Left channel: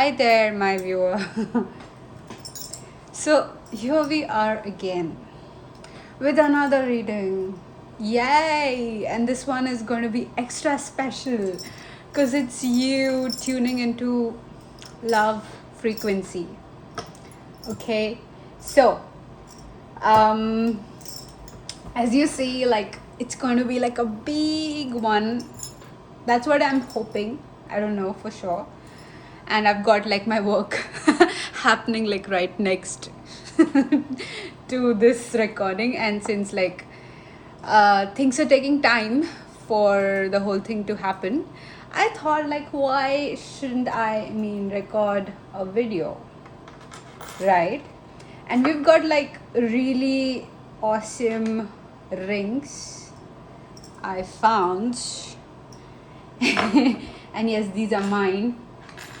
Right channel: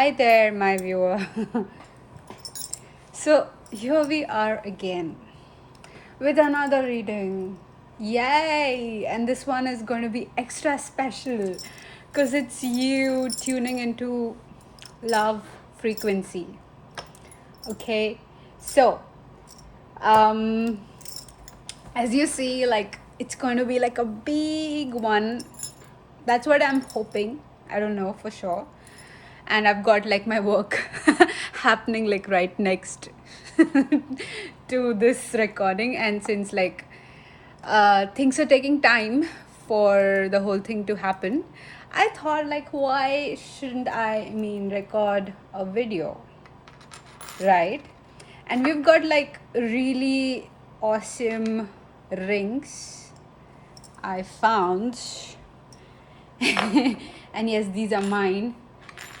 Hi there, my viewer. So, here we are again with another reading. Yay! And this one is going to be extra special because it's you tuning into love frequency. Okay, so um, as you see, like it's going to be like a big one. That's what I'm hoping. I don't know for sure. And I've got like my work happening like right next to this recording. And since like things are taking time for the whole thing to happen, I thought like why shouldn't I record a video, right? And we've got like really awesome rings I found. And yes, these are mine,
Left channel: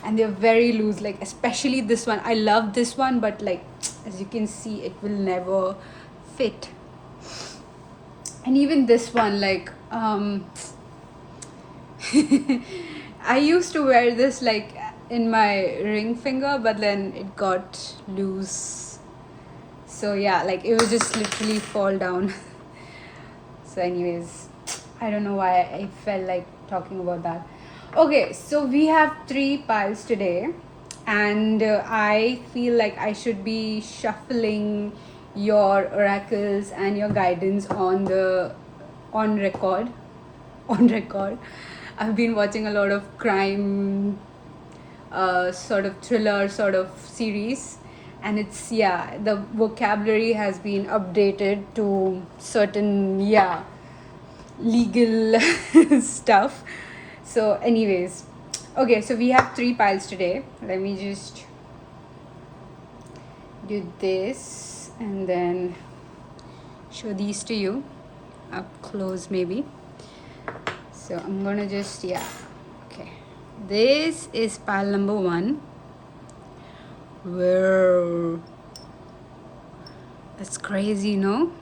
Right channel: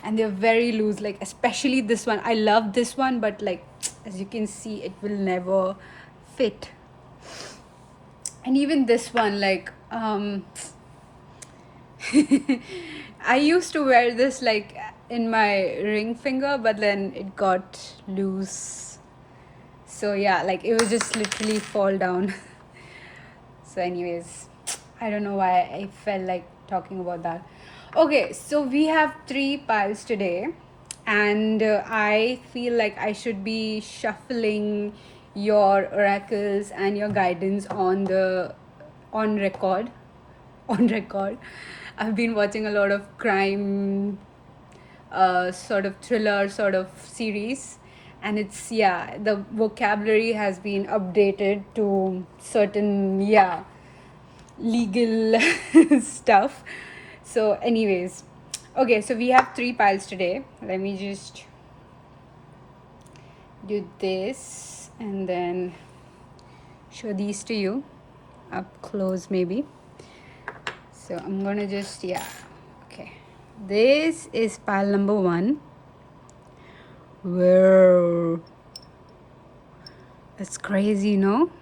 and they're very loose, like especially this one. I love this one, but like as you can see, it will never fit. And even this one, like I used to wear this like in my ring finger, but then it got loose. So yeah, like it would just literally fall down. So anyways, I don't know why I felt like talking about that. Okay, so we have 3 piles today, and I feel like I should be shuffling your oracles and your guidance on record. On record, I've been watching a lot of crime, sort of thriller sort of series, and it's, yeah, the vocabulary has been updated to certain, yeah, legal stuff. So anyways, okay, so we have 3 piles today. Let me just do this and then show these to you up close maybe. So I'm gonna just, yeah, okay, this is pile number 1. Whoa, that's crazy, no?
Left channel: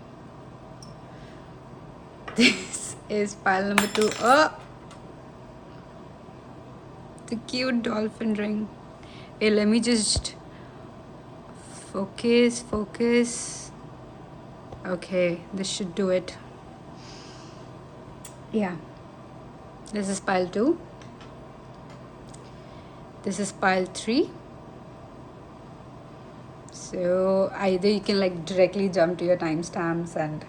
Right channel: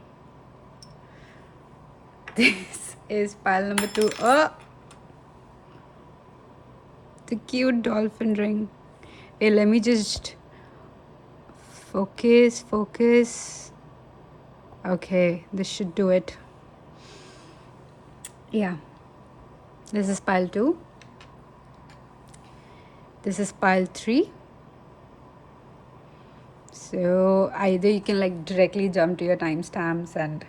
This is pile number 2. Oh, the cute dolphin ring. Hey, let me just focus. Okay, this should do it. Yeah, this is pile 2. This is pile 3. So either you can like directly jump to your timestamps, and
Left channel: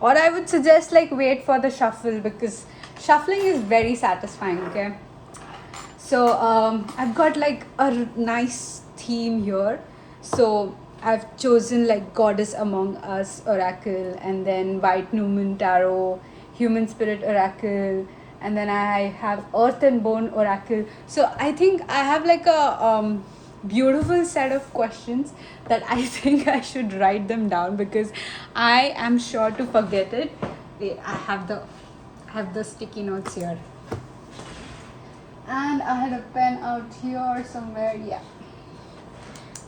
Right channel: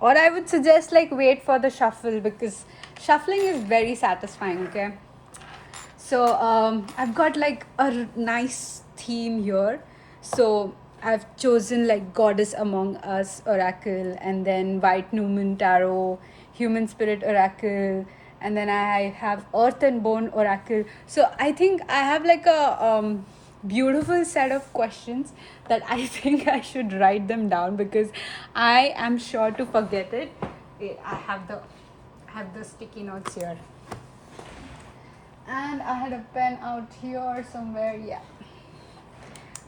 or I would suggest like wait for the shuffle, because shuffling is very satisfying. Okay, so I've got like a nice theme here. So I've chosen like Goddess Among Us Oracle, and then White Newman Tarot, Human Spirit Oracle, and then I have Earth and Bone Oracle. So I think I have like a beautiful set of questions that I think I should write them down, because I am sure to forget it. Wait, I have the sticky notes here. And I had a pen out here somewhere. Yeah.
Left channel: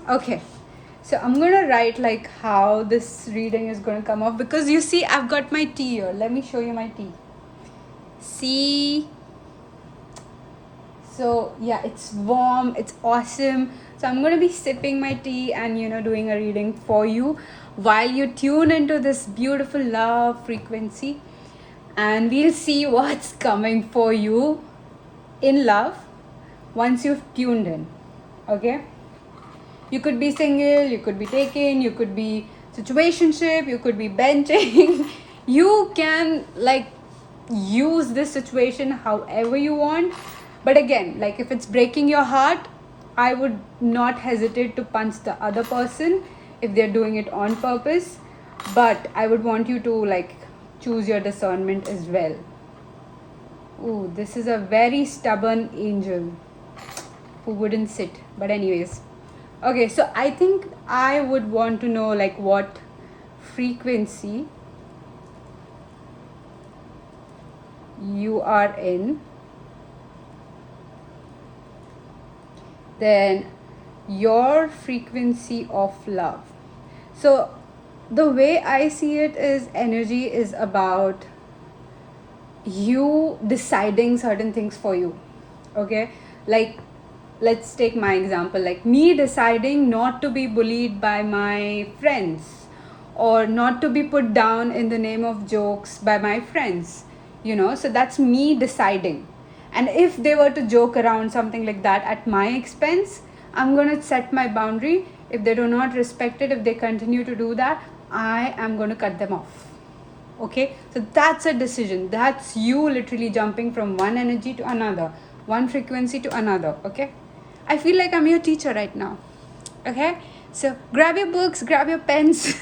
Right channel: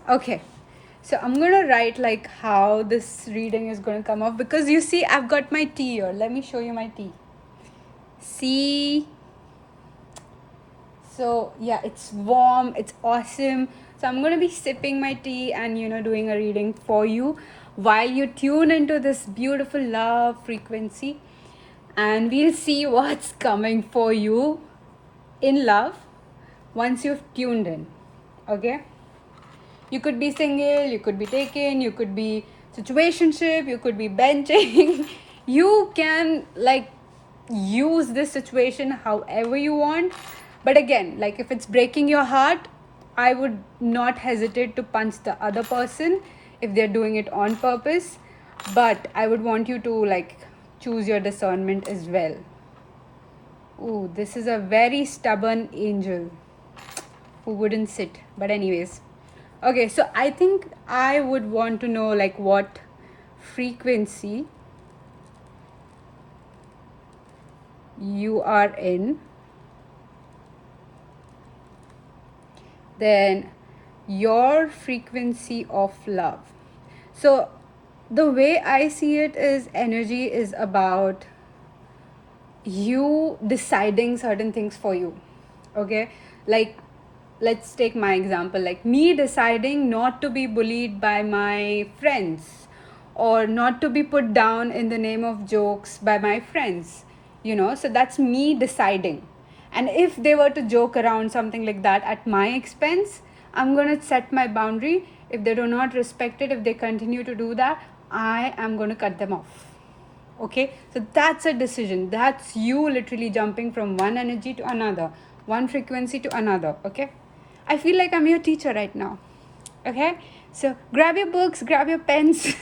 Okay. So I'm gonna write like how this reading is gonna come off, because you see I've got my tea here. Let me show you my tea. See? So yeah, it's warm, it's awesome. So I'm gonna be sipping my tea and doing a reading for you while you tune into this beautiful love frequency, and we'll see what's coming for you in love once you've tuned in. Okay, you could be single, you could be taken, you could be situationship, you could be benching. You can like use this situation however you want, but again, like if it's breaking your heart, I would not hesitate to punch the other person if they're doing it on purpose, but I would want you to like choose your discernment as well. Ooh, this is a very stubborn angel who wouldn't sit. But anyways, okay, so I think I would want to know like what frequency you are in, then your frequency of love. So the way I see it is, energy is about you deciding certain things for you. Okay, like let's take my example, like me deciding not to be bullied by my friends, or not to be put down in the name of jokes by my friends, so that's me deciding. And if they were to joke around something like that at my expense, I'm going to set my boundary. If they do not respect it, if they continue to do that, I am going to cut them off. Okay, so that's a decision. That's you literally jumping from one energy to another, one frequency to another. Okay, I feel like I'm your teacher right now. Okay, so grab your books, grab your pens.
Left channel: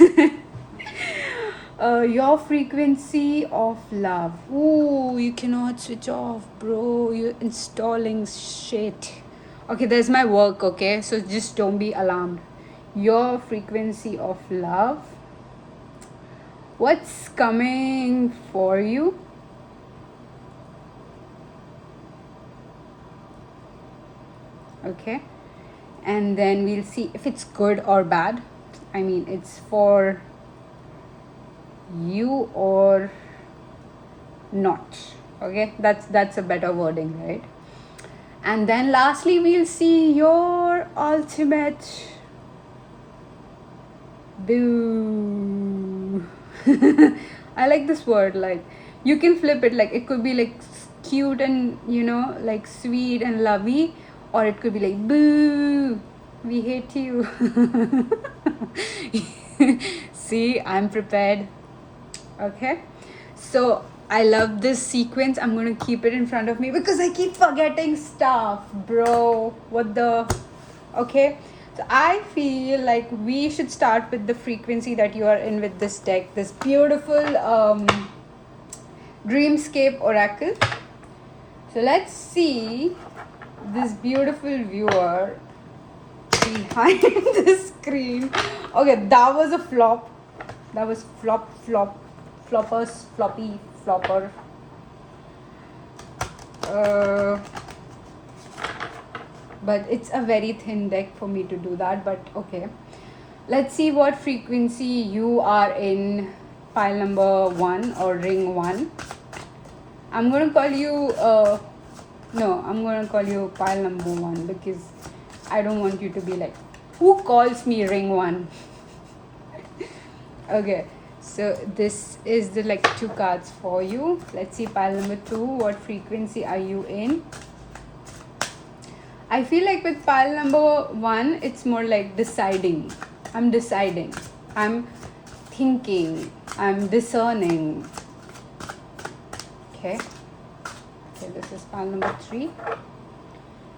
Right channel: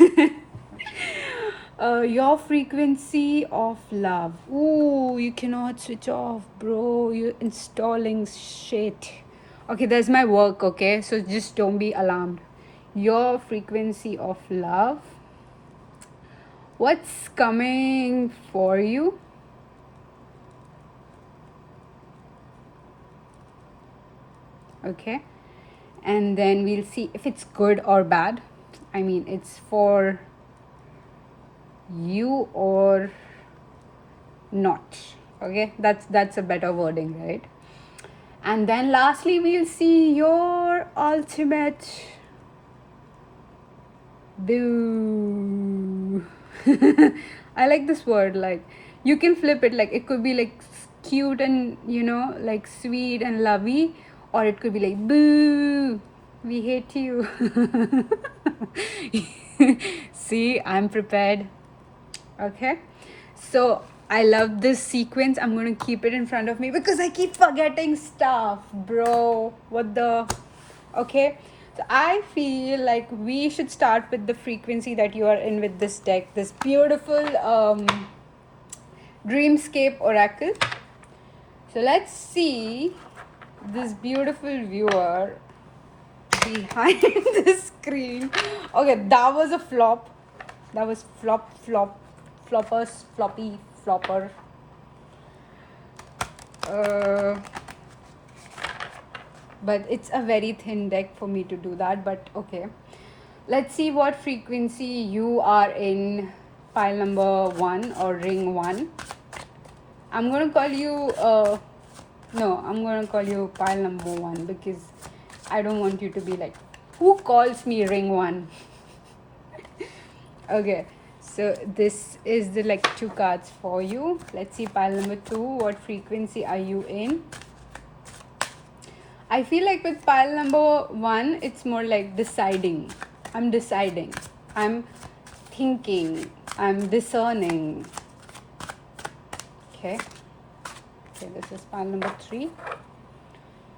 Your frequency of love. Ooh, you cannot switch off, bro. You're installing shit. Okay, that's my work. Okay, so just don't be alarmed. Your frequency of love. What's coming for you? Okay, and then we'll see if it's good or bad. I mean, it's for you or not. Okay, that's a better wording, right? And then lastly, we'll see your ultimate boo. I like this word. Like, you can flip it. Like, it could be like cute and like sweet and lovey, or it could be like boo, we hate you. See, I'm prepared. Okay, so I love this sequence. I'm gonna keep it in front of me because I keep forgetting stuff, bro. What the? Okay, so I feel like we should start with the frequency that you are in with this deck, this beautiful Dreamscape Oracle. So let's see this beautiful viewer behind the screen. Okay, that was a flop. That was floppy, flopper. But it's a very thin deck for me to do that, but okay. Let's see what frequency you are in pile number 1 or ring 1. I'm going to call you, I'm going to call you pile number 1 because I don't want you to be like, who calls me ring 1? Okay, so this is the like 2 cards for you. Let's see pile number 2, what frequency are you in? I feel like with pile number 1, it's more like deciding. I'm deciding. I'm thinking. I'm discerning. Okay. Okay, this is pile number 3.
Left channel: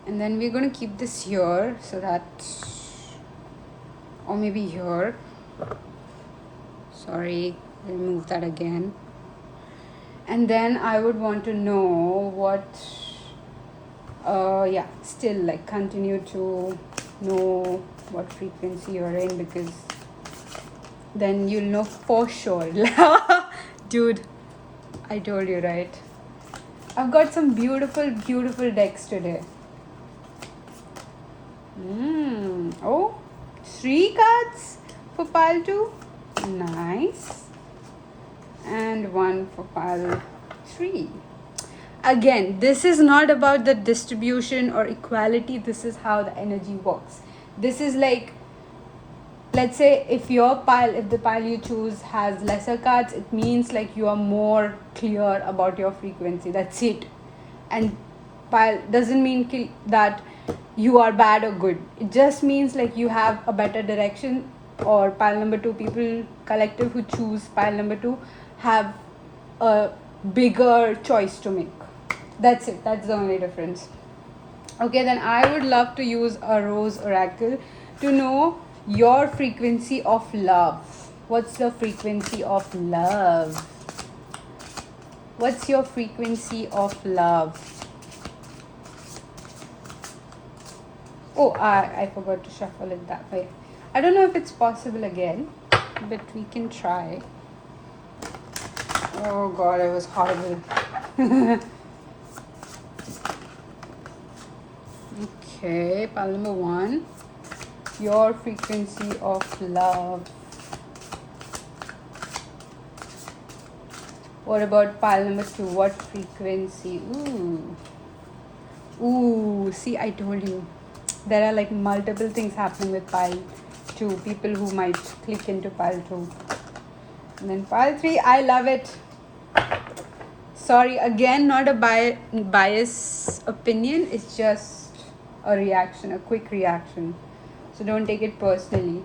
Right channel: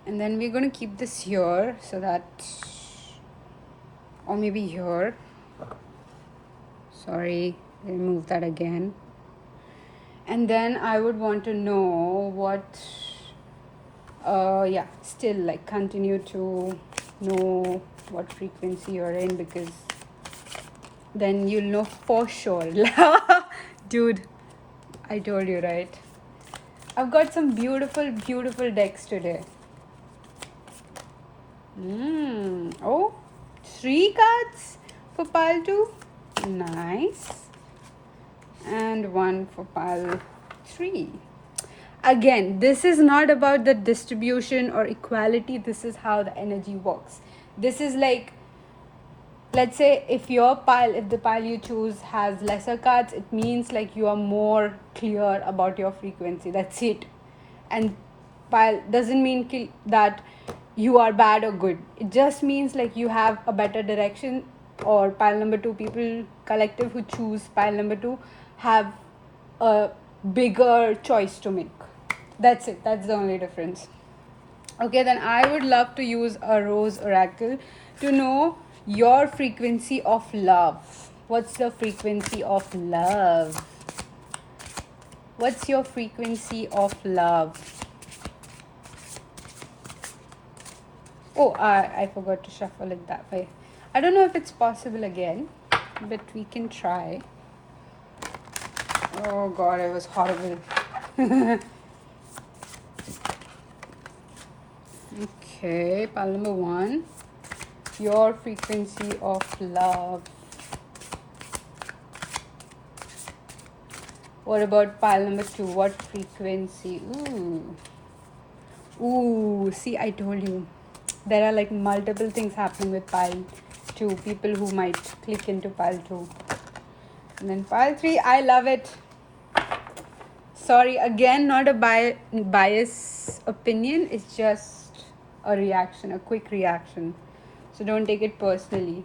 And then we're going to keep this here so that, or maybe here. Sorry, we'll move that again. And then I would want to know what, still like continue to know what frequency you're in, because then you'll know for sure. Dude, I told you, right? I've got some beautiful decks today. Oh, 3 cards for pile 2. Nice. And 1 for pile 3. Again, this is not about the distribution or equality. This is how the energy works. This is like, let's say if the pile you choose has lesser cards, it means like you are more clear about your frequency. That's it. And pile doesn't mean that you are bad or good. It just means like you have a better direction, or pile number 2 people collective who choose pile number 2 have a bigger choice to make. That's it. That's the only difference. Okay, then I would love to use a Rose Oracle to know your frequency of love. What's your frequency of love? What's your frequency of love? Oh, I forgot to shuffle it that way. I don't know if it's possible again, but we can try. Oh god, it was horrible. Okay, pile number 1. Your frequency of love. What about pile number 2? What frequency? Ooh, see, I told you. there are like multiple things happening with pile 2, people who might click into pile 2. And then pile 3, I love it. Sorry, again, not a bias opinion, it's just a reaction, a quick reaction. So don't take it personally.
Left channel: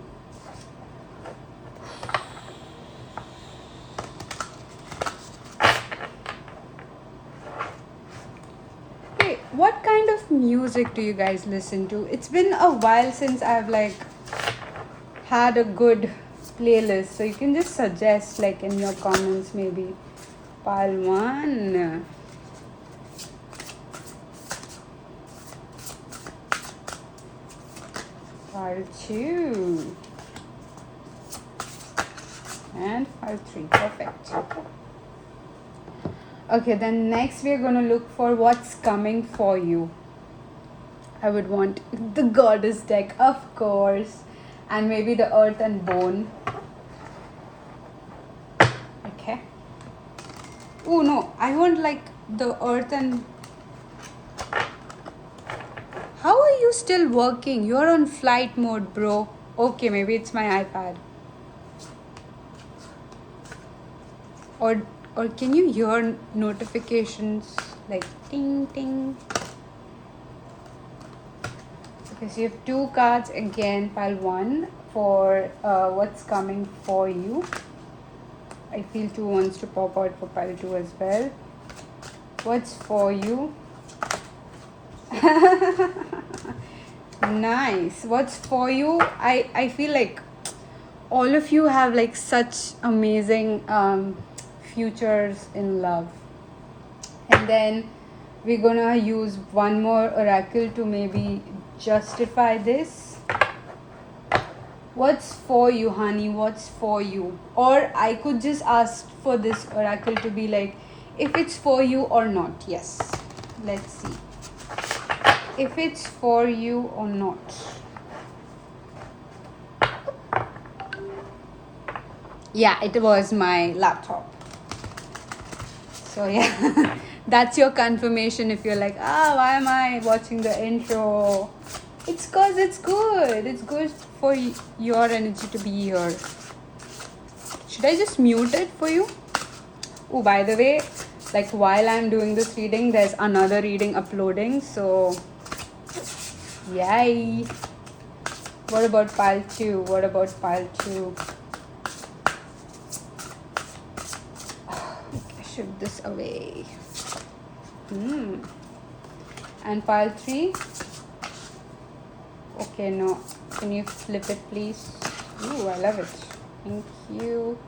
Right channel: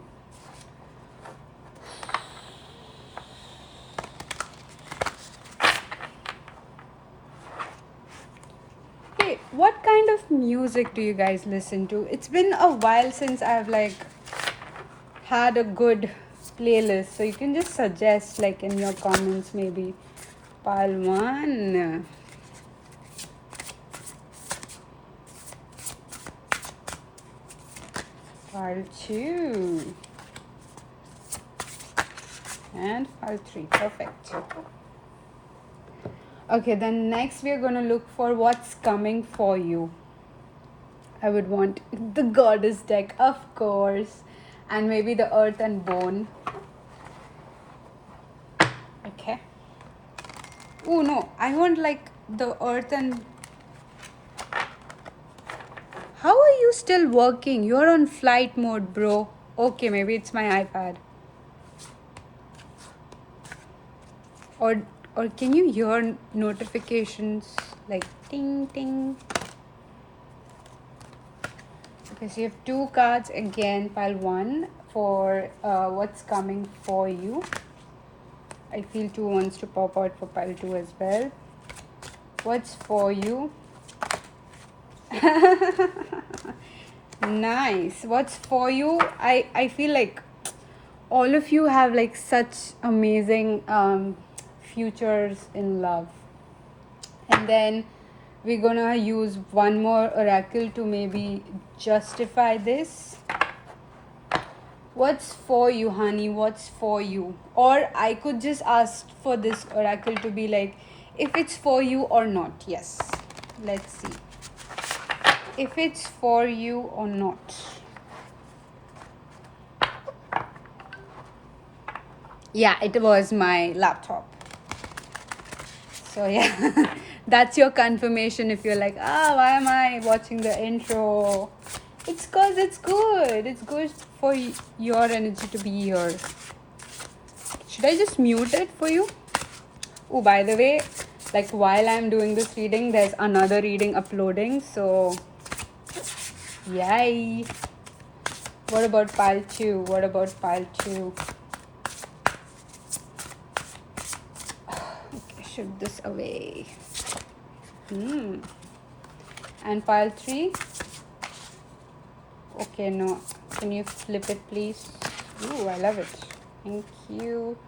Hey, what kind of music do you guys listen to? It's been a while since I've like had a good playlist, so you can just suggest like in your comments maybe. Pile 1. Pile 2. And pile 3. Perfect. Okay, then next we're going to look for what's coming for you. I would want the goddess deck, of course. And maybe the earth and bone. Okay. Oh no, I want like the earth and... How are you still working? You're on flight mode, bro. Okay, maybe it's my iPad. Or can you hear notifications like ting ting? Okay, so you have 2 cards again, pile 1 for what's coming for you. I feel 2 wants to pop out for pile 2 as well. What's for you? Nice. What's for you? I feel like all of you have like such amazing futures in love. And then we're gonna use one more oracle to maybe justify this. What's for you, honey? What's for you? Or I could just ask for this oracle to be like, if it's for you or not. Yes. Let's see. If it's for you or not. Yeah, it was my laptop. So yeah, that's your confirmation if you're like, why am I watching the intro? It's cause it's good. It's good for your energy to be here. Should I just mute it for you? Oh, by the way, like while I'm doing this reading, there's another reading uploading. So, yay. What about pile 2? What about pile 2? Shift this away. And pile 3? Okay, no. Can you flip it, please? Ooh, I love it. Thank you.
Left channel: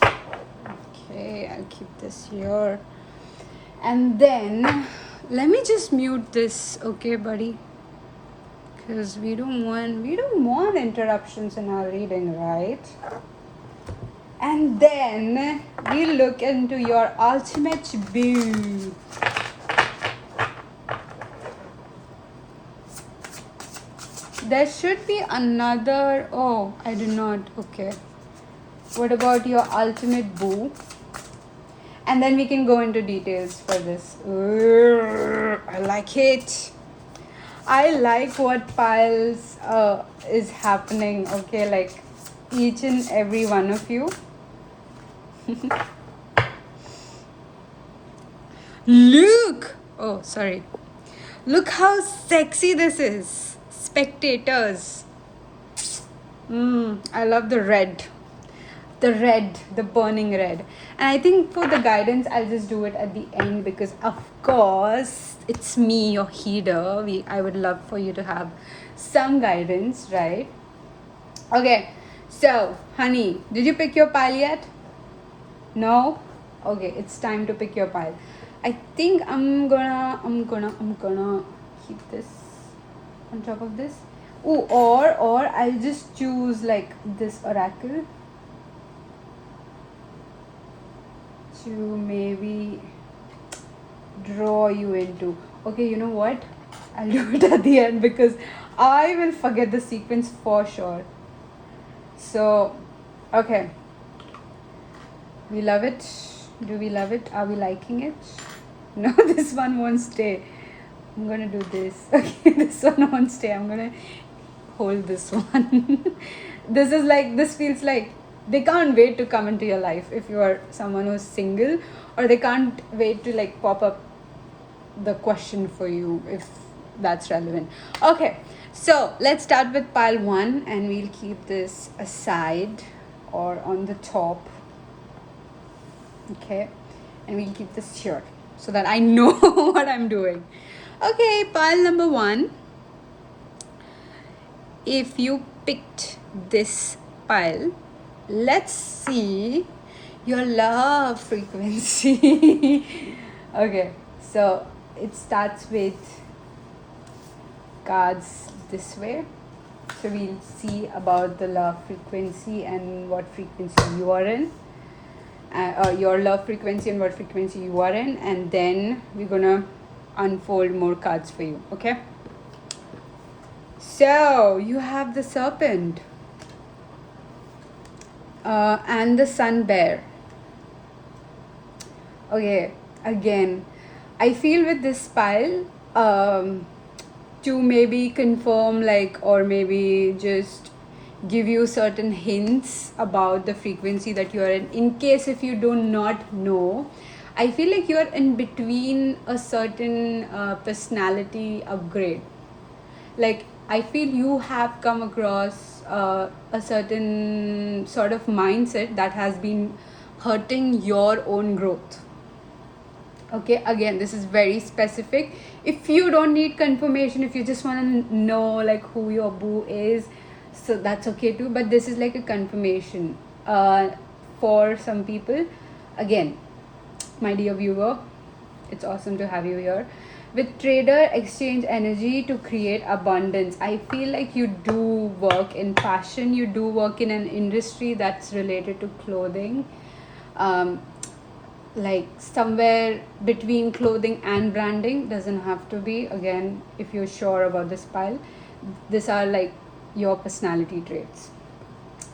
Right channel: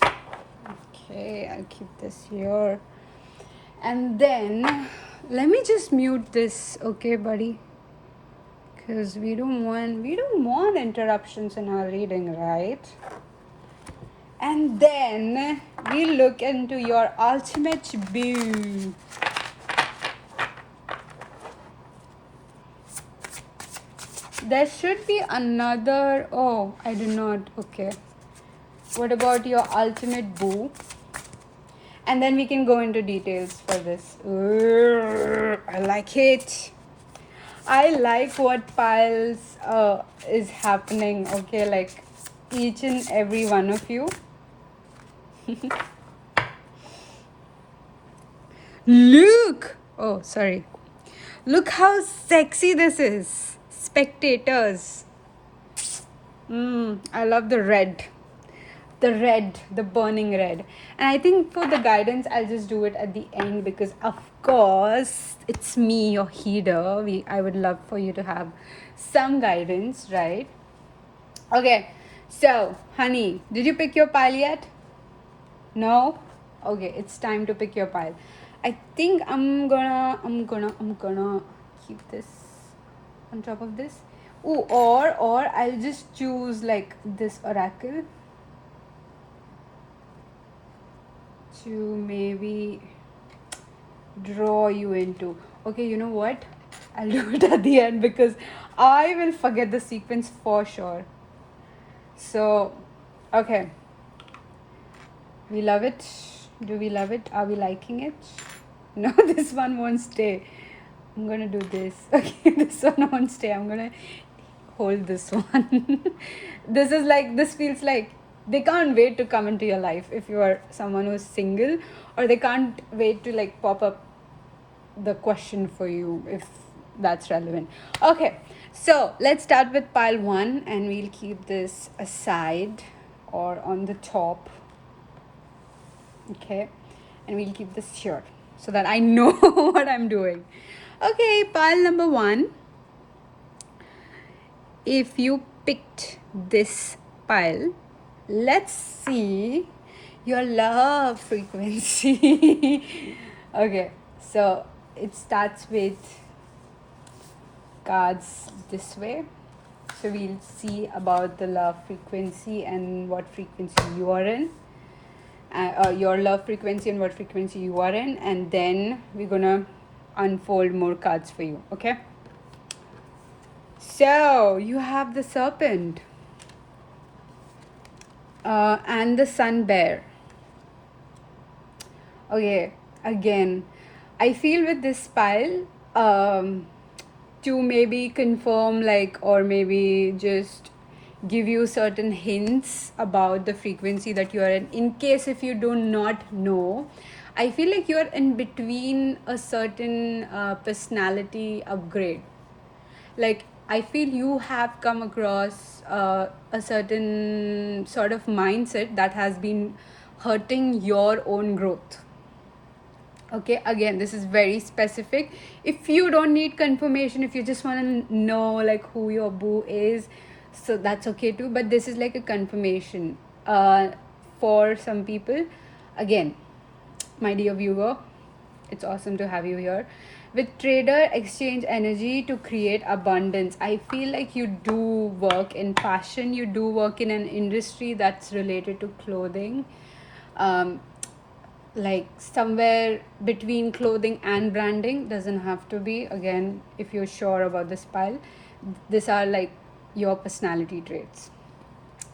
Okay, I'll keep this here. And then, let me just mute this, okay, buddy? Because we don't want interruptions in our reading, right? And then we look into your ultimate boo. There should be another. Oh, I do not. Okay. What about your ultimate boo? And then we can go into details for this. I like it. I like what piles is happening. Okay, like each and every one of you. Look! Oh, sorry. Look how sexy this is. Spectators. I love the red. The burning red. And I think for the guidance, I'll just do it at the end because, of course, it's me, your healer. I would love for you to have some guidance, right? Okay, so, honey, did you pick your pile yet? No? Okay, it's time to pick your pile. I think I'm gonna keep this on top of this. Ooh, or I'll just choose like this oracle to maybe draw you into. Okay, you know what? I'll do it at the end because I will forget the sequence for sure. So, okay. We love it. Do we love it? Are we liking it? No, this one won't stay. I'm gonna do this. Okay, this one won't stay. I'm gonna hold this one. This is like, this feels like they can't wait to come into your life if you are someone who's single, or they can't wait to like pop up the question for you if that's relevant. Okay, so let's start with pile one, and we'll keep this aside or on the top. Okay, and we'll keep this here so that I know what I'm doing. Okay, pile number one. If you picked this pile, let's see your love frequency. Okay, so it starts with cards this way. So we'll see about the love frequency and what frequency you are in. Your love frequency and what frequency you are in, and then we're gonna unfold more cards for you. Okay, so you have the serpent and the sun bear. Okay, again, I feel with this pile, to maybe confirm, like, or maybe just give you certain hints about the frequency that you are in case if you do not know. I feel like you are in between a certain personality upgrade. Like, I feel you have come across a certain sort of mindset that has been hurting your own growth. Okay, again, this is very specific. If you don't need confirmation, if you just want to know like who your boo is, so that's okay too, but this is like a confirmation for some people. Again, my dear viewer, it's awesome to have you here. With trader exchange energy to create abundance, I feel like you do work in fashion, you do work in an industry that's related to clothing, like somewhere between clothing and branding. Doesn't have to be. Again, if you're sure about this pile, these are like your personality traits.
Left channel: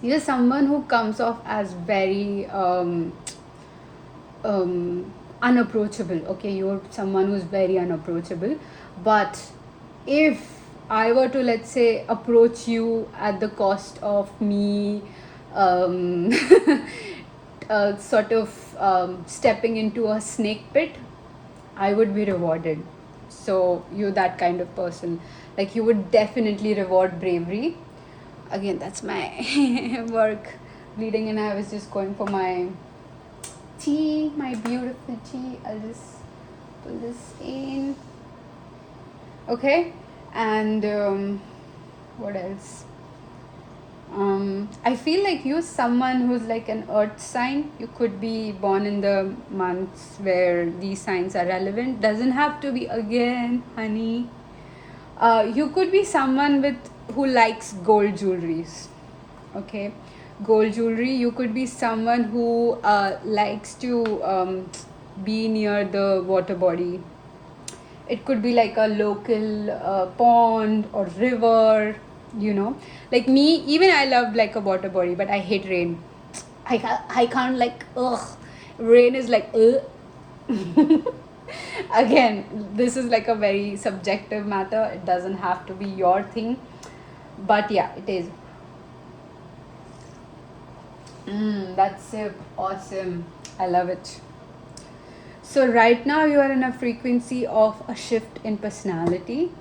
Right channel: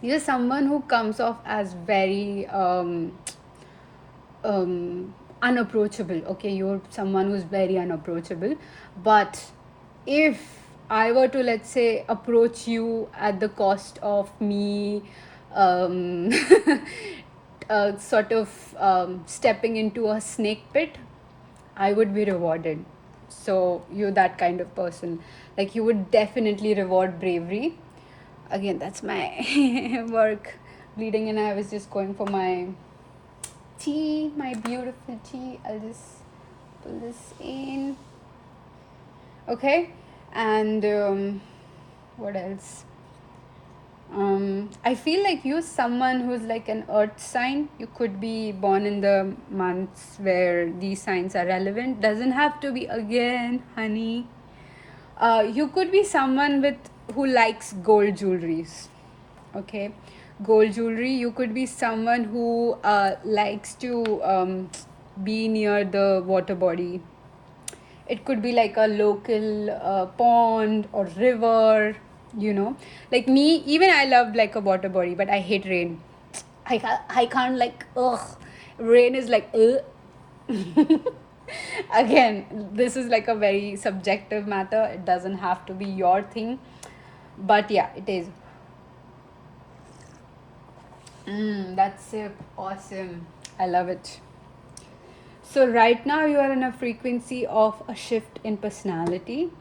You're someone who comes off as very unapproachable. Okay, you're someone who's very unapproachable, but if I were to, let's say, approach you at the cost of me sort of stepping into a snake pit, I would be rewarded. So you're that kind of person. Like, you would definitely reward bravery. Again, that's my work bleeding, and I was just going for my tea, my beautiful tea. I'll just pull this in. Okay, and what else? I feel like you're someone who's like an earth sign. You could be born in the months where these signs are relevant. Doesn't have to be, again, honey. You could be someone with who likes gold jewelries. Okay, gold jewelry. You could be someone who likes to be near the water body. It could be like a local pond or river, you know. Like me, even I love like a water body, but I hate rain. I can't, like, ugh, rain is like ugh. Again, this is like a very subjective matter. It doesn't have to be your thing, but yeah, it is. That's awesome. I love it. So right now you are in a frequency of a shift in personality.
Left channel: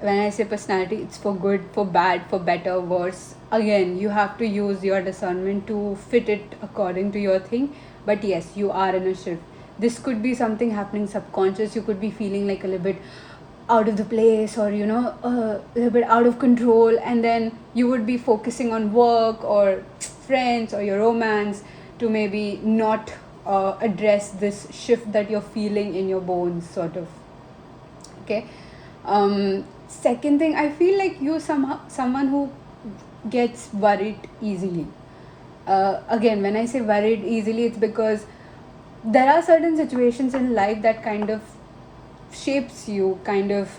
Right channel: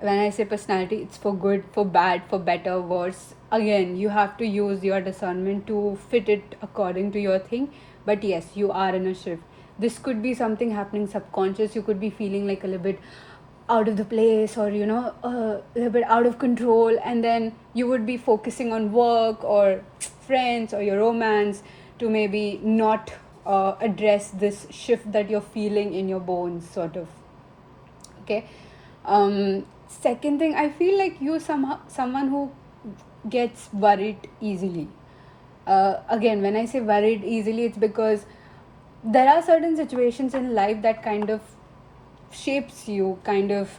When I say personality, it's for good, for bad, for better, worse. Again, you have to use your discernment to fit it according to your thing. But yes, you are in a shift. This could be something happening subconscious. You could be feeling like a little bit out of the place, or you know, a little bit out of control, and then you would be focusing on work or friends or your romance to maybe not address this shift that you're feeling in your bones, sort of. Okay. Second thing, I feel like you're someone who gets worried easily. Again, when I say worried easily, it's because there are certain situations in life that kind of shapes you, kind of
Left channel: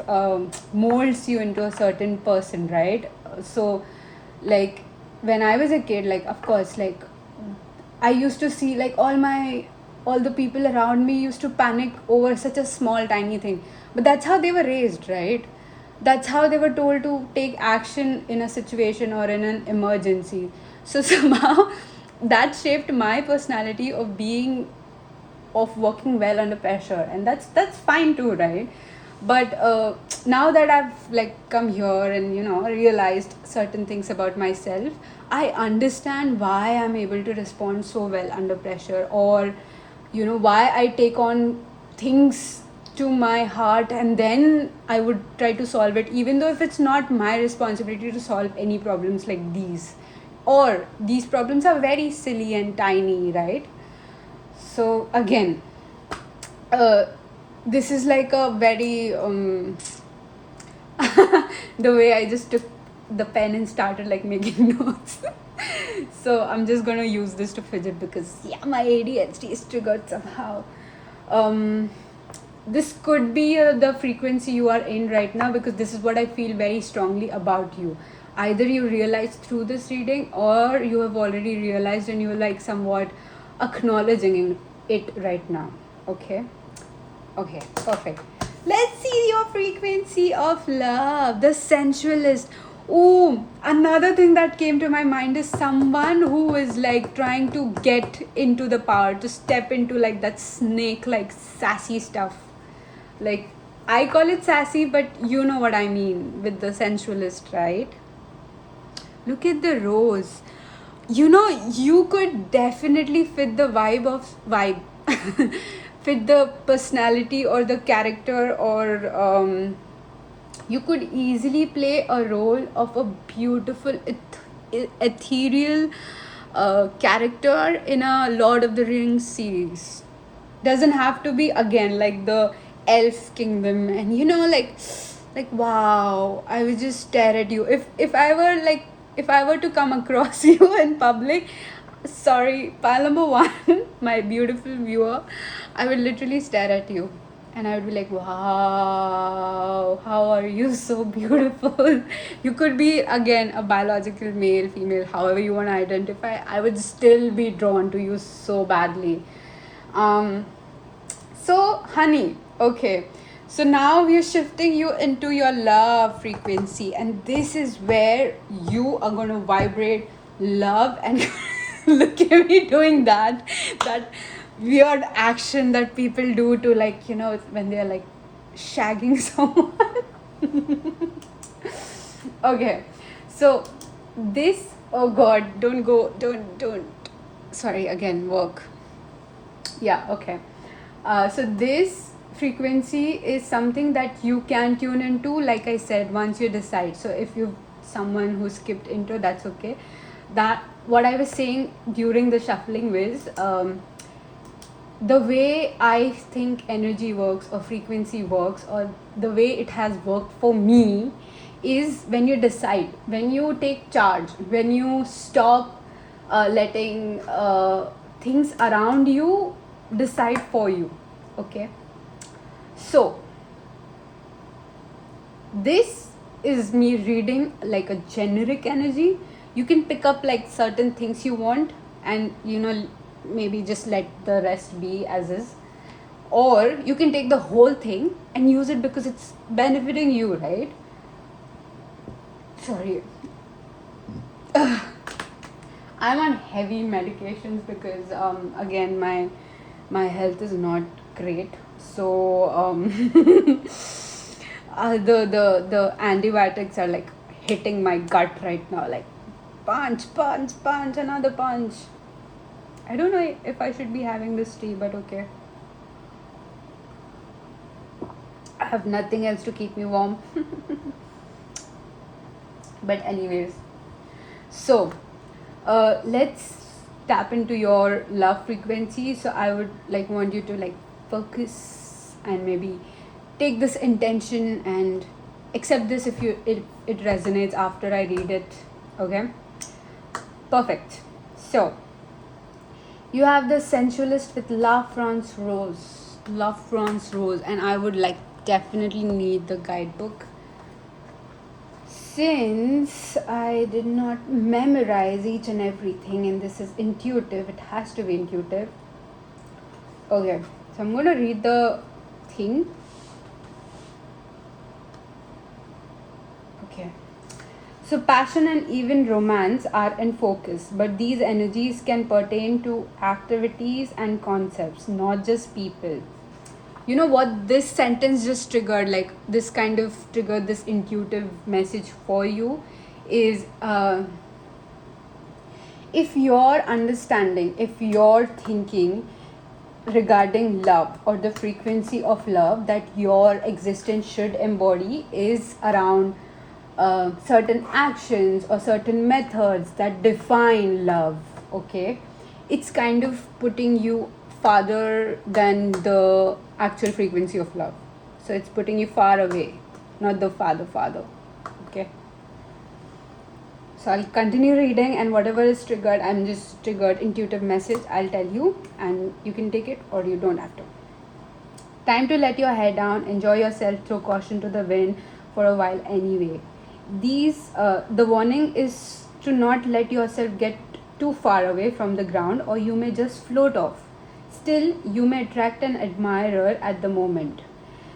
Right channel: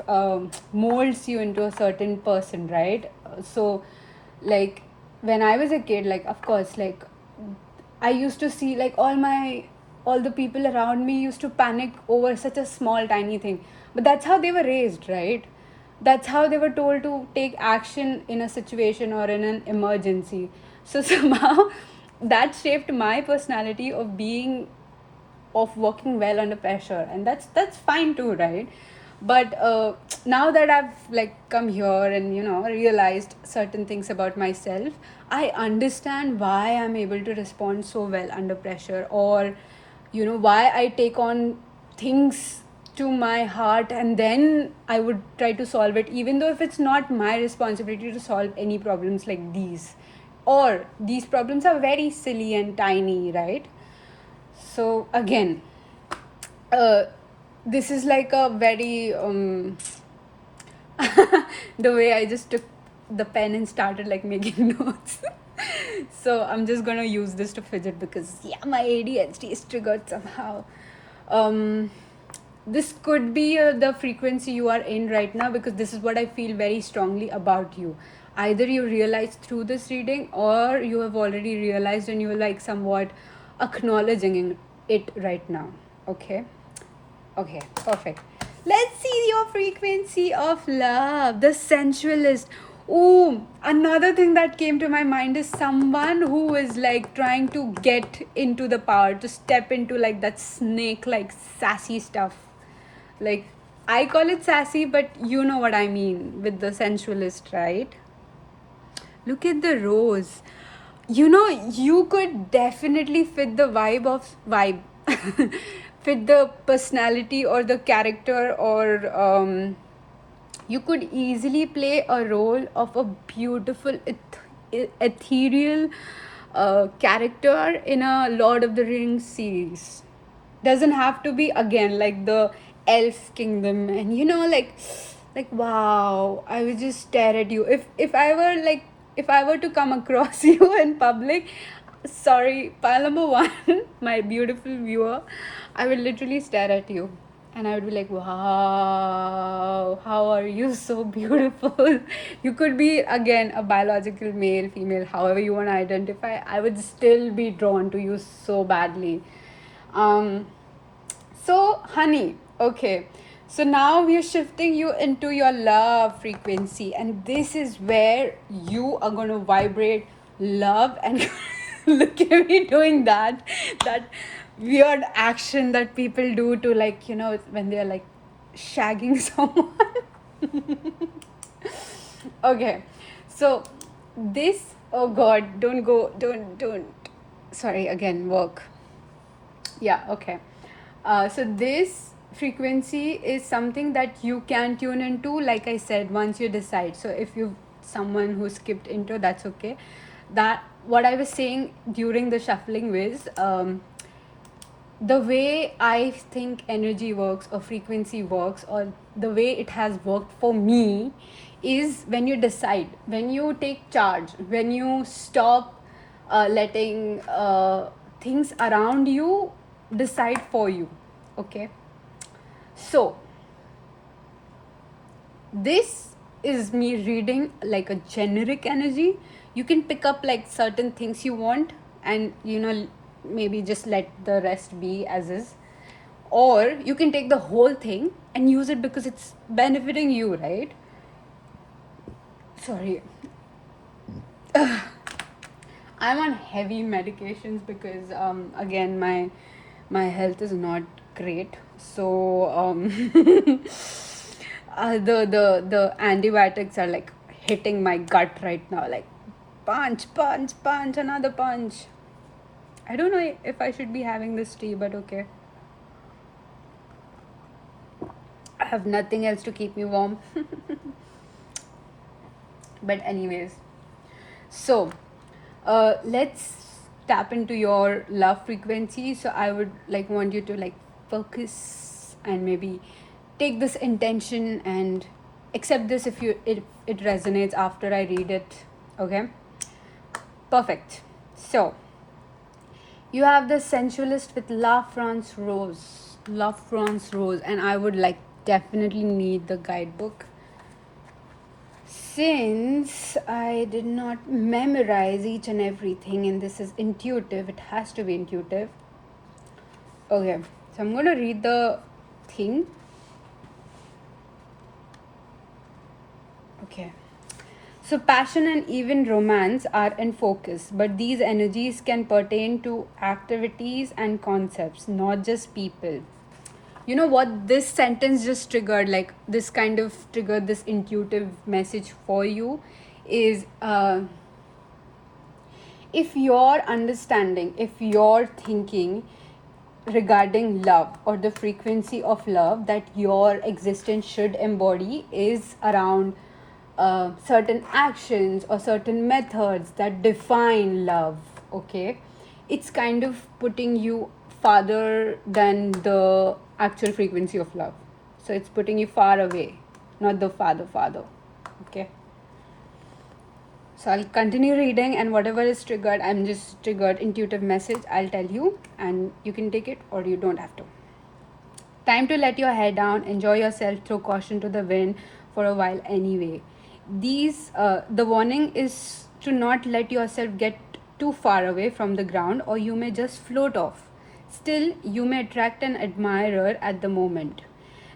molds you into a certain person, right? So, like, when I was a kid, like, of course, like, I used to see like all my all the people around me used to panic over such a small tiny thing, but that's how they were raised, right? That's how they were told to take action in a situation or in an emergency. So somehow that shaped my personality of working well under pressure, and that's fine too, right? But now that I've like come here and realized certain things about myself, I understand why I'm able to respond so well under pressure, or why I take on things to my heart and then I would try to solve it, even though if it's not my responsibility to solve any problems like these, or these problems are very silly and tiny, right? So again, uh, this is like a very the way I just took the pen and started like making notes. So I'm just gonna use this to fidget because my ADHD is triggered somehow. Um, this could be the frequency you are in right now, because this is what I feel very strongly about you. Either you realize through this reading, or you have already realized and you're like somewhat acknowledging it right now. Okay, perfect. Let's see your frequency of love, the sensualist. Ooh, another thing that came to my mind is someone who is like trying to get into the power, to step into like that snake like sassy stuff. Like, I call it sassy, but you know what I mean with the sensualist, right? Look at the rose. You could definitely fit the vibe fit the personality or the character, or you could easily play a role of a beautiful ethereal character in a Lord of the Rings series. Doesn't have to be again like the elf kingdom, and like wow, I would just stare at you if I were to come across you in public. Sorry, pile number one, my beautiful viewer, I would literally stare at you and I would be like, wow, how are you so beautiful? You could be again a biological male, female, however you want to identify. I would still be drawn to you so badly. um so, honey, okay. So now we're shifting you into your love frequency, and this is where you are going to vibrate love. And look at me doing that weird action that people do to, like, when they're like shagging someone. Okay, so this, oh god, don't go, don't. Sorry, again, work. Yeah, okay. So this frequency is something that you can tune into, like I said, once you decide. So if you're someone who skipped intro, that's okay. That what I was saying during the shuffling was, the way I think energy works or frequency works, or the way it has worked for me, is when you decide, when you take charge, when you stop letting things around you decide for you. Okay, so this is me reading like a generic energy. You can pick up like certain things you want, and maybe just let the rest be as is, or you can take the whole thing and use it because it's benefiting you, right? Sorry. I'm on heavy medications because again my health is not great. So the antibiotics are like hitting my gut right now, like punch, another punch. I don't know if I should be having this tea, but okay. I have nothing else to keep me warm. But anyways, so let's tap into your love frequency. So I would like want you to like focus and maybe take this intention and accept this if it resonates after I read it. Okay, perfect. So you have the sensualist with La France Rose, and I would like definitely need the guidebook, since I did not memorize each and everything, and this is intuitive. It has to be intuitive. Okay, so I'm going to read the thing. Okay. So, passion and even romance are in focus, but these energies can pertain to activities and concepts, not just people. You know what this sentence just triggered, like this kind of triggered this intuitive message for you is if your understanding, if your thinking regarding love or the frequency of love that your existence should embody is around certain actions or certain methods that define love, okay, it's kind of putting you farther than the actual frequency of love. So it's putting you far away, not the farther, okay. So I'll continue reading, and whatever is triggered, I'm just triggered intuitive message, I'll tell you, and you can take it or you don't have to. Time to let your hair down, enjoy yourself, throw caution to the wind for a while anyway. The warning is to not let yourself get too far away from the ground, or you may just float off. Still, you may attract an admirer at the moment.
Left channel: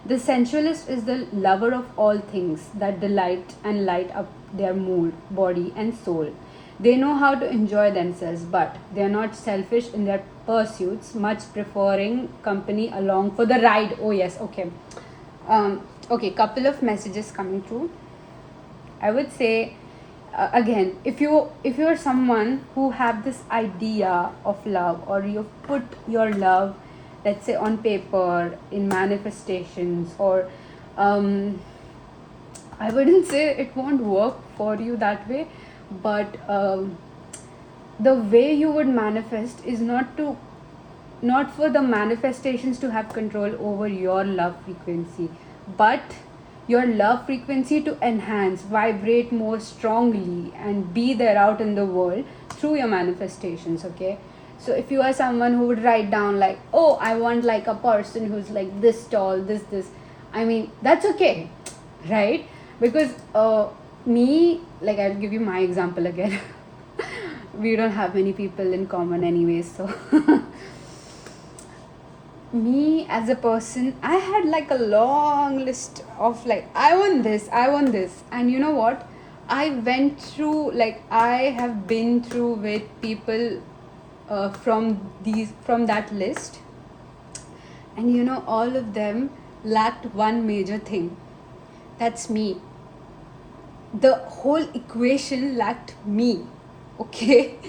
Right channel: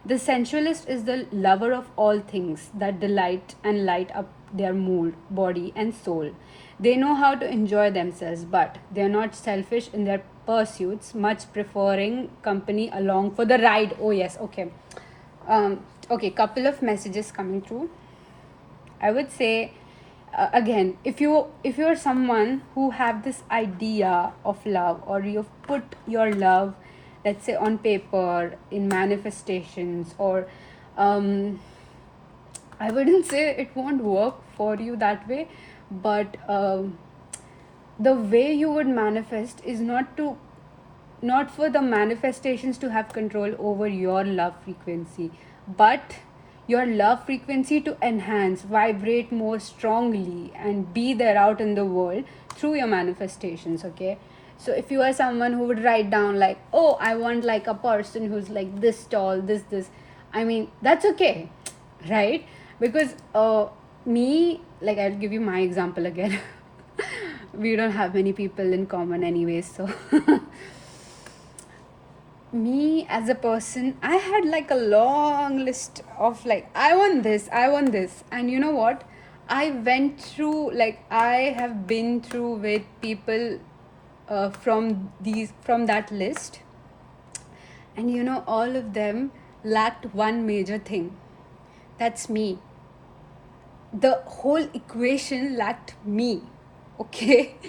The sensualist is the lover of all things that delight and light up their mood, body, and soul. They know how to enjoy themselves, but they are not selfish in their pursuits, much preferring company along for the ride. Oh, yes, okay. Okay, couple of messages coming through. I would say again, if you're someone who have this idea of love, or you've put your love, let's say, on paper in manifestations, or I wouldn't say it won't work for you that way, but the way you would manifest is not for the manifestations to have control over your love frequency, but your love frequency to enhance, vibrate more strongly, and be there out in the world through your manifestations, okay. So if you are someone who would write down like, oh, I want like a person who's like this tall, this, I mean, that's okay, right? Because me, like, I'll give you my example again. We don't have many people in common anyways, so me as a person, I had like a long list of like, I want this, and you know what, I went through, like, I have been through with people from that list, and you know, all of them lacked one major thing. That's me. The whole equation lacked me, okay.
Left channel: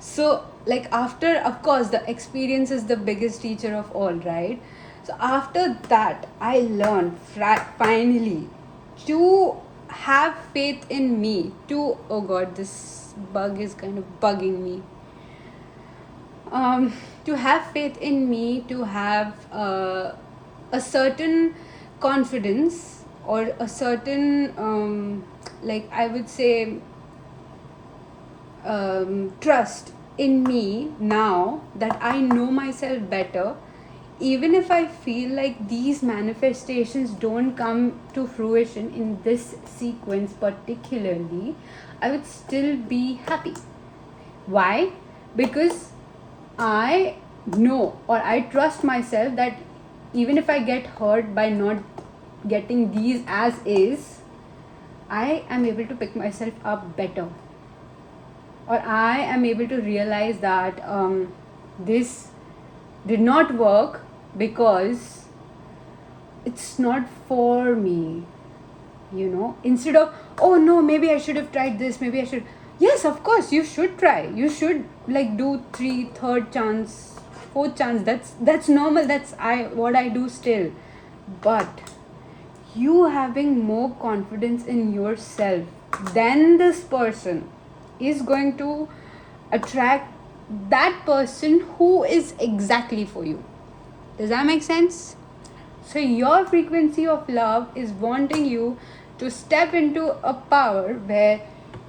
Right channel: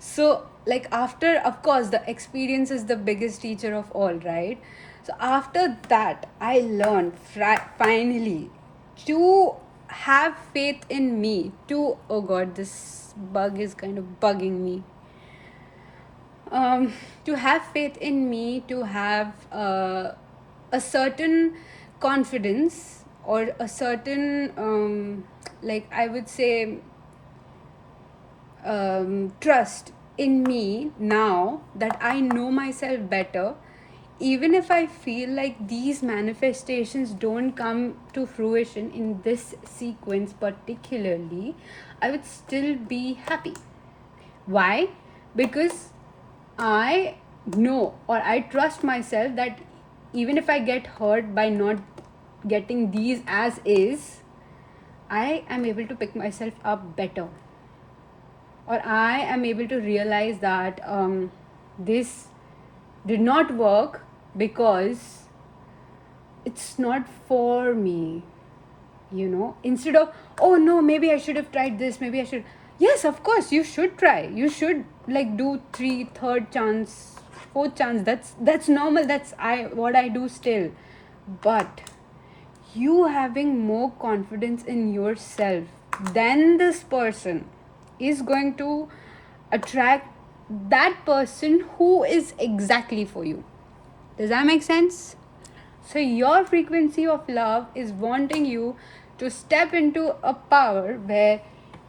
So, like, after, of course, the experience is the biggest teacher of all, right? So after that, I learned finally to have faith in me, to, oh god, this bug is kind of bugging me, to have faith in me, to have a certain confidence, or a certain like, I would say, trust in me now that I know myself better. Even if I feel like these manifestations don't come to fruition in this sequence particularly, I would still be happy. Why? Because I know, or I trust myself, that even if I get hurt by not getting these as is, I am able to pick myself up better, or I am able to realize that this did not work because it's not for me, you know. Instead of, oh no, maybe I should have tried this, maybe I should. Yes, of course, you should try. You should, like, do third chance, fourth chance. That's normal. That's what I do still. But you having more confidence in yourself than this person is going to attract that person who is exactly for you. Does that make sense? So your frequency of love is wanting you to step into a power where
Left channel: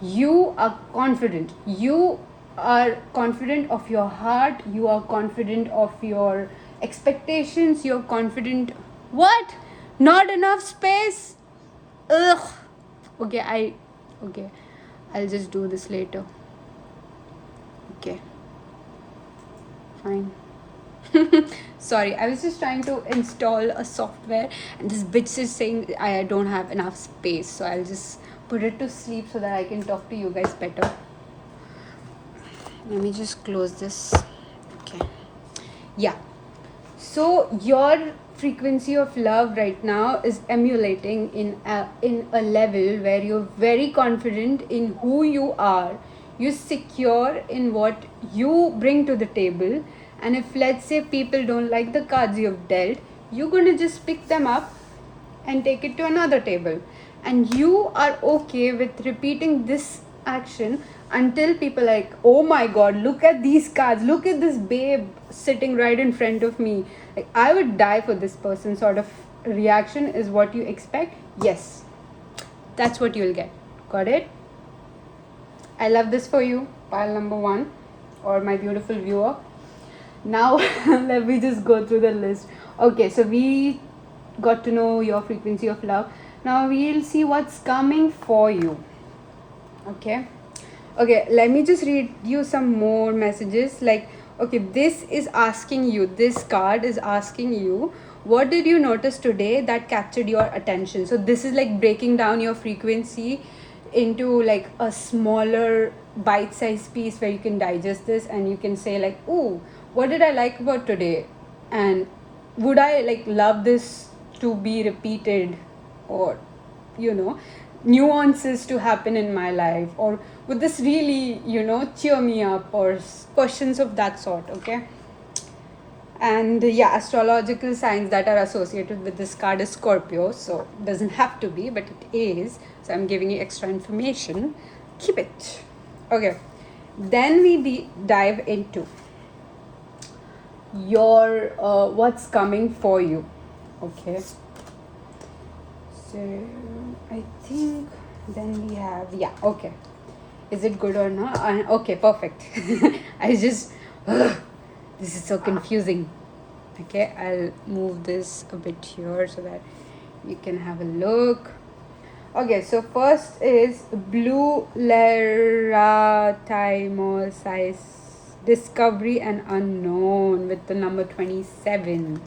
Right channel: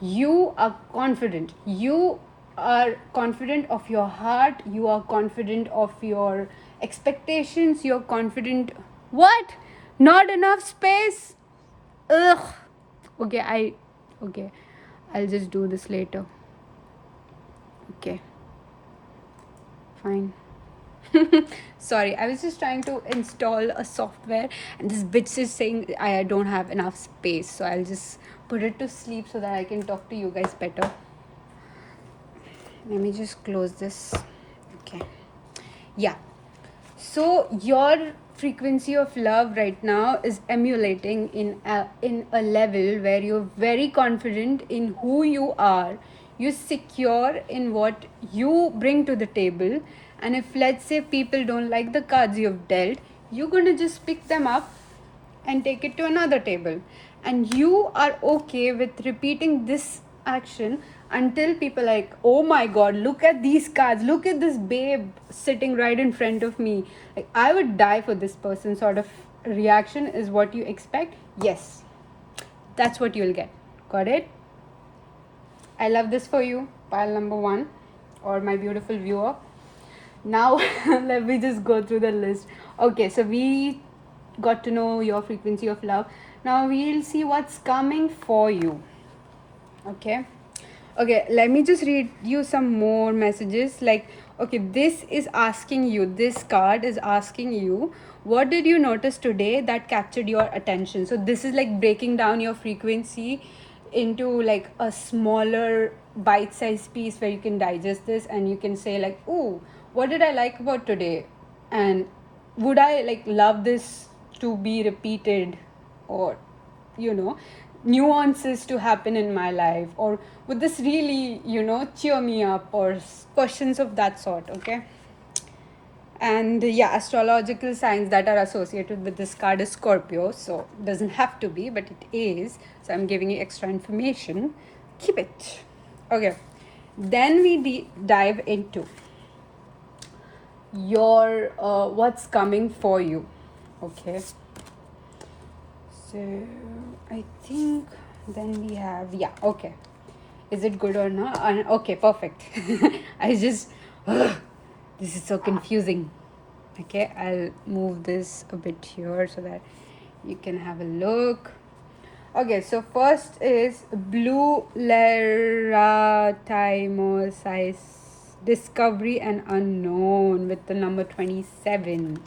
you are confident. You are confident of your heart. You are confident of your expectations. You're confident. What? Not enough space? Ugh. Okay, I'll just do this later. Okay. Fine. Sorry, I was just trying to install a software and this bitch is saying I don't have enough space. So I'll just put it to sleep so that I can talk to you guys better. Let me just close this. Okay. Yeah. So your frequency of love right now is emulating in a level where you're very confident in who you are. You're secure in what you bring to the table. And if, let's say, people don't like the cards you've dealt, you're going to just pick them up and take it to another table. And you are okay with repeating this action until people are like, oh my god, look at these cards, look at this babe sitting right in front of me, like I would die for this person sort of reaction is what you expect. Yes, that's what you'll get. Got it? I love this for you, pile number 1, or my beautiful viewer. Now let me just go through the list. Okay, so we got to know your frequency of love. Now we'll see what's coming for you. Okay, let me just read you some more messages. Like, okay, this is asking you, this card is asking you, what did you notice today that captured your attention? So this is like breaking down your frequency into like a smaller bite-sized piece where you can digest this and you can say like, ooh, what did I like about today, and would I like love this to be repeated, or nuances to happen in my life, or would this really cheer me up, or questions of that sort. Okay, and yeah, astrological signs that are associated with this card is Scorpio, so it doesn't have to be, but it is, so I'm giving you extra information. Keep it. Okay, then we dive into your what's coming for you. Okay, so I think then we have, yeah, okay, is it good or not? Okay, perfect. I just this is so confusing. Okay, I'll move this a bit here so that you can have a look. Okay, so first is blue Lerataimosis, discovery and unknown, with the number 27.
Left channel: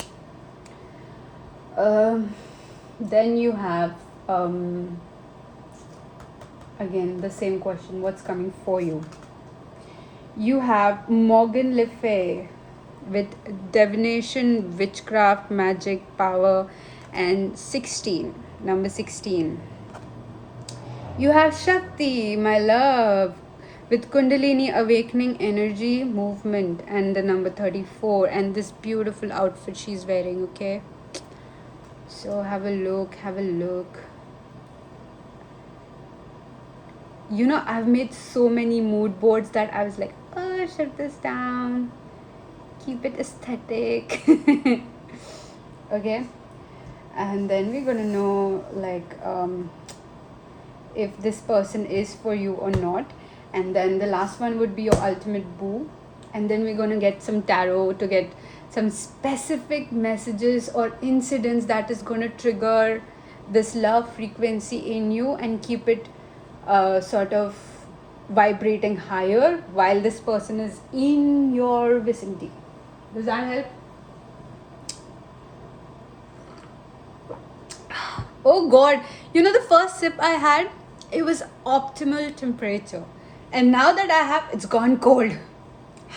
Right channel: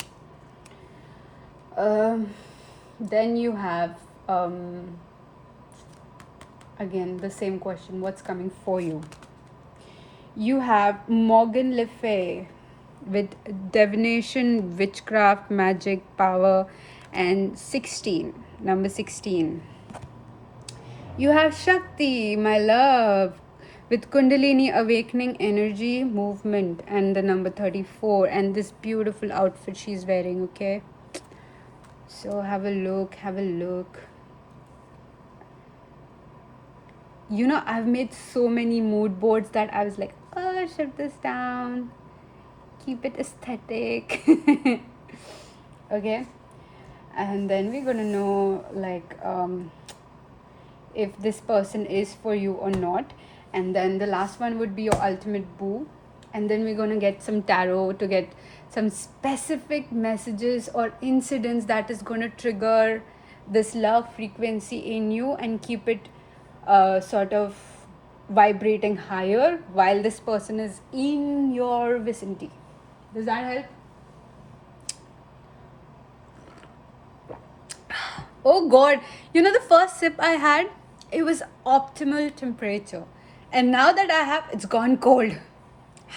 Then you have again the same question, what's coming for you? You have Morgan Le Fay with divination, witchcraft, magic, power, and 16, number 16. You have Shakti, my love, with Kundalini, awakening, energy, movement, and the number 34, and this beautiful outfit she's wearing. Okay, so have a look. I've made so many mood boards that I was like, oh, shut this down, keep it aesthetic. Okay, and then we're gonna know like if this person is for you or not, and then the last one would be your ultimate boo, and then we're gonna get some tarot to get some specific messages or incidents that is gonna trigger this love frequency in you and keep it sort of vibrating higher while this person is in your vicinity. Does that help? Oh god, the first sip I had, it was optimal temperature, and now that I have, it's gone cold.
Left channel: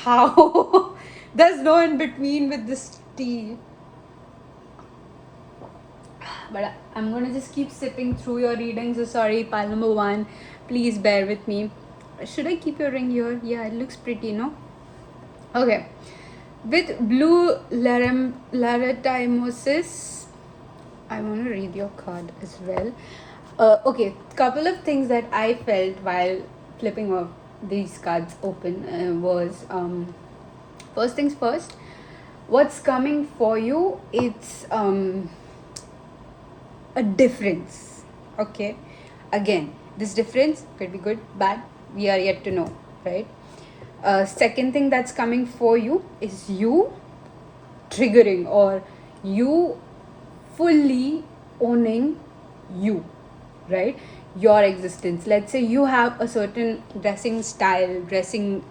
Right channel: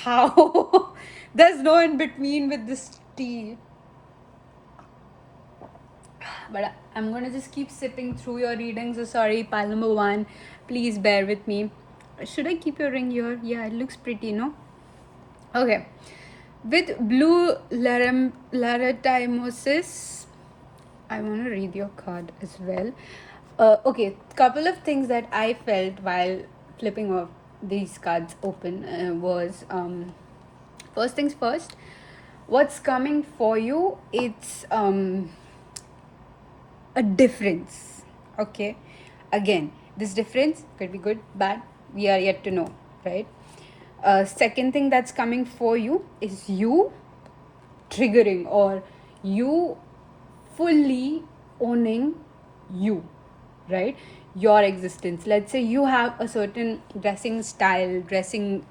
How? There's no in between with this tea. But I'm gonna just keep sipping through your reading. So sorry, pile number 1, please bear with me. Should I keep your ring here? Yeah, it looks pretty, no? Okay, with blue Lerataimosis, I want to read your card as well. Okay, couple of things that I felt while flipping these cards open was first things first, what's coming for you, it's a difference. Okay, again, this difference could be good, bad, we are yet to know, right? Second thing that's coming for you is you triggering, or you fully owning you, right? Your existence. Let's say you have a certain dressing style, dressing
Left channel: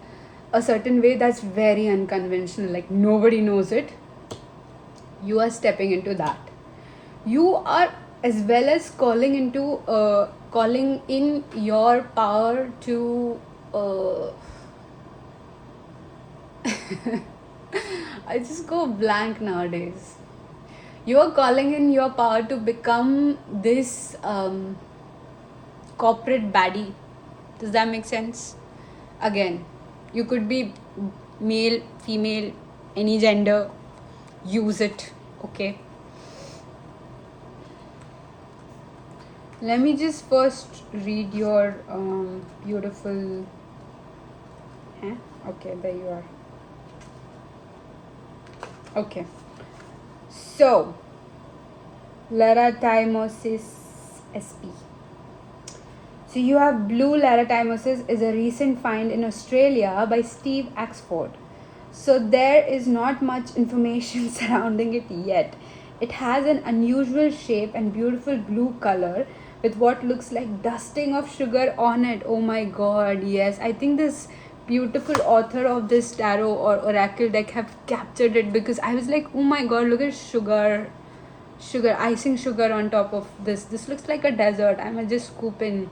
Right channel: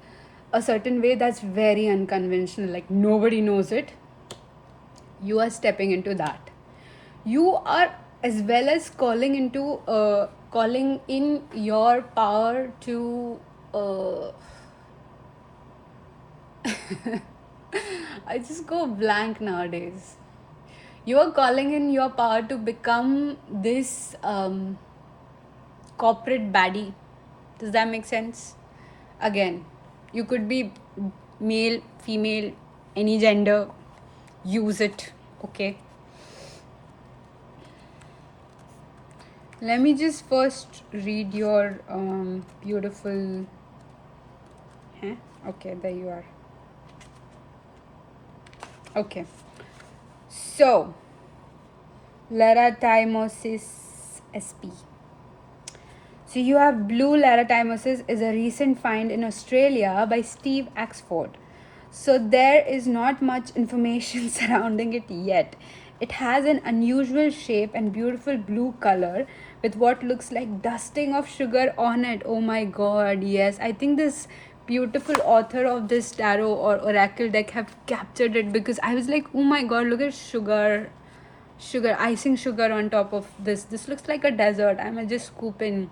a certain way that's very unconventional, like nobody knows it, you are stepping into that. You are as well as calling in your power to I just go blank nowadays. You are calling in your power to become this corporate baddie. Does that make sense? Again, you could be male, female, any gender. Use it, okay? Let me just first read your beautiful. Huh? Okay, there you are. Okay. So, Larathymosis sp. So you have blue larathymosis is a recent find in Australia by Steve Axford. So there is not much information surrounding it yet. It has an unusual shape and beautiful blue color with what looks like dusting of sugar on it. Oh my god, yes. I think this beautiful author of this tarot or oracle deck have captured it, because I was like, oh my god, look at sugar, icing sugar on top of this. This looks like a desert. I may just scoop in.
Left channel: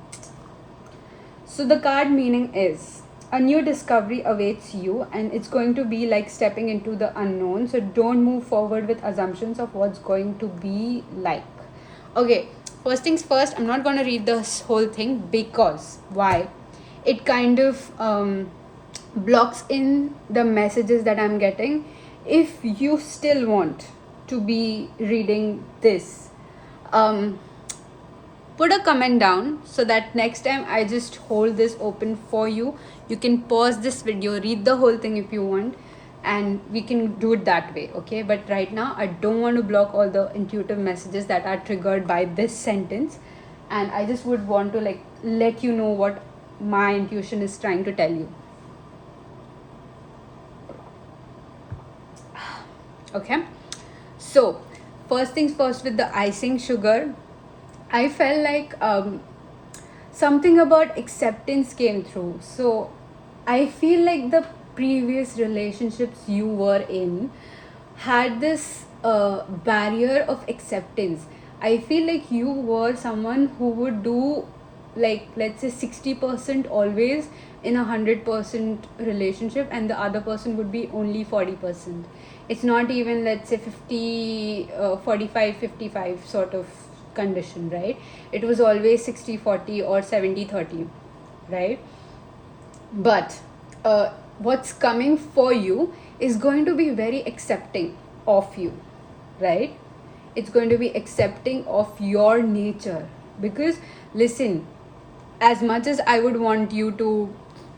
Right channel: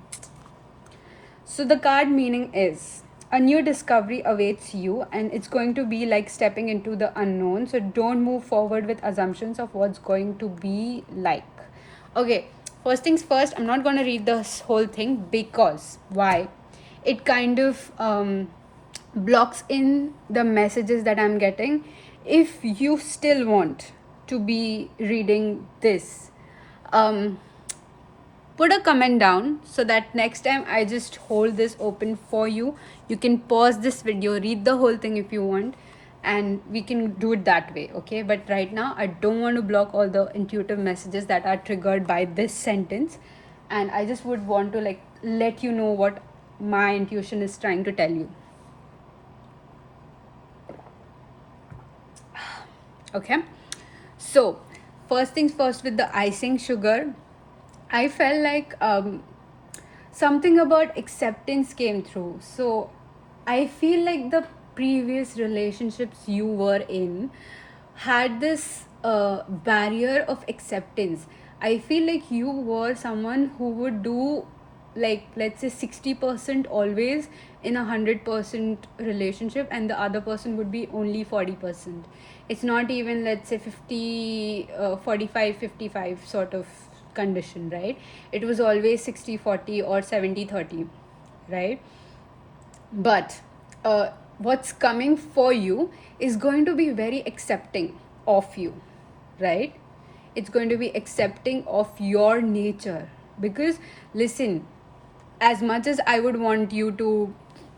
So the card meaning is a new discovery awaits you, and it's going to be like stepping into the unknown. So don't move forward with assumptions of what's going to be like. Okay, first things first, I'm not going to read this whole thing because why? It kind of blocks in the messages that I'm getting. If you still want to be reading this, put a comment down so that next time I just hold this open for you. You can pause this video, read the whole thing if you want, and we can do it that way, okay? But right now I don't want to block all the intuitive messages that are triggered by this sentence, and I just would want to like let you know what my intuition is trying to tell you. Okay, so first things first, with the icing sugar, I felt like something about acceptance came through. So I feel like the previous relationships you were in had this barrier of acceptance. I feel like you were someone who would do, like, let's say 60% always in 100% relationship, and the other person would be only 40%. It's not even, let's say, 50 45 55 sort of condition, right? It was always 60-40 or 70-30, right? But what's coming for you is going to be very accepting of you, right? It's going to be accepting of your nature. Because listen, as much as I would want you to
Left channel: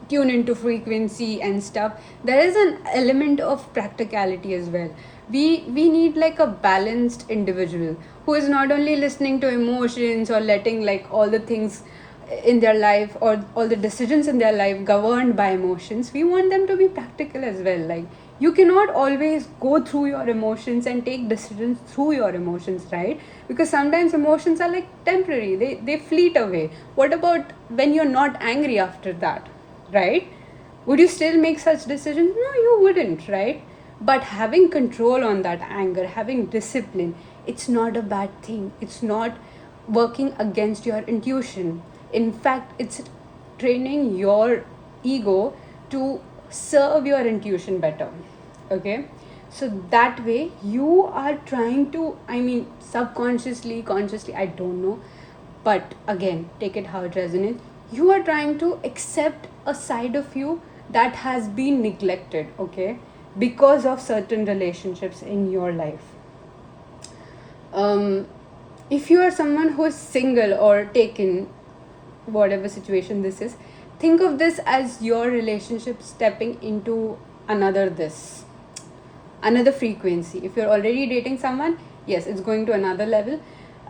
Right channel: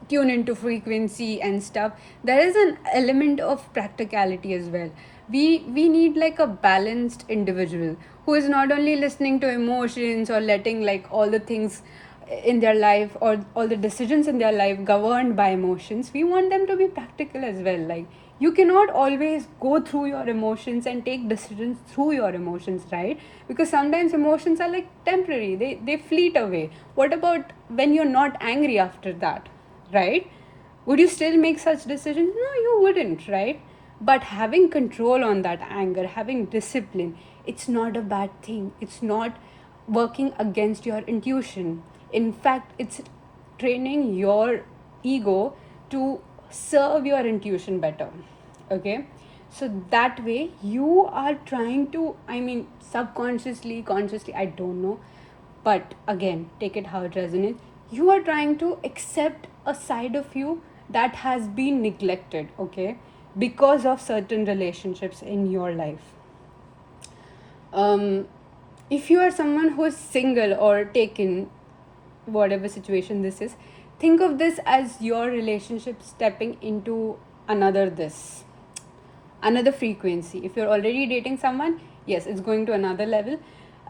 tune into frequency and stuff, there is an element of practicality as well. We need like a balanced individual who is not only listening to emotions or letting like all the things in their life or all the decisions in their life governed by emotions. We want them to be practical as well. Like, you cannot always go through your emotions and take decisions through your emotions, right? Because sometimes emotions are like temporary, they fleet away. What about when you're not angry after that, right? Would you still make such decisions? No, you wouldn't, right? But having control on that anger, having discipline, it's not a bad thing. It's not working against your intuition. In fact, it's training your ego to serve your intuition better. Okay? So that way you are trying to, I mean, subconsciously, consciously, I don't know. But again, take it how it resonates. You are trying to accept a side of you that has been neglected, okay? Because of certain relationships in your life. If you are someone who is single or taken, whatever situation this is, think of this as your relationship stepping into another frequency. If you're already dating someone, yes, it's going to another level.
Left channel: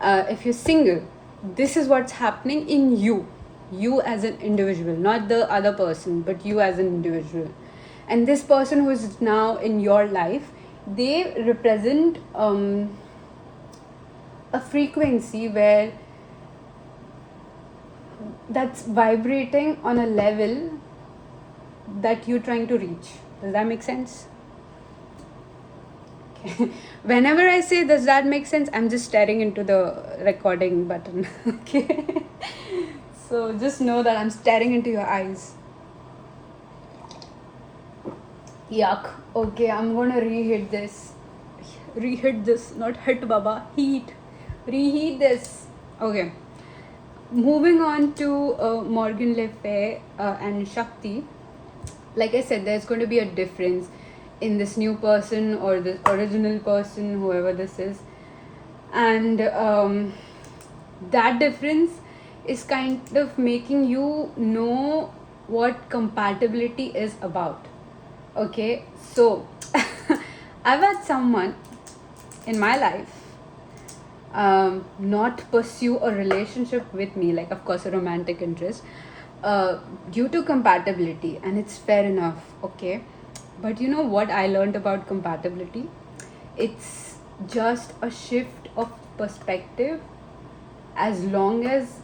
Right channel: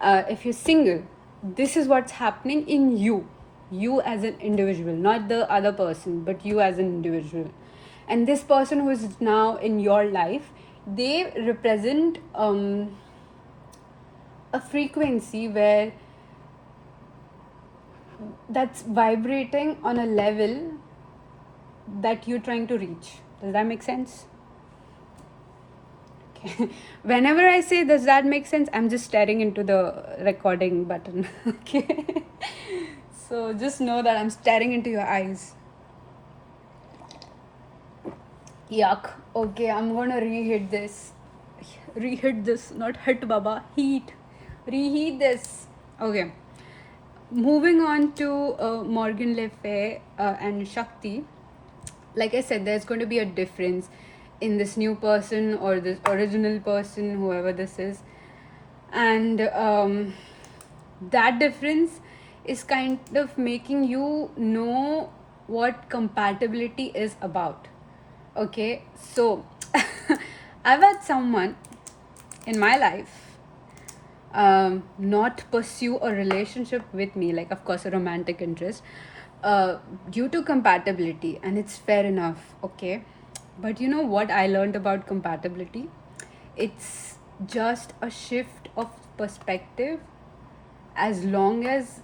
If you're single, this is what's happening in you as an individual, not the other person, but you as an individual. And this person who is now in your life, they represent a frequency where that's vibrating on a level that you're trying to reach. Does that make sense? Okay. Whenever I say does that make sense, I'm just staring into the recording button. Okay. So just know that I'm staring into your eyes. Yuck. Okay, I'm gonna reheat this. Reheat this, not hit baba. Heat. Reheat this. Okay. Moving on to Morgan Le Fay and Shakti. Like I said, there's going to be a difference in this new person or this original person, whoever this is. And that difference is kind of making you know what compatibility is about. Okay, so I've had someone in my life not pursue a relationship with me, like of course a romantic interest, due to compatibility, and it's fair enough. Okay, but you know what I learned about compatibility? It's just a shift of perspective. As long as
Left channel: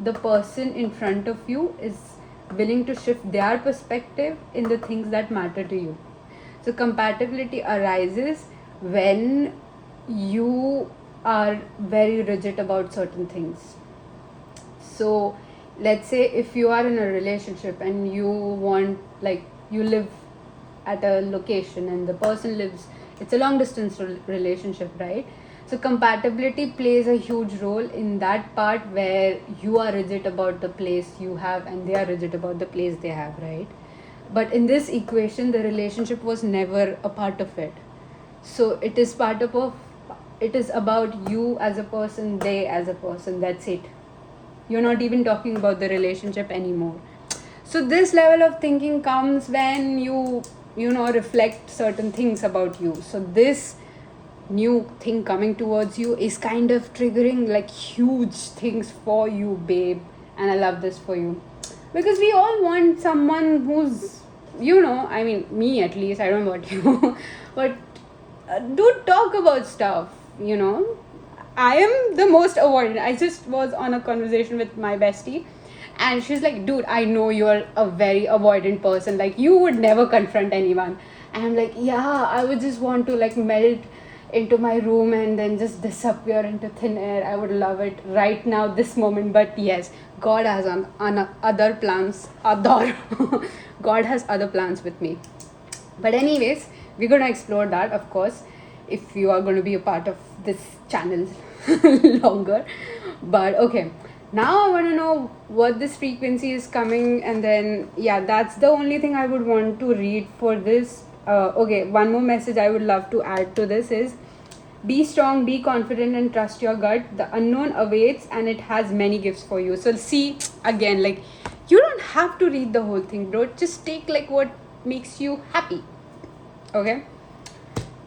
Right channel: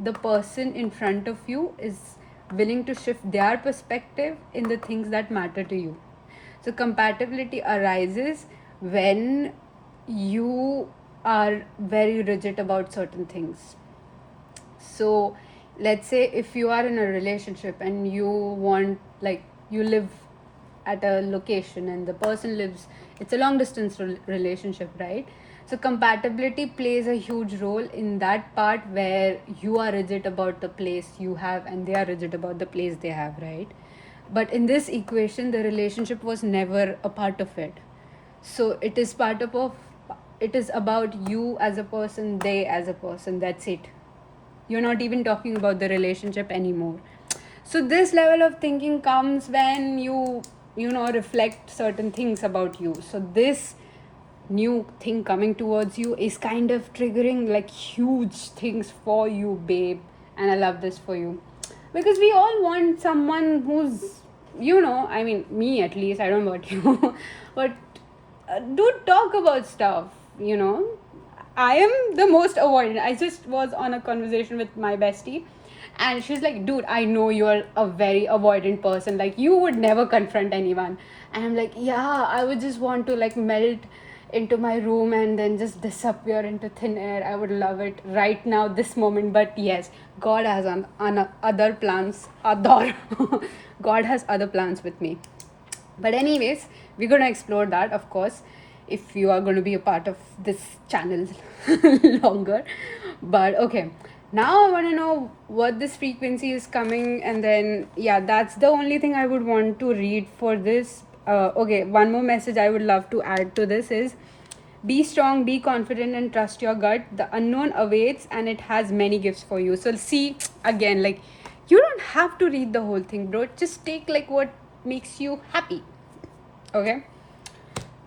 the person in front of you is willing to shift their perspective in the things that matter to you. So compatibility arises when you are very rigid about certain things. So let's say if you are in a relationship and you want, like, you live at a location and the person lives, it's a long distance relationship, right? So compatibility plays a huge role in that part where you are rigid about the place you have and they are rigid about the place they have, right? But in this equation, the relationship was never a part of it. So it is part of it is about you as a person, they as a person. That's it. You're not even talking about the relationship anymore. So this level of thinking comes when you know reflect certain things about you. So this new thing coming towards you is kind of triggering like huge things for you, babe. And I love this for you, because we all want someone who's, you know, I mean, me at least, I don't know about you, but do talk about stuff, you know. I am the most avoidant. I just was on a conversation with my bestie, and she's like, dude, I know you're a very avoidant person, like you would never confront anyone. And I'm like, yeah, I would just want to like melt into my room and then just disappear into thin air. I would love it right now, this moment. But yes, God has on other plans. Other God has other plans with me. But anyways, we're gonna explore that, of course, if you are gonna be a part of this channel longer. But okay, now I want to know what this frequency is coming, and then yeah, that's the only thing I would want to read for this. Okay, one more message I would love to add to this is: be strong, be confident, and trust your gut. The unknown awaits, and it has many gifts for you. So see, again, like, you don't have to read the whole thing, bro. Just take like what makes you happy. Okay,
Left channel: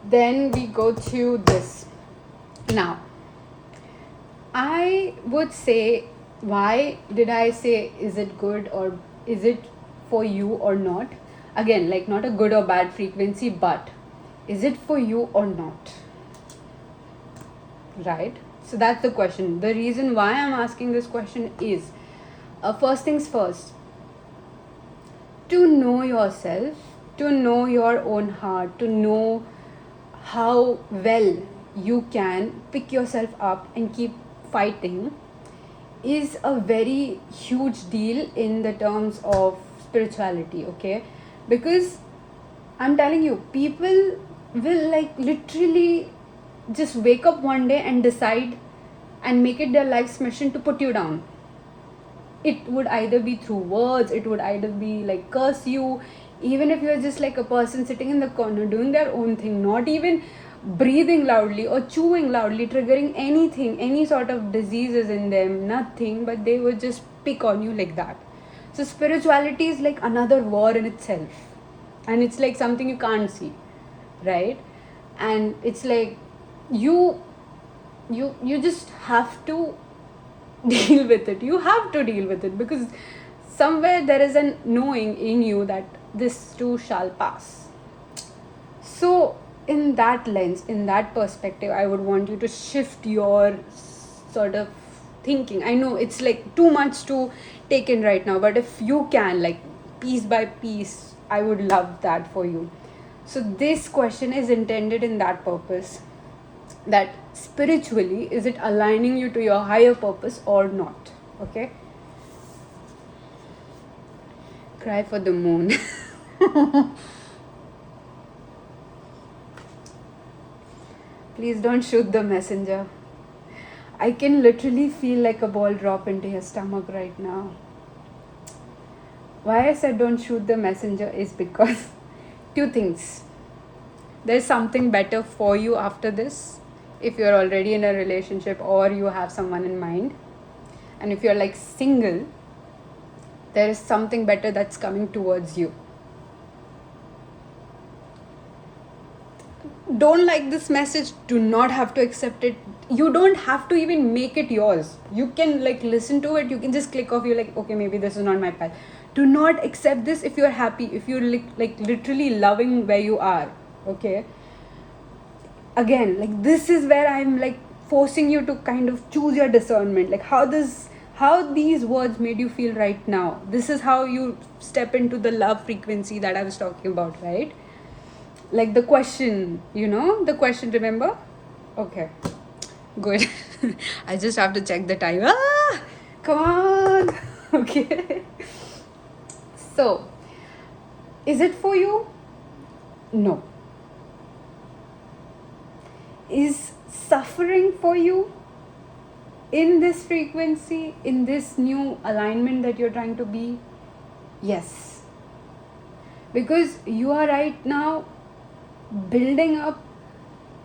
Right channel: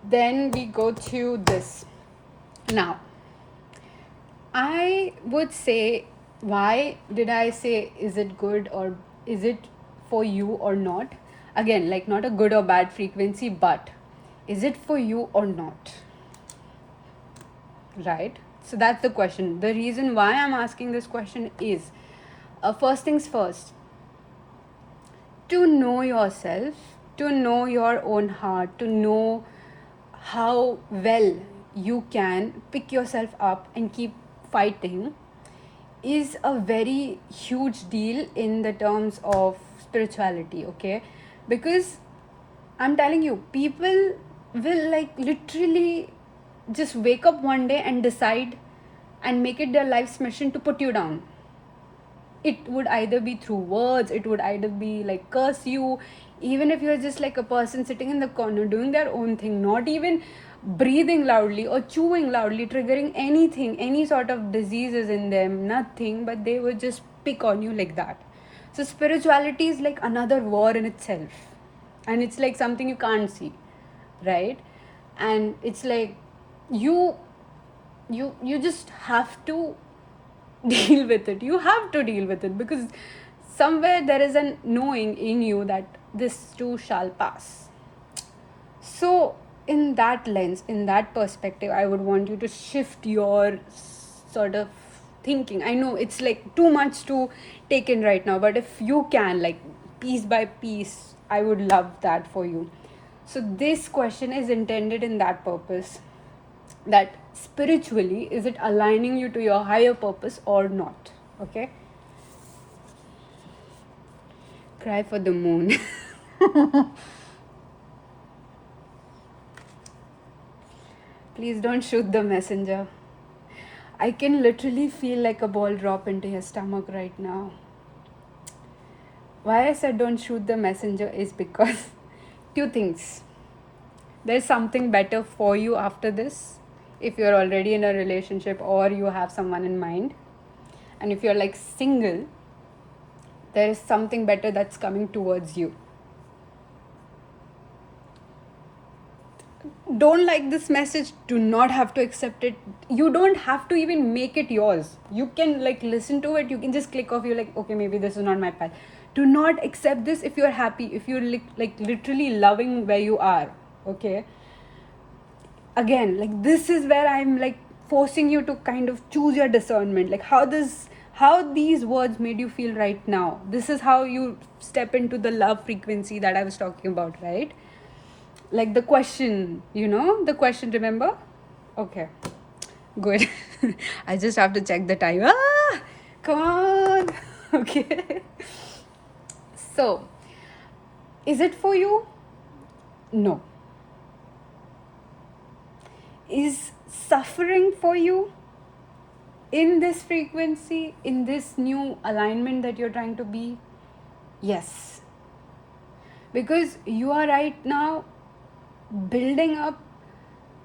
then we go to this. Now I would say, why did I say is it good or is it for you or not? Again, like, not a good or bad frequency, but is it for you or not? Right? So that's the question. The reason why I'm asking this question is, first things first, to know yourself, to know your own heart, to know how well you can pick yourself up and keep fighting is a very huge deal in the terms of spirituality. Okay, because I'm telling you, people will like literally just wake up one day and decide and make it their life's mission to put you down. It would either be through words, it would either be like curse you, even if you're just like a person sitting in the corner doing their own thing, not even breathing loudly or chewing loudly, triggering anything, any sort of diseases in them, nothing, but they would just pick on you like that. So spirituality is like another war in itself, and it's like something you can't see, right? And it's like you just have to deal with it. You have to deal with it, because somewhere there is an knowing in you that this too shall pass. So in that lens, in that perspective, I would want you to shift your sort of thinking. I know it's like too much to take in right now, but if you can, like, piece by piece. I would love that for you. So this question is intended in that purpose, that spiritually, is it aligning you to your higher purpose or not? Okay. Cry for the moon. Please don't shoot the messenger. I can literally feel like a ball drop into your stomach right now. Why I said don't shoot the messenger is because two things. There's something better for you after this, if you're already in a relationship or you have someone in mind. And if you're like single, there is something better that's coming towards you. Don't like this message, do not have to accept it. You don't have to even make it yours. You can like listen to it, you can just click off, you're like, okay, maybe this is not my path. Do not accept this if you're happy, if you're like literally loving where you are. Okay, again, like this is where I'm like forcing you to kind of choose your discernment, like how these words made you feel right now. This is how you step into the love frequency that I was talking about, right? Like the question, the question, remember? Okay, good. I just have to check the time. Come on. Okay. So, is it for you? No. Is suffering for you in this frequency, in this new alignment that you're trying to be? Yes. Because you are right now building up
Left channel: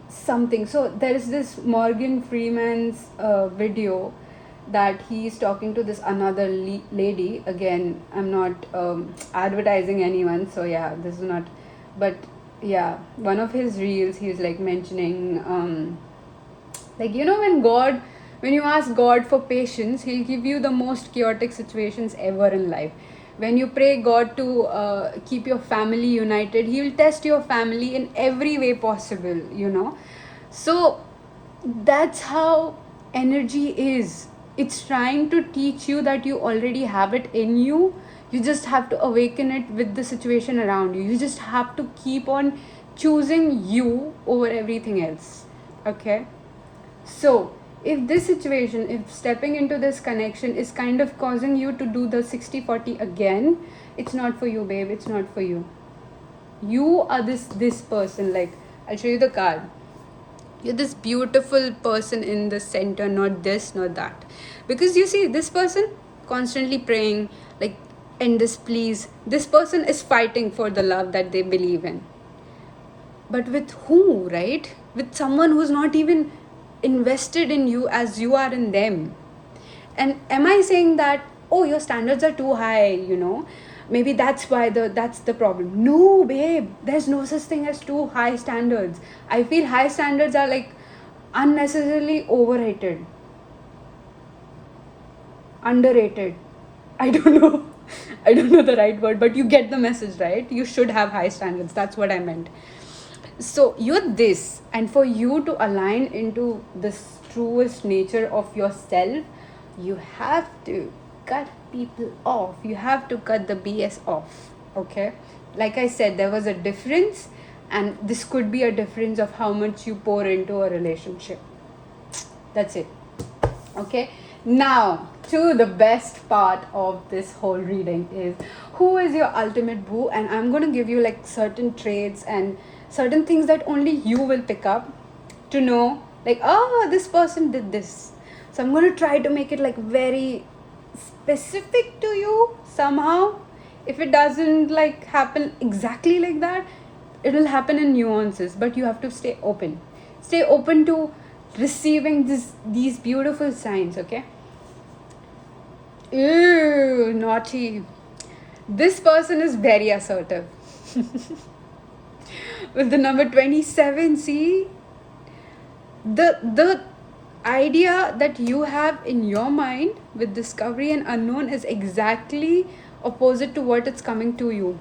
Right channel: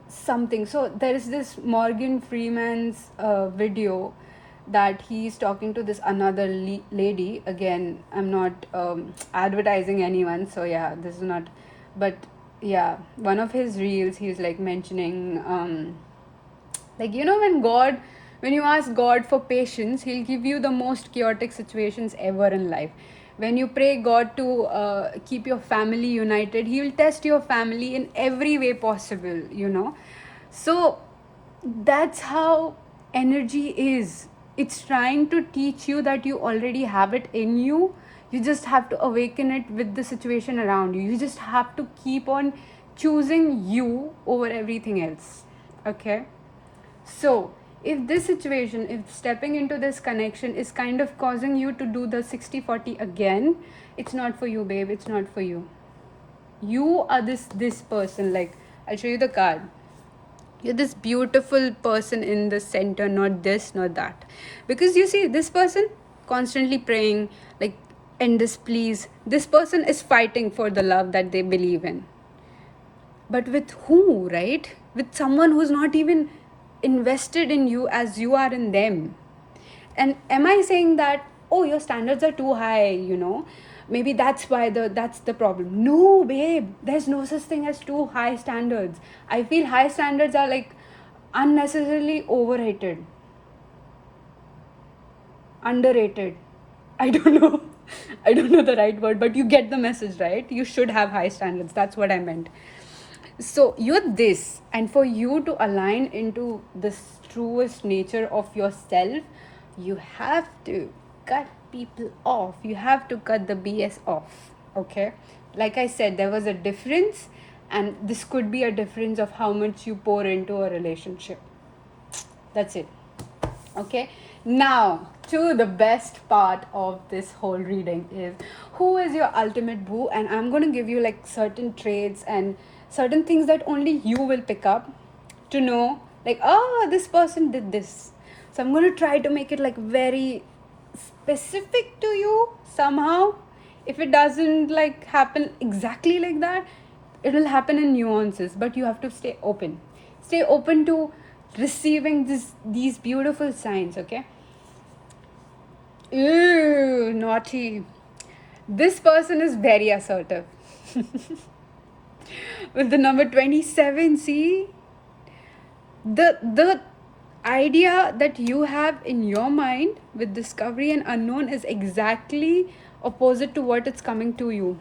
something. So there is this Morgan Freeman's video that he's talking to this another lady. Again, I'm not advertising anyone, so yeah, this is not, but yeah, one of his reels, he's like mentioning like, when you ask God for patience, he'll give you the most chaotic situations ever in life. When you pray God to keep your family united, he will test your family in every way possible, So that's how energy is. It's trying to teach you that you already have it in you. You just have to awaken it with the situation around you. You just have to keep on choosing you over everything else. Okay? So, if this situation, if stepping into this connection is kind of causing you to do the 60-40 again, it's not for you, babe. It's not for you. You are this person. Like, I'll show you the card. You're this beautiful person in the center, not this, not that. Because you see, this person constantly praying, like, end this, please. This person is fighting for the love that they believe in. But with who, right? With someone who's not even invested in you as you are in them. And am I saying that, oh, your standards are too high, maybe that's why that's the problem? No, babe, there's no such thing as too high standards. I feel high standards are like unnecessarily overrated, underrated. I don't know the right word, but you get the message, right? You should have high standards. That's what I meant. So you're this, and for you to align into this truest nature of yourself, you have to cut people off. You have to cut the BS off. Okay, like I said, there was a difference, and this could be a difference of how much you pour into a relationship. That's it. Okay, now to the best part of this whole reading is, who is your ultimate boo? And I'm going to give you like certain traits and certain things that only you will pick up to know, like, oh, this person did this. So I'm going to try to make it like very specific to you somehow. If it doesn't like happen exactly like that, it will happen in nuances, but you have to stay open to receiving these beautiful signs. Okay. Ew, naughty. This person is very assertive. With the number 27, see, the idea that you have in your mind with discovery and unknown is exactly opposite to what it's coming to you.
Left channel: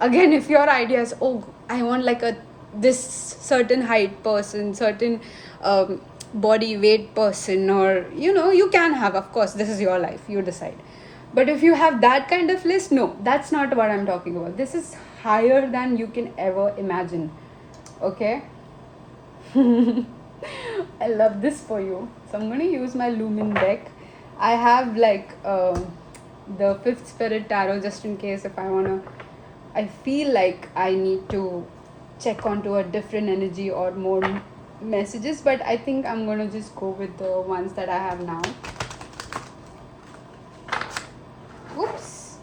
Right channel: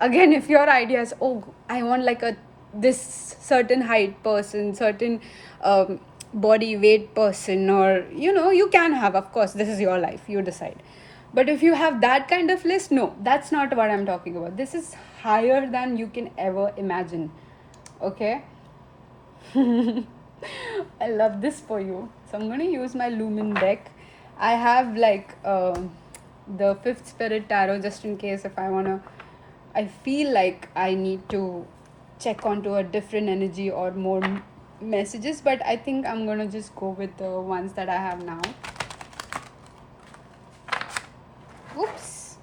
Again, if your idea is, oh, I want like this certain height person, certain body weight person, or you can have, of course, this is your life, you decide. But if you have that kind of list, no, that's not what I'm talking about. This is higher than you can ever imagine. Okay. I love this for you. So I'm going to use my Lumen deck. I have like the Fifth Spirit Tarot just in case if I want to. I feel like I need to check onto a different energy or more messages, but I think I'm going to just go with the ones that I have now. Oops.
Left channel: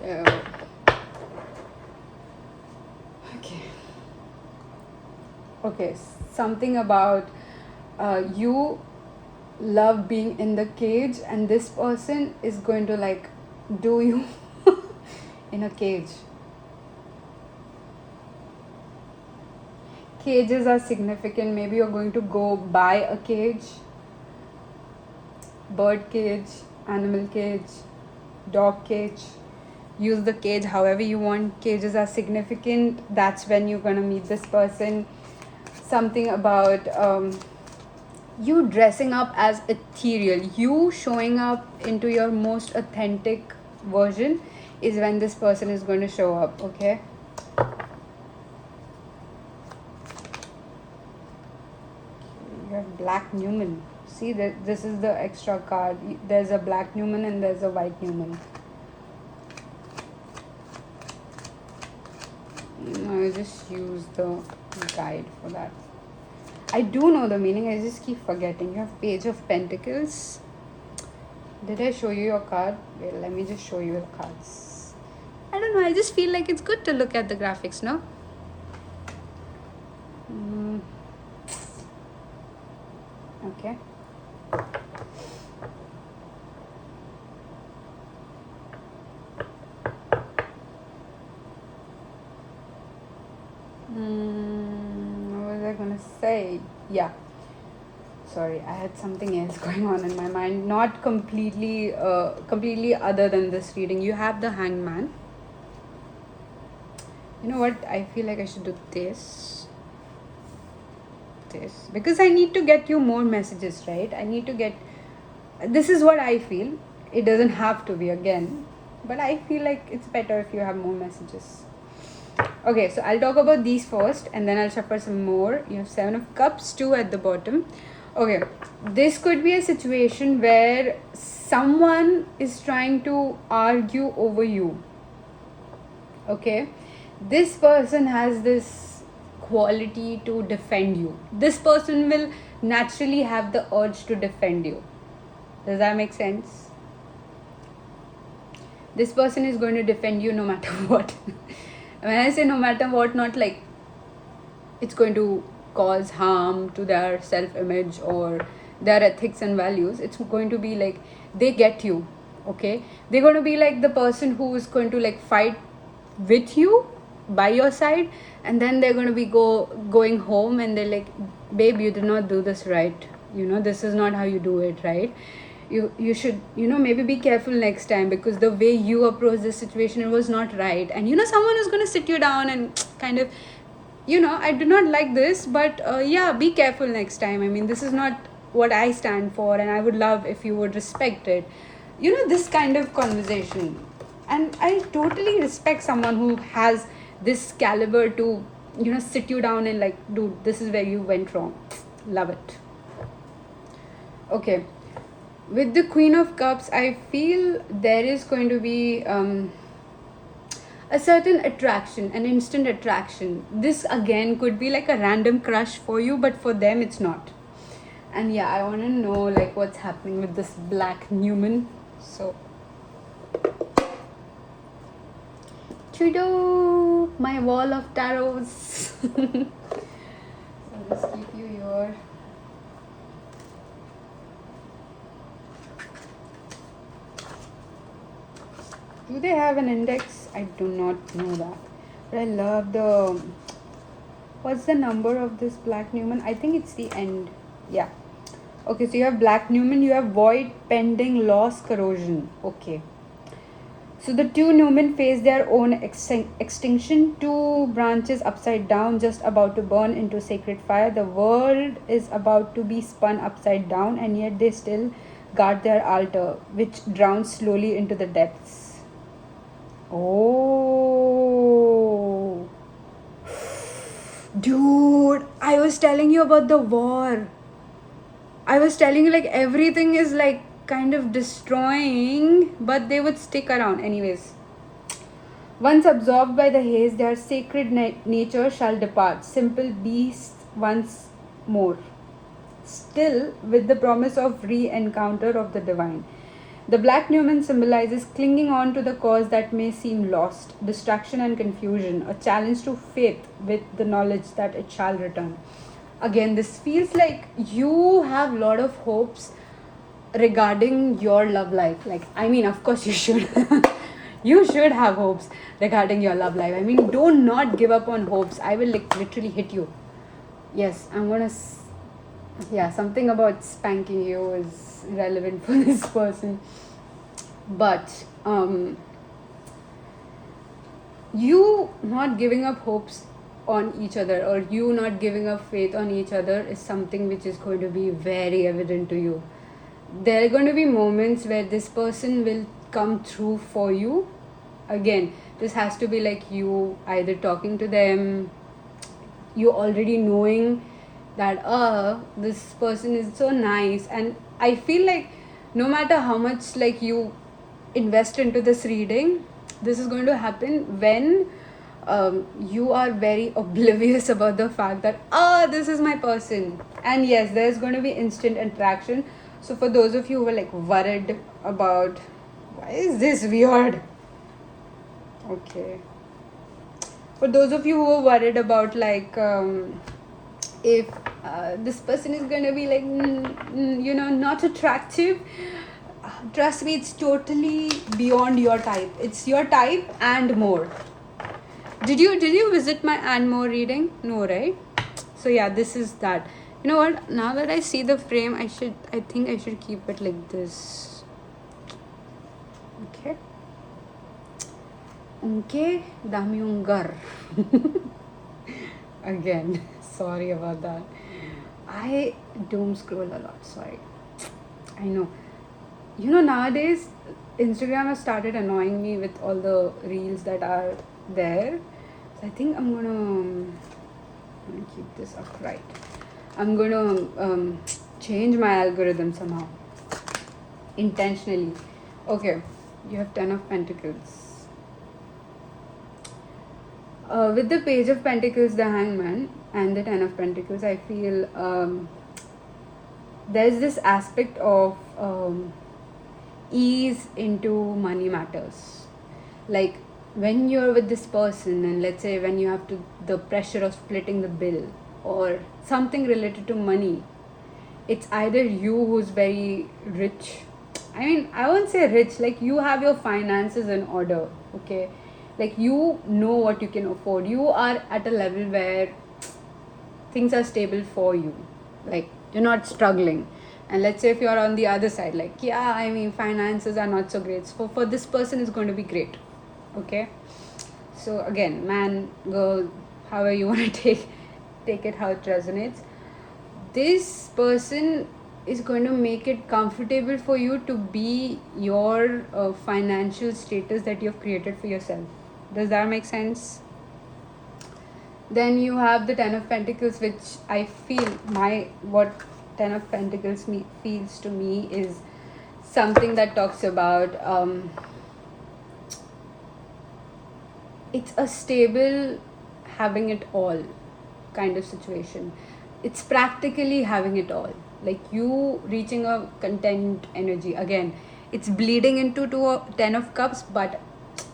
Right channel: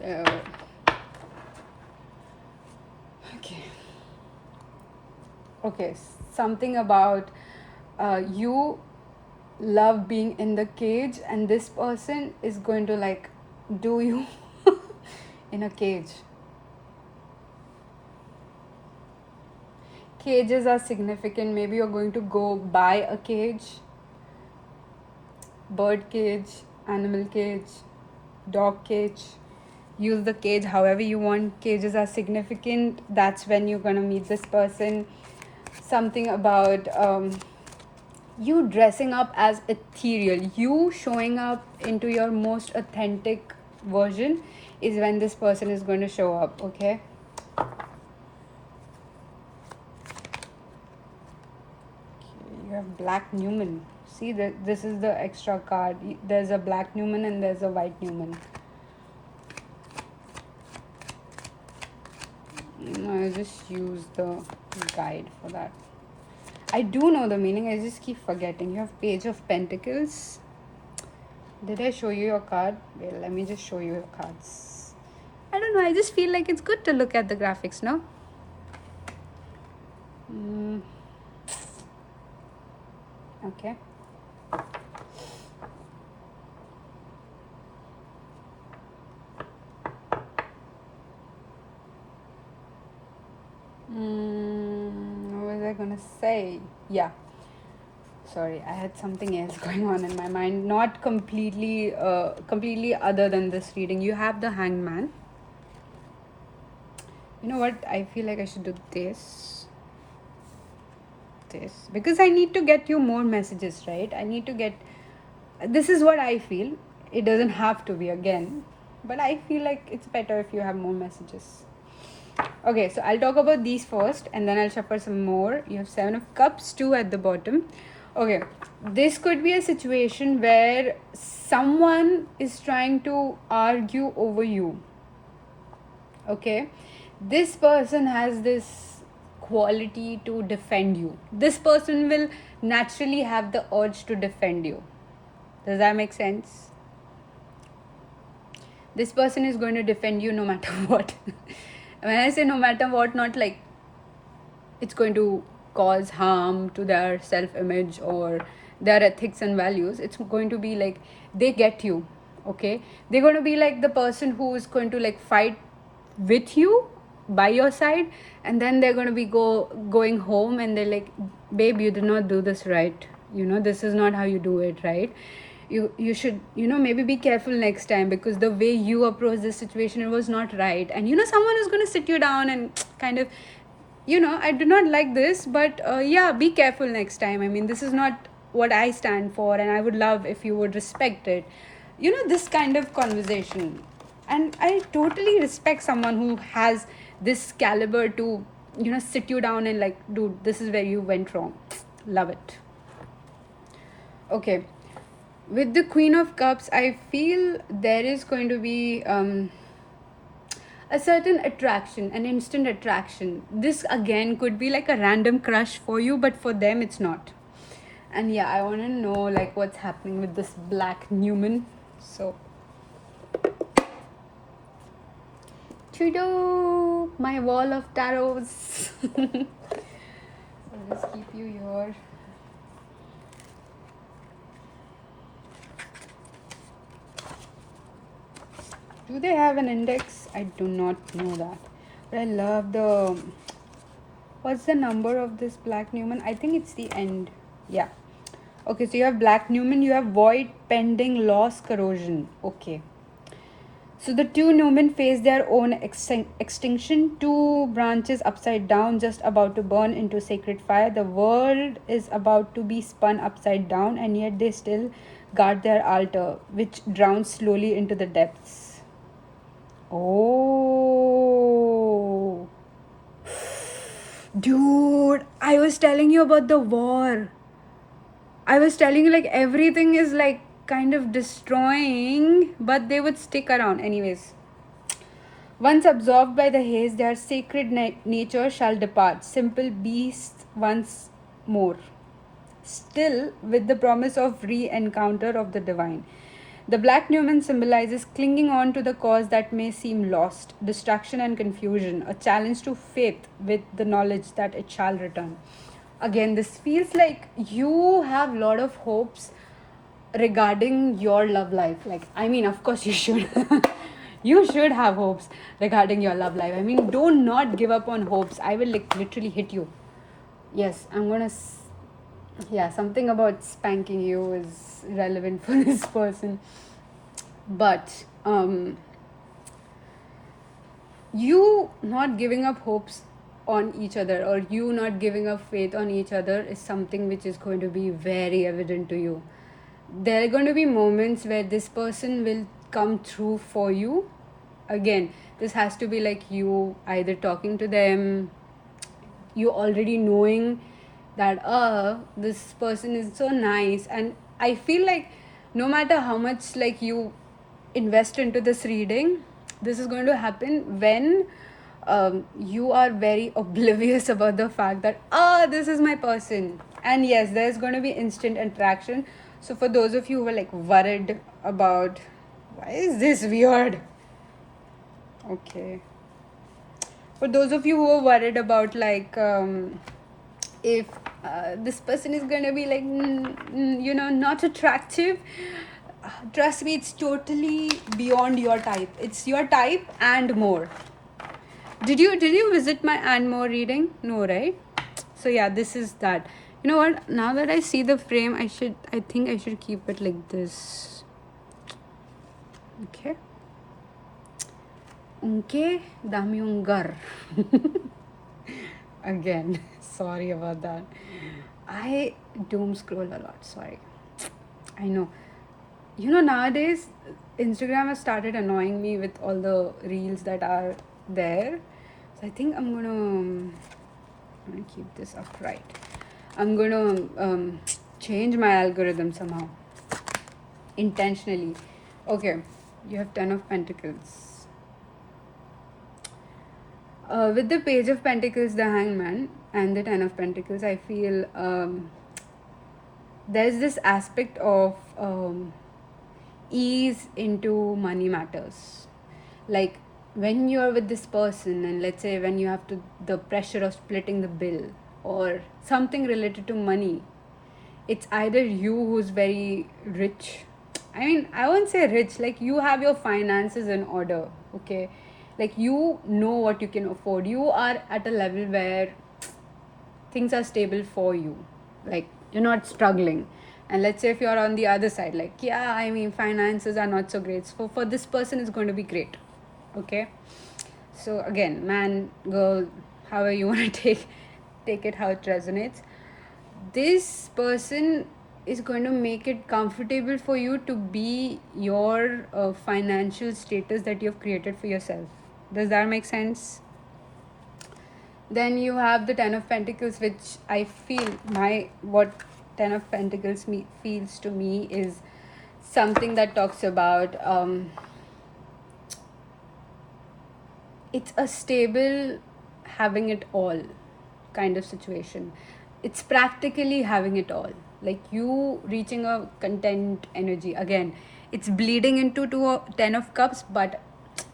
So, okay, something about you love being in the cage, and this person is going to like do you in a cage. Cages are significant. Maybe you're going to go buy a cage, bird cage, animal cage, dog cage. Use the cage however you want. Cages are significant. That's when you're going to meet this person. Something about you dressing up as ethereal, you showing up into your most authentic version is when this person is going to show up. Okay. You have Black Newman. See that this is the extra card. There's a Black Newman and there's a White Newman. I just use the guide for that. I do know the meaning, I just keep forgetting. You have Page of Pentacles. Did I show you your card? Wait, let me just show you your cards. I don't know, I just feel like it's good to look at the graphics, no? Okay. What was I gonna say? Yeah. Sorry, I had something else going on in my mind. Not completely other than this reading. You have the Hangman. You know what? I feel like I should do this. Because I need to get you more messages, right? I need to get... This is what I feel. It doesn't have to be again. But I feel like it's better if you have more messages. Okay, so I'll talk about these first and then I'll shuffle some more. You have 7 of Cups, 2 at the bottom. Okay, this could be a situation where someone is trying to argue over you. Okay, this person has this quality to defend you. This person will naturally have the urge to defend you. Does that make sense? This person is going to defend you no matter what. When I say no matter what, not like it's going to cause harm to their self-image or their ethics and values. It's going to be like they get you. Okay, they're going to be like the person who is going to like fight with you by your side, and then they're going to be going home and they're like, babe, you did not do this right, this is not how you do it, right? You should maybe be careful next time, because the way you approach this situation, it was not right. And someone is going to sit you down and kind of, I do not like this, but yeah, be careful next time. I mean, this is not what I stand for, and I would love if you would respect it. This kind of conversation. And I totally respect someone who has this caliber to sit you down and like, dude, this is where you went wrong. Love it. Okay, with the Queen of Cups, I feel there is going to be a certain attraction, an instant attraction. This again could be like a random crush for you, but for them it's not. And yeah, I want to know like what's happening with this Black Newman. So Trudeau, my wall of tarots. So let's keep you your... Do they have an index? I do not know that. But I love the... What's the number of this Black Newman? I think it's the end. Yeah. Okay, so you have Black Newman, you have Void, Pending, Loss, Corrosion. Okay. So the two Numen face their own extinction, two branches upside down, just about to burn into sacred fire. The world is about to be spun upside down, and yet they still guard their altar, which drowns slowly into the depths. Oh, dude, I was telling you about the war. I was telling you, like, everything is like kind of destroying, but they would stick around anyways. Once absorbed by the haze, their sacred nature shall depart, simple beasts once more, still with the promise of re-encounter of the divine. The black Numen symbolizes clinging on to the cause that may seem lost, distraction and confusion, a challenge to faith with the knowledge that it shall return. Again, this feels like you have a lot of hopes regarding your love life. Like, I mean, of course you should. You should have hopes regarding your love life. I mean, do not give up on hopes. I will like literally hit you. Yes, I'm gonna. Yeah, something about spanking you is relevant for this person. But you not giving up hopes on each other, or you not giving up faith on each other, is something which is going to be very evident to you. There are going to be moments where this person will come through for you. Again, this has to be like you either talking to them, you already knowing that this person is so nice. And I feel like no matter how much like you invest into this reading, this is going to happen when you are very oblivious about the fact that this is my person. And yes, there's going to be instant attraction. So for those of you who are like worried about, why is this weird? Okay. For those of you who are worried about like if this person is gonna be like not attractive, trust me, it's totally beyond your type. It's your type and more. Did you visit my and more reading? No, right? So yeah, this is that. You know what? Now that I see the frame, I think I should keep it like this. Okay. Okay, Damiungar. Again, sorry about that. I doom scroll a lot, sorry. I know. You know, nowadays, Instagram has started annoying me with all the reels that are there. So I think I'm gonna keep this upright. I'm gonna change my algorithm somehow. Intentionally. Okay, you have 10 of Pentacles. With the Page of Pentacles, the Hangman, and the 10 of Pentacles, I feel there's this aspect of ease into money matters. Like when you are with this person, and let's say when you have the pressure of splitting the bill or something related to money, it's either you who's very rich. I mean, I won't say rich, like you have your finances in order, okay? Like you know what you can afford. You are at a level where things are stable for you. Like you're not struggling. And let's say if you're on the other side, like, yeah, I mean, finances are not so great. So for this person, it's going to be great. Okay? So again, man, girl, however you want to take it, how it resonates. This person is going to make it comfortable for you to be your financial status that you've created for yourself. Does that make sense? Then you have the 10 of Pentacles, which I feel what 10 of Pentacles feels to me is something that talks about it's a stable having it all kind of situation. It's practically having it all, like you reaching a content energy. Again, it's bleeding into 10 of Cups, but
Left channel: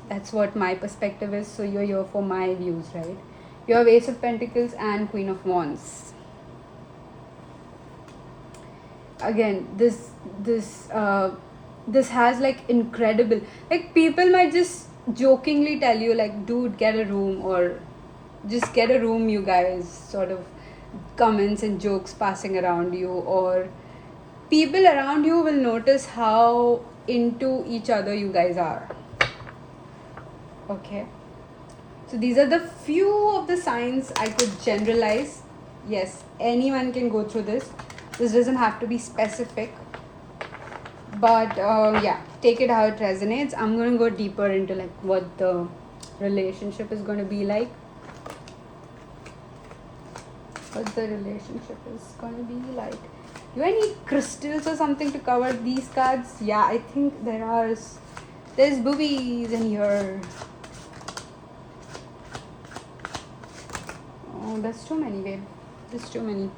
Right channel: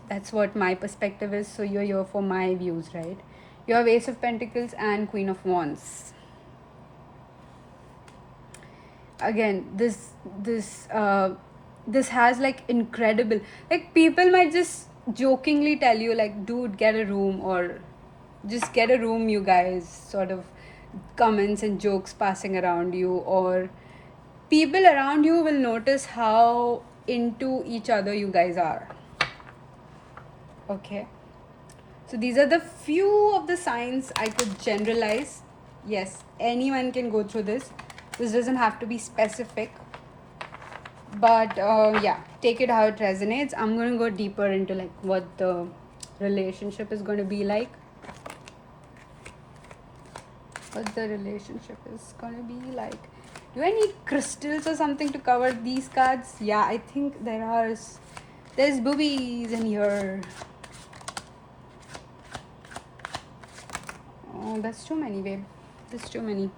that's what my perspective is, so you're here for my views, right? You have Ace of Pentacles and Queen of Wands. Again, this has like incredible, like people might just jokingly tell you like, dude, get a room, or just get a room, you guys, sort of comments and jokes passing around you, or people around you will notice how into each other you guys are. Okay. So these are the few of the signs I could generalize. Yes, anyone can go through this. This doesn't have to be specific. But yeah, take it how it resonates. I'm gonna go deeper into like what the relationship is gonna be like. What the relationship is gonna be like. Do I need crystals or something to cover these cards? Yeah, I think there's boobies in here. Oh, that's too many, babe. That's too many.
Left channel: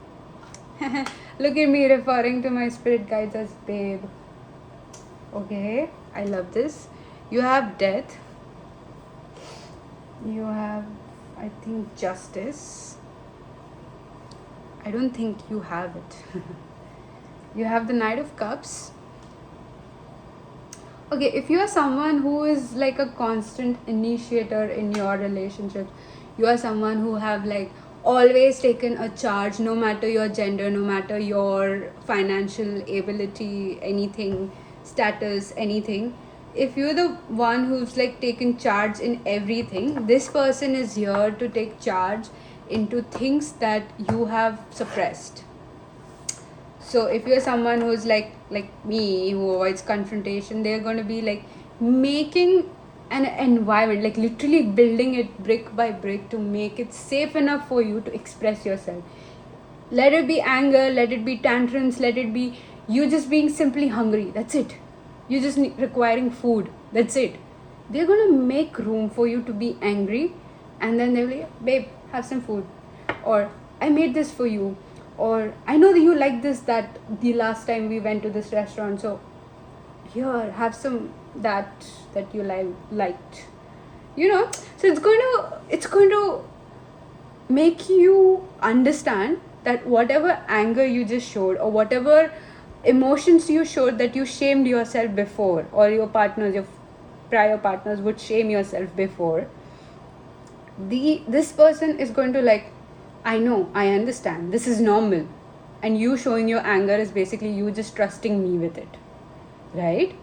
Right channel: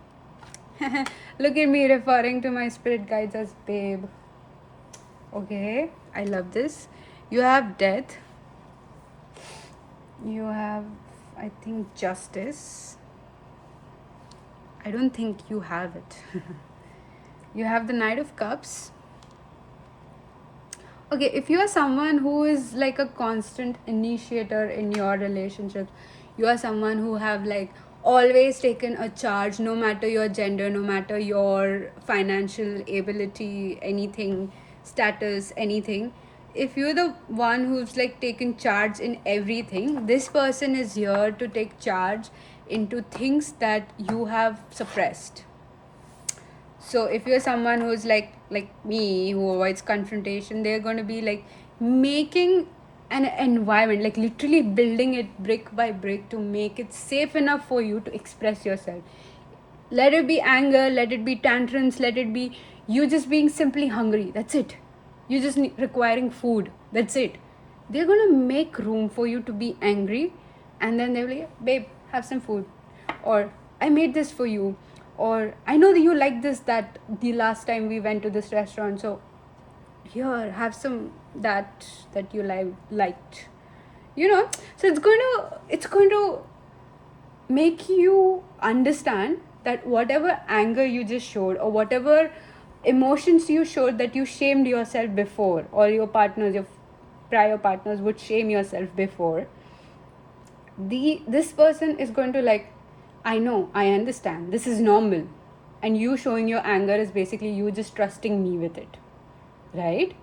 Look at me referring to my spirit guides as babe. Okay, I love this. You have death. You have, I think, justice. I don't think you have it. You have the Knight of Cups. Okay, if you are someone who is like a constant initiator in your relationship, you are someone who have like always taken a charge, no matter your gender, no matter your financial ability, anything, status, anything. If you're the one who's like taken charge in everything, this person is here to take charge into things that you have suppressed. So if you're someone who's like me, who avoids confrontation, they're going to be like making an environment, like literally building it brick by brick to make it safe enough for you to express yourself. Let it be anger, let it be tantrums, let it be you just being simply hungry. That's it. You just requiring food. That's it. They're going to make room for you to be angry, and then they'll be like, babe, have some food, or I made this for you, or I know that you like this, that the last time we went to this restaurant, so here, have some that you liked, so it's going to make you understand that whatever anger you just showed, or whatever emotions you showed that you shamed yourself before, or your prior partners would shame yourself before, this person is going to like, I know, I understand, this is normal, and you showing your anger is basically you just trusting me with it, right?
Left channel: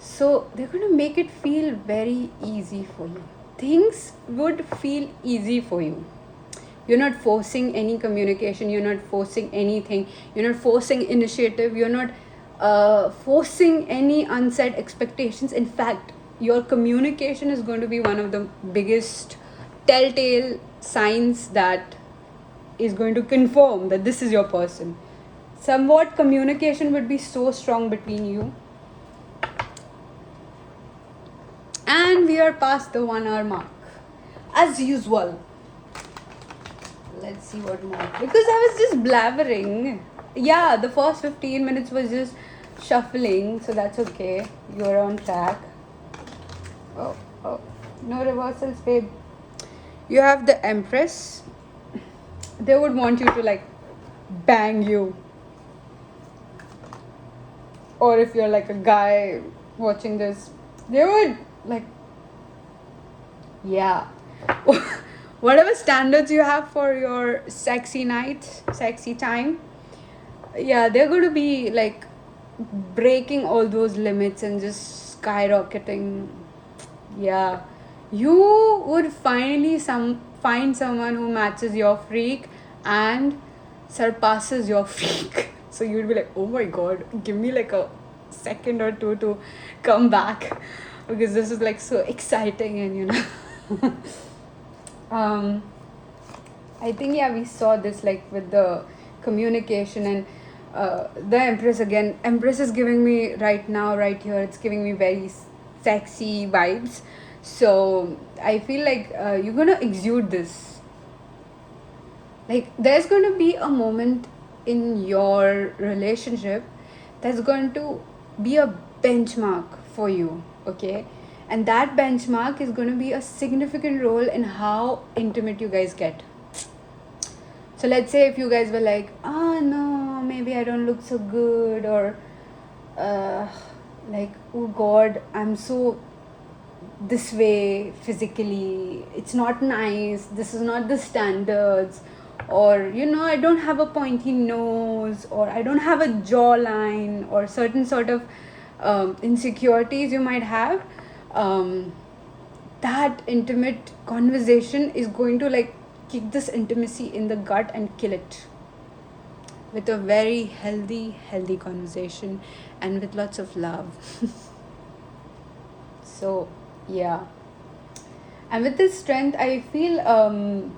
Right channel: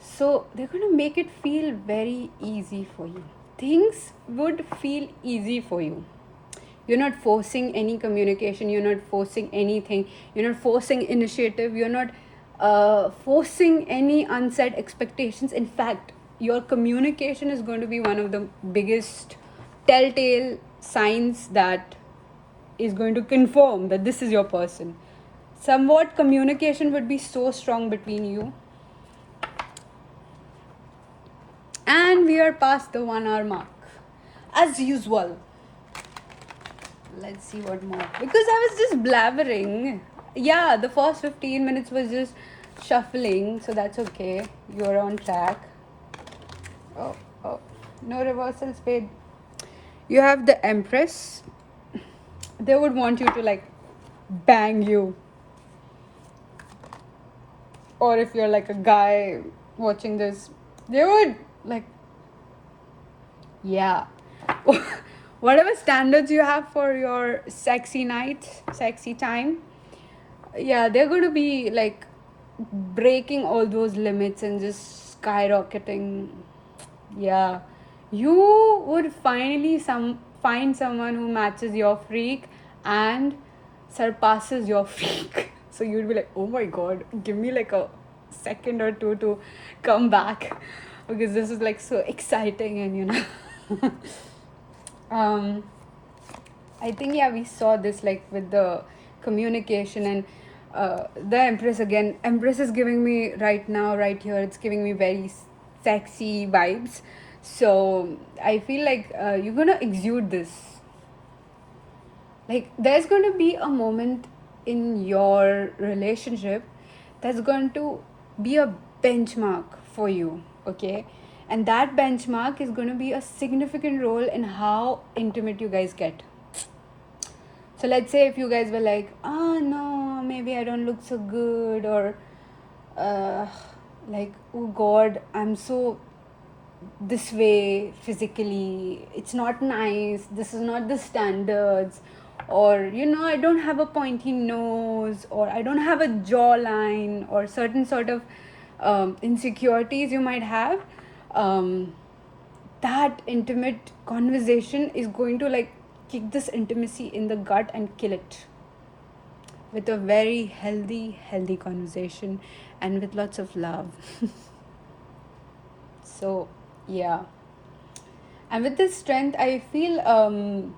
So they're going to make it feel very easy for you. Things would feel easy for you. You're not forcing any communication, you're not forcing anything, you're not forcing initiative, you're not forcing any unsaid expectations. In fact, your communication is going to be one of the biggest telltale signs that is going to confirm that this is your person. Somewhat communication would be so strong between you. And we are past the 1 hour mark, as usual. Let's see what more. Because I was just blabbering. Yeah, the first 15 minutes was just shuffling, so that's okay. You're on track. Oh, no reversals, babe. You have the Empress. They would want you to like bang you. Or if you're like a guy watching this, they would like, yeah. Whatever standards you have for your sexy night, sexy time, yeah, they're going to be like breaking all those limits and just skyrocketing. Yeah, you would finally find someone who matches your freak and surpasses your freak. So you'd be like, oh my god, give me like a second or two to come back, because this is like so exciting. And I think, yeah, we saw this like with the communication and the Empress again. Empress is giving me right now, right here, it's giving me very sexy vibes. So I feel like you're gonna exude this. Like there's going to be a moment in your relationship that's going to be a benchmark for you, okay? And that benchmark is going to be a significant role in how intimate you guys get. So let's say if you guys were like, oh no, maybe I don't look so good, or like, oh god, I'm so this way physically, it's not nice, this is not the standards, or I don't have a pointy nose, or I don't have a jawline, or certain sort of insecurities you might have. that intimate conversation is going to like kick this intimacy in the gut and kill it with a very healthy conversation and with lots of love. So yeah, and with this strength I feel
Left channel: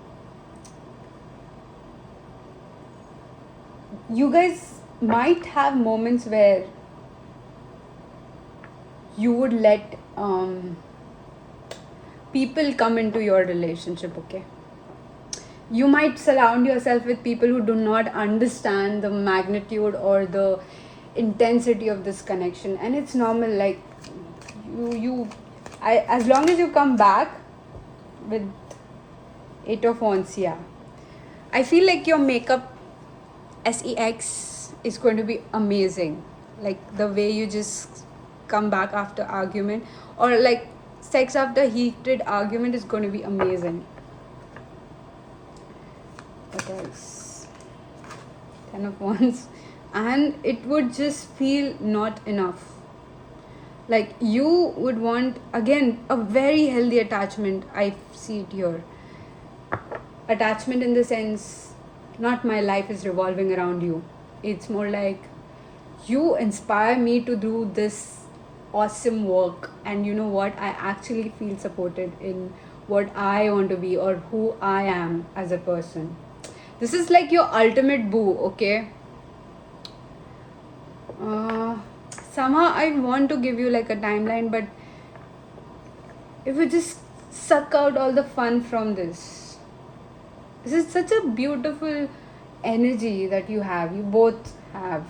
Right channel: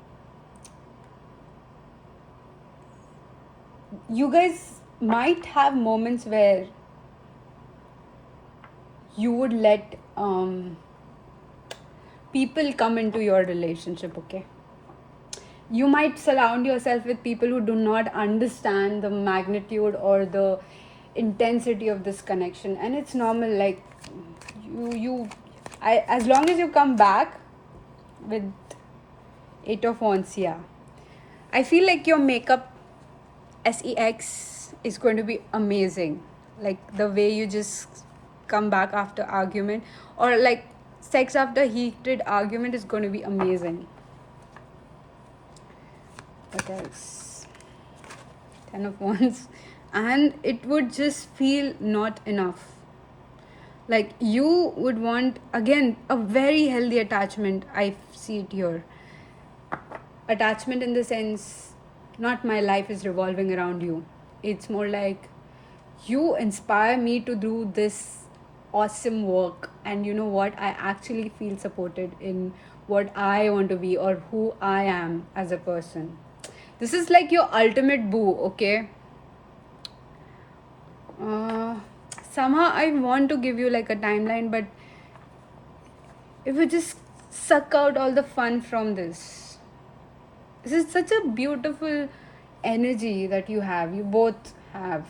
you guys might have moments where you would let people come into your relationship, okay? You might surround yourself with people who do not understand the magnitude or the intensity of this connection, and it's normal. Like as long as you come back with 8 of Wands, yeah, I feel like your makeup sex is going to be amazing. Like the way you just come back after argument, or like sex after heated argument, is going to be amazing. What else? 10 of Wands. And it would just feel not enough. Like you would want, again, a very healthy attachment. I see it here. Attachment in the sense, not my life is revolving around you. It's more like you inspire me to do this awesome work, and you know what, I actually feel supported in what I want to be or who I am as a person. This is like your ultimate boo, okay? Somehow I want to give you like a timeline, but if you just suck out all the fun from this is such a beautiful energy that you have, you both have.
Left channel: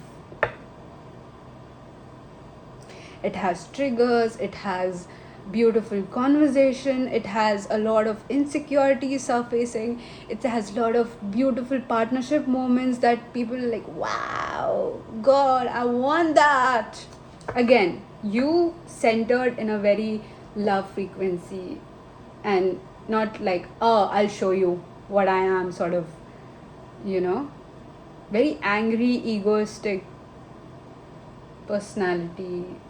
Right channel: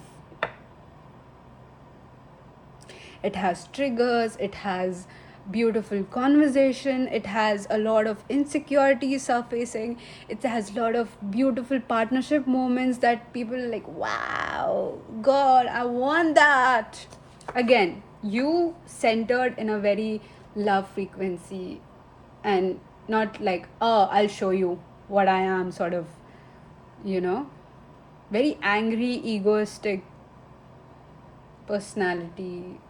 It has triggers, it has beautiful conversation, it has a lot of insecurity surfacing, it has a lot of beautiful partnership moments that people are like, wow, God, I want that. Again, you centered in a very love frequency, and not like, oh, I'll show you what I am, sort of, very angry, egoistic personality.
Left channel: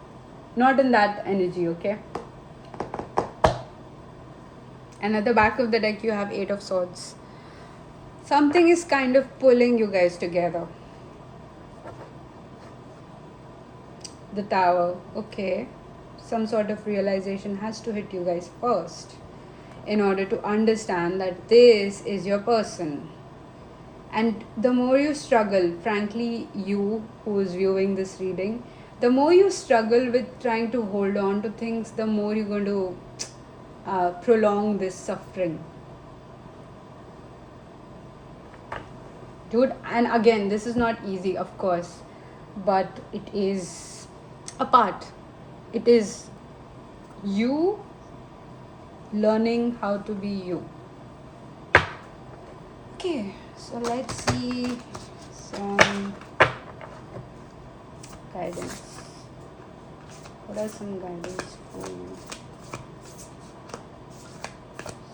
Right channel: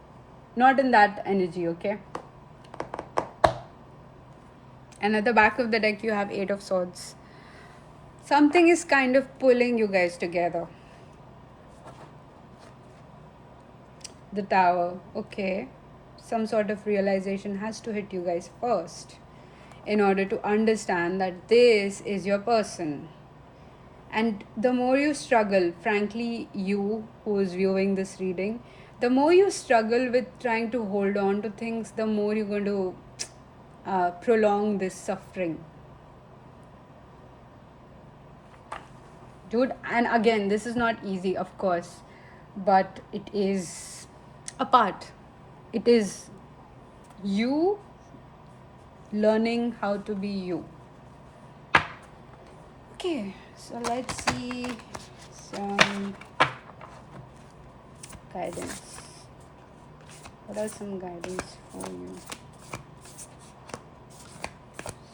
Not in that energy, okay? And at the back of the deck, you have 8 of Swords. Something is kind of pulling you guys together. The Tower, okay. Some sort of realization has to hit you guys first in order to understand that this is your person. And the more you struggle, frankly, you who is viewing this reading, the more you struggle with trying to hold on to things, the more you're going to prolong this suffering. Dude, and again, this is not easy, of course, but it is a part. It is you learning how to be you. Okay, so let's see some guidance. What are some guidance for you?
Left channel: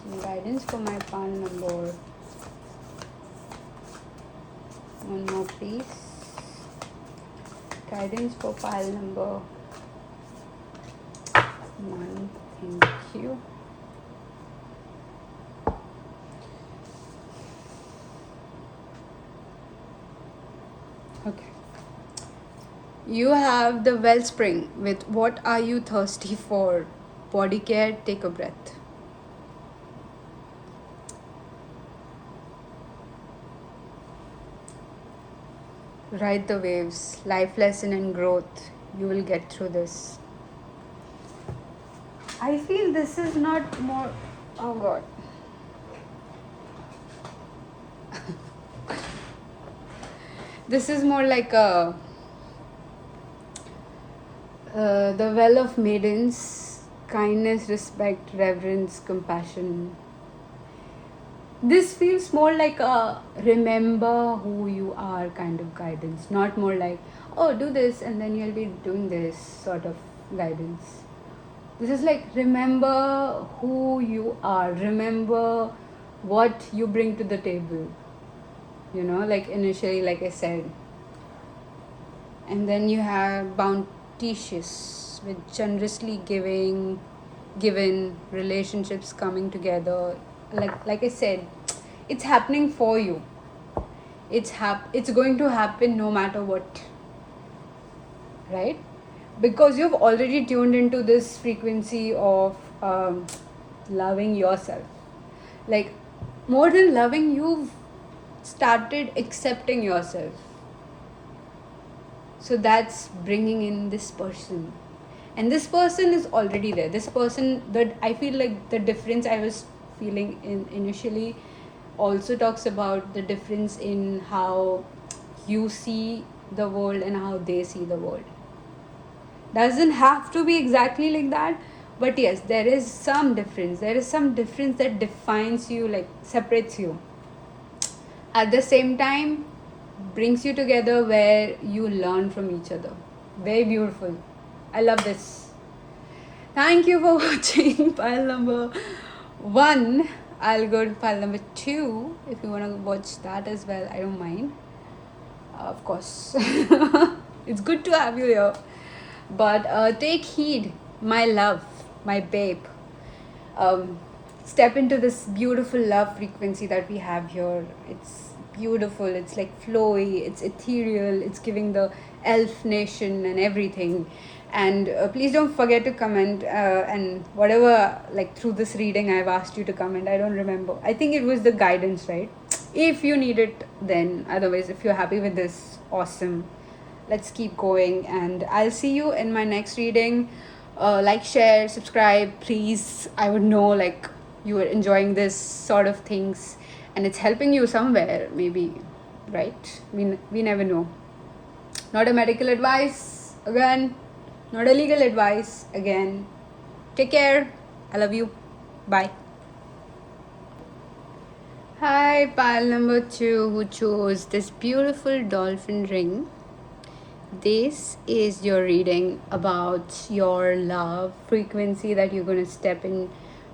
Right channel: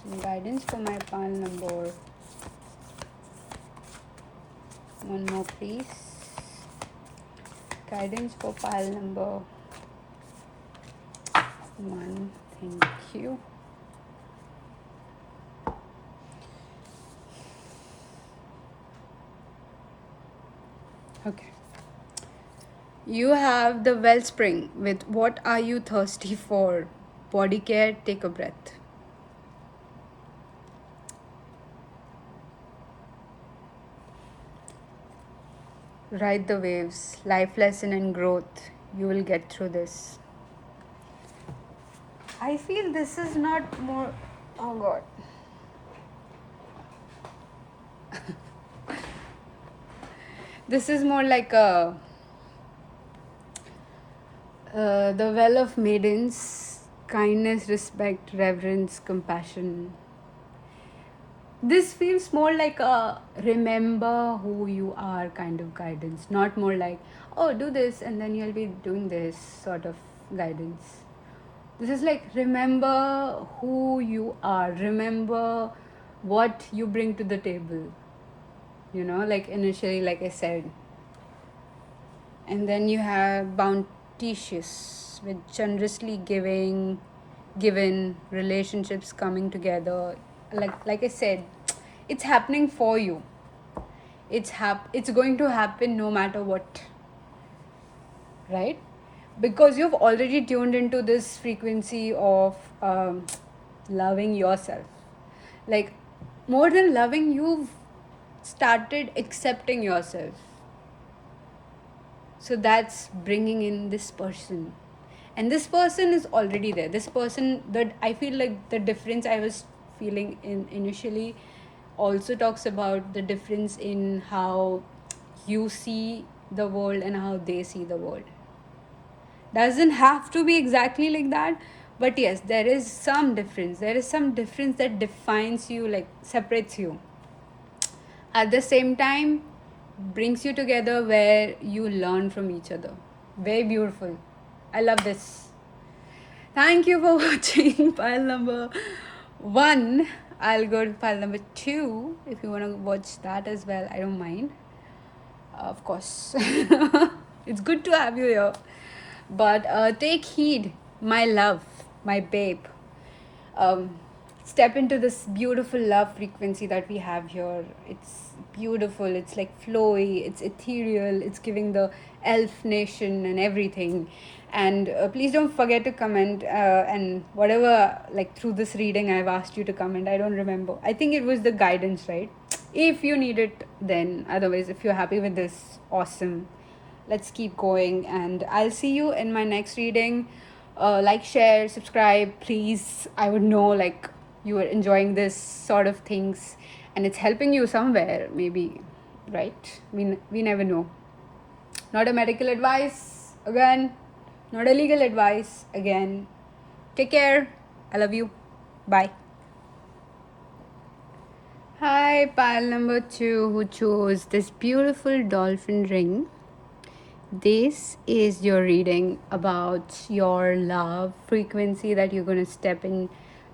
Some guidance for my pile number. One more please. Guidance for pile number 1. Thank you. Okay. You have the Wellspring with what are you thirsty for? Body care, take a breath. Ride the waves, life lesson and growth. You will get through this. I feel this is not more, oh God. This is more like a the well of maidens, kindness, respect, reverence, compassion. This feels more like a remember who you are kind of guidance, not more like, oh, do this and then you'll be doing this sort of guidance. This is like, remember who you are, remember what you bring to the table, like initially, like I said. And then you have bounteous with generously giving, given, relationships coming together. Like I said, it's happening for you. It's going to happen no matter what, right? Because you've already tuned into this frequency of loving yourself. Like, more than loving, you've started accepting yourself. So that's bringing in this person, and this person is already there. This person, that I feel like the difference I was feeling in initially also talks about the difference in how you see the world and how they see the world. Doesn't have to be exactly like that, but yes, there is some difference. There is some difference that defines you, like separates you. At the same time, brings you together where you learn from each other. Very beautiful. I love this. Thank you for watching pile number 1. I'll go to pile number 2 if you want to watch that as well. I don't mind. Of course. It's good to have you here. But take heed, my love, my babe. Step into this beautiful love frequency that we have here. It's beautiful, it's like flowy, it's ethereal, it's giving the elf nation and everything. And please don't forget to comment, and whatever, like through this reading I've asked you to comment, I don't remember, I think it was the guidance, right? If you need it, then otherwise if you're happy with this, awesome. Let's keep going, and I'll see you in my next reading. Like, share, subscribe, please. I would know like you are enjoying this sort of things and it's helping you somewhere, maybe, right? We never know. Not a medical advice, again, not a legal advice, again. Take care. I love you. Bye. Hi, pile number 2 who chose this beautiful dolphin ring. This is your reading about your love frequency that you're going to step in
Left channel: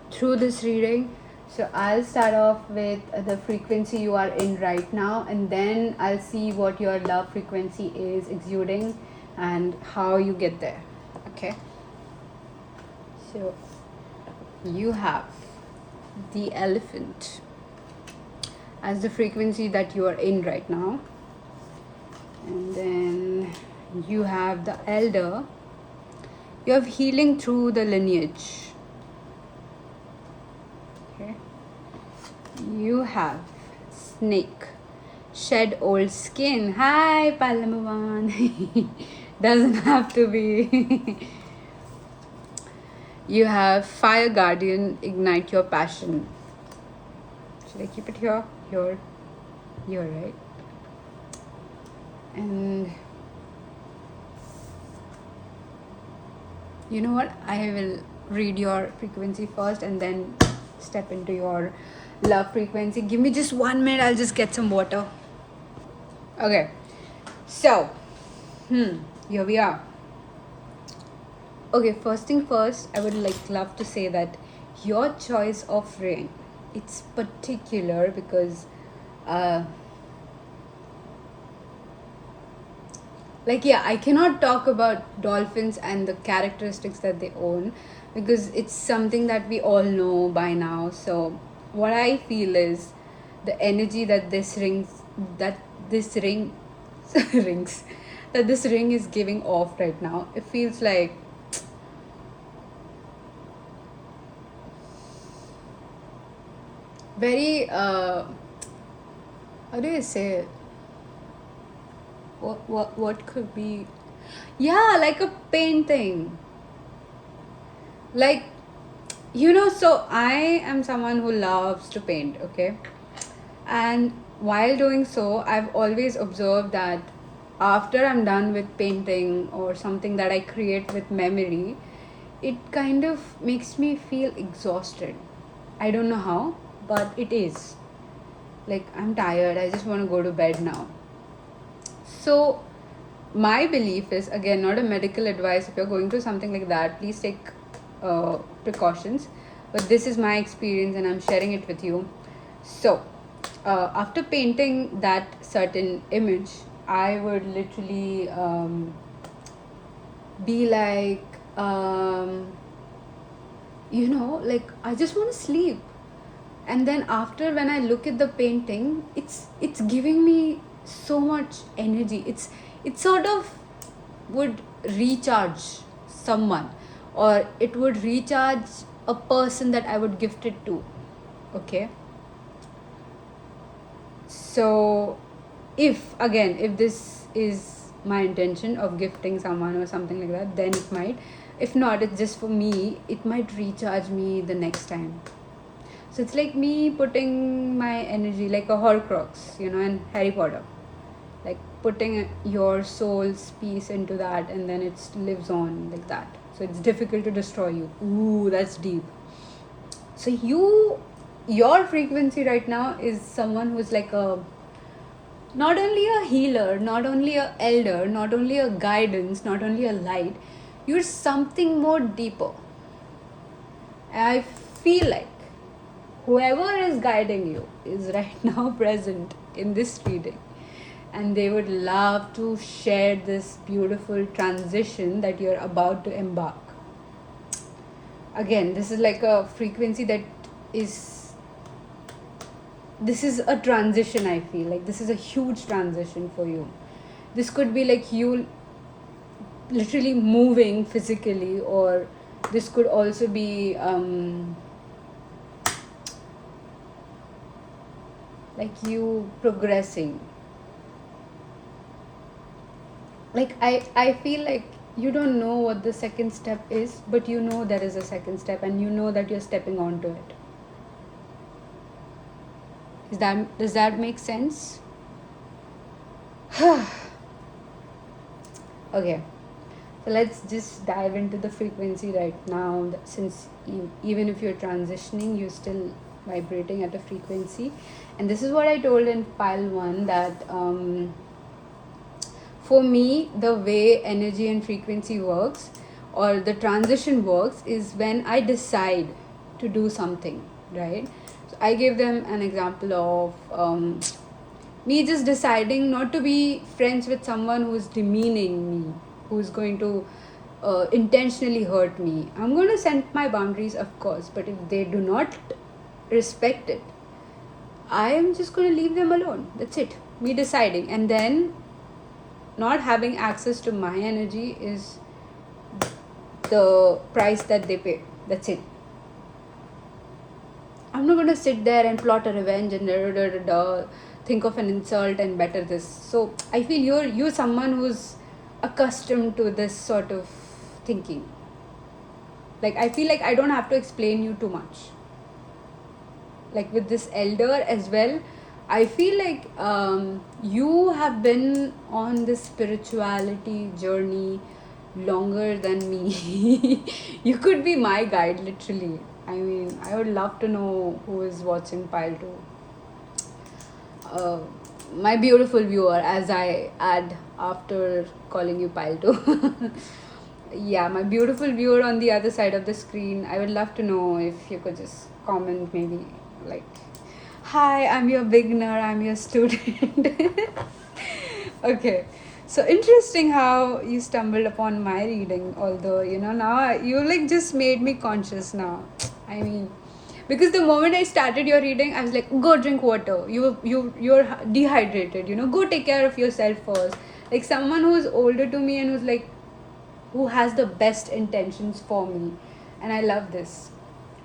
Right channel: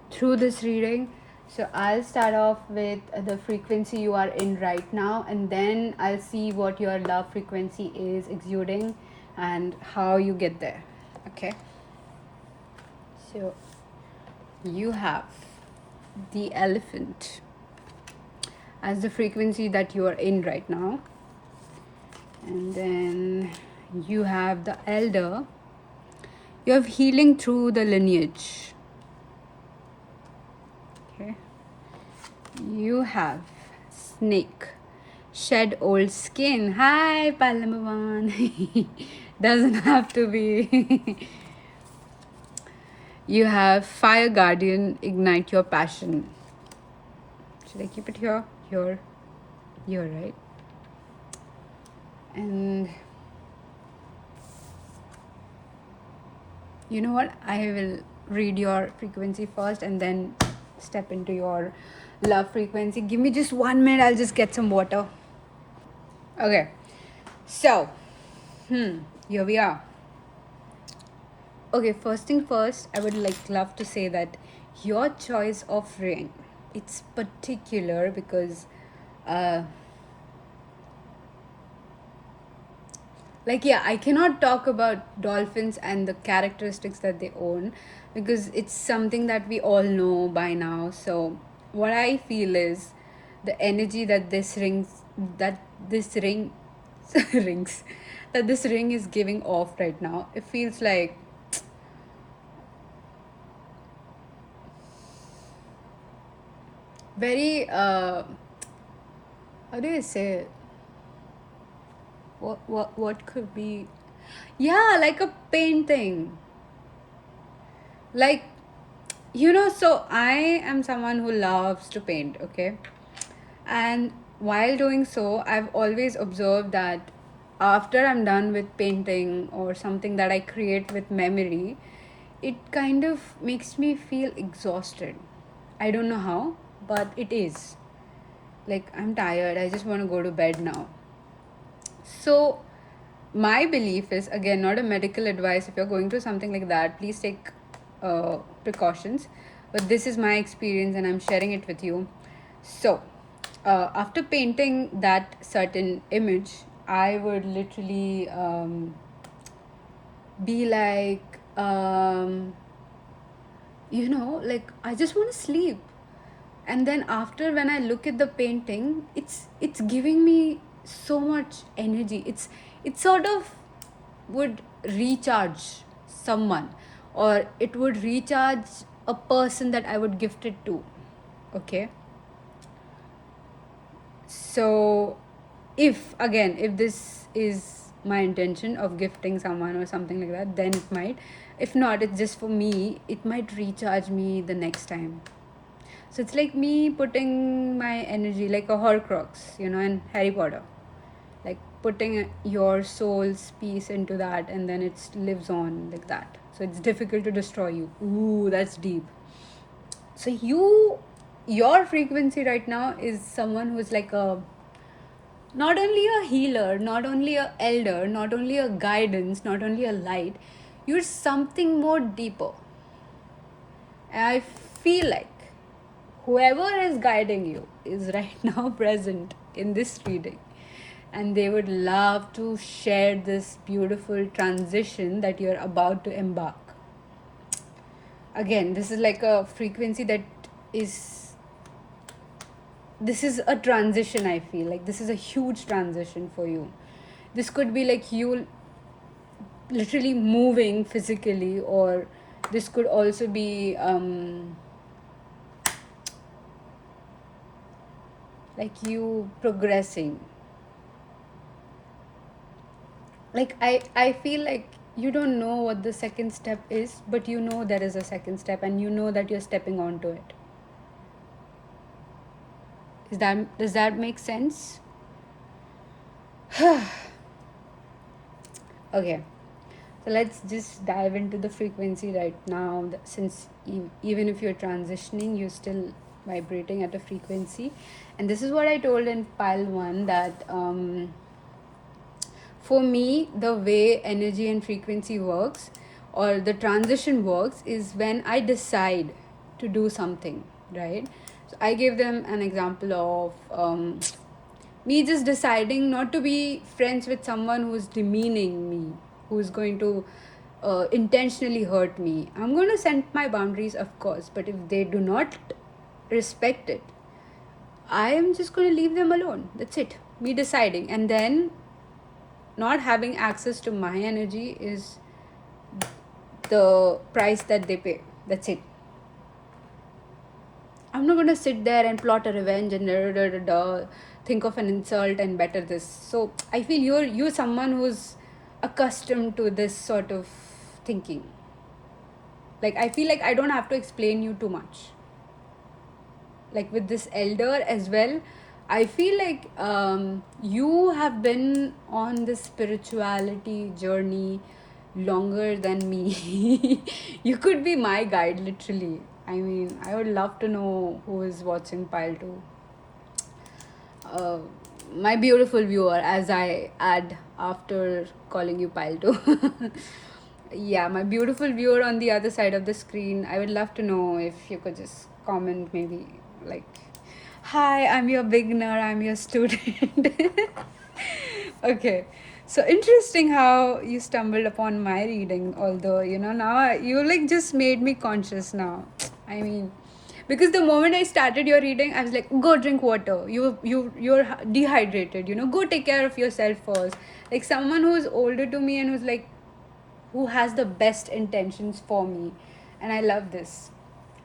through this reading. So I'll start off with the frequency you are in right now, and then I'll see what your love frequency is exuding and how you get there. Okay. So you have the elephant as the frequency that you are in right now. And then you have the elder. You have healing through the lineage. Okay. You have snake. Shed old skin. Hi, pile number 1. Doesn't have to be. You have fire guardian. Ignite your passion. Should I keep it here? Here. Right? And you know what? I will read your frequency first and then step into your love frequency. Give me just 1 minute. I'll just get some water. Okay. So, here we are. Okay, first thing first, I would love to say that your choice of ring, it's particular because I cannot talk about dolphins and the characteristics that they own because it's something that we all know by now. So what I feel is the energy that this ring is giving off right now. It feels like very how do you say it? What could be, yeah, like a painting, like, so I am someone who loves to paint, okay? And while doing so, I've always observed that after I'm done with painting or something that I create with memory, it kind of makes me feel exhausted. I don't know how, but it is like I'm tired, I just want to go to bed now. So my belief is, again, not a medical advice. If you're going through something like that, please take precautions. But this is my experience and I'm sharing it with you. So after painting that certain image, I would literally be like, like I just want to sleep. And then after, when I look at the painting, it's giving me so much energy. It sort of would recharge someone, or it would recharge a person that I would gift it to. Okay, so if this is my intention of gifting someone or something like that, then it might. If not, it's just for me, it might recharge me the next time. So it's like me putting my energy like a Horcrux, in Harry Potter, like putting your soul's piece into that, and then it lives on like that. So it's difficult to destroy you. Ooh, that's deep. So your frequency right now is someone who's like a, not only a healer, not only a elder, not only a guidance, not only a light. You're something more deeper. And I feel like whoever is guiding you is right now present in this reading, and they would love to share this beautiful transition that you're about to embark. Again, this is like a frequency that is, this is a transition. I feel like this is a huge transition for you. This could be like you literally moving physically, or this could also be like you progressing. Like I feel like you don't know what the second step is, but you know there is a second step, and you know that you're stepping onto it. Does that make sense? Okay, so let's just dive into the frequency right now, since even if you're transitioning, you're still vibrating at a frequency. And this is what I told in pile 1, that for me, the way energy and frequency works, or the transition works, is when I decide to do something, right? So I gave them an example of me just deciding not to be friends with someone who's demeaning me, who's going to intentionally hurt me. I'm going to set my boundaries, of course, but if they do not respect it, I am just going to leave them alone. That's it. Me deciding. And then not having access to my energy is the price that they pay. That's it. I'm not going to sit there and plot a revenge and think of an insult and better this. So I feel you're someone who's accustomed to this sort of thinking. Like, I feel like I don't have to explain you too much. Like with this elder as well, I feel like you have been on this spirituality journey longer than me. You could be my guide, literally. I mean, I would love to know who is watching pile 2. My beautiful viewer, as I add after calling you pile 2. Yeah, my beautiful viewer on the other side of the screen, I would love to know if you could just comment, maybe like, hi, I'm your beginner, I'm your student. Okay, so interesting how you stumbled upon my reading, although now you like just made me conscious now. I mean, because the moment I started your reading, I was like, go drink water, you're dehydrated, go take care of yourself first. Like someone who's older to me and who has the best intentions for me. And I love this.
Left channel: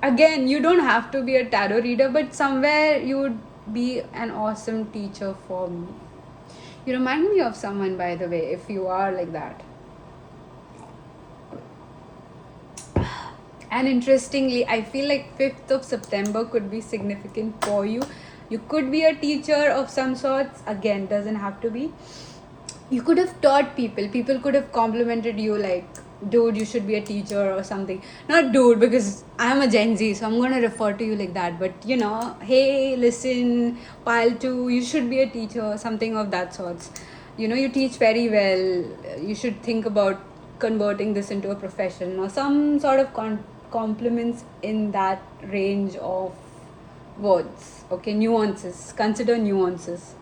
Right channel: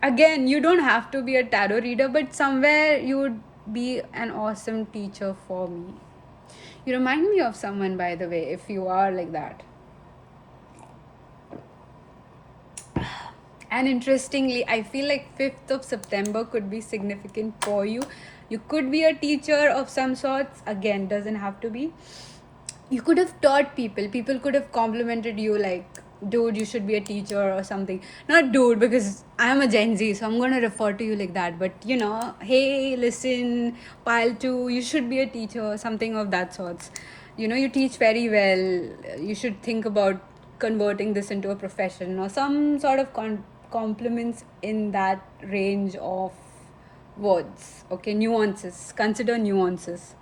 Again, you don't have to be a tarot reader, but somewhere you would be an awesome teacher for me. You remind me of someone, by the way, if you are like that. And interestingly, I feel like 5th of September could be significant for you. You could be a teacher of some sorts. Again, doesn't have to be. You could have taught people. People could have complimented you like, dude, you should be a teacher or something. Not dude, because I'm a Gen Z, so I'm going to refer to you like that. But, hey, listen, pile 2, you should be a teacher or something of that sorts. You teach very well. You should think about converting this into a profession or some sort of compliments in that range of words. Okay, nuances. Consider nuances.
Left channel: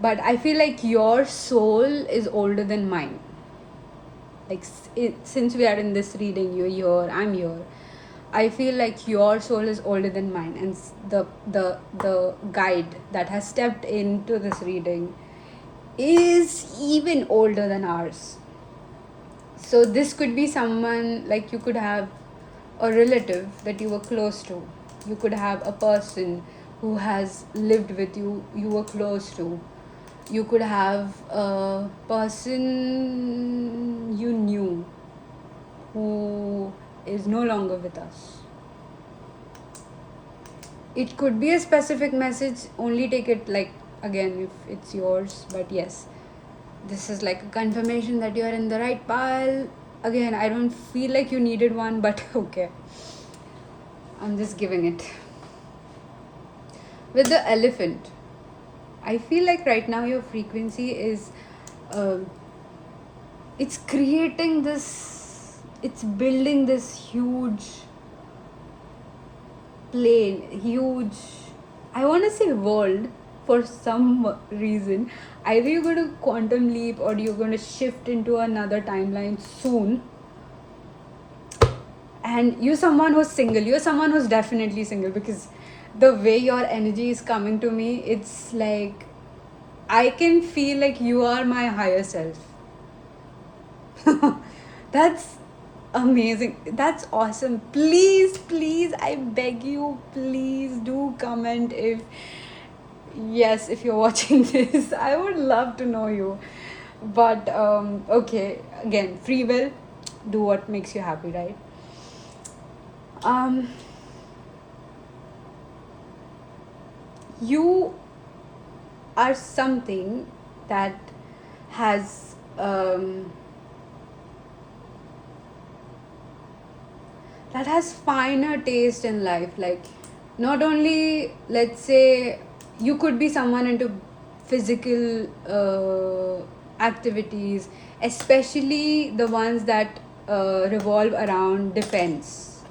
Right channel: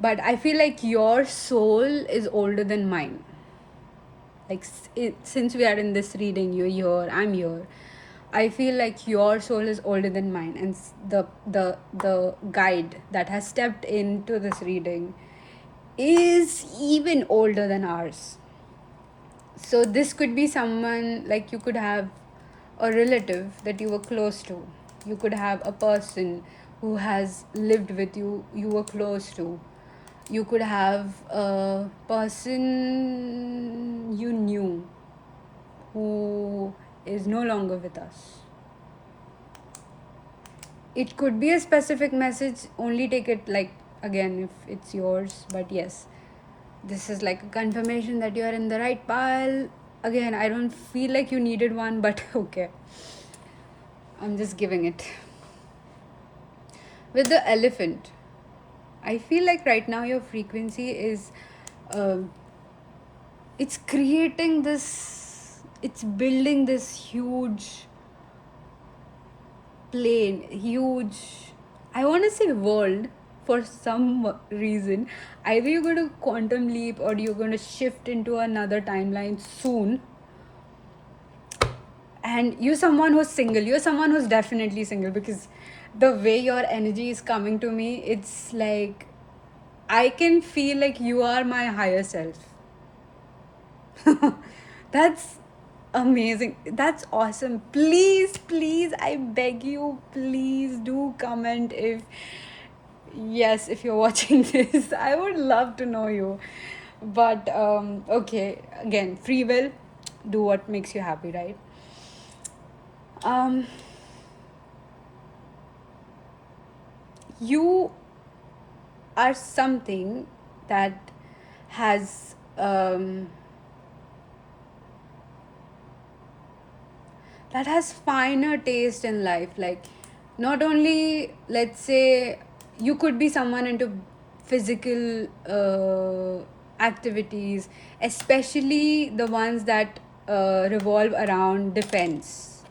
But I feel like your soul is older than mine. Like, since we are in this reading, you're here, I'm here. I feel like your soul is older than mine, and the guide that has stepped into this reading is even older than ours. So this could be someone, like you could have a relative that you were close to. You could have a person who has lived with you, you were close to. You could have a person you knew who is no longer with us. It could be a specific message, only take it like again if it's yours, but yes, this is like a confirmation that you are in the right pile. Again, I don't feel like you needed one, but okay, I'm just giving it. With the elephant, I feel like right now your frequency is um it's creating this, it's building this huge plane, huge, I want to say world for some reason. Either you're going to quantum leap or you're going to shift into another timeline soon. And you're someone who's single. You're someone who's definitely single, because the way your energy is coming to me, it's like I can feel like you are my higher self. That's amazing. That's awesome. Please, please, I beg you, please do comment if yes, if you're watching this. I would love to know you. But okay, again, free will, do what makes you happy, right? Um you are something that has that has finer taste in life. Like, not only, let's say, you could be someone into physical activities, especially the ones that revolve around defense,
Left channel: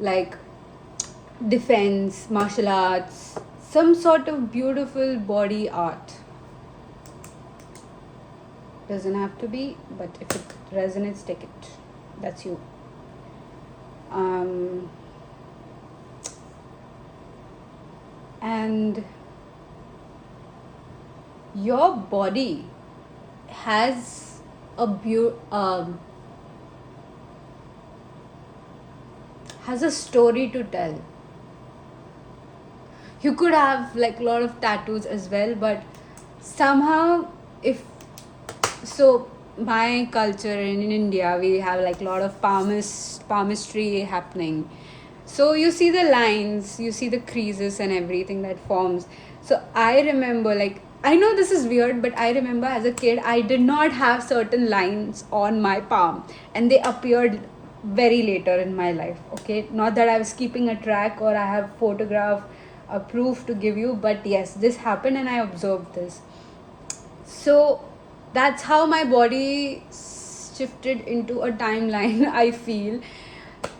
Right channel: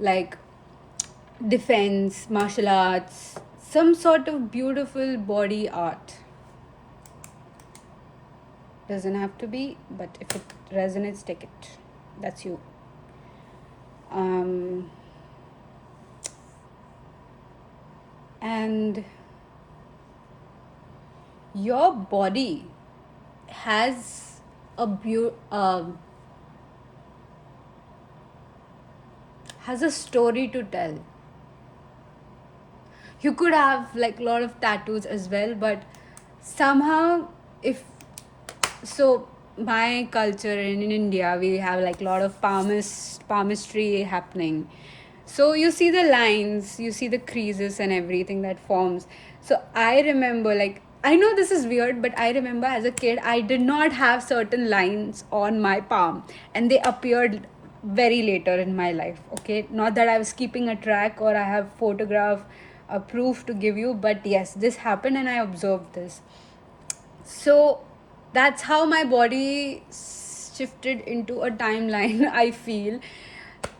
like defense, martial arts, some sort of beautiful body art. Doesn't have to be, but if it resonates, take it. That's you. And your body has a has a story to tell. You could have like a lot of tattoos as well, but somehow, if so, my culture in India, we have like a lot of palmistry happening. So you see the lines, you see the creases and everything that forms. So I remember, like, I know this is weird, but I remember as a kid, I did not have certain lines on my palm, and they appeared very later in my life. Okay, not that I was keeping a track or I have photograph, a proof to give you, but yes, this happened and I observed this. So that's how my body shifted into a timeline, I feel,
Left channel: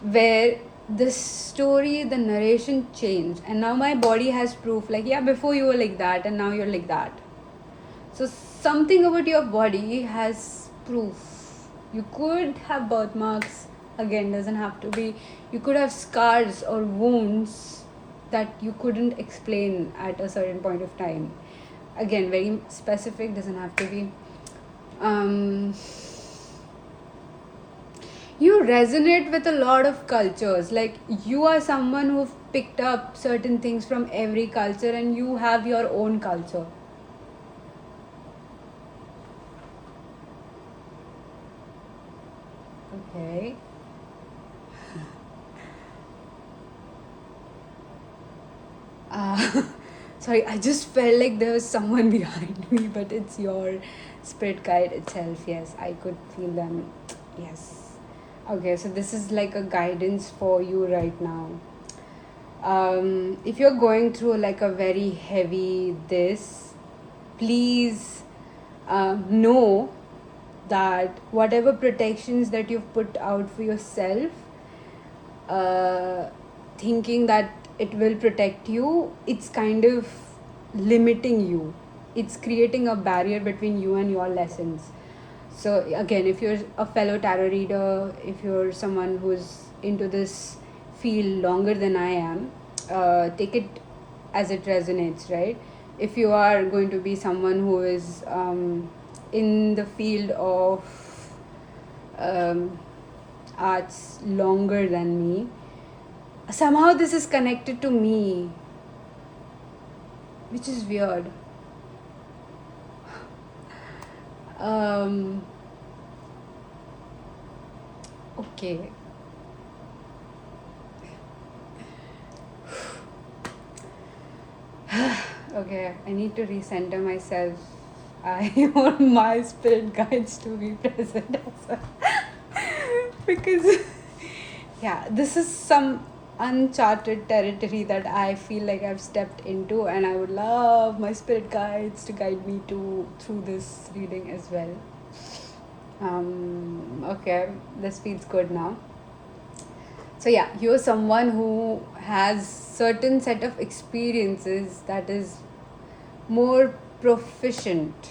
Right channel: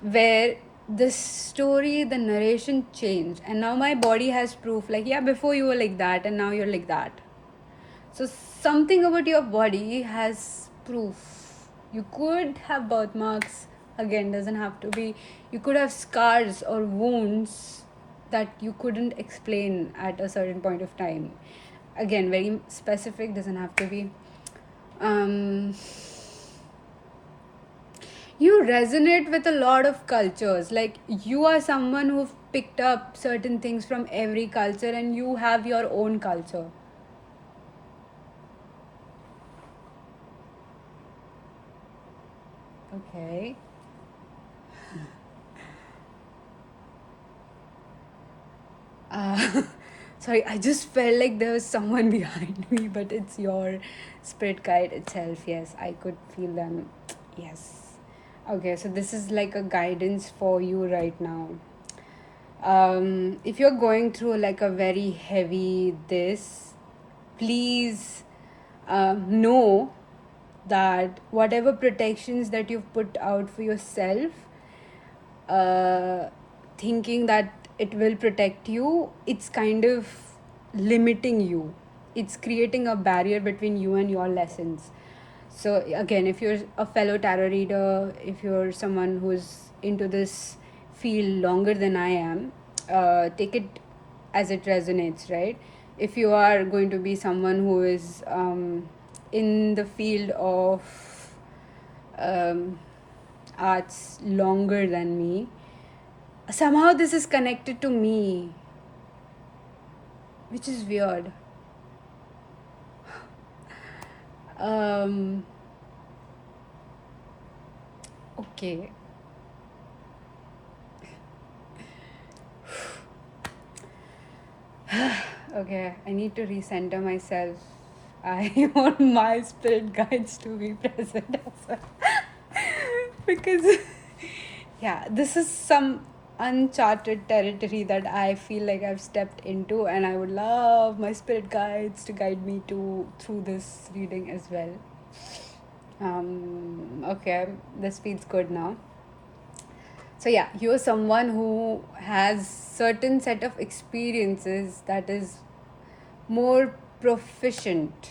where the story, the narration changed, and now my body has proof, like, yeah, before you were like that and now you're like that. So something about your body has proof. You could have birthmarks, again, doesn't have to be. You could have scars or wounds that you couldn't explain at a certain point of time. Again, very specific, doesn't have to be. You resonate with a lot of cultures. Like, you are someone who picked up certain things from every culture and you have your own culture. Okay. Sorry, I just felt like there was someone behind me, but it's your spirit guide itself. Yes, I could feel them. Yes. Okay, so this is like a guidance for you right now. If you're going through like a very heavy this, please know that whatever protections that you've put out for yourself, thinking that it will protect you, it's kind of limiting you. It's creating a barrier between you and your lessons. So again, if you're a fellow tarot reader, if you're someone who's into this feel longer than I am, take it as it resonates, right? If you are going to be someone who is in the field of um, arts longer than me, somehow this is connected to me, which is weird. Um, okay. Okay, I need to recenter myself. I want my spirit guides to be present as well. Because, yeah, this is some uncharted territory that I feel like I've stepped into, and I would love my spirit guides to guide me to through this reading as well. Okay, this feels good now. So yeah, you're someone who has certain set of experiences that is more proficient,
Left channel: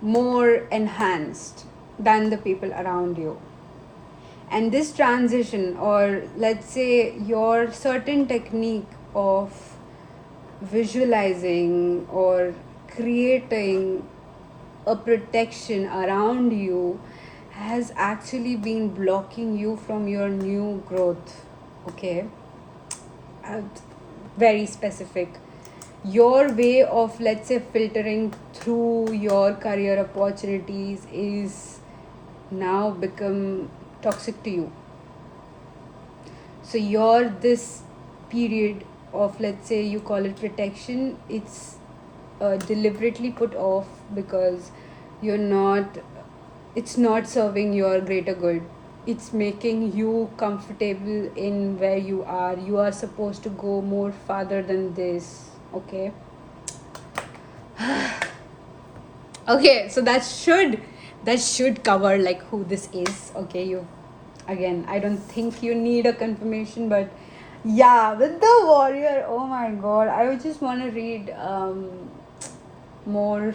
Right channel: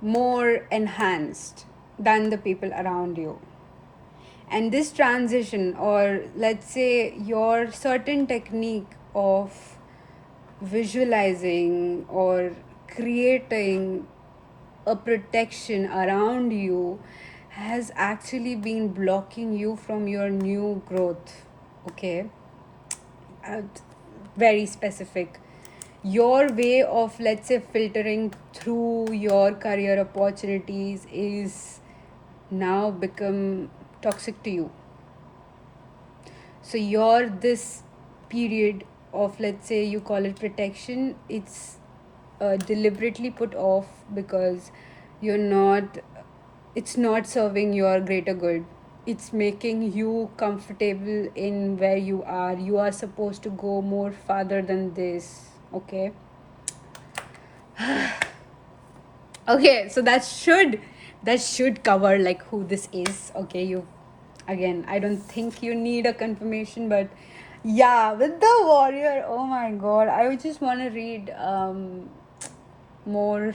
more enhanced than the people around you. And this transition, or let's say your certain technique of visualizing or creating a protection around you, has actually been blocking you from your new growth. Okay, uh, very specific. Your way of, let's say, filtering through your career opportunities is now become toxic to you. So your this period of, let's say, you call it protection, it's deliberately put off because you're not, it's not serving your greater good. It's making you comfortable in where you are. You are supposed to go more farther than this. Okay. Okay, so that should cover like who this is. Okay, you, again, I don't think you need a confirmation, but yeah, with the warrior, oh my god, I would just want to read more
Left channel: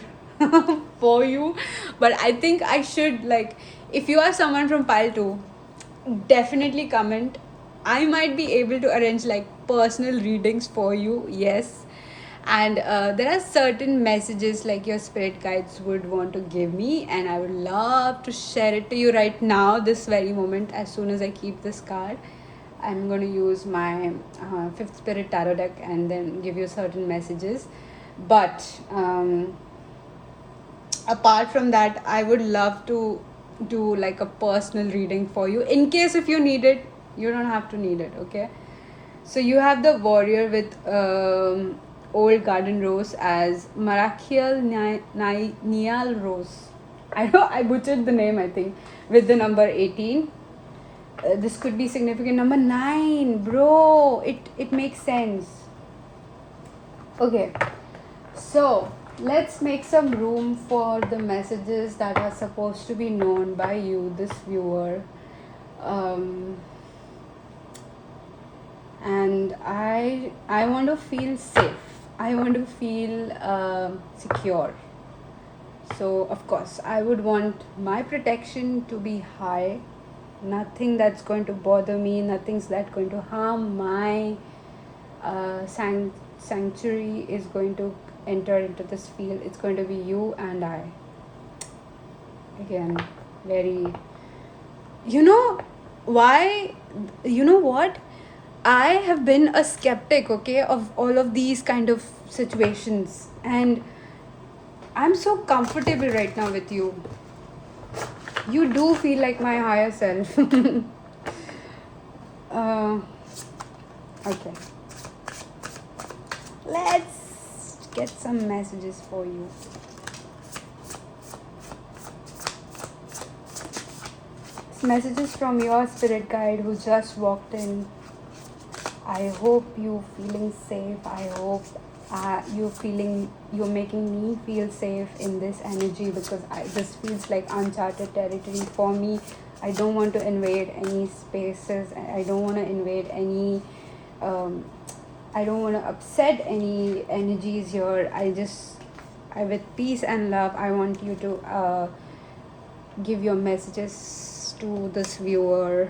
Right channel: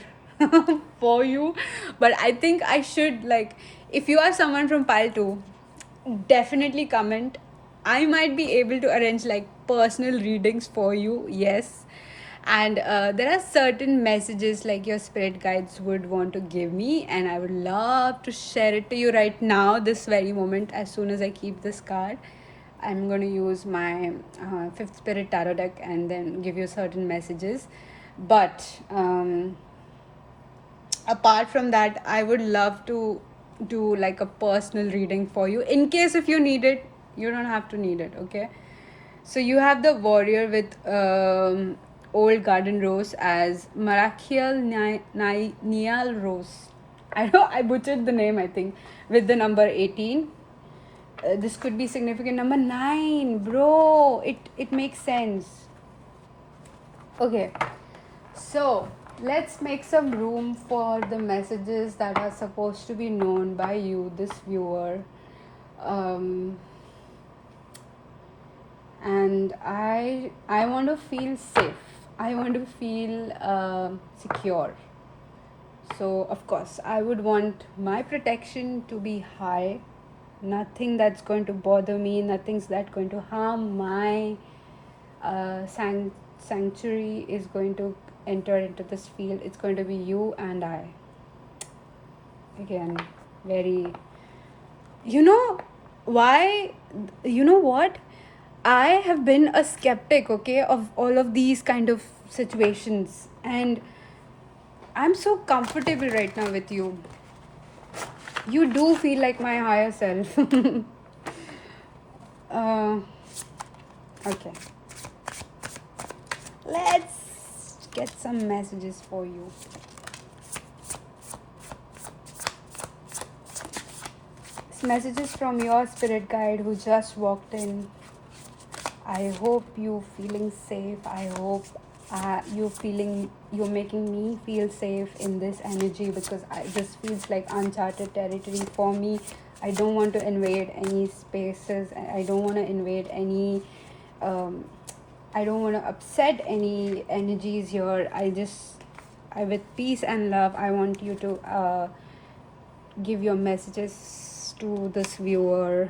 for you, but I think I should, like, if you are someone from pile 2, definitely comment. I might be able to arrange like personal readings for you, yes. And there are certain messages like your spirit guides would want to give me, and I would love to share it to you right now, this very moment. As soon as I keep this card, I'm going to use my fifth spirit tarot deck and then give you certain messages. But apart from that, I would love to do like a personal reading for you. In case if you need it, you don't have to need it. Okay, so you have the warrior with old garden rose as Marachiel Nial Rose. I know I butchered the name, I think, with the number 18. This could be significant number 9, bro. It makes sense. Okay, so let's make some room for the messages that are supposed to be known by you, this viewer. And I want to feel safe. I want to feel secure. So of course, I would want my protection to be high. Nothing that's going to bother me. Nothing's that going to harm my sanctuary is going to enter into this field. It's going to be you and I. Again, very, you know why, you know what, I have been a skeptic, okay, of all of these kind of situations, and I'm so comfortable right now with you. You do feel like my higher self. Okay, let's get some messages for you. It's messages from your spirit guide who just walked in. I hope you feeling safe. I hope you're making me feel safe in this energy, because this feels like uncharted territory for me. I don't want to invade any spaces. I don't want to invade any I don't want to upset any energies here. With peace and love, I want you to give your messages to this viewer.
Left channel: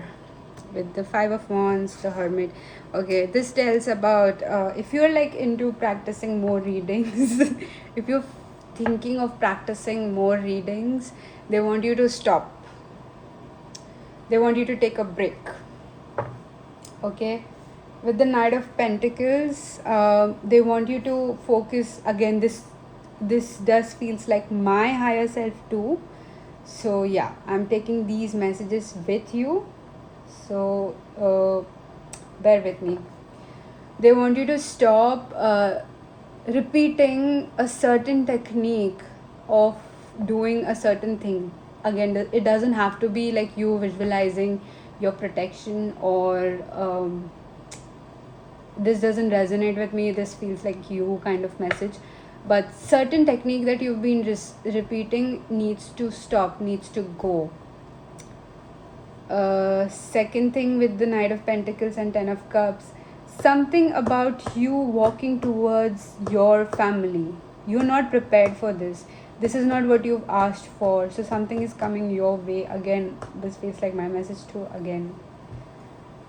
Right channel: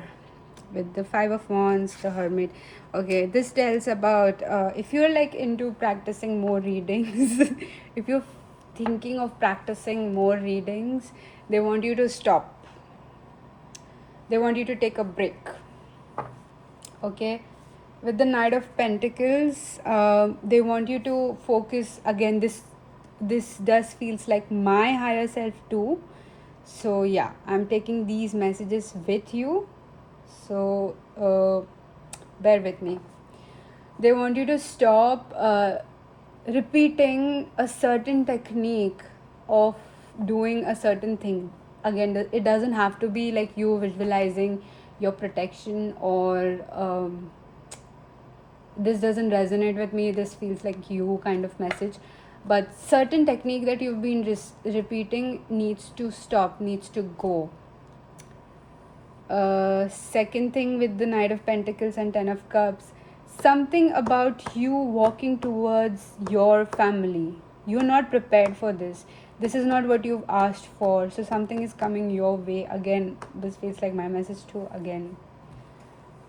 with the Five of Wands, the Hermit. Okay, this tells about if you're like into practicing more readings, if you're thinking of practicing more readings, they want you to stop. They want you to take a break. Okay, with the Knight of Pentacles, they want you to focus again. This does feels like my higher self too. So yeah, I'm taking these messages with you. So bear with me. They want you to stop repeating a certain technique of doing a certain thing. Again, it doesn't have to be like you visualizing your protection or this doesn't resonate with me, this feels like you kind of message. But certain technique that you've been repeating needs to stop, needs to go. Second thing with the Knight of Pentacles and Ten of Cups, something about you walking towards your family. You're not prepared for this. This is not what you've asked for. So something is coming your way. Again, this feels like my message too. Again,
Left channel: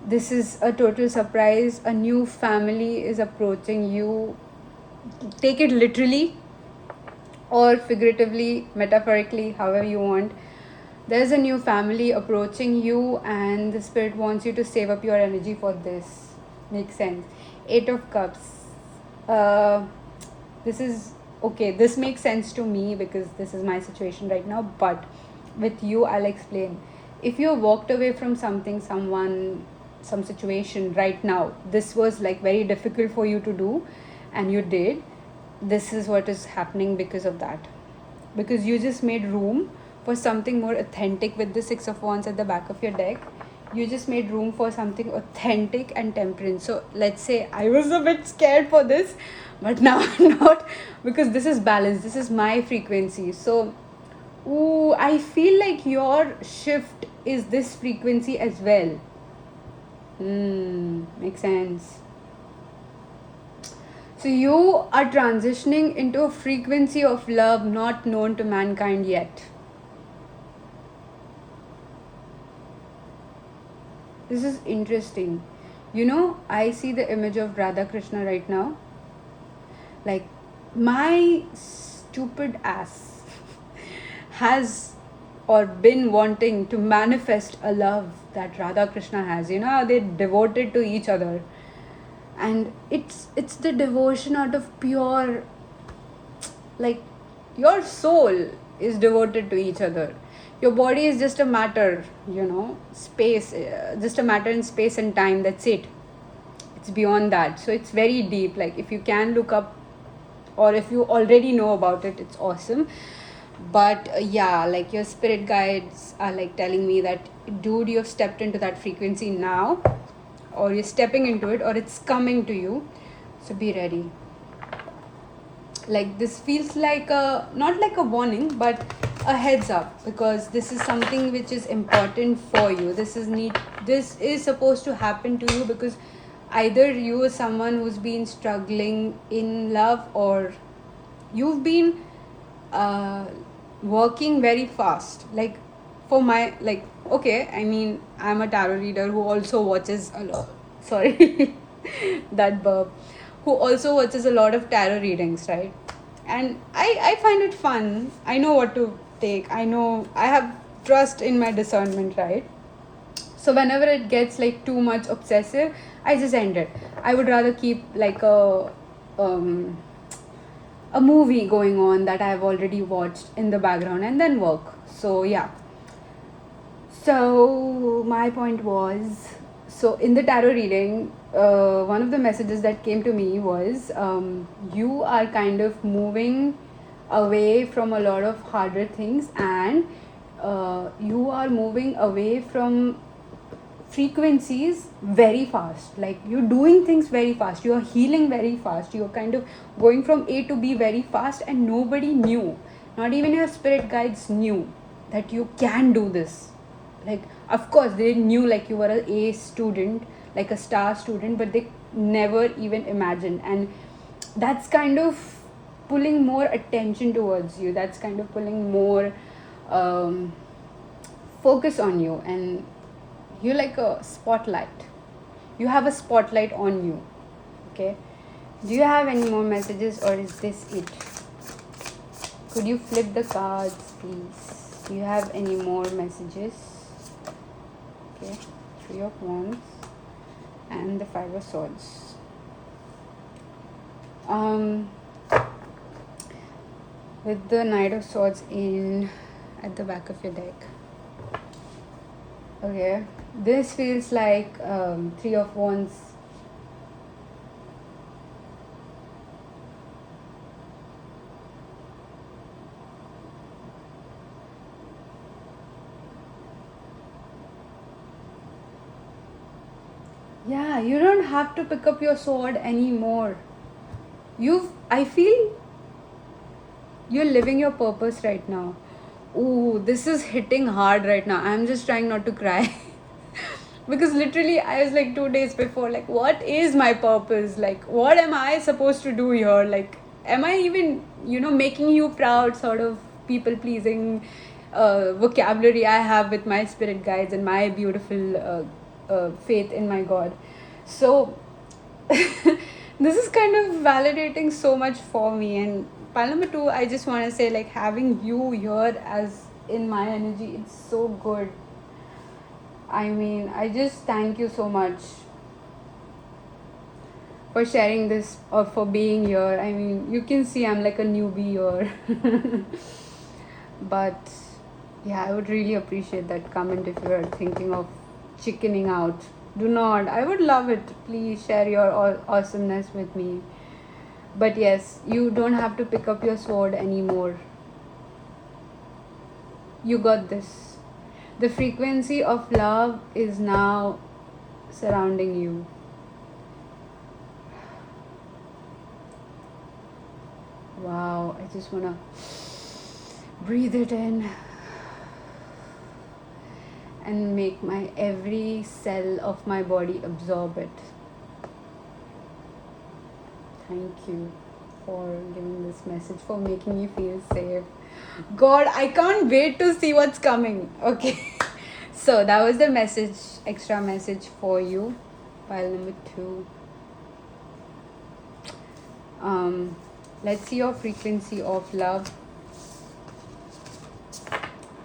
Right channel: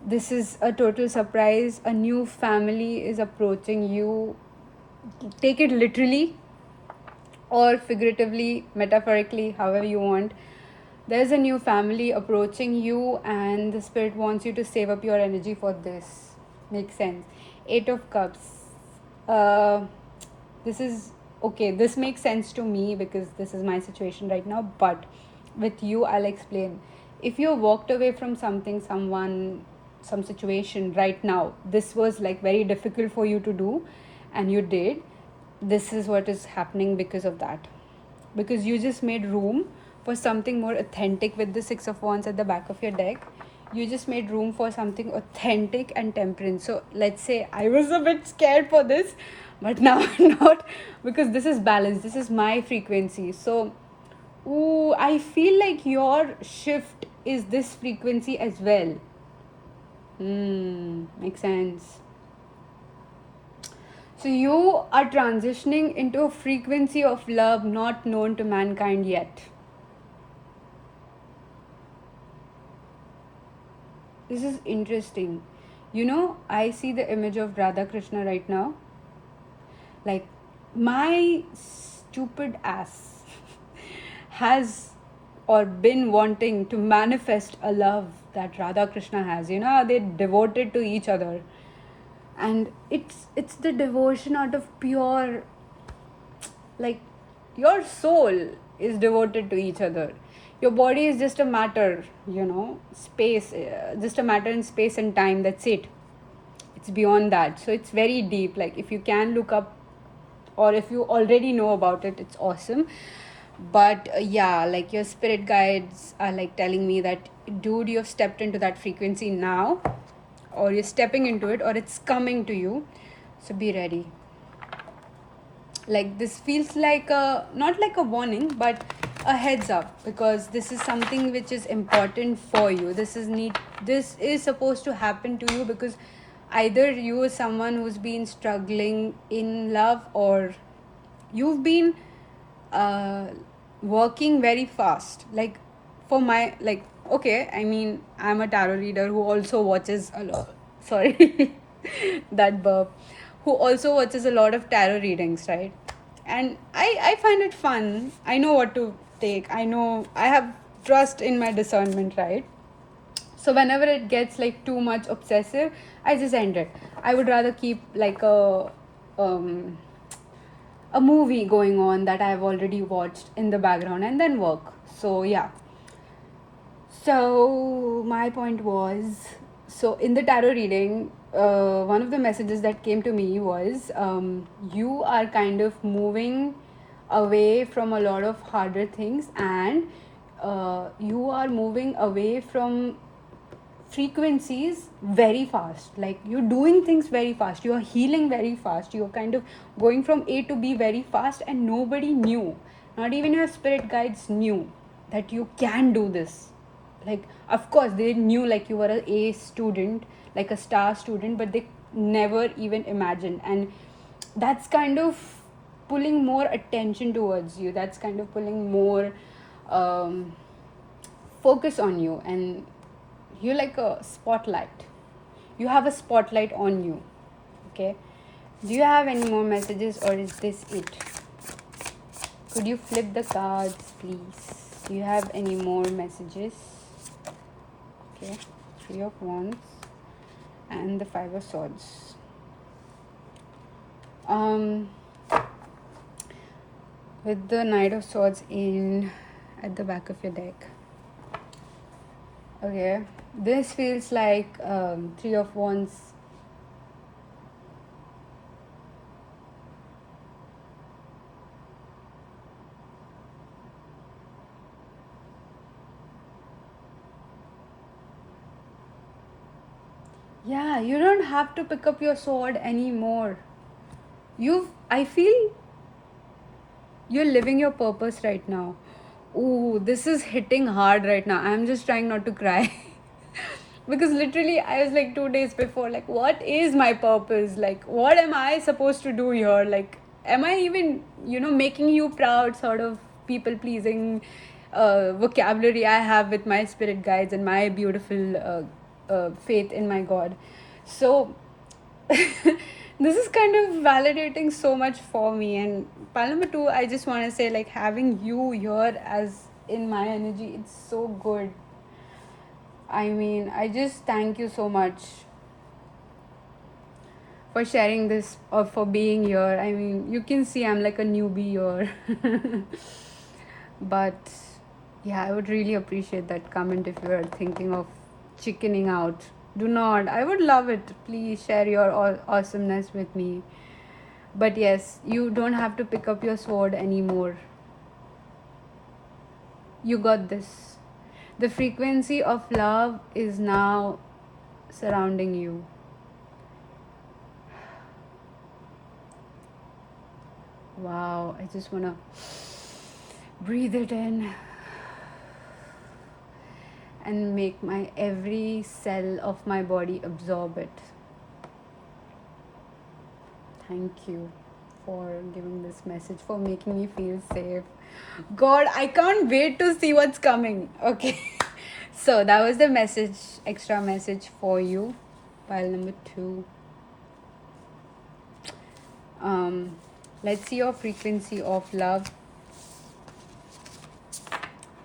this is a total surprise. A new family is approaching you. Take it literally or figuratively, metaphorically, however you want. There's a new family approaching you, and the spirit wants you to save up your energy for this. Makes sense. Eight of Cups. This is okay. This makes sense to me because this is my situation right now. But with you, I'll explain. If you walked away from something, someone, some situation right now, this was like very difficult for you to do, and you did. This is what is happening because of that. Because you just made room for something more authentic with the Six of Wands at the back of your deck. You just made room for something authentic and temperance. So let's say I was a bit scared for this, but now I'm not, because this is balance. This is my frequency. So ooh, I feel like your shift is this frequency as well. Makes sense. So you are transitioning into a frequency of love not known to mankind yet. This is interesting. You know, I see the image of Radha Krishna right now. Like, my stupid ass has or been wanting to manifest a love that Radha Krishna has. You know how they're devoted to each other. And it's the devotion out of pure, like, your soul is devoted to each other. Your body is just a matter, you know, space, just a matter in space and time. That's it. It's beyond that. So it's very deep. Like, if you can look up, or if you already know about it, it's awesome. But yeah, like, your spirit guides are like telling me that, dude, you've stepped into that frequency now, or you're stepping into it, or it's coming to you. So be ready. Like, this feels like a, not like a warning, but a heads up, because this is something which is important for you. This is supposed to happen to you, because either you are someone who's been struggling in love, or you've been working very fast. Like, for my, like, okay, I mean, I'm a tarot reader who also watches a lot, sorry, that burp, who also watches a lot of tarot readings, right? And I find it fun. I know what to take. I know I have trust in my discernment, right? So whenever it gets like too much obsessive, I just end it. I would rather keep like a movie going on that I've already watched in the background and then work. So yeah. So my point was, so in the tarot reading, one of the messages that came to me was, you are kind of moving away from a lot of harder things, and you are moving away from frequencies very fast. Like, you're doing things very fast, you're healing very fast, you're kind of going from A to B very fast, and nobody knew, not even your spirit guides knew that you can do this. Like, of course they knew, like, you were an A student, like a star student, but they never even imagined. And that's kind of pulling more attention towards you, that's kind of pulling more focus on you. And You're like a spotlight. You have a spotlight on you. Okay. Do you have any more messages, or is this it? Could you flip the cards, please? Do you have any more messages? Okay. Three of Wands and the Five of Swords. With the Knight of Swords in at the back of your deck. Okay, this feels like Three of Wands. Yeah, you don't have to pick up your sword anymore. I feel you're living your purpose right now. Ooh, this is hitting hard right now. I'm just trying not to cry. Because literally, I was like 2 days before, like, what is my purpose? Like, what am I supposed to do here? Like, am I even, making you proud, sort of people pleasing vocabulary I have with my spirit guides and my beautiful faith in my God? So, this is kind of validating so much for me. And pile number two, I just want to say, like, having you here as in my energy, it's so good. I mean, I just thank you so much for sharing this or for being here. I mean, you can see I'm like a newbie here. But yeah, I would really appreciate that comment if you're thinking of chickening out. Do not. I would love it. Please share your awesomeness with me. But yes, you don't have to pick up your sword anymore. You got this. The frequency of love is now surrounding you. Wow, I just want to breathe it in and make my every cell of my body absorb it. Thank you for giving this message, for making me feel safe. God, I can't wait to see what's coming. Okay. So that was the message, extra message for you. Pile number 2. Let's see your frequency of love.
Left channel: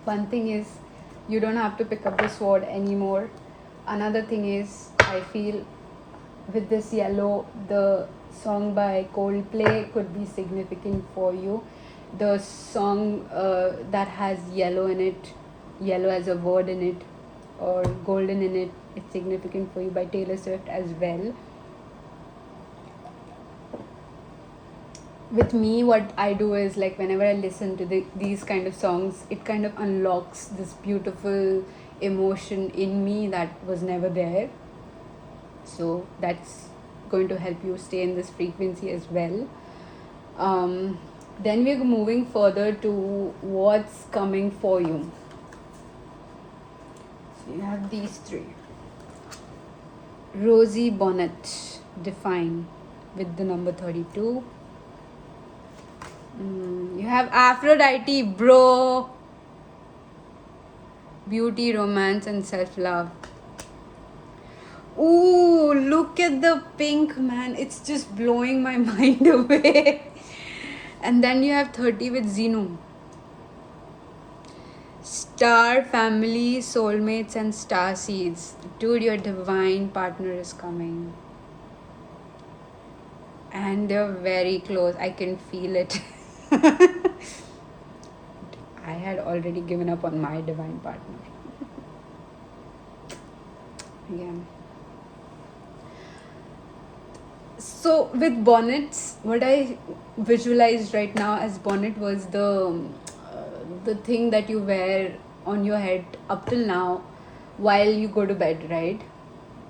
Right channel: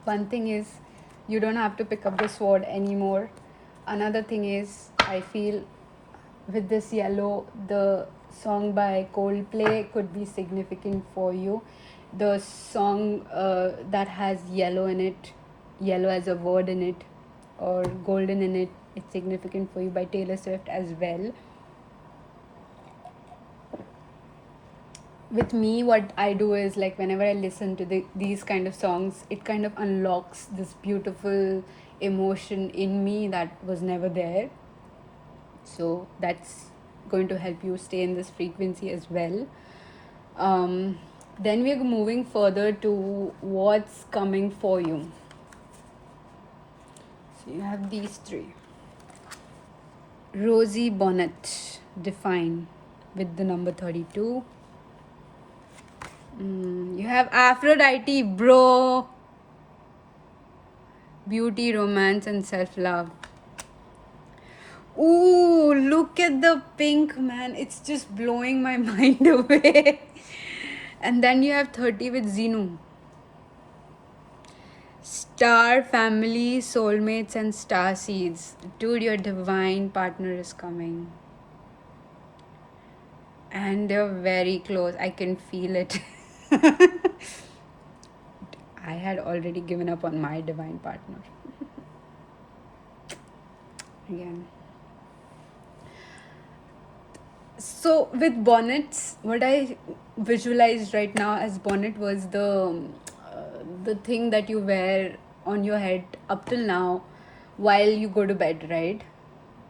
One thing is, you don't have to pick up the sword anymore. Another thing is, I feel with this yellow, the song by Coldplay could be significant for you. The song that has yellow in it, yellow as a word in it, or golden in it, it's significant for you, by Taylor Swift as well. With me, what I do is, like, whenever I listen to these kind of songs, it kind of unlocks this beautiful emotion in me that was never there. So that's going to help you stay in this frequency as well. Then we're moving further to what's coming for you. So you have these 3. Rosie Bonnet, define, with the number 32. You have Aphrodite, bro. Beauty, romance, and self-love. Ooh, look at the pink, man. It's just blowing my mind away. And then you have 30 with Zeno. Star, family, soulmates, and star seeds. Dude, your divine partner is coming. And they're very close. I can feel it. I had already given up on my divine partner. Again. So with bonnets, what I visualized right now as bonnet was the thing that you wear on your head up till now while you go to bed, right?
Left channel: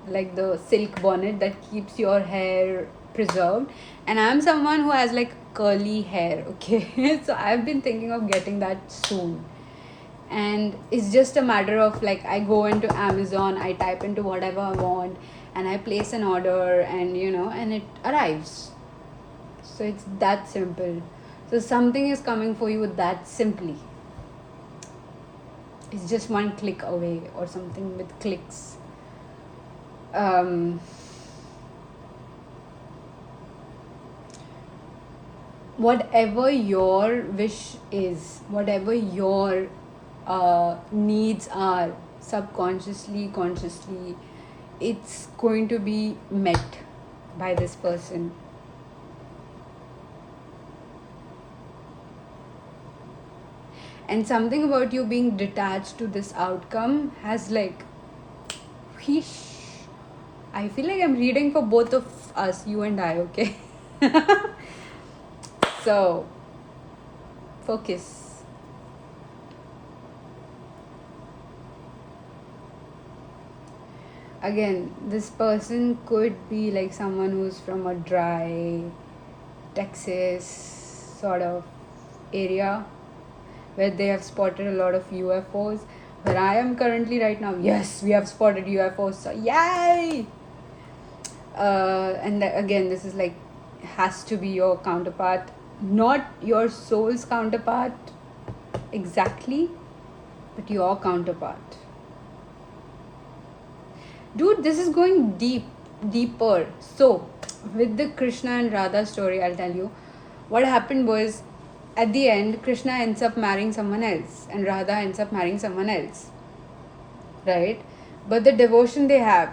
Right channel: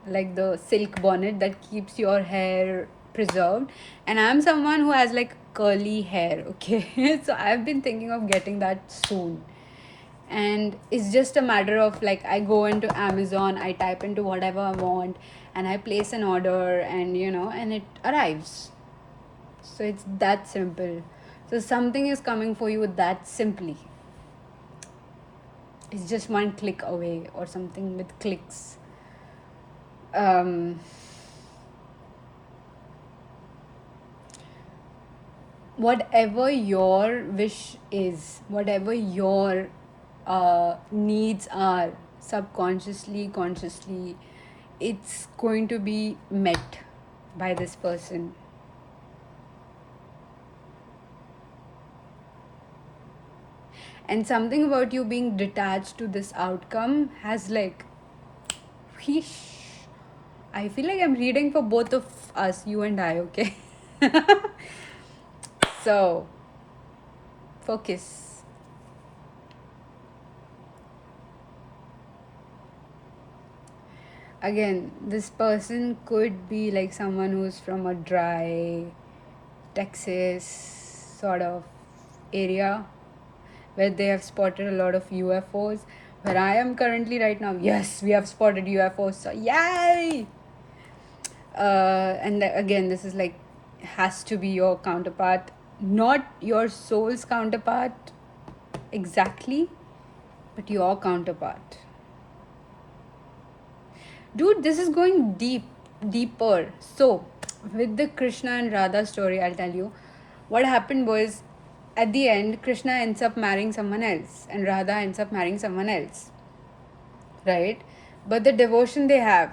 Like the silk bonnet that keeps your hair preserved. And I'm someone who has like curly hair, okay? So I've been thinking of getting that soon. And it's just a matter of, like, I go into Amazon, I type into whatever I want, and I place an order, and and it arrives. So it's that simple. So something is coming for you that simply. it's just one click away or something with clicks. um, Whatever your wish is, whatever your needs are, subconsciously, consciously, it's going to be met by this person. And something about you being detached to this outcome has like, whoosh. I feel like I'm reading for both of us, you and I, okay? So, focus. Again, this person could be like someone who's from a dry Texas sort of area where they have spotted a lot of UFOs. Where I am currently right now, yes, we have spotted UFOs, so yay! And again, this is like, has to be your counterpart, not your soul's counterpart exactly, but your counterpart. Dude, this is going deeper. So, with the Krishna and Radha story, I'll tell you what happened was, at the end, Krishna ends up marrying someone else, and Radha ends up marrying someone else, right? But the devotion they have,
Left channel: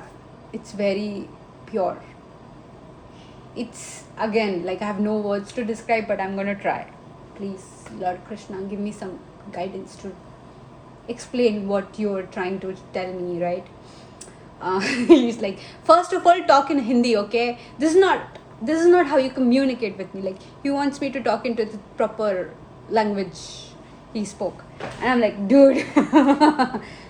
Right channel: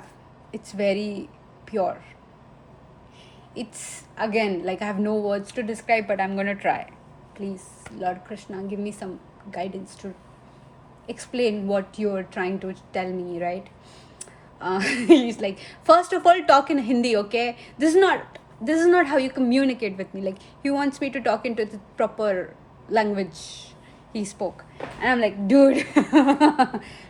it's very pure. It's, again, like, I have no words to describe, but I'm gonna try. Please, Lord Krishna, give me some guidance to explain what you're trying to tell me, right? He's like, first of all, talk in Hindi, okay? This is not how you communicate with me. Like, he wants me to talk into the proper language he spoke, and I'm like, dude,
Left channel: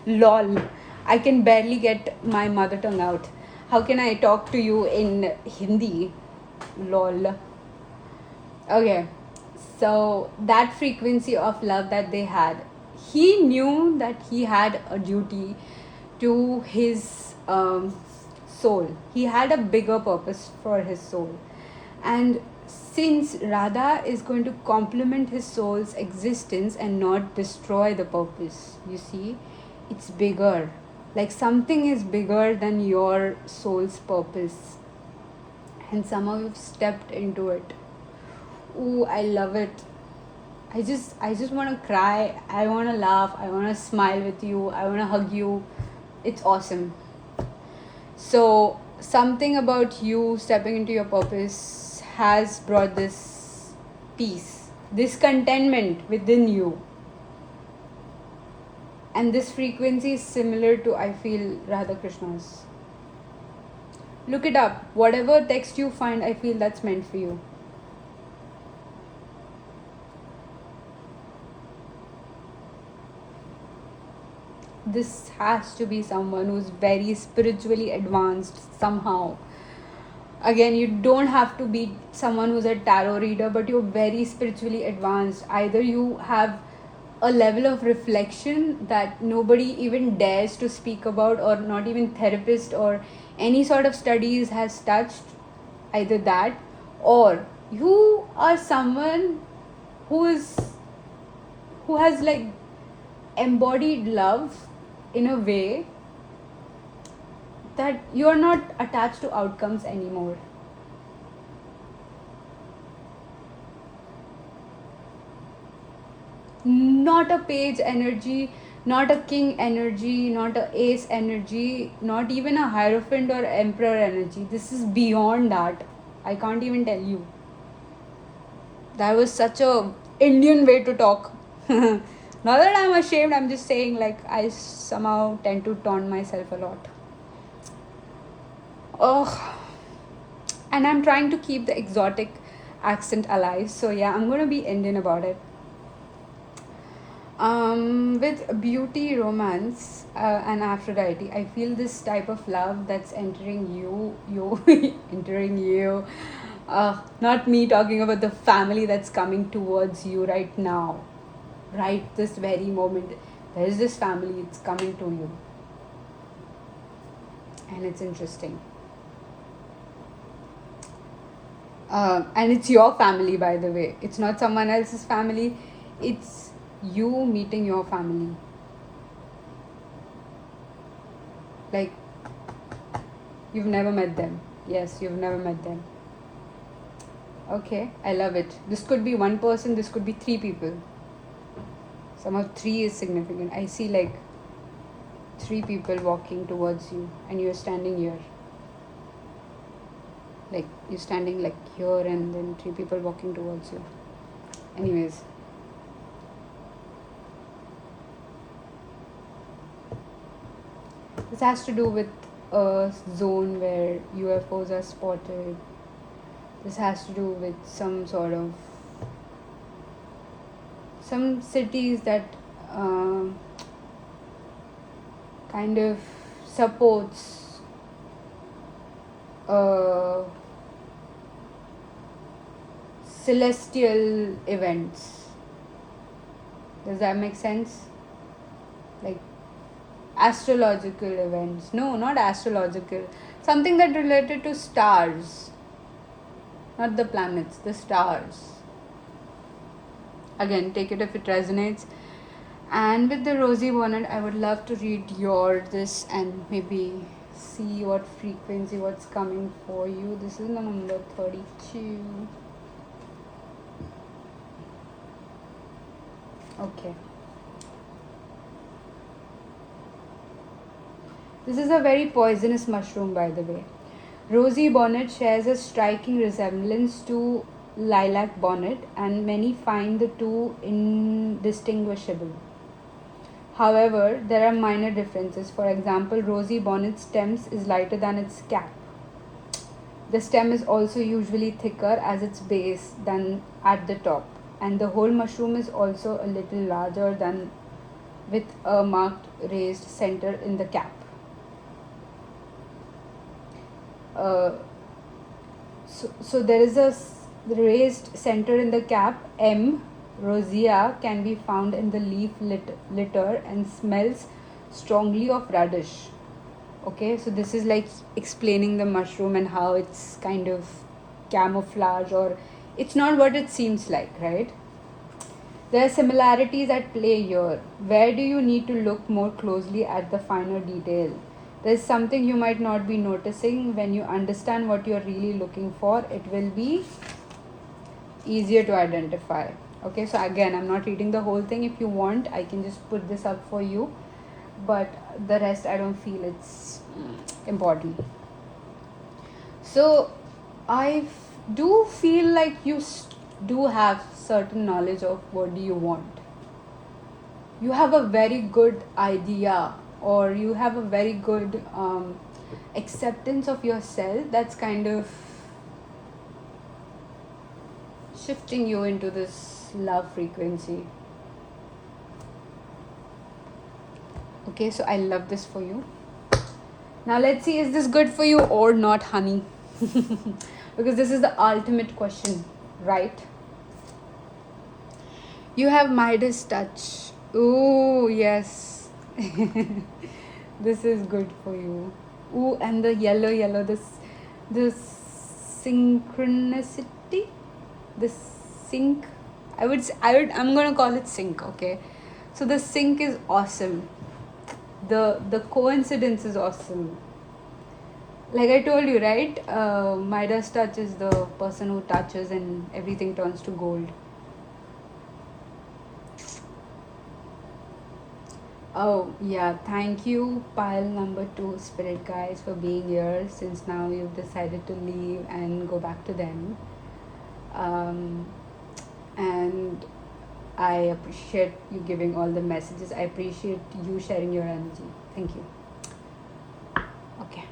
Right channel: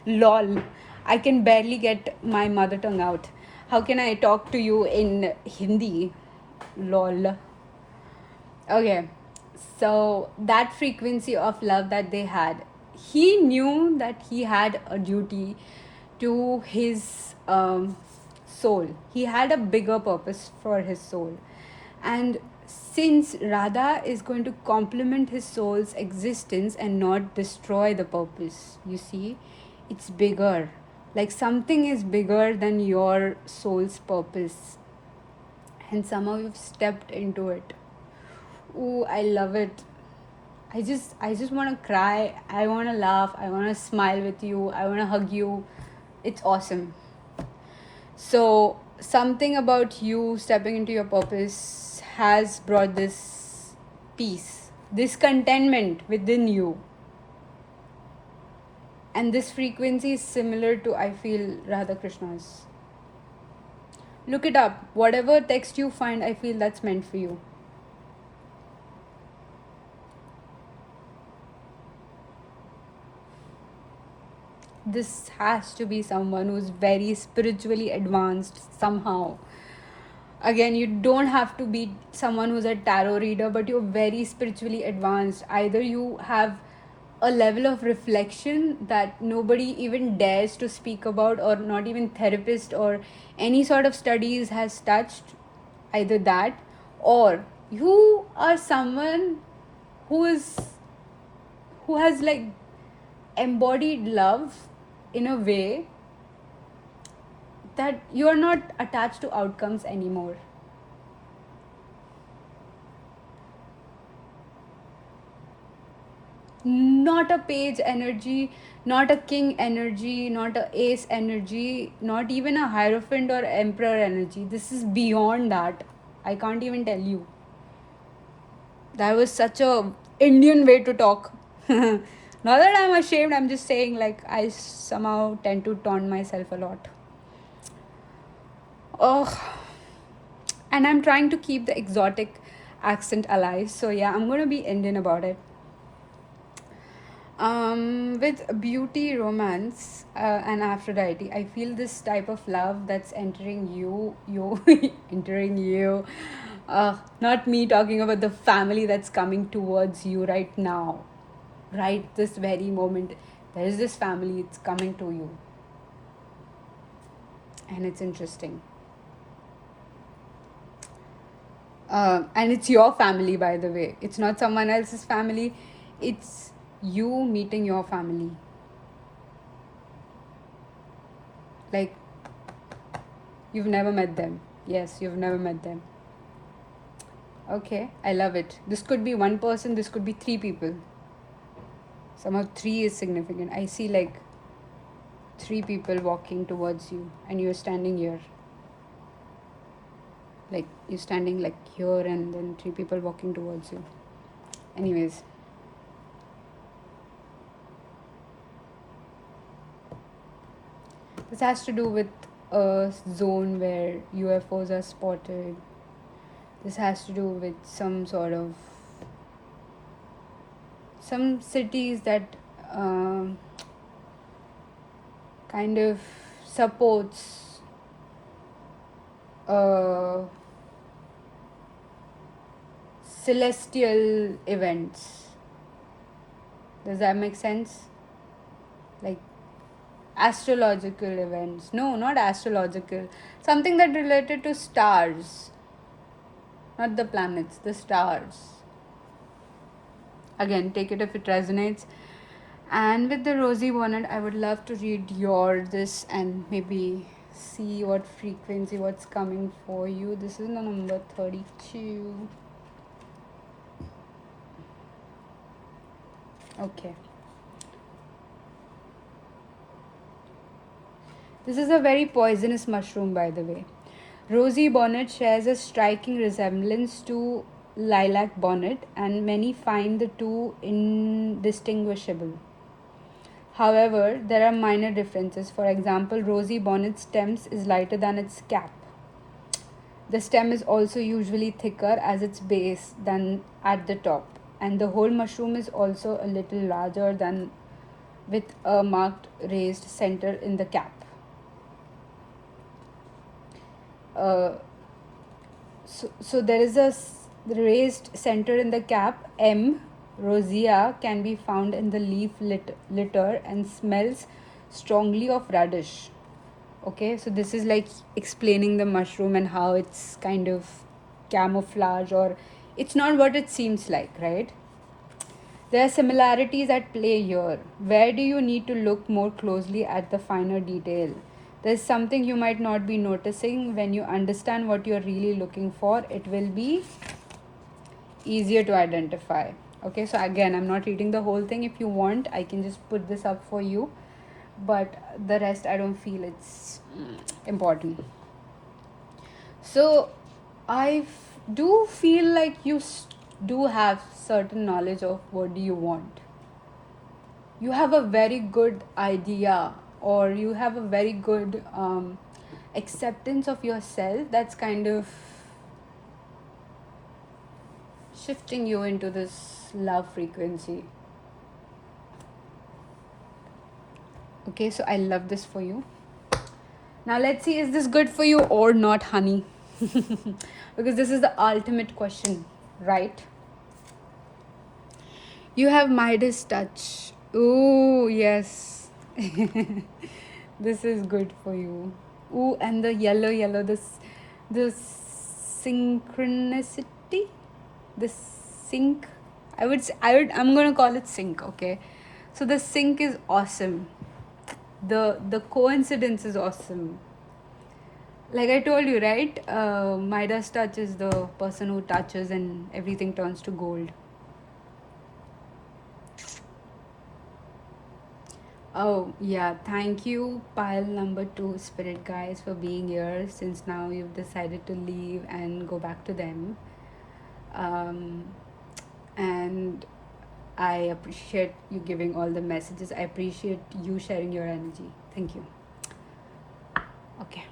lol, I can barely get my mother tongue out. How can I talk to you in Hindi? Lol. Okay, so that frequency of love that they had, he knew that he had a duty to his soul. He had a bigger purpose for his soul. And since Radha is going to complement his soul's existence and not destroy the purpose, you see, it's bigger. Like, something is bigger than your soul's purpose. And somehow you've stepped into it. Ooh, I love it. I just want to cry. I want to laugh. I want to smile with you. I want to hug you. It's awesome. So, something about you stepping into your purpose has brought this peace, this contentment within you. And this frequency is similar to, I feel, Radha Krishna's. Look it up. Whatever text you find, I feel that's meant for you. This has to be someone who's very spiritually advanced somehow. Again, you don't have to be someone who's a tarot reader, but you're very spiritually advanced. Either you have a level of reflection that nobody even dares to speak about, or not even therapist or any sort of studies has touched. Either that, or you are someone who has like embodied love in a way that you are not attached to outcomes anymore. Not a page energy, not a king energy, not a ace energy, not even a hierophant or emperor energy. This is beyond that. I can't even tell you. That was such a Indian way to talk. Not that I'm ashamed, I'm just saying, like, I somehow tend to taunt myself a lot. Oh, and I'm trying to keep the exotic accent alive. So yeah, I'm gonna be Indian about it. With beauty, romance, and Aphrodite, I feel this type of love that's entering you, entering you. Not me talking about the family that's coming towards you right now, right this very moment. There is this family, it's coming to you, and it's interesting. And it's your family, by the way. It's not someone else's family. It's you meeting your family. Like, you've never met them. Yes, you've never met them. Okay, I love it. This could be one person, this could be three people. Somehow three is significant. I see like three people walking towards you and you're standing here. Like, you're standing like here and then three people walking towards you. Anyways. This has to do with a zone where UFOs are spotted. This has to do with some sort of some cities that kind of supports celestial events. Does that make sense? Like astrological events. No, not astrological. Something that related to stars. Not the planets, the stars. Again, take it if it resonates. And with the Rosie Bonnet, I would love to read your this and maybe see what frequency, what's coming for you. This is number 32. Okay. This is a very poisonous mushroom, by the way. Rosie bonnet shares a striking resemblance to lilac bonnet, and many find the two indistinguishable. However, there are minor differences. For example, Rosie bonnet's stems is lighter than its cap. The stem is also usually thicker at its base than at the top, and the whole mushroom is also a little larger than with a marked raised center in the cap. So there is a raised center in the cap. M. rosea can be found in the leaf litter and smells strongly of radish. Okay, so this is like explaining the mushroom and how it's kind of camouflage, or it's not what it seems like, right? There are similarities at play here. Where do you need to look more closely at the finer detail? There's something you might not be noticing. When you understand what you're really looking for, it will be easier to identify. Okay, so again, I'm not reading the whole thing. If you want, I can just put this up for you, but the rest I don't feel it's important. So I do feel like you do have certain knowledge of what do you want. You have a very good idea, or you have a very good acceptance of yourself that's kind of shifting you into this love frequency. Okay, so I love this for you. Now let's see, is this good for you or not, honey? Because this is the ultimate question, right? You have Midas touch. Ooh, yes. This is good for you. Ooh, and the yellow, this synchronicity, this sync. I'm gonna call it sync. Okay, so the sync is awesome. The coincidence is awesome. Like I told you, right? Midas touch is the person who touches and everything turns to gold. Oh, yeah. Thank you, pile number 2 spirit guys, for being here since now you've decided to leave and go back to them. And I appreciate you giving all the messages. I appreciate you sharing your energy. Thank you. Okay.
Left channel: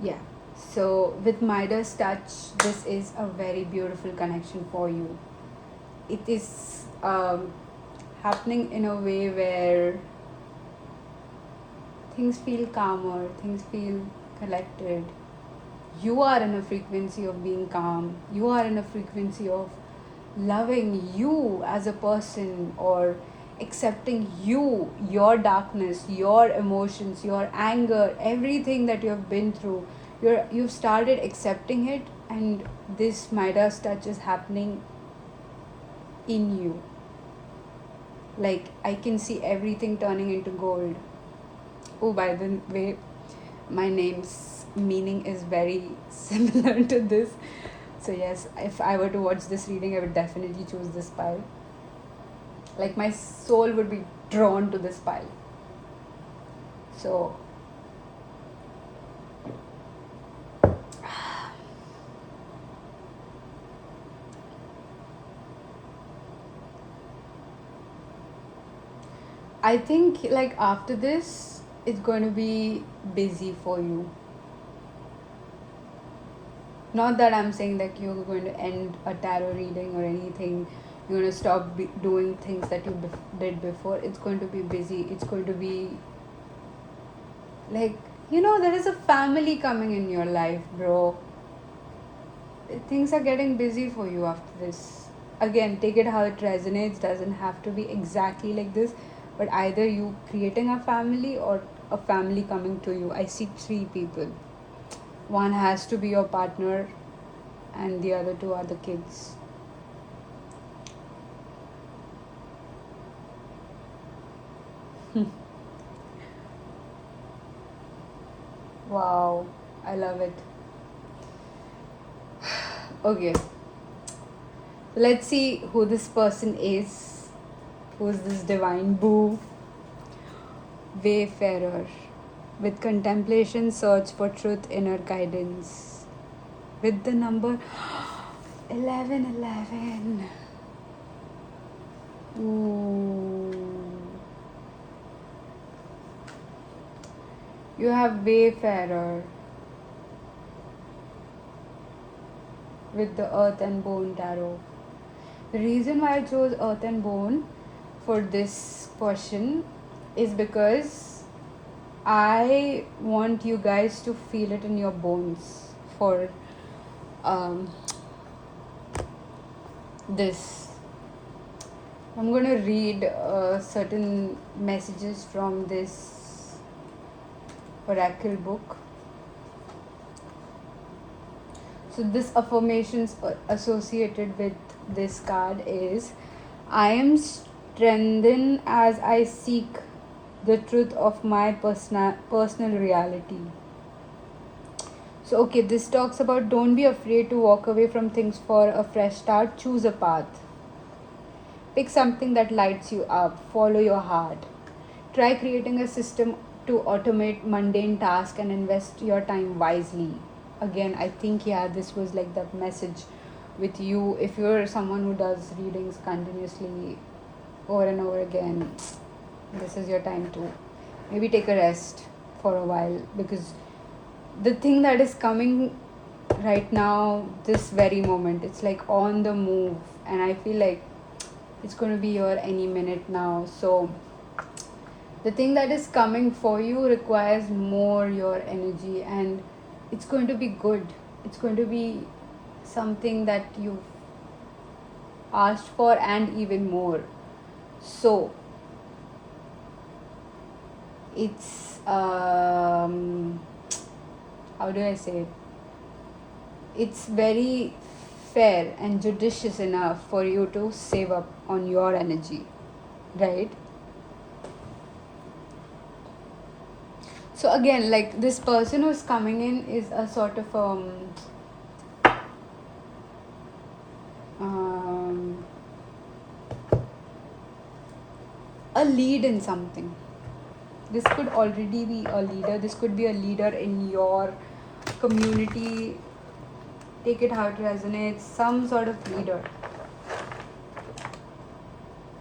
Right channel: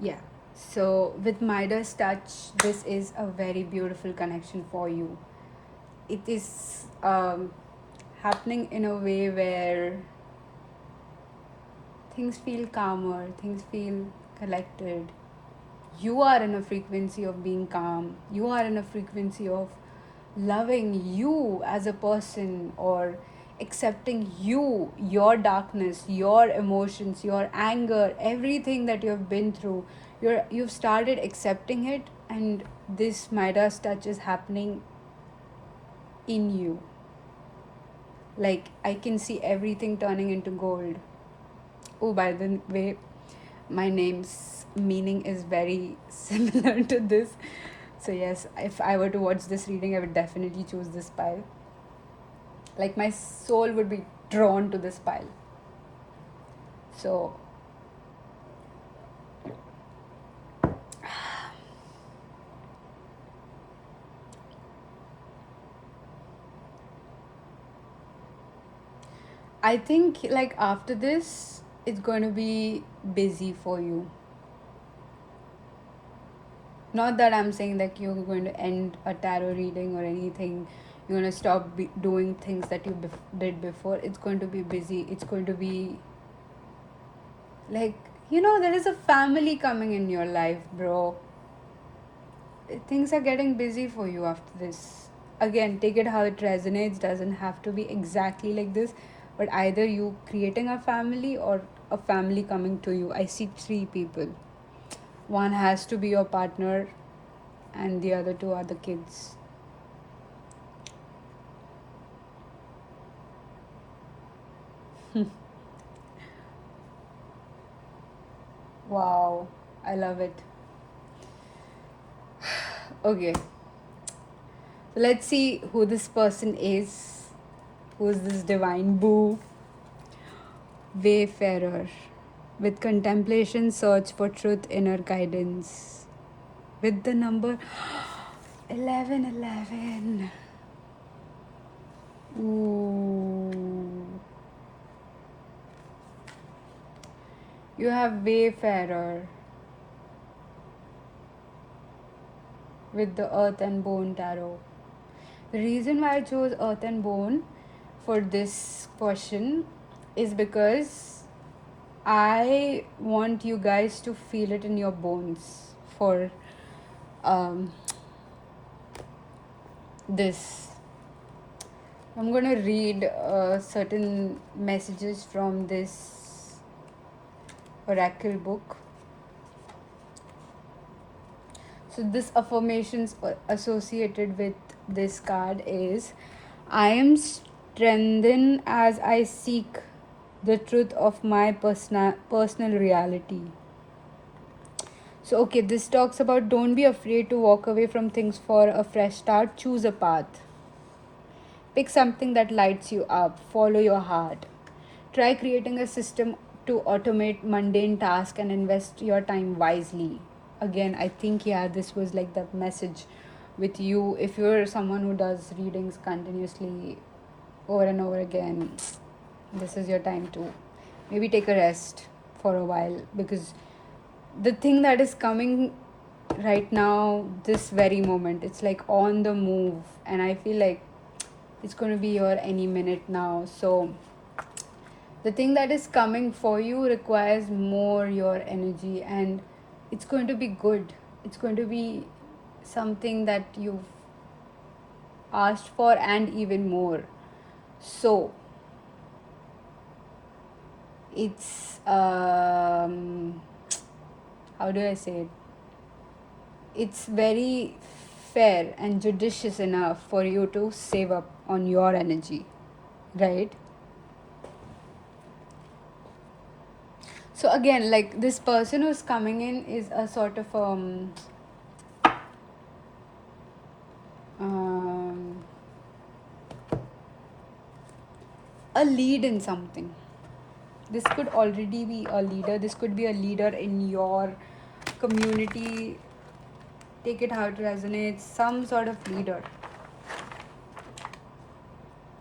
Yeah. So, with Midas touch, this is a very beautiful connection for you. It is happening in a way where things feel calmer, things feel collected. You are in a frequency of being calm. You are in a frequency of loving you as a person, or accepting you, your darkness, your emotions, your anger, everything that you've been through. You've started accepting it, and this Midas touch is happening in you. Like, I can see everything turning into gold. Oh, by the way, my name's meaning is very similar to this. So yes, if I were to watch this reading, I would definitely choose this pile. Like my soul would be drawn to this pile. So I think like after this, it's going to be busy for you. Not that I'm saying that you're going to end a tarot reading or anything. You're going to stop doing things that you did before. It's going to be busy. It's going to be like, there is a family coming in your life, bro. Things are getting busy for you after this. Again, take it how it resonates. Doesn't have to be exactly like this, but either you creating a family or a family coming to you. I see three people. One has to be your partner, and the other two are the kids. Wow, I love it. Okay, let's see who this person is. Who's this divine boo? Wayfarer. With contemplation, search for truth, inner guidance. With the number 1111. Ooh. You have Wayfarer. With the Earth and Bone Tarot. The reason why I chose Earth and Bone for this question is because I want you guys to feel it in your bones for this. I'm going to read certain messages from this oracle book. So this affirmations associated with this card is, I am strengthened as I seek the truth of my personal reality. So okay, this talks about don't be afraid to walk away from things for a fresh start. Choose a path. Pick something that lights you up. Follow your heart. Try creating a system to automate mundane tasks and invest your time wisely. Again, I think this was like the message with you. If you're someone who does readings continuously over and over again, this is your time to maybe take a rest for a while, because the thing that is coming right now, this very moment, it's like on the move, and I feel like it's going to be here any minute now. So the thing that is coming for you requires more your energy, and it's going to be good. It's going to be something that you've asked for and even more. So it's how do I say it? It's very fair and judicious enough for you to save up on your energy, right? So again, like this person who's coming in is a sort of a lead in something. This could already be a leader. This could be a leader in your community. Take it how it resonates. Some sort of leader.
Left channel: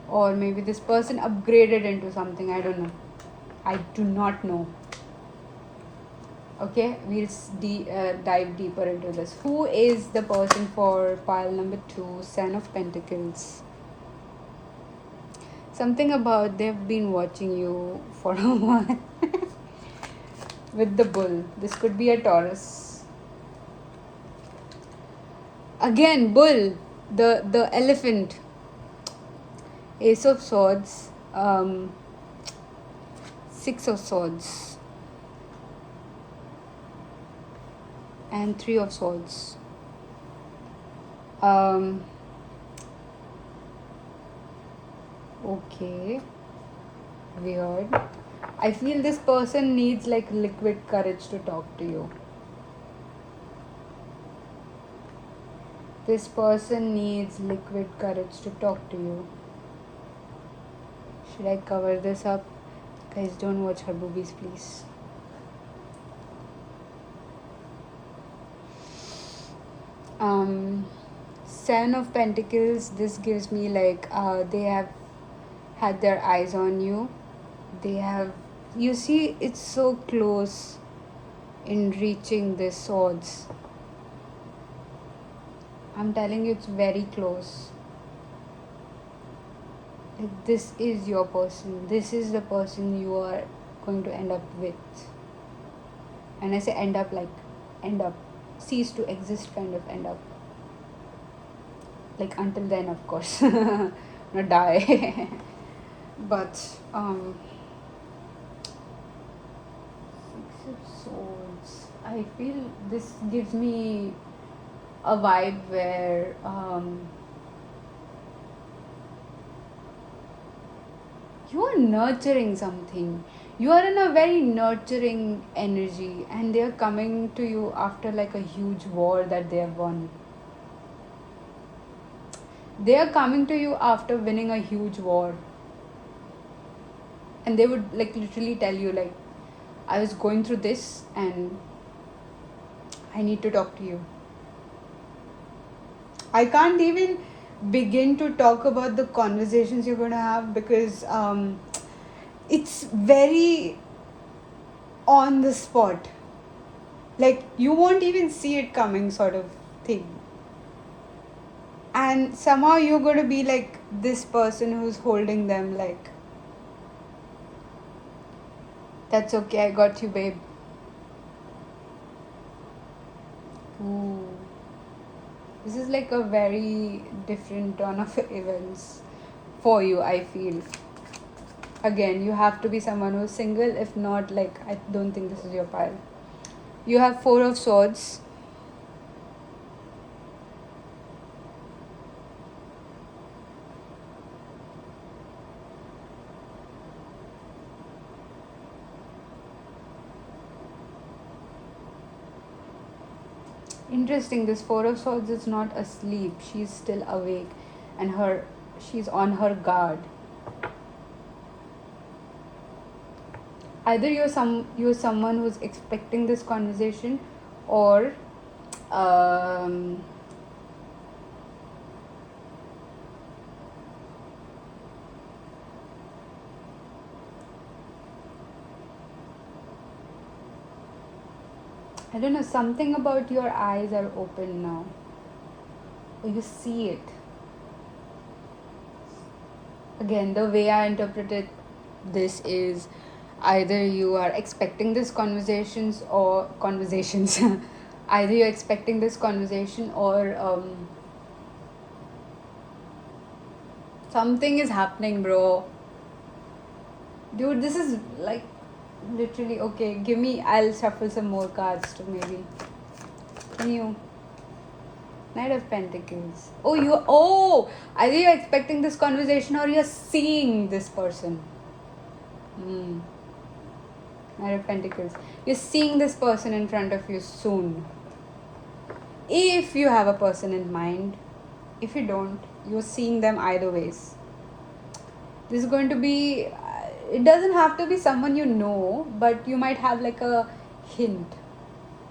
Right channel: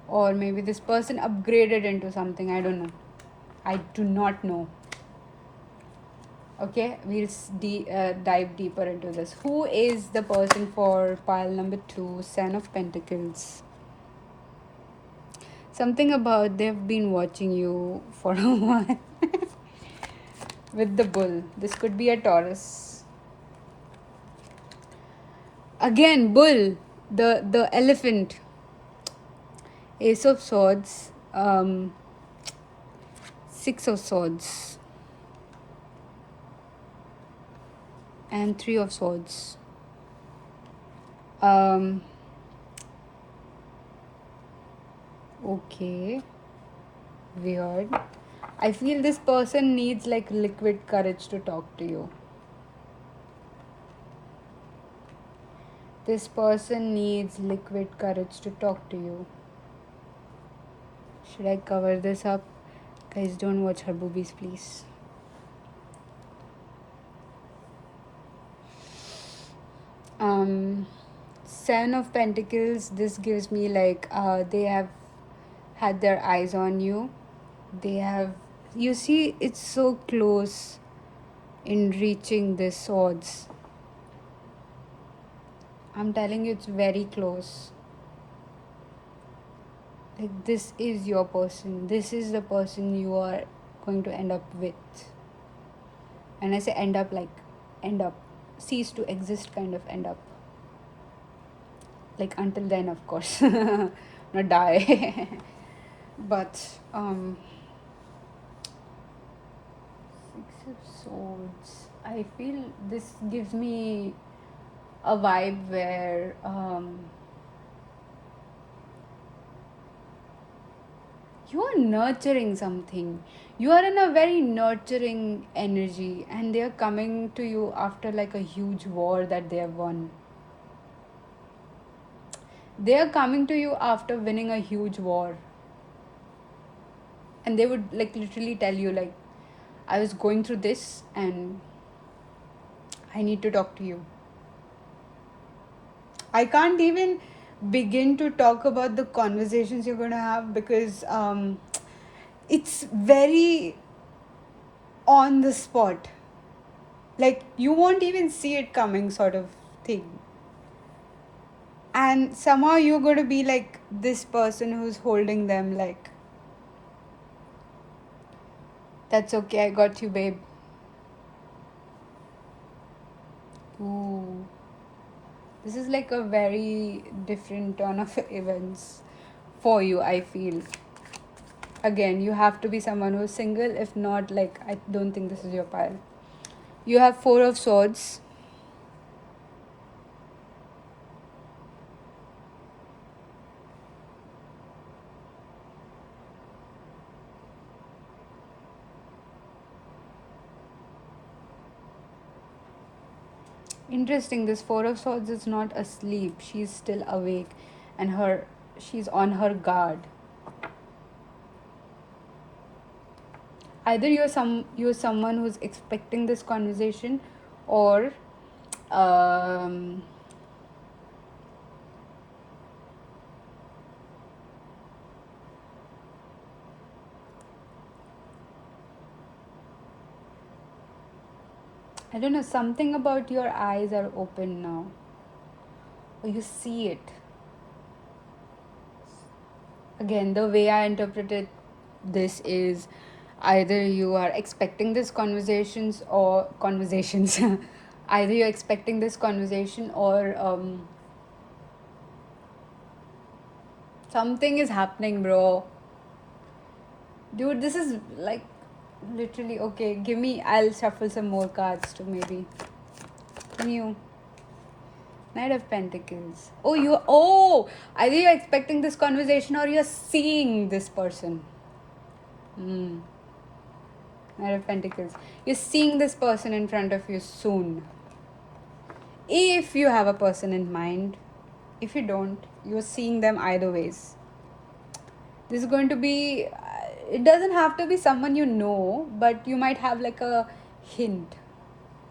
Or maybe this person upgraded into something. I don't know. I do not know. Okay, we'll dive deeper into this. Who is the person for pile number 2, Son of Pentacles? Something about they've been watching you for a while. With the bull. This could be a Taurus. Again, bull. The elephant. Ace of Swords. 6 of Swords. And 3 of Swords. Okay. Weird. I feel this person needs like liquid courage to talk to you. This person needs liquid courage to talk to you. Should I cover this up? Guys, don't watch her boobies, please. Seven of Pentacles, this gives me like they have had their eyes on you. They have, you see, it's so close in reaching the swords. I'm telling you, it's very close. Like, this is your person. This is the person you are going to end up with. And I say end up, like end up, cease to exist kind of end up. Like until then, of course. Not die. But Six of Swords, I feel this gives me a vibe where you are nurturing something. You are in a very nurturing energy, and they are coming to you after like a huge war that they have won. They are coming to you after winning a huge war, and they would like literally tell you like, I was going through this and I need to talk to you. I can't even begin to talk about the conversations you're going to have, because it's very on the spot. Like, you won't even see it coming, sort of thing. And somehow you're going to be like this person who's holding them, like, that's okay, I got you, babe. Ooh. This is like a very different turn of events for you, I feel. Again, you have to be someone who's single. If not, like, I don't think this is your pile. You have Four of Swords. Interesting, this Four of Swords is not asleep. She's still awake, and she's on her guard. Either you're someone who's expecting this conversation, or I don't know, something about your eyes are open now, or you see it. Again, the way I interpreted this is either you are expecting this conversations or conversations. Either you're expecting this conversation, or something is happening, bro. Dude, this is like literally okay. Give me, I'll shuffle some more cards to maybe new. Knight of Pentacles. Either you're expecting this conversation or you're seeing this person. Knight of Pentacles. You're seeing this person in front of you soon. If you have a person in mind. If you don't, you're seeing them either ways. This is going to be, it doesn't have to be someone you know, but you might have like a hint.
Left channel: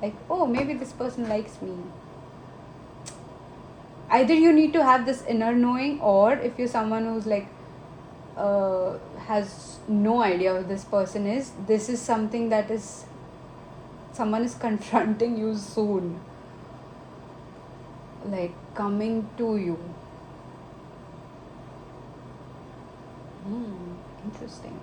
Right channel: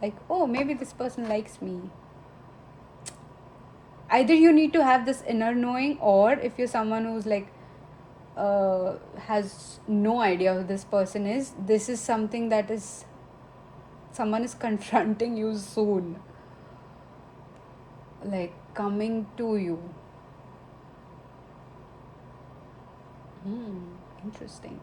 Like, oh, maybe this person likes me. Either you need to have this inner knowing, or if you're someone who's like has no idea who this person is, this is something that is, someone is confronting you soon, like coming to you. Interesting.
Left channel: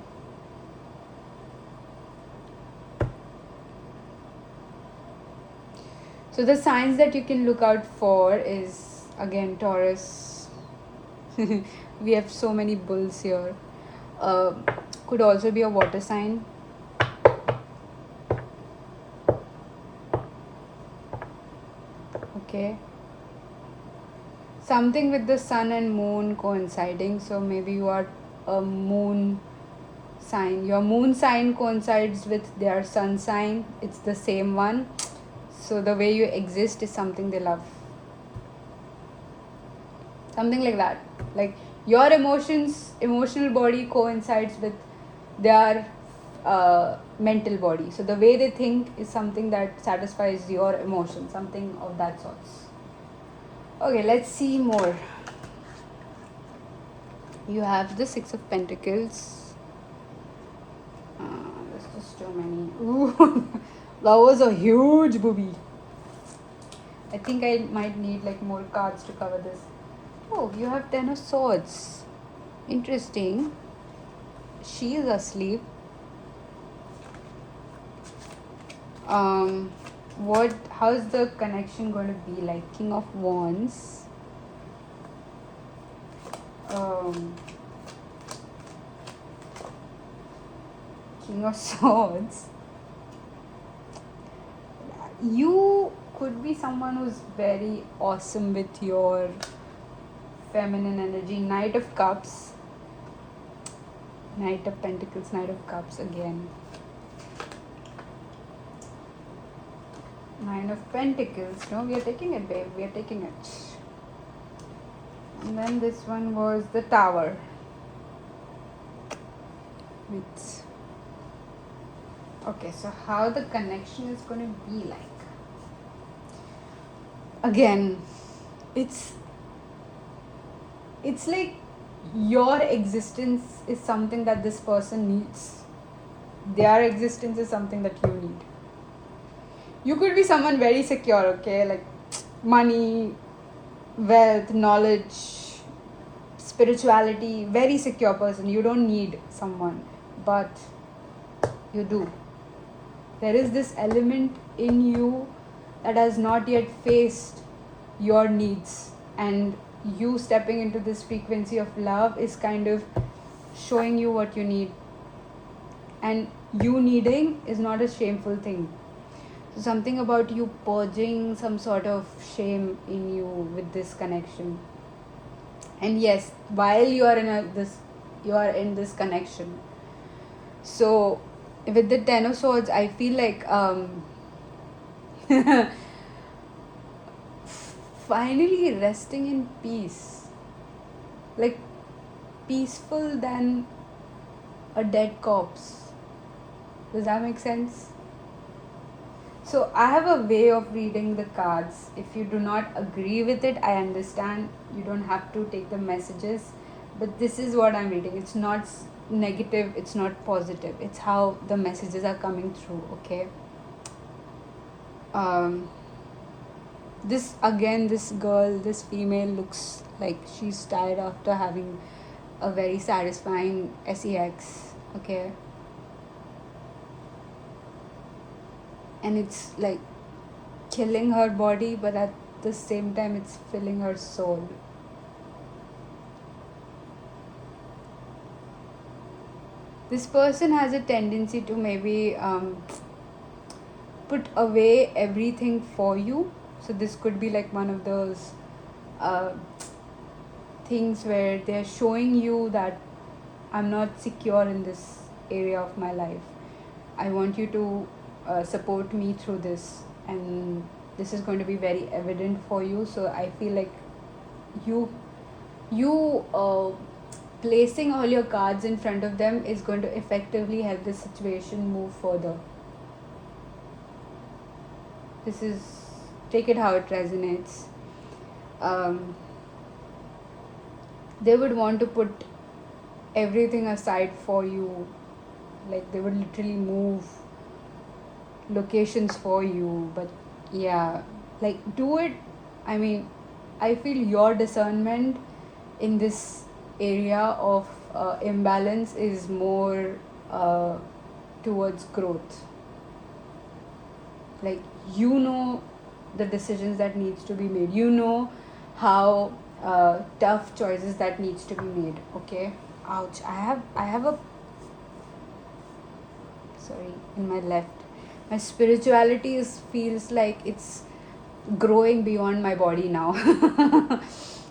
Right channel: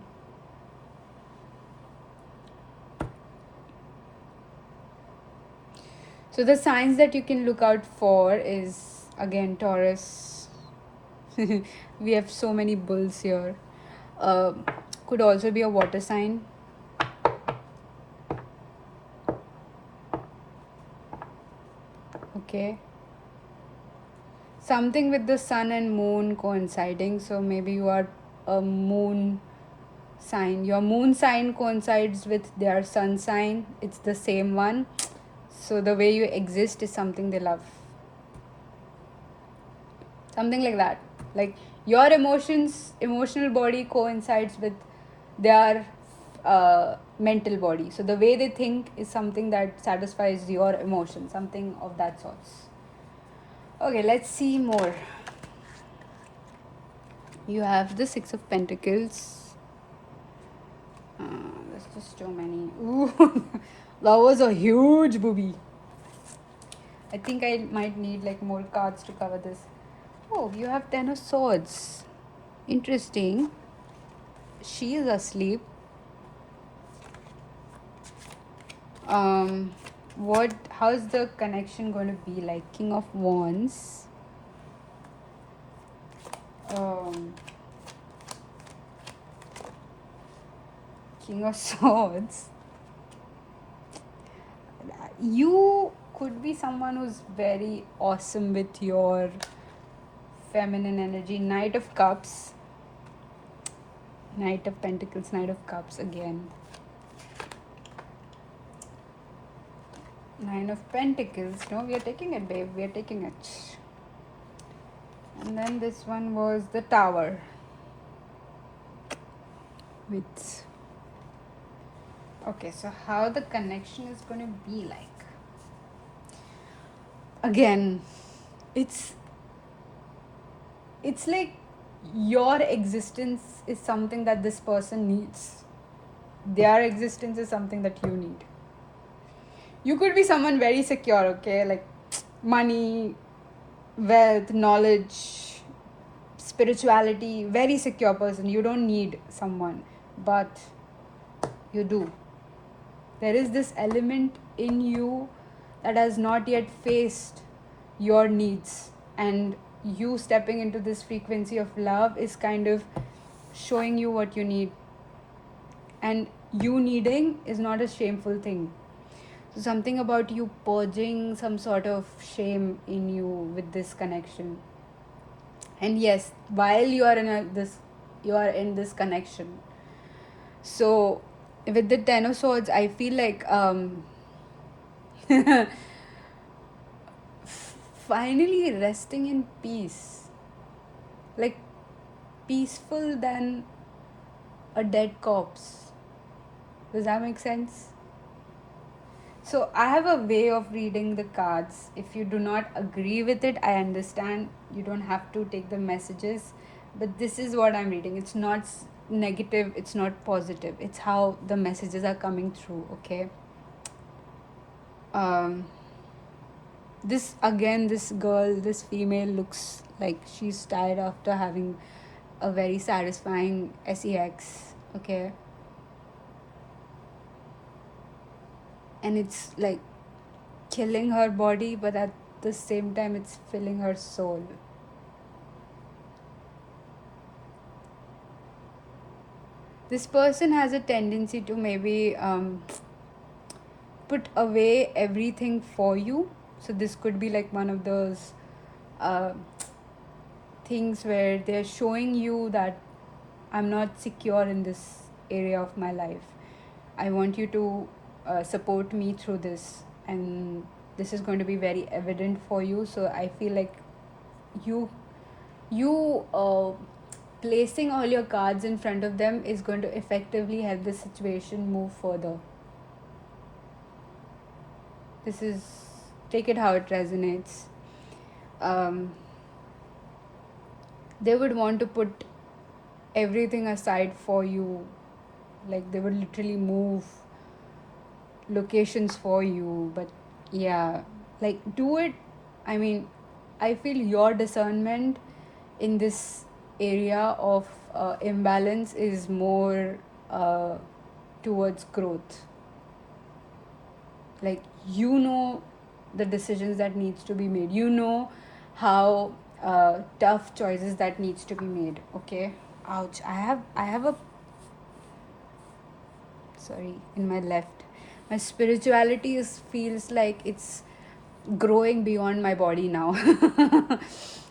So the signs that you can look out for is, again, Taurus. We have so many bulls here. Could also be a water sign. Okay. Something with the sun and moon coinciding. So maybe you are a moon sign. Your moon sign coincides with their sun sign. It's the same one. So the way you exist is something they love. Something like that. Like your emotional body coincides with their mental body. So the way they think is something that satisfies your emotion. Something of that sort. Okay, let's see more. You have the Six of Pentacles. There's just too many. Ooh, that was a huge booby. I think I might need like more cards to cover this. Oh, you have Ten of Swords. Interesting. She is asleep. How's the connection going to be like? King of Wands. King of Swords. You could be someone who's very awesome with your feminine energy. Knight of Cups. Knight of Pentacles, Knight of Cups again. Nine of Pentacles. No, we are taking it, babe. We are taking it. And then this one was the Tower. With... Okay, so how the connection is going to be like? Again, it's like your existence is something that this person needs. Their existence is something that you need. You could be someone very secure, okay? Like money, wealth, knowledge, spirituality, very secure person. You don't need someone, but you do. There is this element in you that has not yet faced your needs, and you stepping into this frequency of love is kind of showing you what you need, and you needing is not a shameful thing. So something about you purging some sort of shame in you with this connection. And yes, while you are in this connection, so with the Ten of Swords, I feel like finally resting in peace, like peaceful than a dead corpse. Does that make sense? So I have a way of reading the cards. If you do not agree with it, I understand. You don't have to take the messages, but this is what I'm reading. It's not negative, it's not positive. It's how the messages are coming through, okay? This girl, this female looks like she's tired after having a very satisfying sex, okay? And it's like killing her body, but at the same time it's filling her soul. This person has a tendency to maybe put away everything for you. So this could be like one of those things where they're showing you that I'm not secure in this area of my life. I want you to support me through this, and this is going to be very evident for you. So I feel like you placing all your cards in front of them is going to effectively help the situation move further. This is, take it how it resonates. They would want to put everything aside for you. Like they would literally move locations for you. But yeah, like do it. I mean, I feel your discernment in this area of imbalance is more towards growth. Like you know the decisions that needs to be made. You know how tough choices that needs to be made. Okay. Ouch. I have a, sorry, in my left. My spirituality feels like it's growing beyond my body now.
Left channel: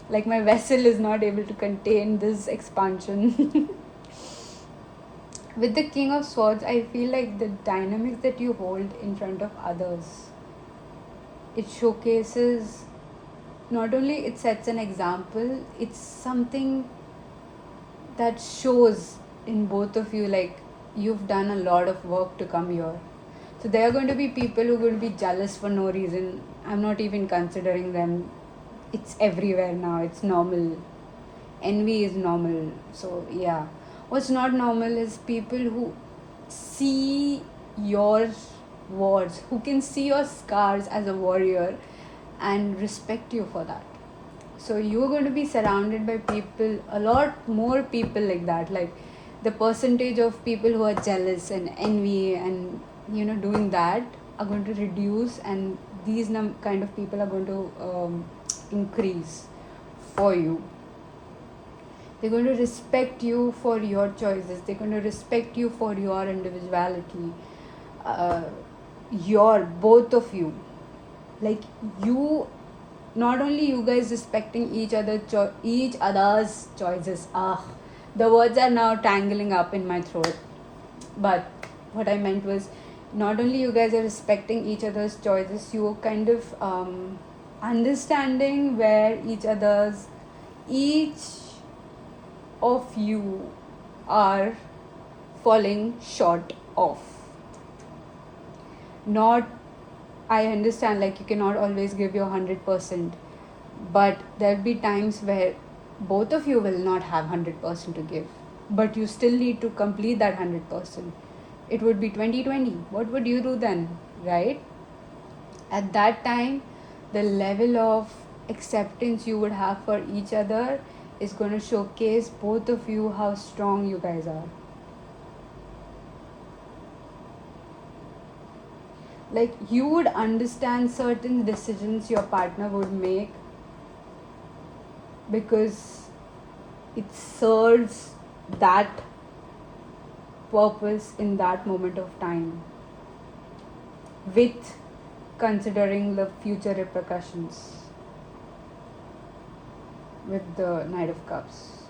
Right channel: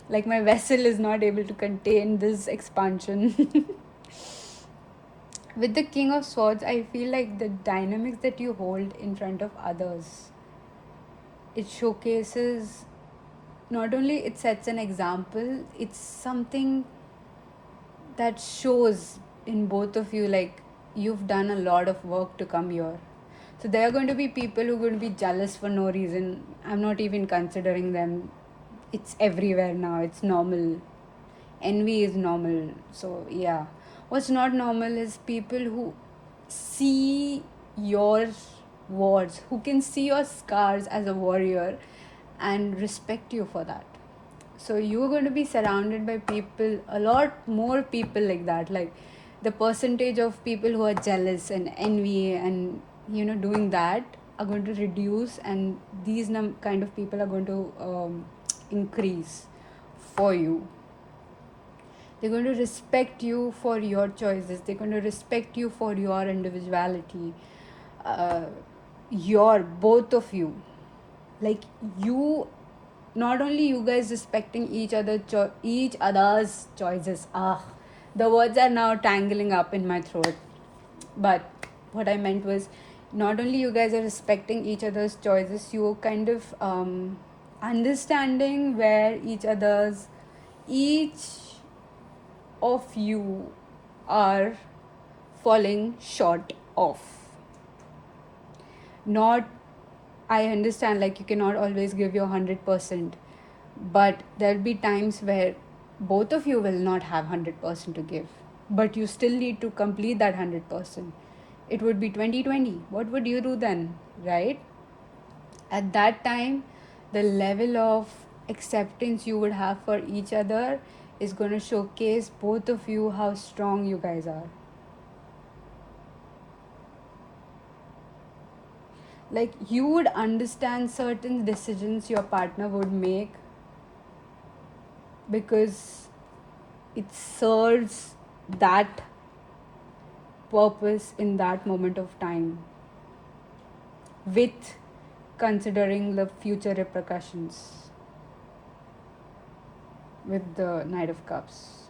Like my vessel is not able to contain this expansion. With the King of Swords, I feel like the dynamics that you hold in front of others, it showcases, not only it sets an example, it's something that shows in both of you like you've done a lot of work to come here. So there are going to be people who are going to be jealous for no reason. I'm not even considering them. It's everywhere now. It's normal. Envy is normal. So yeah. What's not normal is people who see your wars, who can see your scars as a warrior and respect you for that. So you're going to be surrounded by people, a lot more people like that. Like the percentage of people who are jealous and envy and doing that are going to reduce, and these kind of people are going to increase for you. They're going to respect you for your choices. They're going to respect you for your individuality. Your both of you, like you, not only you guys respecting each other's choices. The words are now tangling up in my throat. But what I meant was, not only you guys are respecting each other's choices, you're kind of understanding where each of you are falling short of. Not, I understand, like, you cannot always give your 100%, but there'll be times where both of you will not have 100% to give, but you still need to complete that 100%. It would be 2020. What would you do then, right? At that time, the level of acceptance you would have for each other is going to showcase both of you how strong you guys are. Like, you would understand certain decisions your partner would make because it serves that purpose in that moment of time, with considering the future repercussions with the Knight of Cups.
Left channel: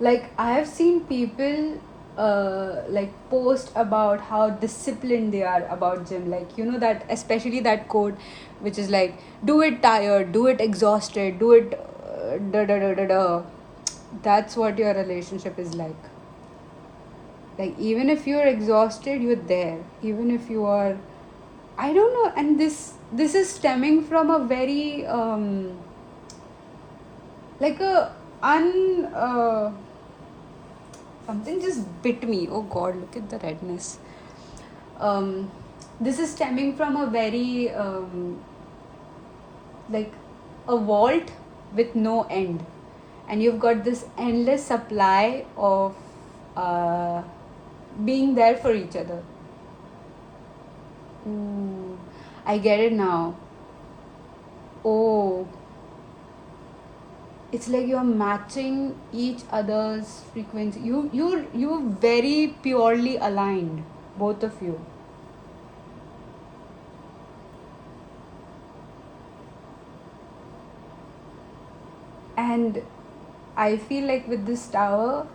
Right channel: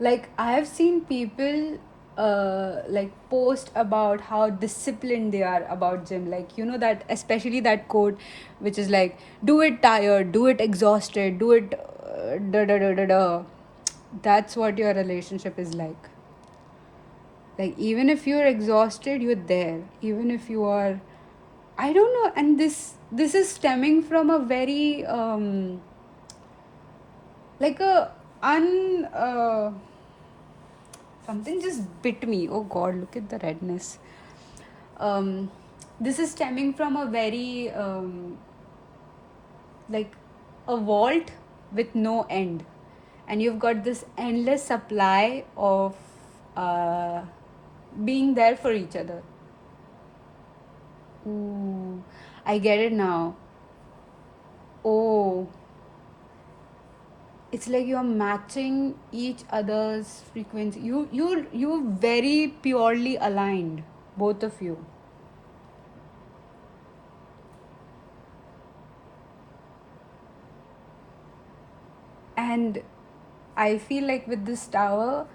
Like, I have seen people like post about how disciplined they are about gym. Like, that, especially that quote which is like, do it tired, do it exhausted, do it da da da da da. That's what your relationship is like. Like, even if you're exhausted, you're there. Even if you are, I don't know. And this is stemming from a very like a something just bit me. Oh god, look at the redness. This is stemming from a very like a vault with no end, and you've got this endless supply of being there for each other. Ooh, I get it now. Oh, it's like you're matching each other's frequency. You very purely aligned, both of you. And I feel like with this tower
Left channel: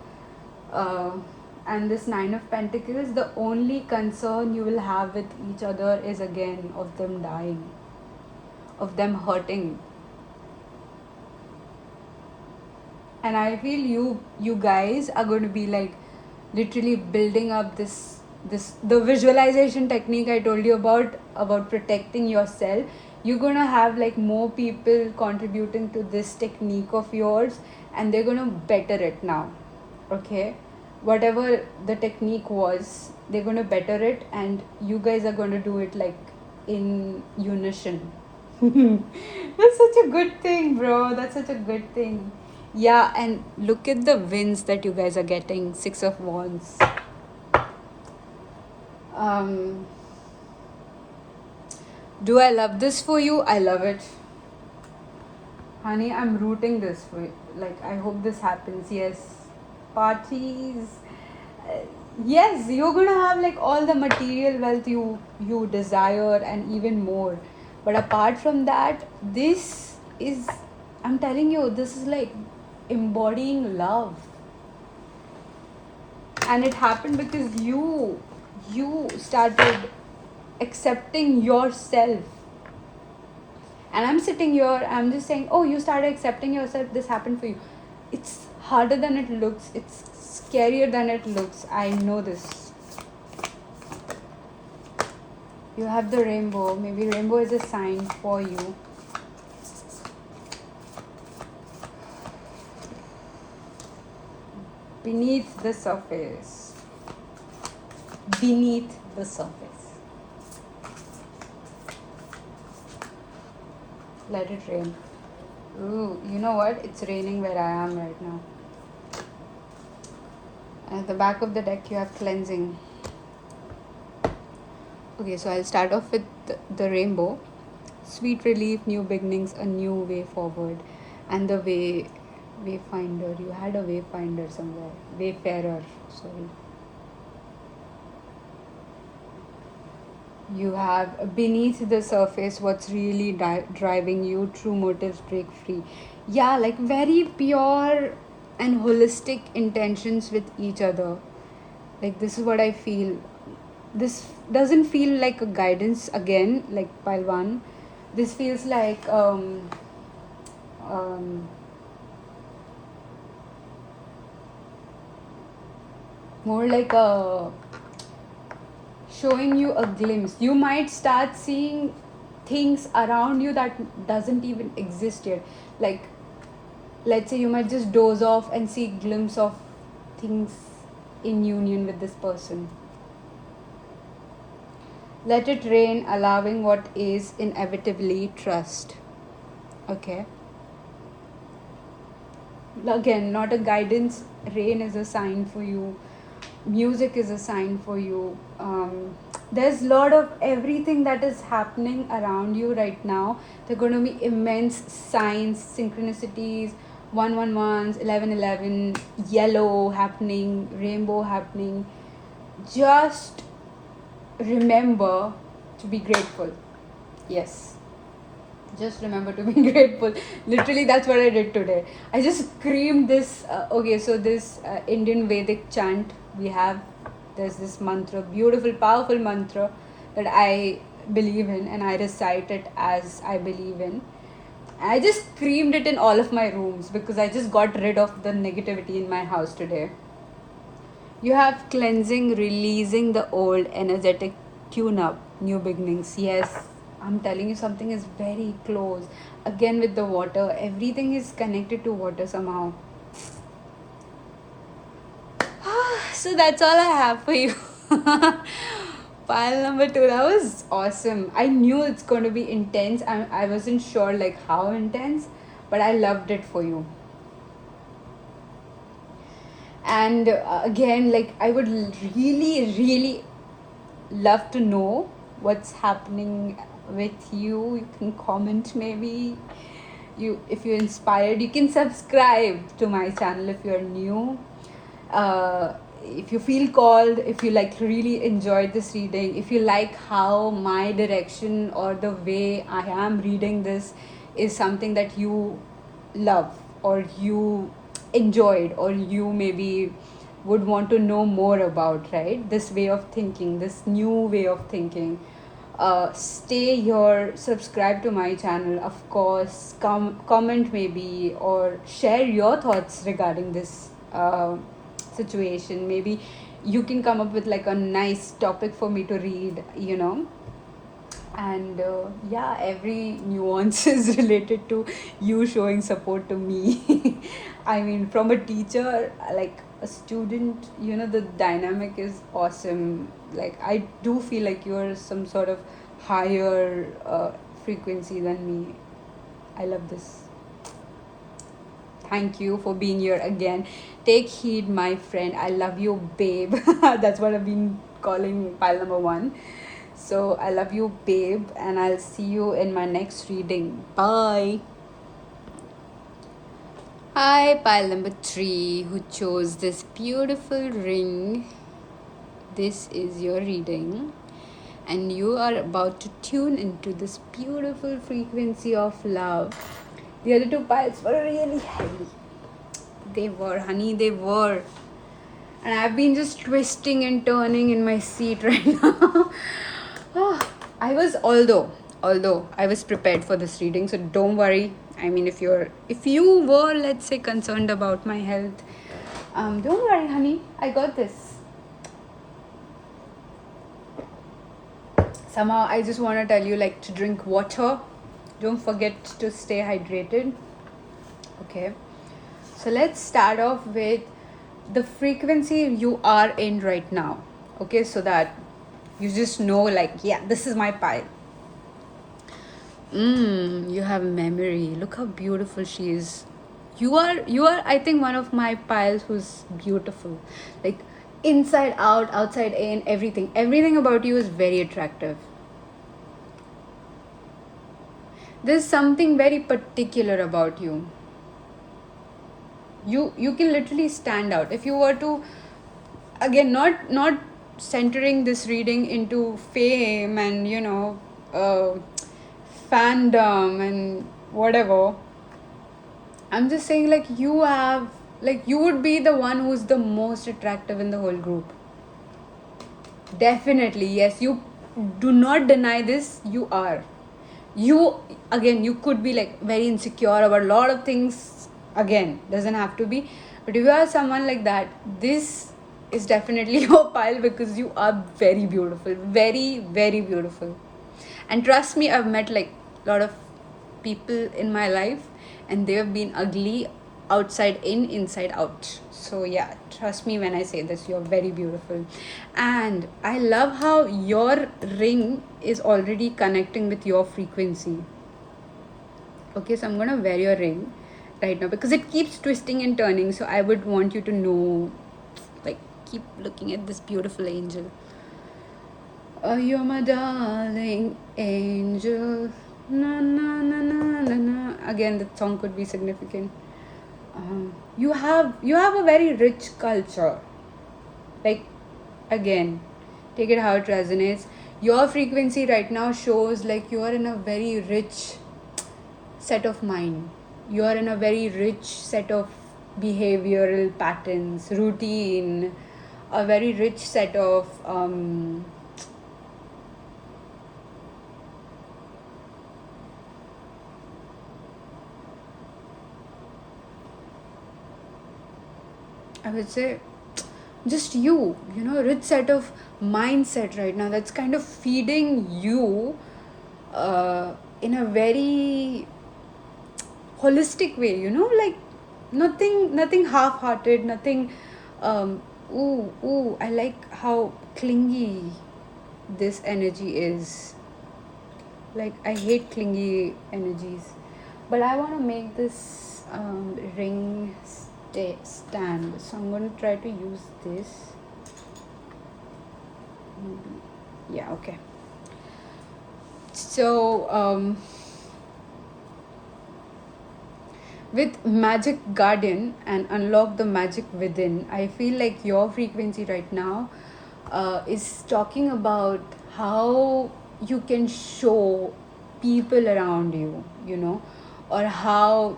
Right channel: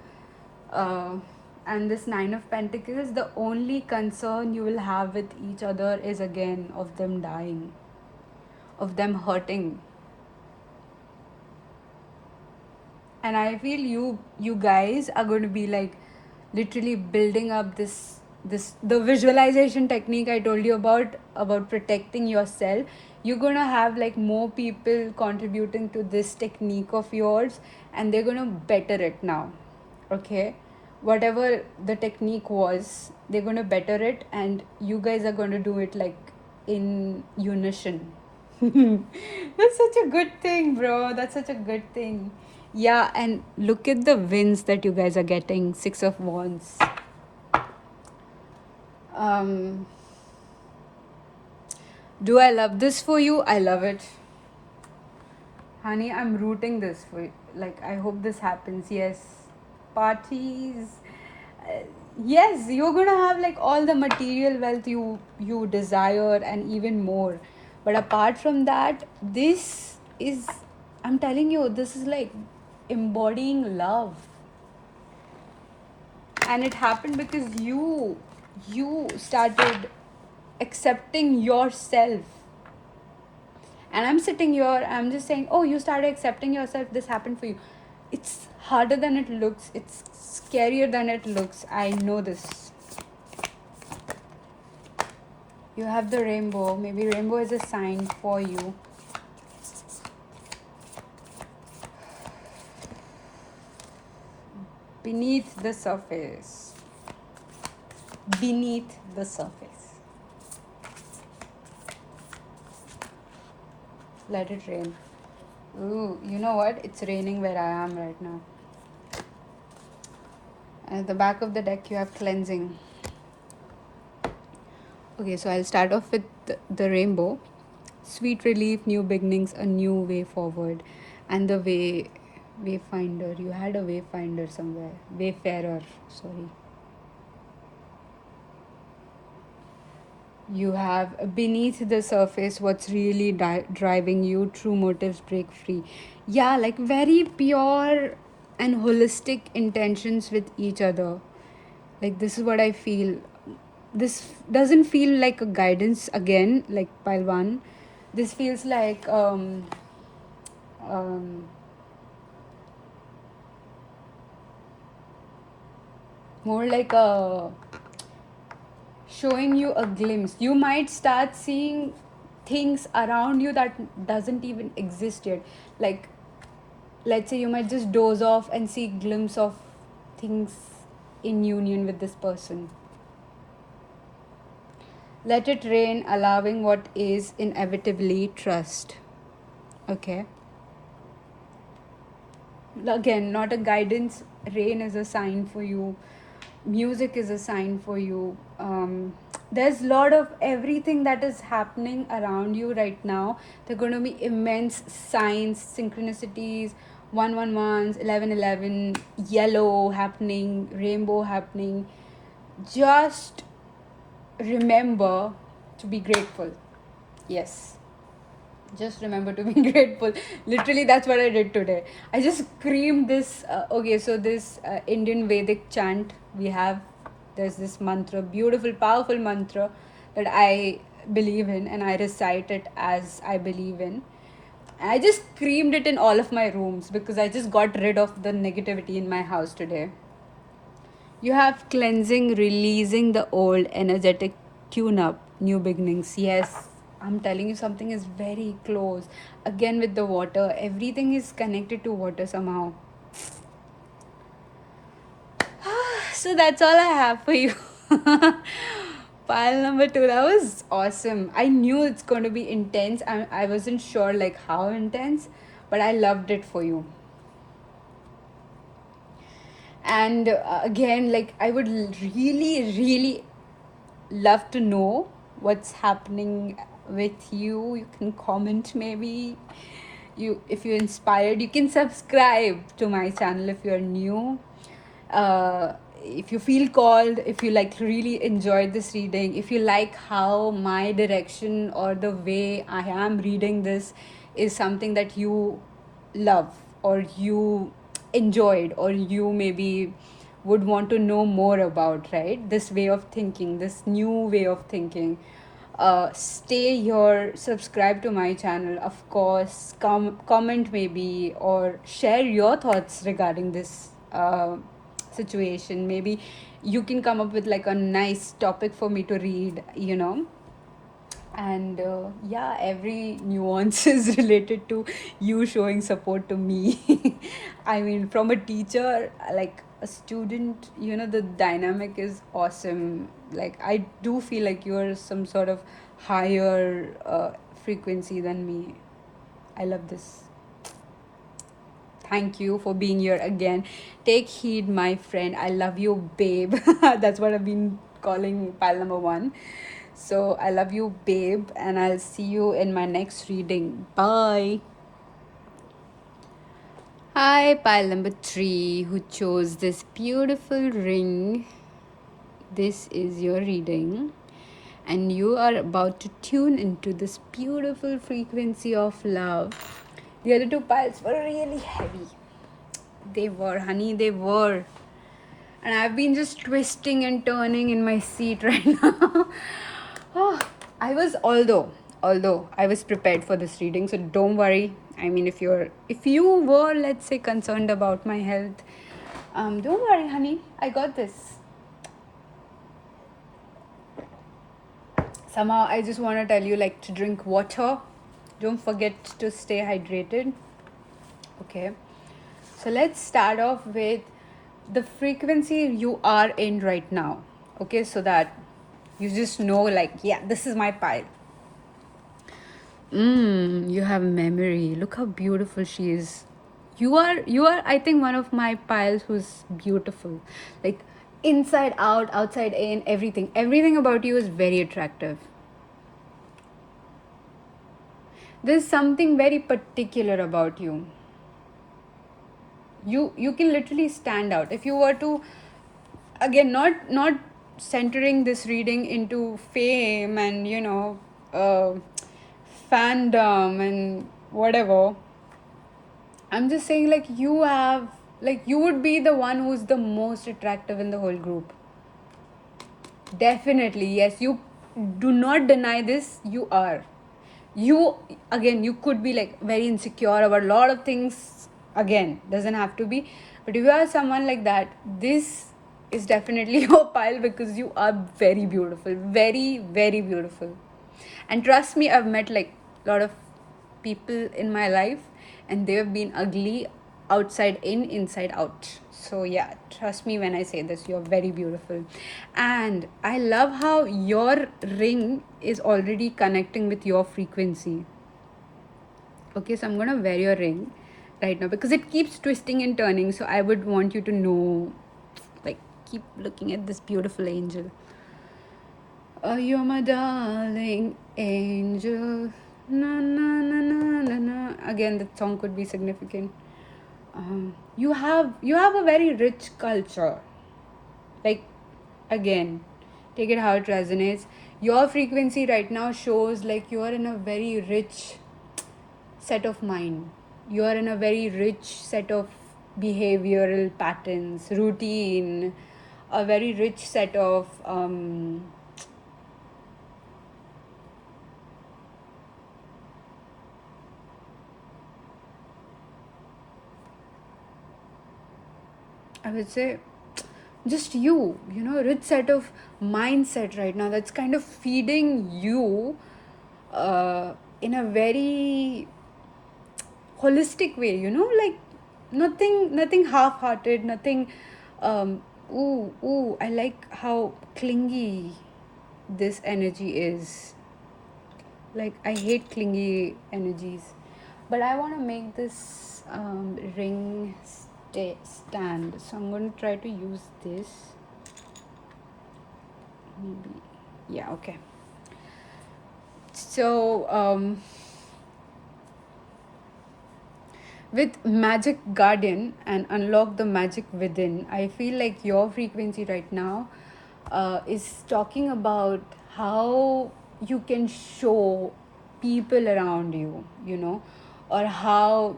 and this Nine of Pentacles, the only concern you will have with each other is again of them dying, of them hurting. And I feel you guys are going to be like literally building up this the visualization technique I told you about protecting yourself. You're going to have like more people contributing to this technique of yours, and they're going to better it now. Okay, whatever the technique was, they're going to better it, and you guys are going to do it like in unison. That's such a good thing, bro. That's such a good thing. Yeah, and look at the wins that you guys are getting. 6 of Wands. Do I love this for you? I love it. Honey, I'm rooting this for you. Like, I hope this happens. Yes. Parties. Yes, you're gonna have like all the material wealth you desire and even more. But apart from that, this is I'm telling you, this is like embodying love. And it happened because you started accepting yourself. And I'm sitting here, I'm just saying, oh, you started accepting yourself, this happened for you. It's harder than it looks, it's scarier than it looks. I know this. You have the rainbow. Maybe rainbow is a sign for you. Beneath the surface. Beneath the surface. Let it rain. Ooh, you know what? It's raining where I am right now. At the back of the deck, you have cleansing. Okay, so I'll start off with the rainbow. Sweet relief, new beginnings, a new way forward. And the wayfinder. You had a wayfinder somewhere. Wayfarer, sorry. You have beneath the surface what's really driving you, true motives break free. Yeah, like very pure and holistic intentions with each other. Like, this is what I feel. This doesn't feel like a guidance again, like pile one. This feels like more like a showing you a glimpse. You might start seeing things around you that doesn't even exist yet. Like, let's say you might just doze off and see glimpse of things in union with this person. Let it rain, allowing what is, inevitably trust. Okay. Again, not a guidance. Rain is a sign for you. Music is a sign for you. There's a lot of everything that is happening around you right now. There are going to be immense signs, synchronicities, 111s, 1111, yellow happening, rainbow happening. Just remember to be grateful. Yes. Just remember to be grateful. Literally, that's what I did today. I just screamed this. Okay, so this Indian Vedic chant we have, there's this mantra, beautiful, powerful mantra that I believe in, and I recite it as I believe in. And I just screamed it in all of my rooms because I just got rid of the negativity in my house today. You have cleansing, releasing the old, energetic tune up, new beginnings. Yes, I'm telling you, something is very close. Again, with the water, everything is connected to water somehow. So that's all I have for you. Pile number 2, that was awesome. I knew it's going to be intense. I wasn't sure like how intense, but I loved it for you. And again, like, I would really love to know what's happening with you. You can comment, maybe if you're inspired. You can subscribe to my channel if you're new. If you feel called, if you like really enjoyed this reading, if you like how my direction or the way I am reading this is something that you love or you enjoyed or you maybe would want to know more about, right? This way of thinking, this new way of thinking. Stay here, subscribe to my channel, of course, comment maybe, or share your thoughts regarding this situation. Maybe you can come up with like a nice topic for me to read, and yeah, every nuance is related to you showing support to me. I mean, from a teacher, like a student, the dynamic is awesome. Like, I do feel like you're some sort of higher frequency than me. I love this. Thank you for being here again. Take heed, my friend. I love you, babe. That's what I've been calling pile number 1. So I love you, babe, and I'll see you in my next reading. Bye. Hi, pile number 3, who chose this beautiful ring. This is your reading, and you are about to tune into this beautiful frequency of love. The other two piles were really heavy. They were, honey, they were. And I've been just twisting and turning in my seat right now. Oh, although I was prepared for this reading, so don't worry. I mean, if you were, let's say, concerned about my health, don't worry, honey. I got this. Somehow, I just want to tell you, like, to drink water. Don't forget to stay hydrated. Okay. So let's start off with the frequency you are in right now. Okay, so that you just know, like, yeah, this is my pile. You have memory. Look how beautiful she is. You are I think one of my piles who's beautiful. Like inside out, outside in, everything. Everything about you is very attractive. There's something very particular about you. You can literally stand out. If you were to, again, not centering this reading into fame and fandom and whatever. I'm just saying, like, you would be the one who's the most attractive in the whole group. Definitely, yes. You do not deny this. You are. You could be like very insecure about a lot of things. Again, doesn't have to be. But if you are someone like that, this is definitely your pile because you are very beautiful. Very, very beautiful. And trust me, I've met like a lot of people in my life and they've been ugly outside in, inside out. So yeah, trust me when I say this, you're very beautiful. And I love how your ring is already connecting with your frequency. Okay, so I'm gonna wear your ring right now because it keeps twisting and turning. So I would want you to know, like, keep looking at this beautiful angel. Oh, you're my darling angel. Na, na, na, na, na, na. Again, the song could be significant. You have a very rich culture. Like, again, take it how it resonates. Your frequency right now shows like you are in a very rich set of mind. You are in a very rich set of behavioral patterns, routine, a very rich set of I would say just rich set of mindset right now that's kind of feeding you in a very holistic way, like nothing half-hearted, nothing I like how clingy this energy is. Like, I hate clingy energies, but I want to make this ring stand, so I'm going to try to use this. Yeah, okay. So with Magic Guardian and Unlock the Magic Within, I feel like your frequency right now is talking about how you can show people around you, or how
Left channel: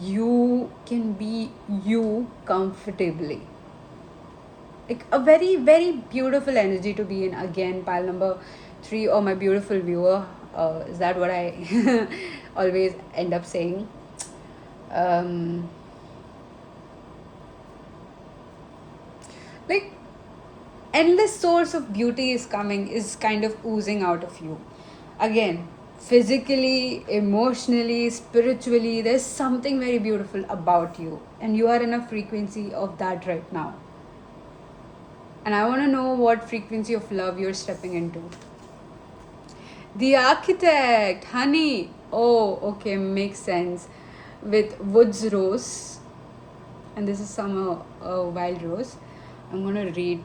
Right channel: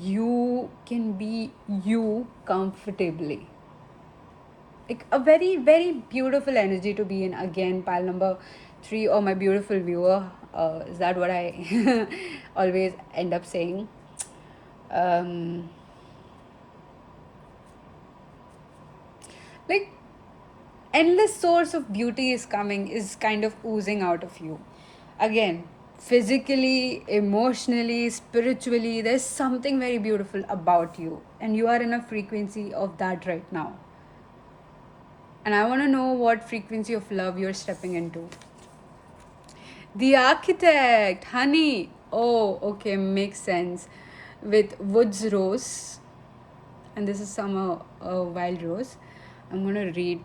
you can be you comfortably. Like a very, very beautiful energy to be in. Again, pile number 3, or my beautiful viewer. Is that what I always end up saying? Like, endless source of beauty is kind of oozing out of you. Again, physically, emotionally, spiritually, there's something very beautiful about you, and you are in a frequency of that right now. And I want to know what frequency of love you're stepping into. The Architect, honey. Oh, okay, makes sense. With Woods Rose, and this is some wild rose. I'm going to read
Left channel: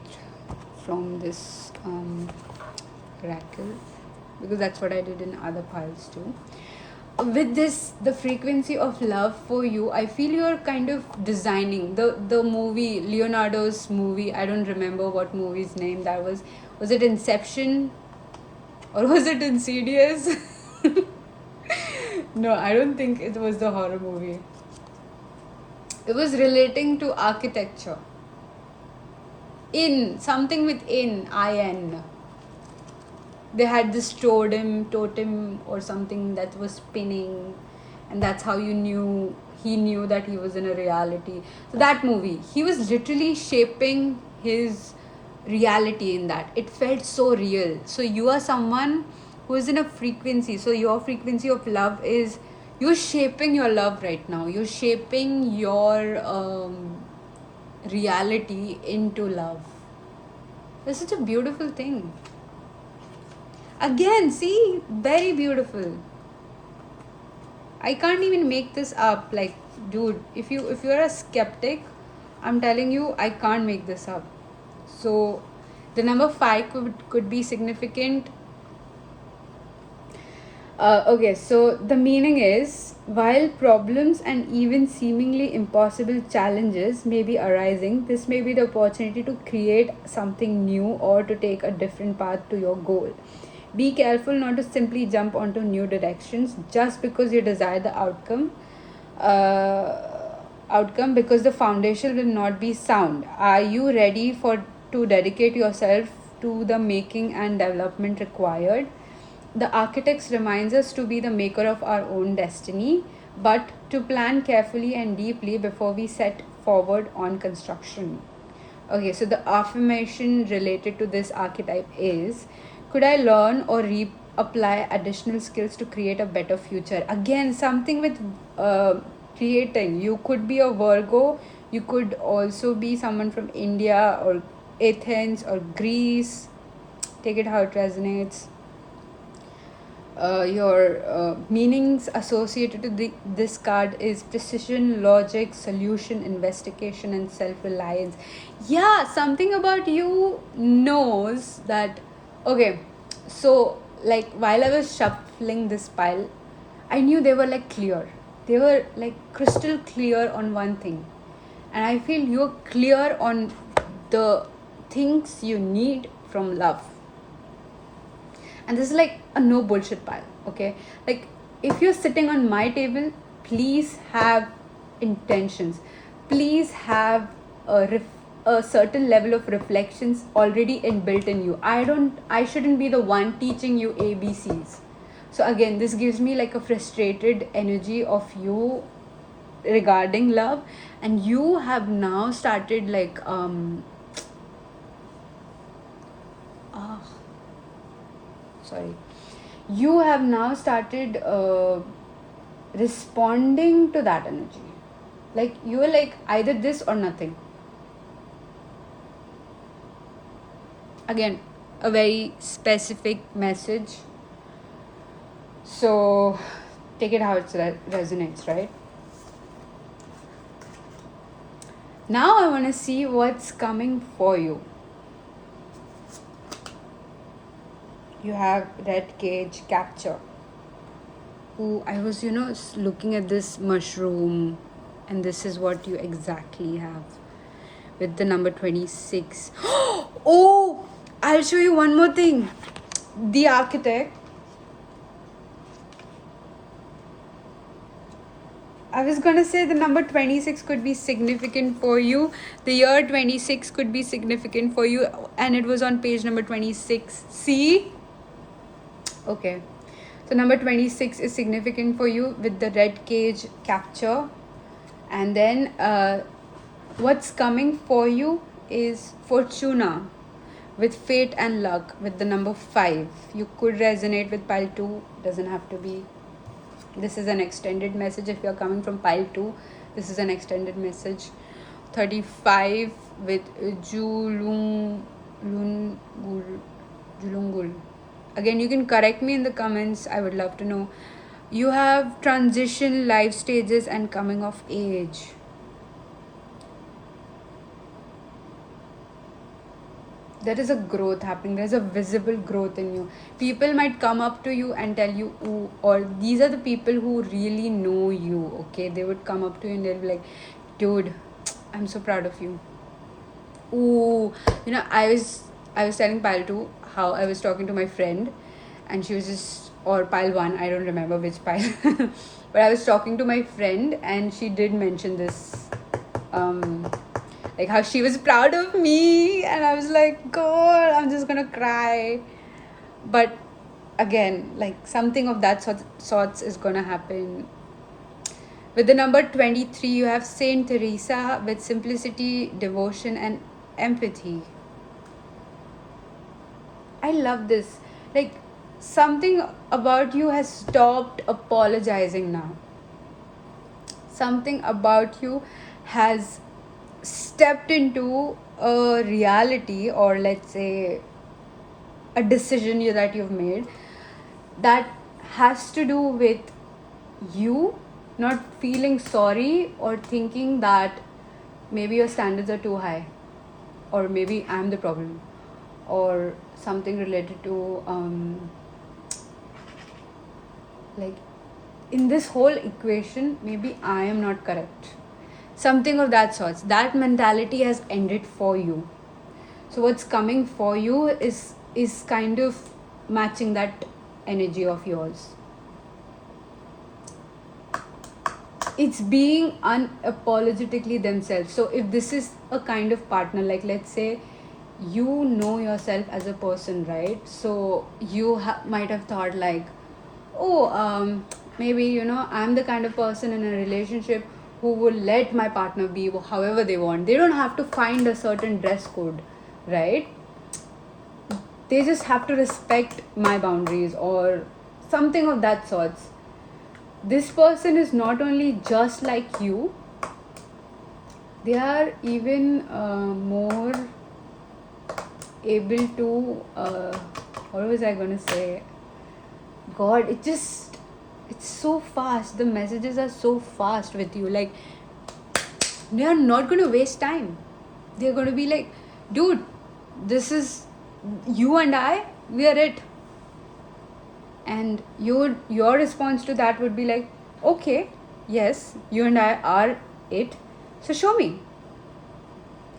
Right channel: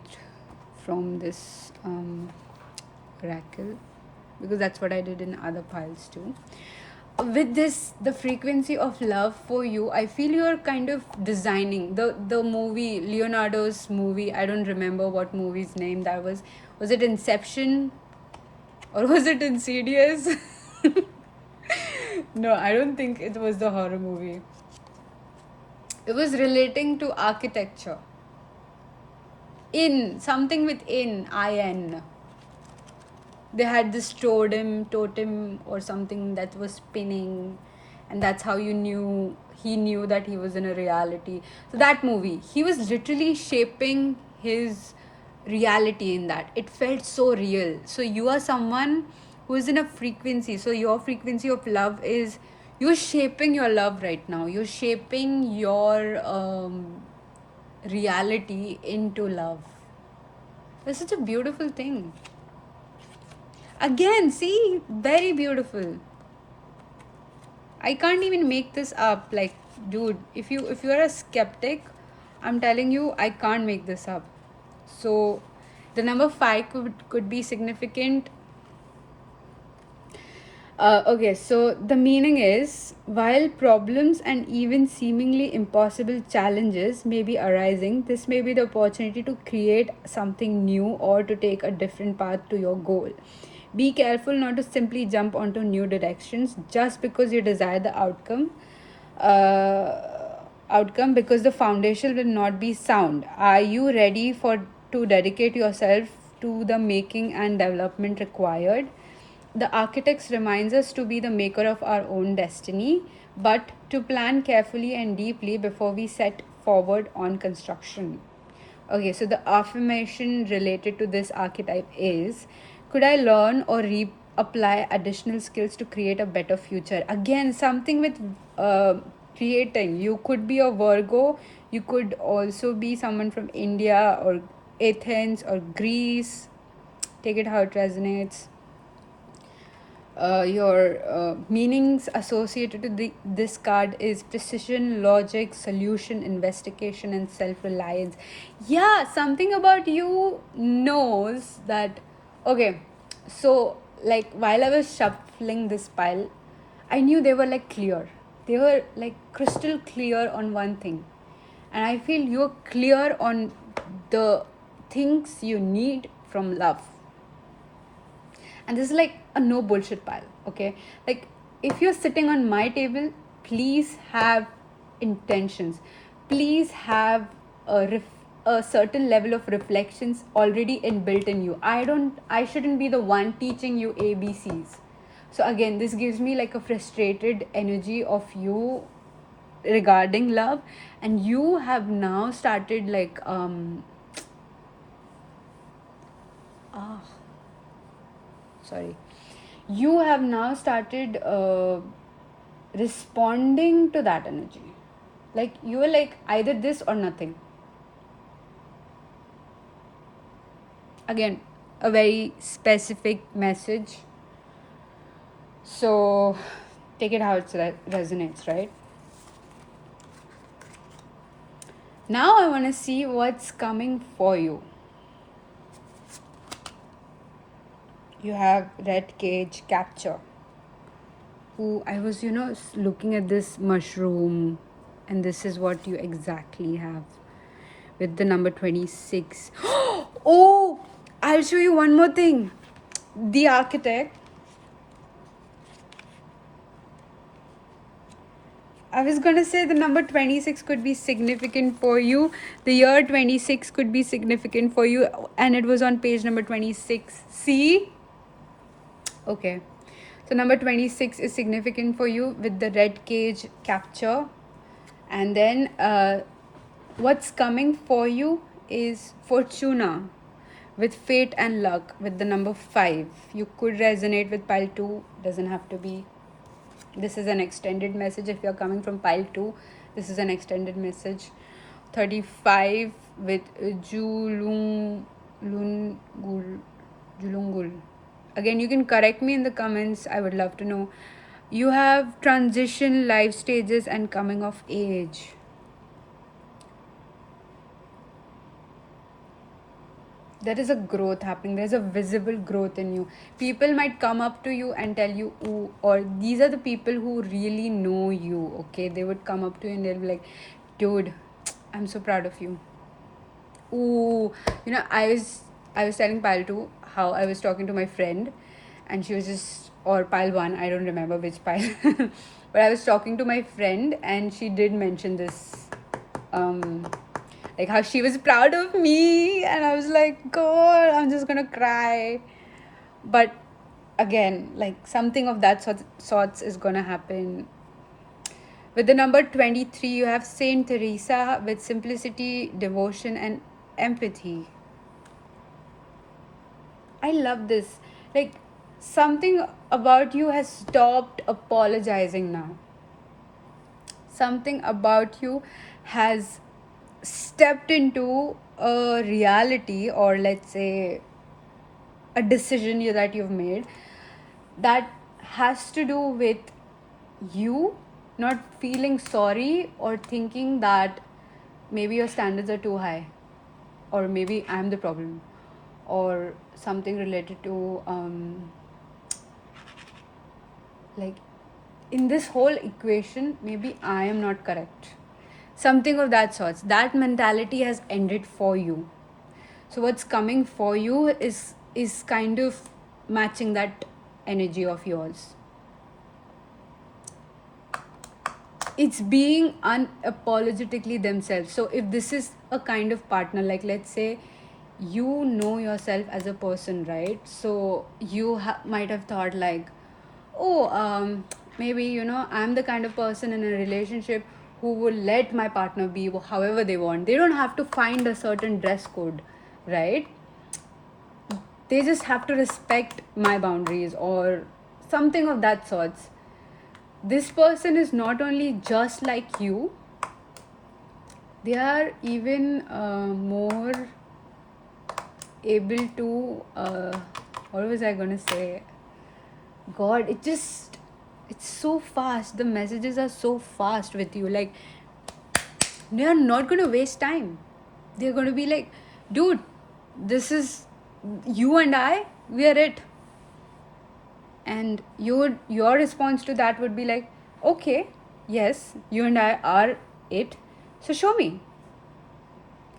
from this oracle because that's what I did in other piles too. With this, the frequency of love for you, I feel you're kind of designing the movie, Leonardo's movie. I don't remember what movie's name that was. Was it Inception or was it Insidious? No, I don't think it was the horror movie. It was relating to architecture. In something with in. They had this totem or something that was spinning, and that's how he knew that he was in a reality. So that movie, he was literally shaping his reality in that. It felt so real. So you are someone who is in a frequency. So your frequency of love is, you're shaping your love right now. You're shaping your reality into love. It's such a beautiful thing. Again, see, very beautiful. I can't even make this up. Like, dude, if you're a skeptic, I'm telling you, I can't make this up. So the number 5 could be significant. Okay, so the meaning is, while problems and even seemingly impossible challenges may be arising, this may be the opportunity to create something new or to take a different path to your goal. Be careful not to simply jump onto new directions just because you desire the uh, outcome, because the foundation will not be sound. Are you ready to dedicate yourself to the making and development required? The architects reminds us to be the maker of our own destiny, but to plan carefully and deeply before we set forward on construction. Okay, so the affirmation related to this archetype is, could I learn or apply additional skills to create a better future? Again, something with creating. You could be a Virgo, you could also be someone from India or Athens or Greece. Take it how it resonates. Your meanings associated to this card is precision, logic, solution, investigation, and self-reliance. Yeah, something about you knows that. Okay, so like while I was shuffling this pile, I knew they were like clear. They were like crystal clear on one thing, and I feel you're clear on the things you need from love. And this is like a no bullshit pile. Okay, like if you're sitting on my table, please have intentions, please have a certain level of reflections already inbuilt in you. I shouldn't be the one teaching you ABCs. So again, this gives me like a frustrated energy of you regarding love, and you have now started like ah, sorry, you have now started responding to that energy. Like you are like either this or nothing. Again, a very specific message. So take it how it resonates, right? Now I want to see what's coming for you. You have red cage capture. Who I was, looking at this mushroom, and this is what you exactly have with the number 26. Oh, I'll show you one more thing. The architect. I was gonna say the number 26 could be significant for you. The year 26 could be significant for you, and it was on page number 26. See? Okay. So number 26 is significant for you with the red cage capture. And then what's coming for you is Fortuna with fate and luck with the number 5. You could resonate with pile 2, doesn't have to be. This is an extended message. If you're coming from pile 2, this is an extended message. 35 with Julungul. Again, you can correct me in the comments. I would love to know. You have transition, life stages, and coming of age. There is a growth happening. There's a visible growth in you. People might come up to you and tell you, ooh, or these are the people who really know you, okay? They would come up to you and they'll be like, dude, I'm so proud of you. Ooh, I was telling Paltu how I was talking to my friend, and she was just or pile 1, I don't remember which pile. But I was talking to my friend and she did mention this, like how she was proud of me, and I was like, God, I'm just gonna cry. But again, like something of that sorts is gonna happen. With the number 23, you have Saint Teresa with simplicity, devotion, and empathy. I love this. Like, something about you has stopped apologizing now. Something about you has stepped into a reality, or let's say a decision that you've made, that has to do with you not feeling sorry or thinking that maybe your standards are too high, or maybe I'm the problem, or something related to like in this whole equation maybe I am not correct, something of that sort. That mentality has ended for you. So what's coming for you is kind of matching that energy of yours. It's being unapologetically themselves. So if this is a kind of partner, like let's say you know yourself as a person, right? So you might have thought like, oh, maybe I'm the kind of person in a relationship who will let my partner be however they want. They don't have to find a certain dress code, right? They just have to respect my boundaries or something of that sorts. This person is not only just like you, they are even more able to what was I gonna say? God, it's so fast. The messages are so fast with you. Like, they are not gonna waste time. They're gonna be like, dude, this is you and I, we are it. And your response to that would be like, okay, yes, you and I are it. So show me.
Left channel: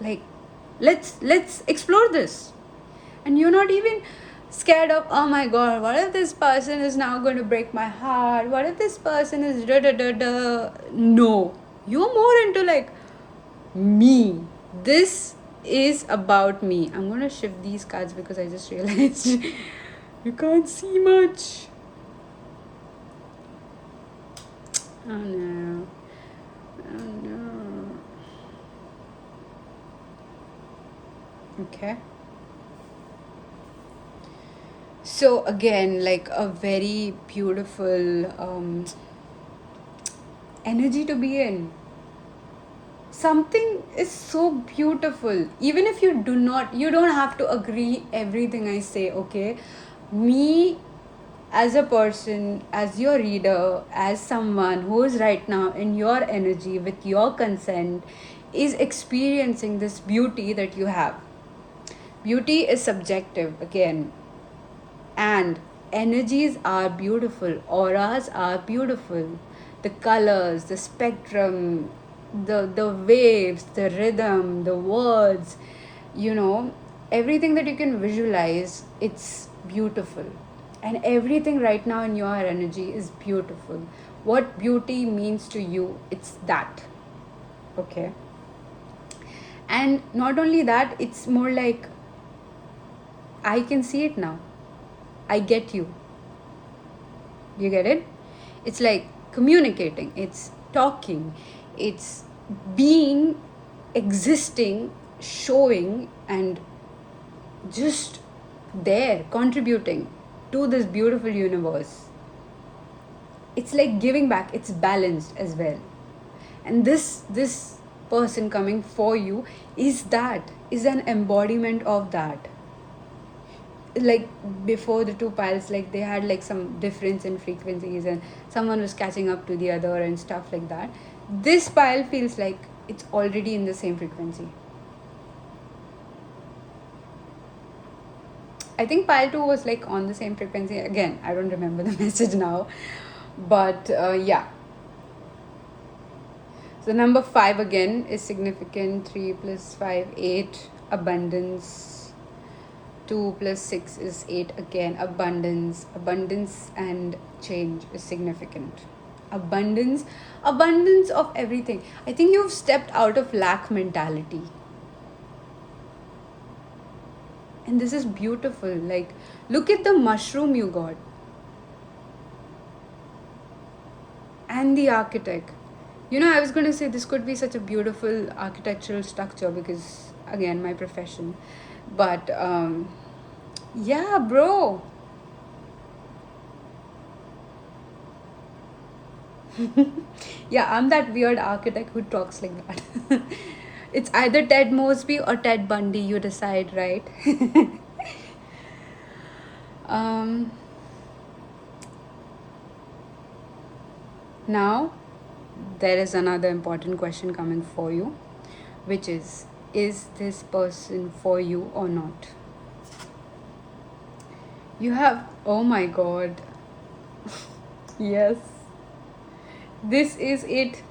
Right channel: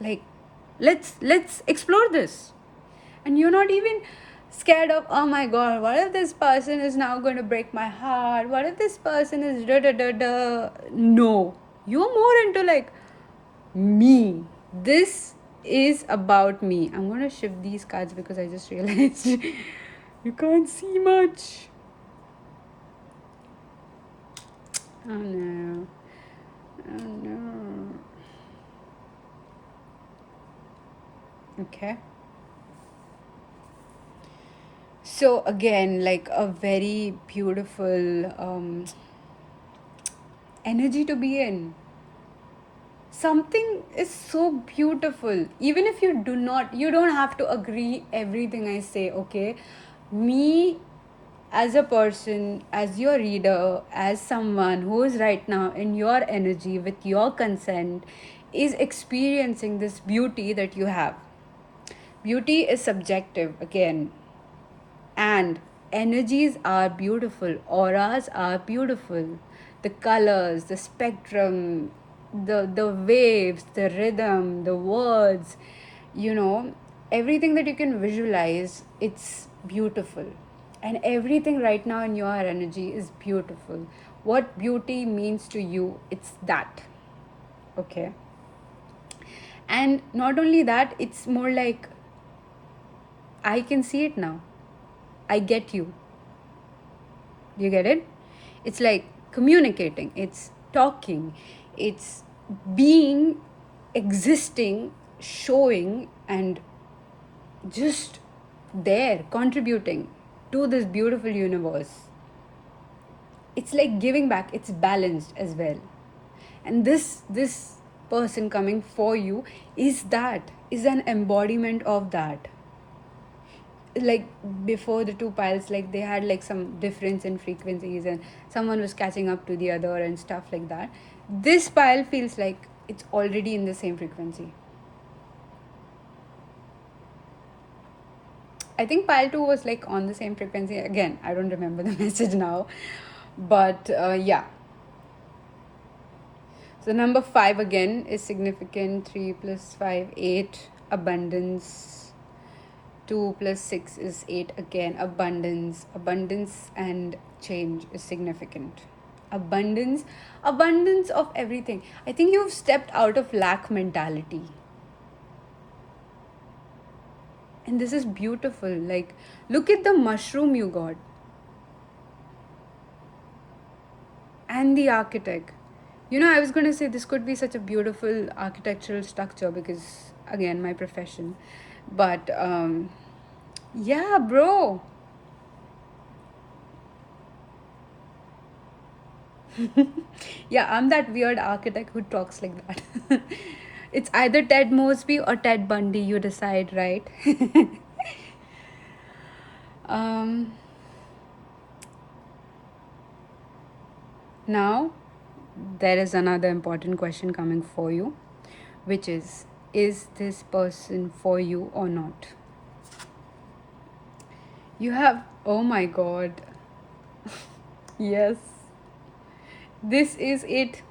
Like, let's explore this. And you're not even scared of, oh my God, what if this person is now going to break my heart? What if this person is da da da da? No, you're more into like me. This is about me. I'm going to shift these cards because I just realized you can't see much. Oh no. Oh no. Okay. So again, like a very beautiful energy to be in. Something is so beautiful. Even if you don't have to agree everything I say, okay? Me as a person, as your reader, as someone who is right now in your energy with your consent, is experiencing this beauty that you have. Beauty is subjective again, and energies are beautiful, auras are beautiful, the colors, the spectrum, the waves, the rhythm, the words, everything that you can visualize, it's beautiful. And everything right now in your energy is beautiful. What beauty means to you, it's that. Okay. And not only that, it's more like I can see it now. I get you. You get it? It's like communicating, it's talking, it's being, existing, showing, and just there, contributing to this beautiful universe. It's like giving back, it's balanced as well. And this person coming for you is an embodiment of that. Like before the two piles, like they had like some difference in frequencies and someone was catching up to the other and stuff like that. This pile feels like it's already in the same frequency. I think pile 2 was like on the same frequency again. I don't remember the message now, but yeah. So number 5 again is significant. 3 plus 5, 8. Abundance. 2 plus 6 is 8 again. Abundance and change is significant. Abundance of everything. I think you've stepped out of lack mentality. And this is beautiful. Like, look at the mushroom you got. And the architect. I was going to say this could be such a beautiful architectural structure because, again, my profession. But, yeah, bro. Yeah, I'm that weird architect who talks like that. It's either Ted Mosby or Ted Bundy, you decide, right? um, Now, there is another important question coming for you, which is this person for you or not? You have, oh my god, yes, this is it.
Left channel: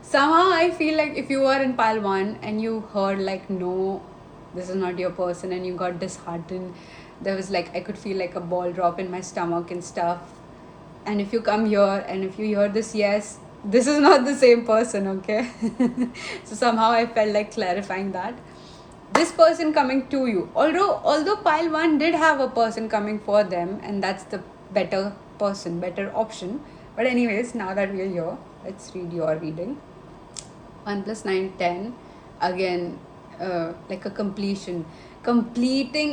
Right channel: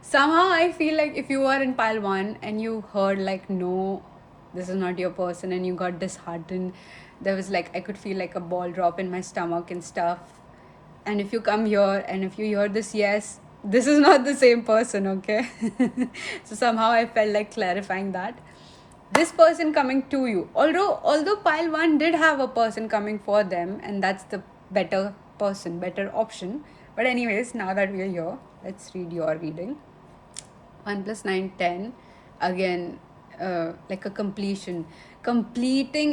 Somehow I feel like if you are in pile 1 and you heard like, no, this is not your person, and you got disheartened, there was like, I could feel like a ball drop in my stomach and stuff. And if you come here and if you hear this, yes, this is not the same person, okay? So somehow I felt like clarifying that. This person coming to you, although pile 1 did have a person coming for them, and that's the better person, better option. But anyways, now that we're here, let's read your reading. 1 plus 9, 10. Again, like a completing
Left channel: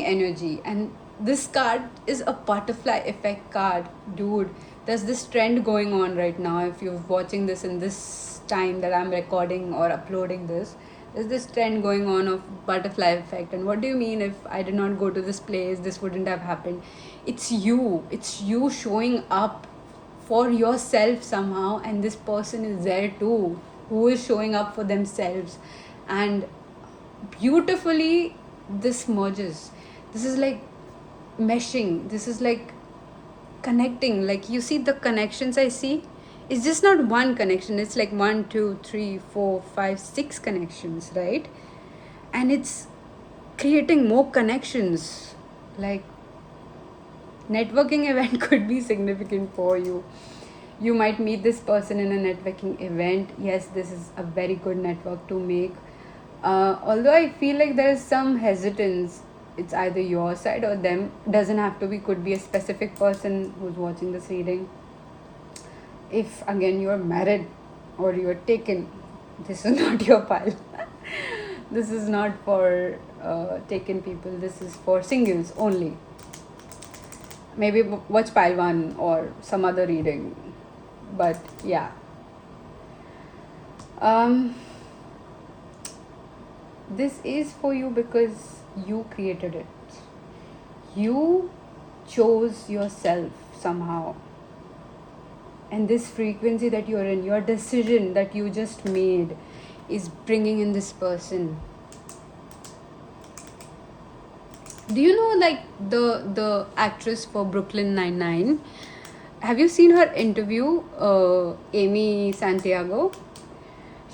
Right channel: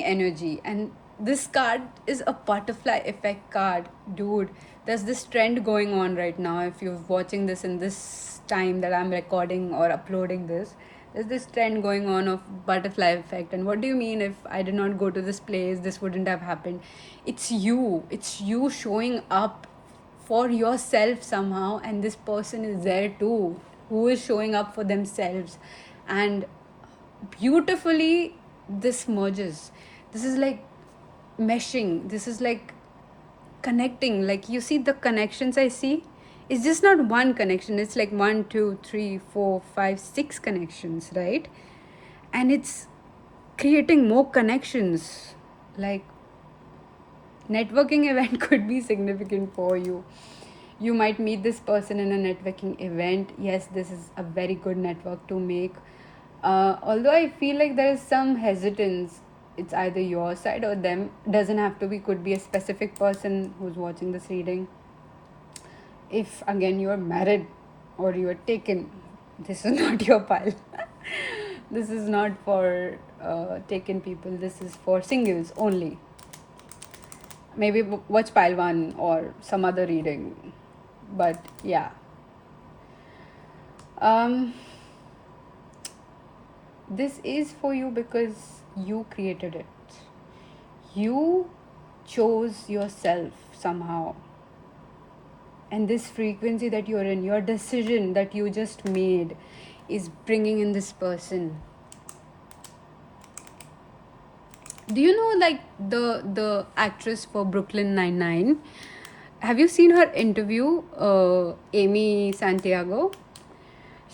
energy. And this card is a butterfly effect card. Dude, there's this trend going on right now. If you're watching this in this time that I'm recording or uploading this, there's this trend going on of butterfly effect. And what do you mean, if I did not go to this place, this wouldn't have happened? It's you showing up for yourself somehow, and this person is there too, who is showing up for themselves. And beautifully this merges. This is like meshing, this is like connecting. Like, you see the connections I see, it's just not one connection, it's like 1 2 3 4 5 6 connections, right? And it's creating more connections. Like, networking event could be significant for you. You might meet this person in a networking event. Yes, this is a very good network to make. Although I feel like there is some hesitance, it's either your side or them. Doesn't have to be, could be a specific person who's watching this reading. If again you're married or you're taken, this is not your pile. This is not for taken people, this is for singles only. Maybe watch pile 1 or some other reading. But yeah, this is for you because you created it. You chose yourself somehow. And this frequency that you're in, your decision that you just made, is bringing in this person. Do you know, like, the actress for Brooklyn Nine-Nine? Have you seen her interview, Amy Santiago?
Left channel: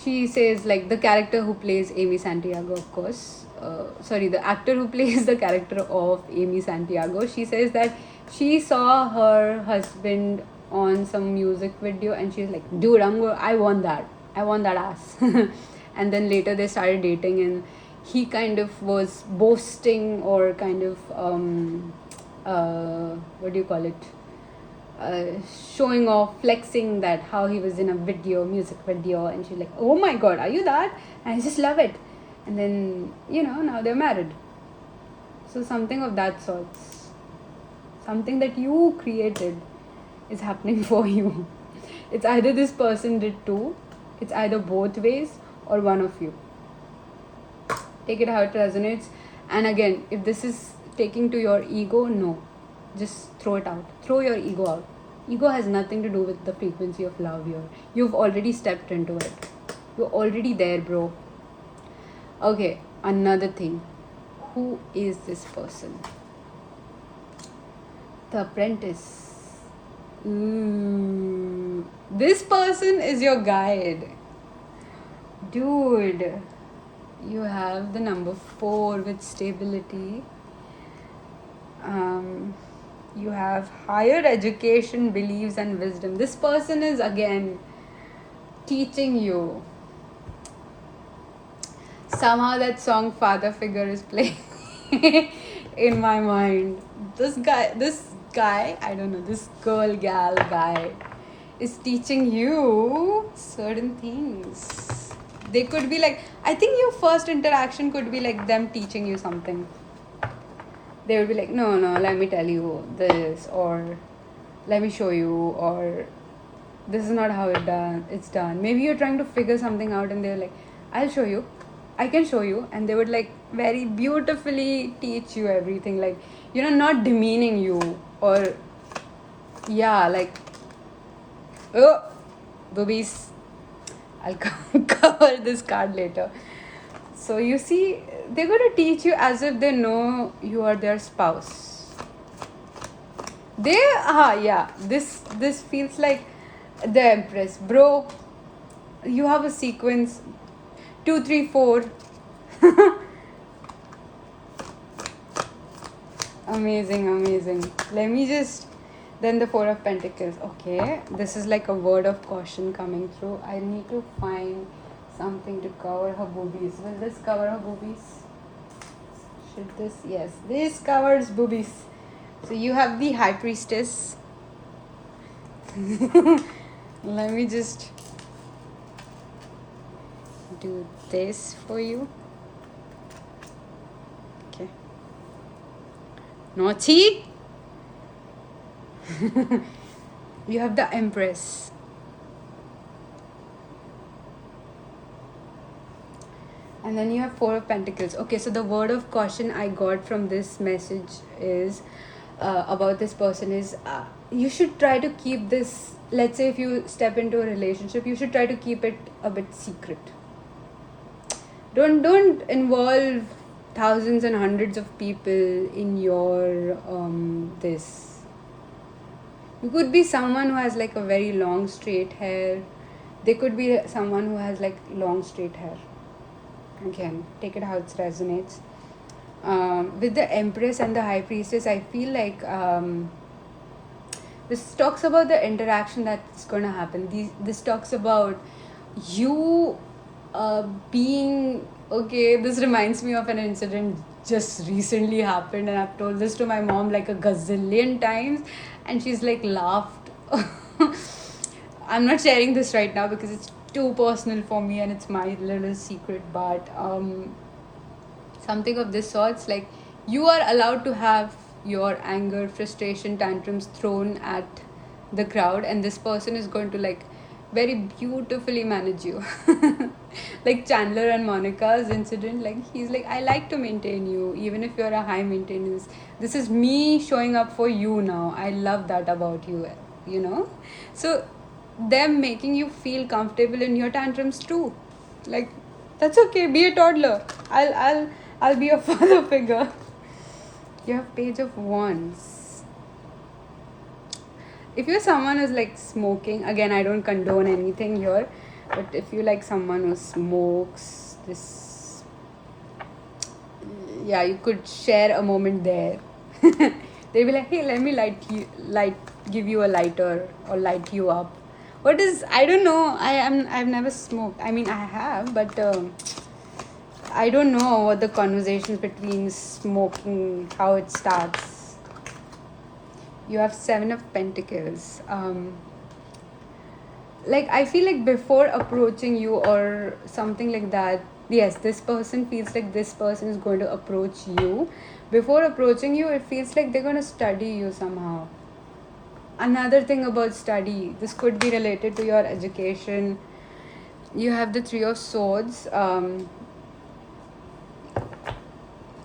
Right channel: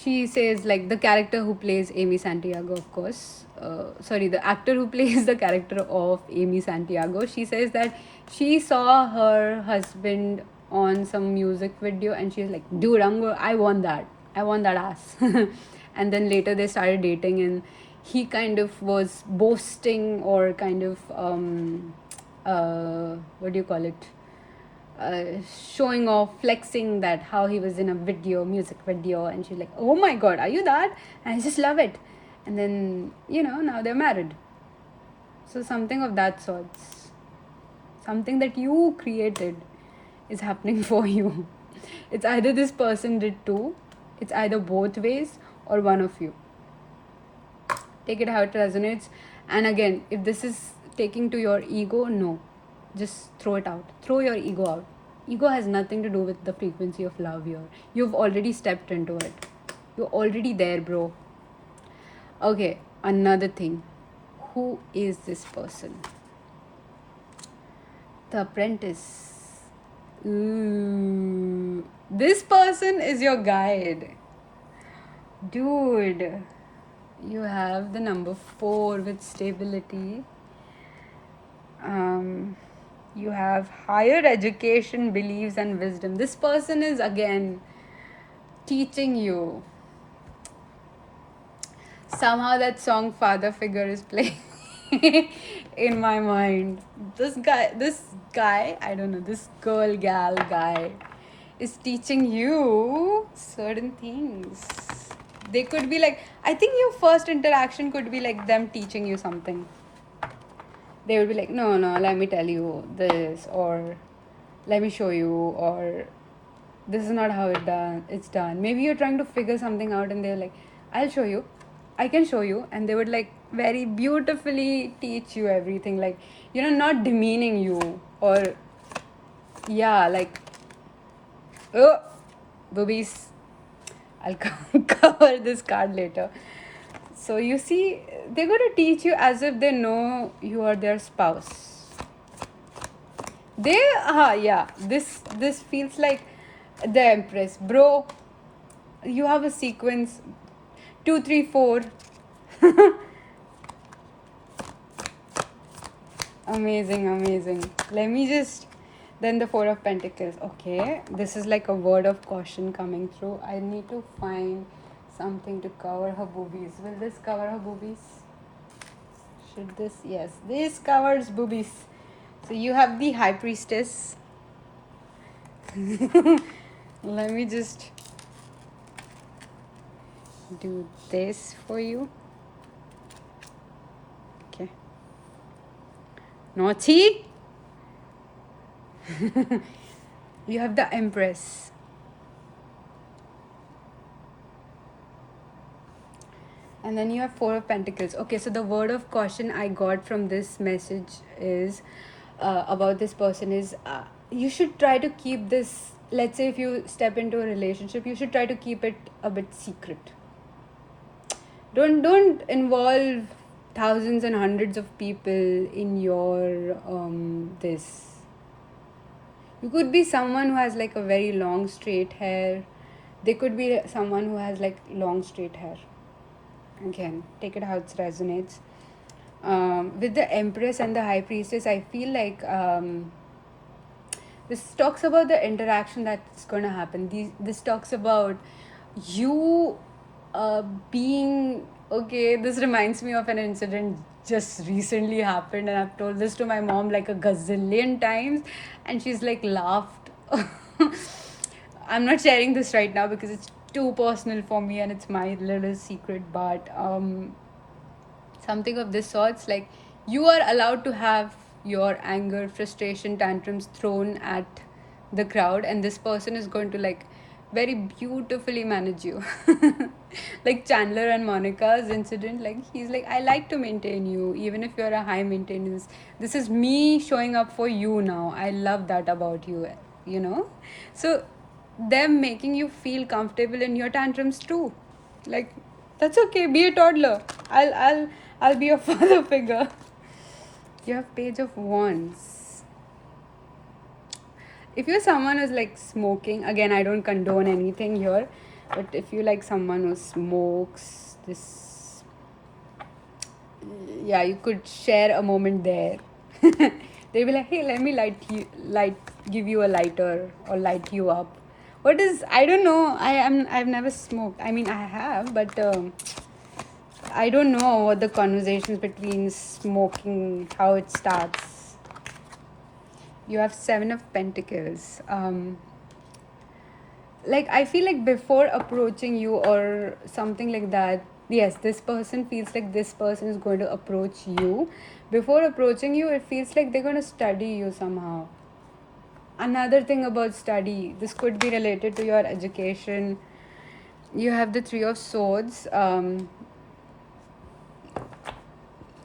She says, like, the character who plays Amy Santiago, of course. The actor who plays the character of Amy Santiago. She says that she saw her husband on some music video and she's like, dude, I want that ass. And then later they started dating, and he kind of was boasting, or kind of what do you call it, showing off, flexing that how he was in a music video, and she's like, oh my god, are you that? And I just love it. And then, now they're married. So something of that sort, something that you created is happening for you. It's either this person did too, it's either both ways, or one of you. Take it how it resonates. And again, if this is taking to your ego, no, just throw it out. Throw your ego out. Ego has nothing to do with the frequency of love here. You've already stepped into it. You're already there, bro. Okay, another thing. Who is this person? The Apprentice. This person is your guide. Dude. You have the number 4 with stability. You have higher education, beliefs, and wisdom. This person is again teaching you. Somehow that song Father Figure is playing in my mind. This guy, I don't know, this girl, gal, guy is teaching you certain things. They could be like, I think your first interaction could be like them teaching you something. They will be like, no, no, let me tell you this, or let me show you, or this is not how it's done. Maybe you're trying to figure something out and they're like, I'll show you, I can show you, and they would like very beautifully teach you everything, like, you know, not demeaning you, or yeah, like, oh, boobies, I'll cover this card later. So you see, they're going to teach you as if they know you are their spouse. Yeah, this feels like the Empress, bro. You have a sequence 2 3 4. Amazing. Let me just, then the 4 of Pentacles. Okay, this is like a word of caution coming through. I need to find something to cover her boobies. Will this cover her boobies? Should this? Yes, this covers boobies. So you have the High Priestess. Let me just do this for you. Okay. Naughty. You have the Empress. And then you have 4 of Pentacles. Okay, so the word of caution I got from this message is about this person is you should try to keep this. Let's say if you step into a relationship, you should try to keep it a bit secret. Don't involve thousands and hundreds of people in your this. You could be someone who has like a very long straight hair. They could be someone who has like long straight hair. Again, take it how it resonates. With the Empress and the High Priestess, I feel like this talks about the interaction that's going to happen. This talks about you being okay. This reminds me of an incident just recently happened, and I've told this to my mom like a gazillion times, and she's like laughed. I'm not sharing this right now because it's too personal for me and it's my little secret, but something of this sorts, like you are allowed to have your anger, frustration, tantrums thrown at the crowd, and this person is going to like very beautifully manage you. Like Chandler and Monica's incident, like he's like, I like to maintain you even if you're a high maintenance. This is me showing up for you now. I love that about you, you know. So them making you feel comfortable in your tantrums too, like that's okay, be a toddler. I'll be a father figure. You have Page of Wands. If you're someone who's like smoking, again, I don't condone anything here, but if you like someone who smokes, this, yeah, you could share a moment there. They'll be like, hey, let me give you a lighter or light you up. What is, I don't know, I've never smoked. I mean, I have, but I don't know what the conversations between smoking, how it starts. You have 7 of Pentacles. Like I feel like before approaching you or something like that, yes, this person feels like this person is going to approach you. Before approaching you, it feels like they're going to study you somehow. Another thing about study, this could be related to your education. You have the 3 of Swords.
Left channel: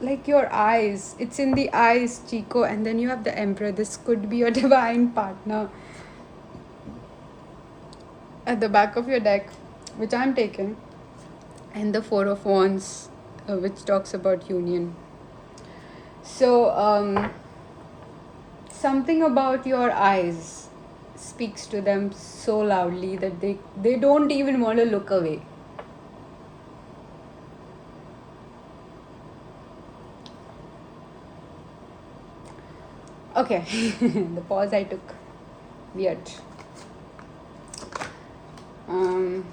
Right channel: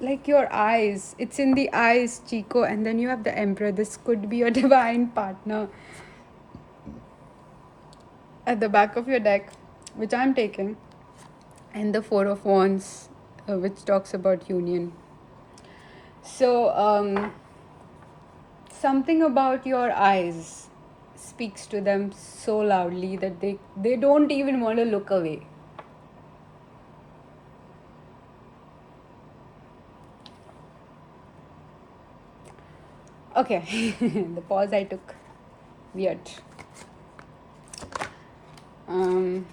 Like your eyes, it's in the eyes, Chico, and then you have the Emperor. This could be your divine partner. At the back of your deck, which I'm taking, and the 4 of Wands, which talks about union. So something about your eyes speaks to them so loudly that they don't even want to look away. Okay, the pause I took. Weird. Um,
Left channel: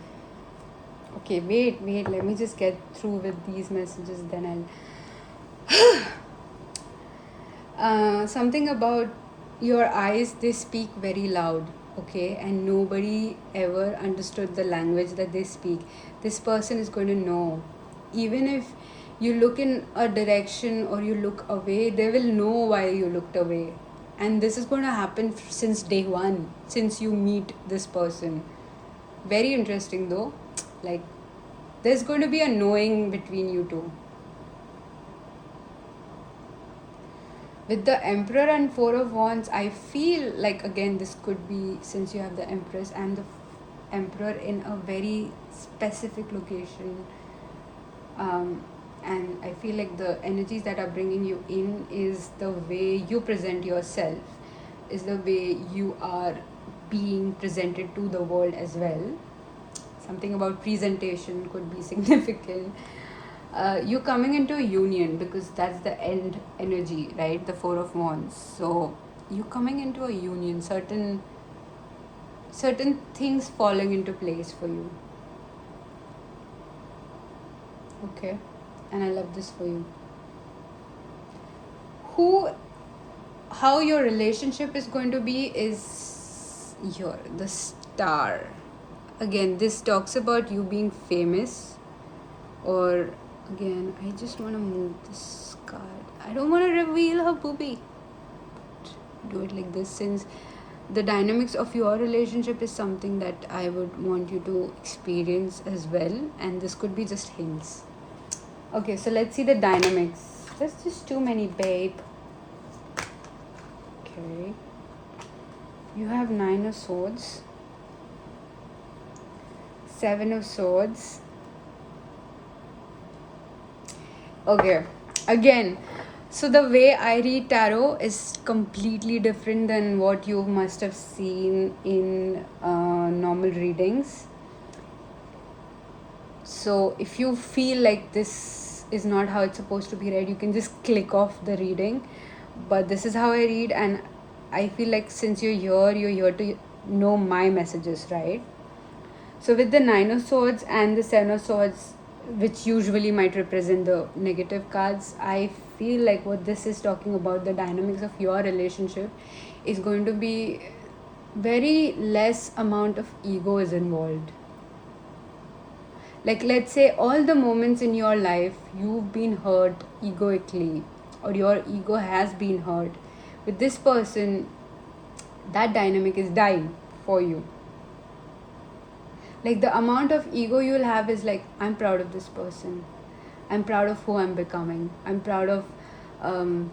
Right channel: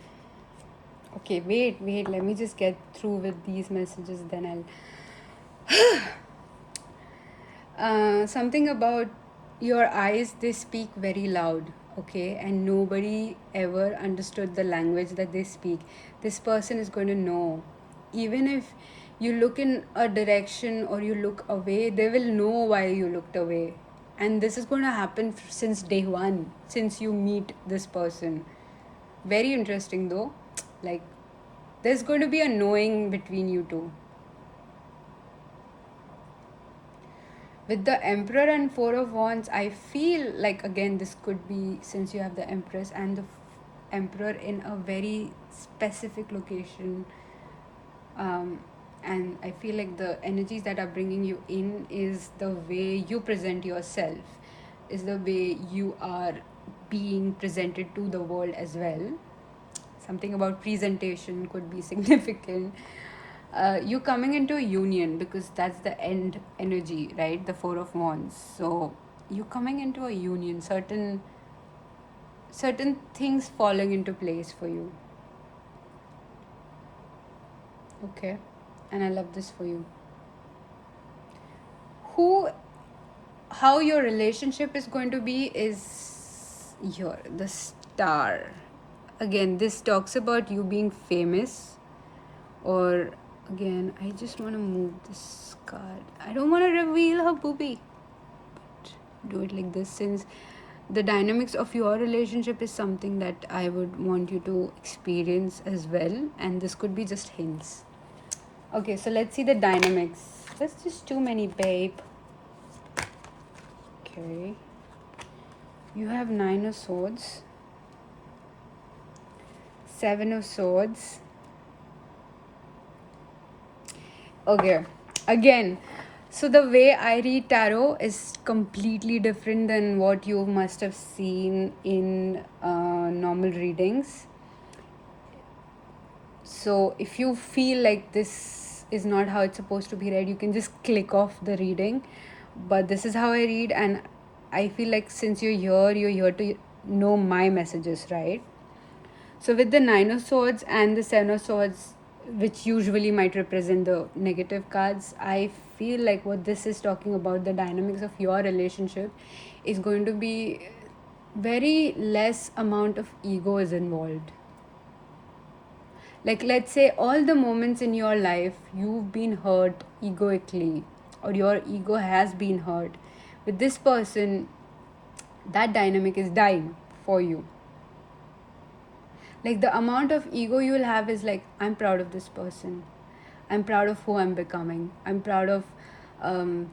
okay, wait. Let me just get through with these messages, then something about your eyes, they speak very loud, okay, and nobody ever understood the language that they speak. This person is going to know. Even if you look in a direction or you look away, they will know why you looked away. And this is going to happen since day one, since you meet this person. Very interesting though. Like, there's going to be a knowing between you two. With the Emperor and Four of Wands, I feel like, again, this could be, since you have the Empress and the Emperor in a very specific location. And I feel like the energies that are bringing you in is the way you present yourself, is the way you are being presented to the world as well. Something about presentation could be significant. You're coming into a union, because that's the end energy, right? The Four of Wands. So you're coming into a union, certain things falling into place for you. Okay, and I love this for you. How your relationship is going to be is here, the Star. Again, this talks about you being famous, or again, I just want to move this card. I don't want to reveal her boobie. Do it like this, since the dynamics of your relationship is something that I would want you to experience as well, and this could be just hints. Okay, so let's see the dynamics. There's just too many, babe. Okay. You have 9 of Swords, 7 of Swords. Okay, again, so the way I read tarot is completely different than what you must have seen in normal readings. So if you feel like this is not how it's supposed to be read, you can just click off the reading. But this is how I read, and I feel like since you're here to know my messages, right? So with the 9 of Swords and the 7 of Swords, which usually might represent the negative cards, I feel like what this is talking about, the dynamics of your relationship, is going to be very less amount of ego is involved. Like, let's say all the moments in your life you've been hurt egoically, or your ego has been hurt. With this person, that dynamic is dying for you. Like, the amount of ego you will have is like, I'm proud of this person, I'm proud of who I'm becoming, I'm proud of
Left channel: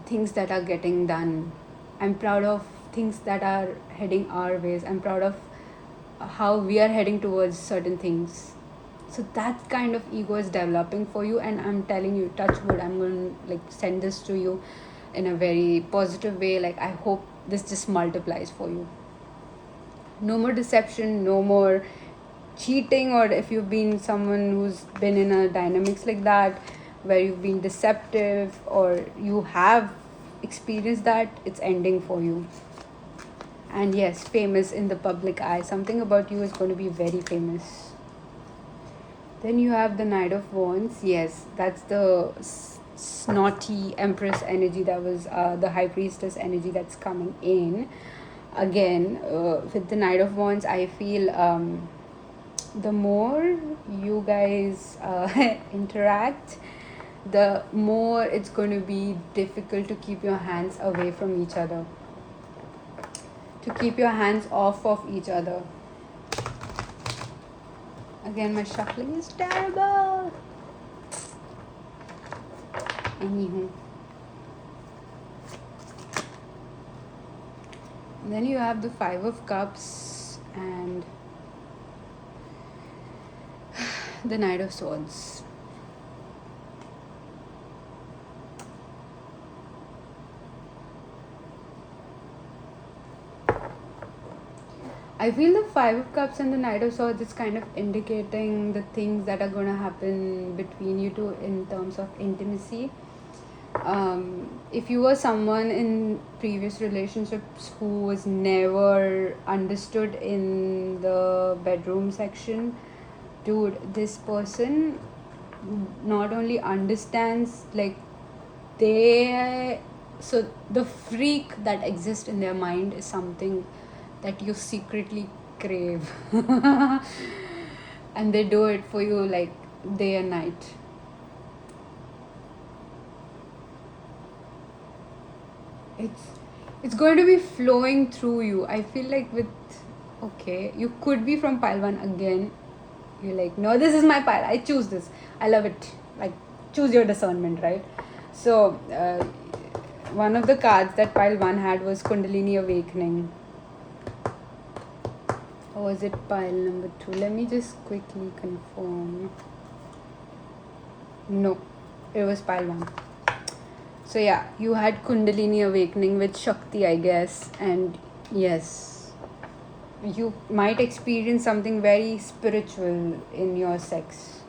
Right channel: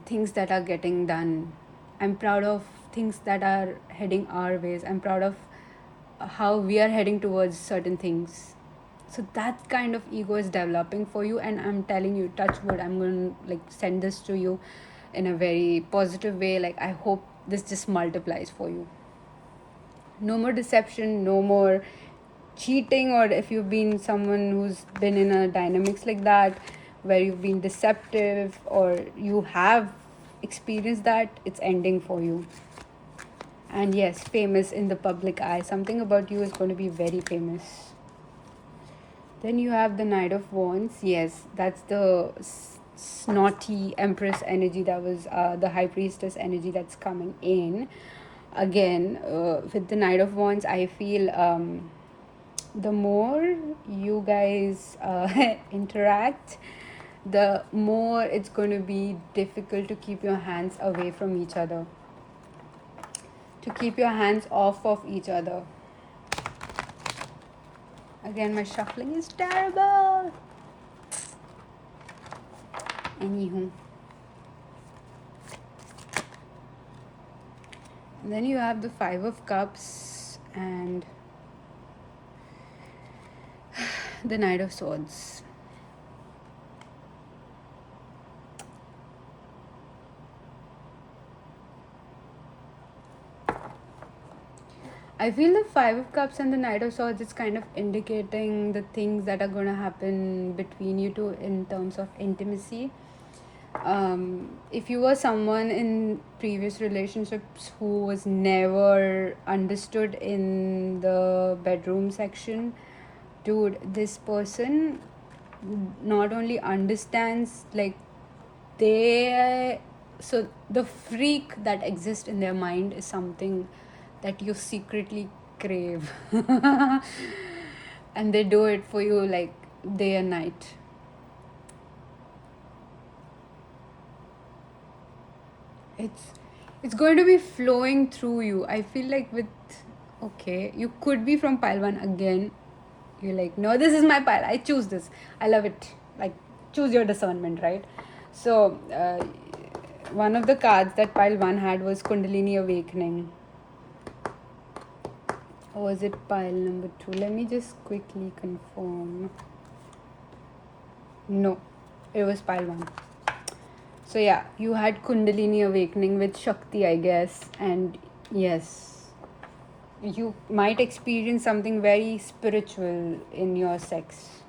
things that are getting done, I'm proud of things that are heading our ways, I'm proud of how we are heading towards certain things. So that kind of ego is developing for you, and I'm telling you, touch wood, I'm going to like send this to you in a very positive way. Like, I hope this just multiplies for you. No more deception, no more cheating, or if you've been someone who's been in a dynamics like that where you've been deceptive, or you have experienced that, it's ending for you. And yes, famous in the public eye, something about you is going to be very famous. Then you have the Knight of Wands. Yes, that's the snotty Empress energy, that was the High Priestess energy that's coming in. Again, with the Knight of Wands, I feel the more you guys interact, the more it's going to be difficult to keep your hands away from each other, to keep your hands off of each other. Again, my shuffling is terrible. Anywho. And then you have the Five of Cups and the Knight of Swords. I feel the Five of Cups and the Knight of Swords is kind of indicating the things that are going to happen between you two in terms of intimacy. If you were someone in previous relationships who was never understood in the bedroom section, dude, this person not only understands, like, they so the freak that exists in their mind is something that you secretly crave. And they do it for you like day and night. It's going to be flowing through you. I feel like with, okay, you could be from pile one again. You're like, no, this is my pile. I choose this. I love it. Like, choose your discernment, right? So, one of the cards that pile one had was Kundalini Awakening. Or was it pile number 2? Let me just quickly confirm. No, it was pile 1. So yeah, you had Kundalini Awakening with Shakti, I guess. And yes, you might experience something very spiritual in your sex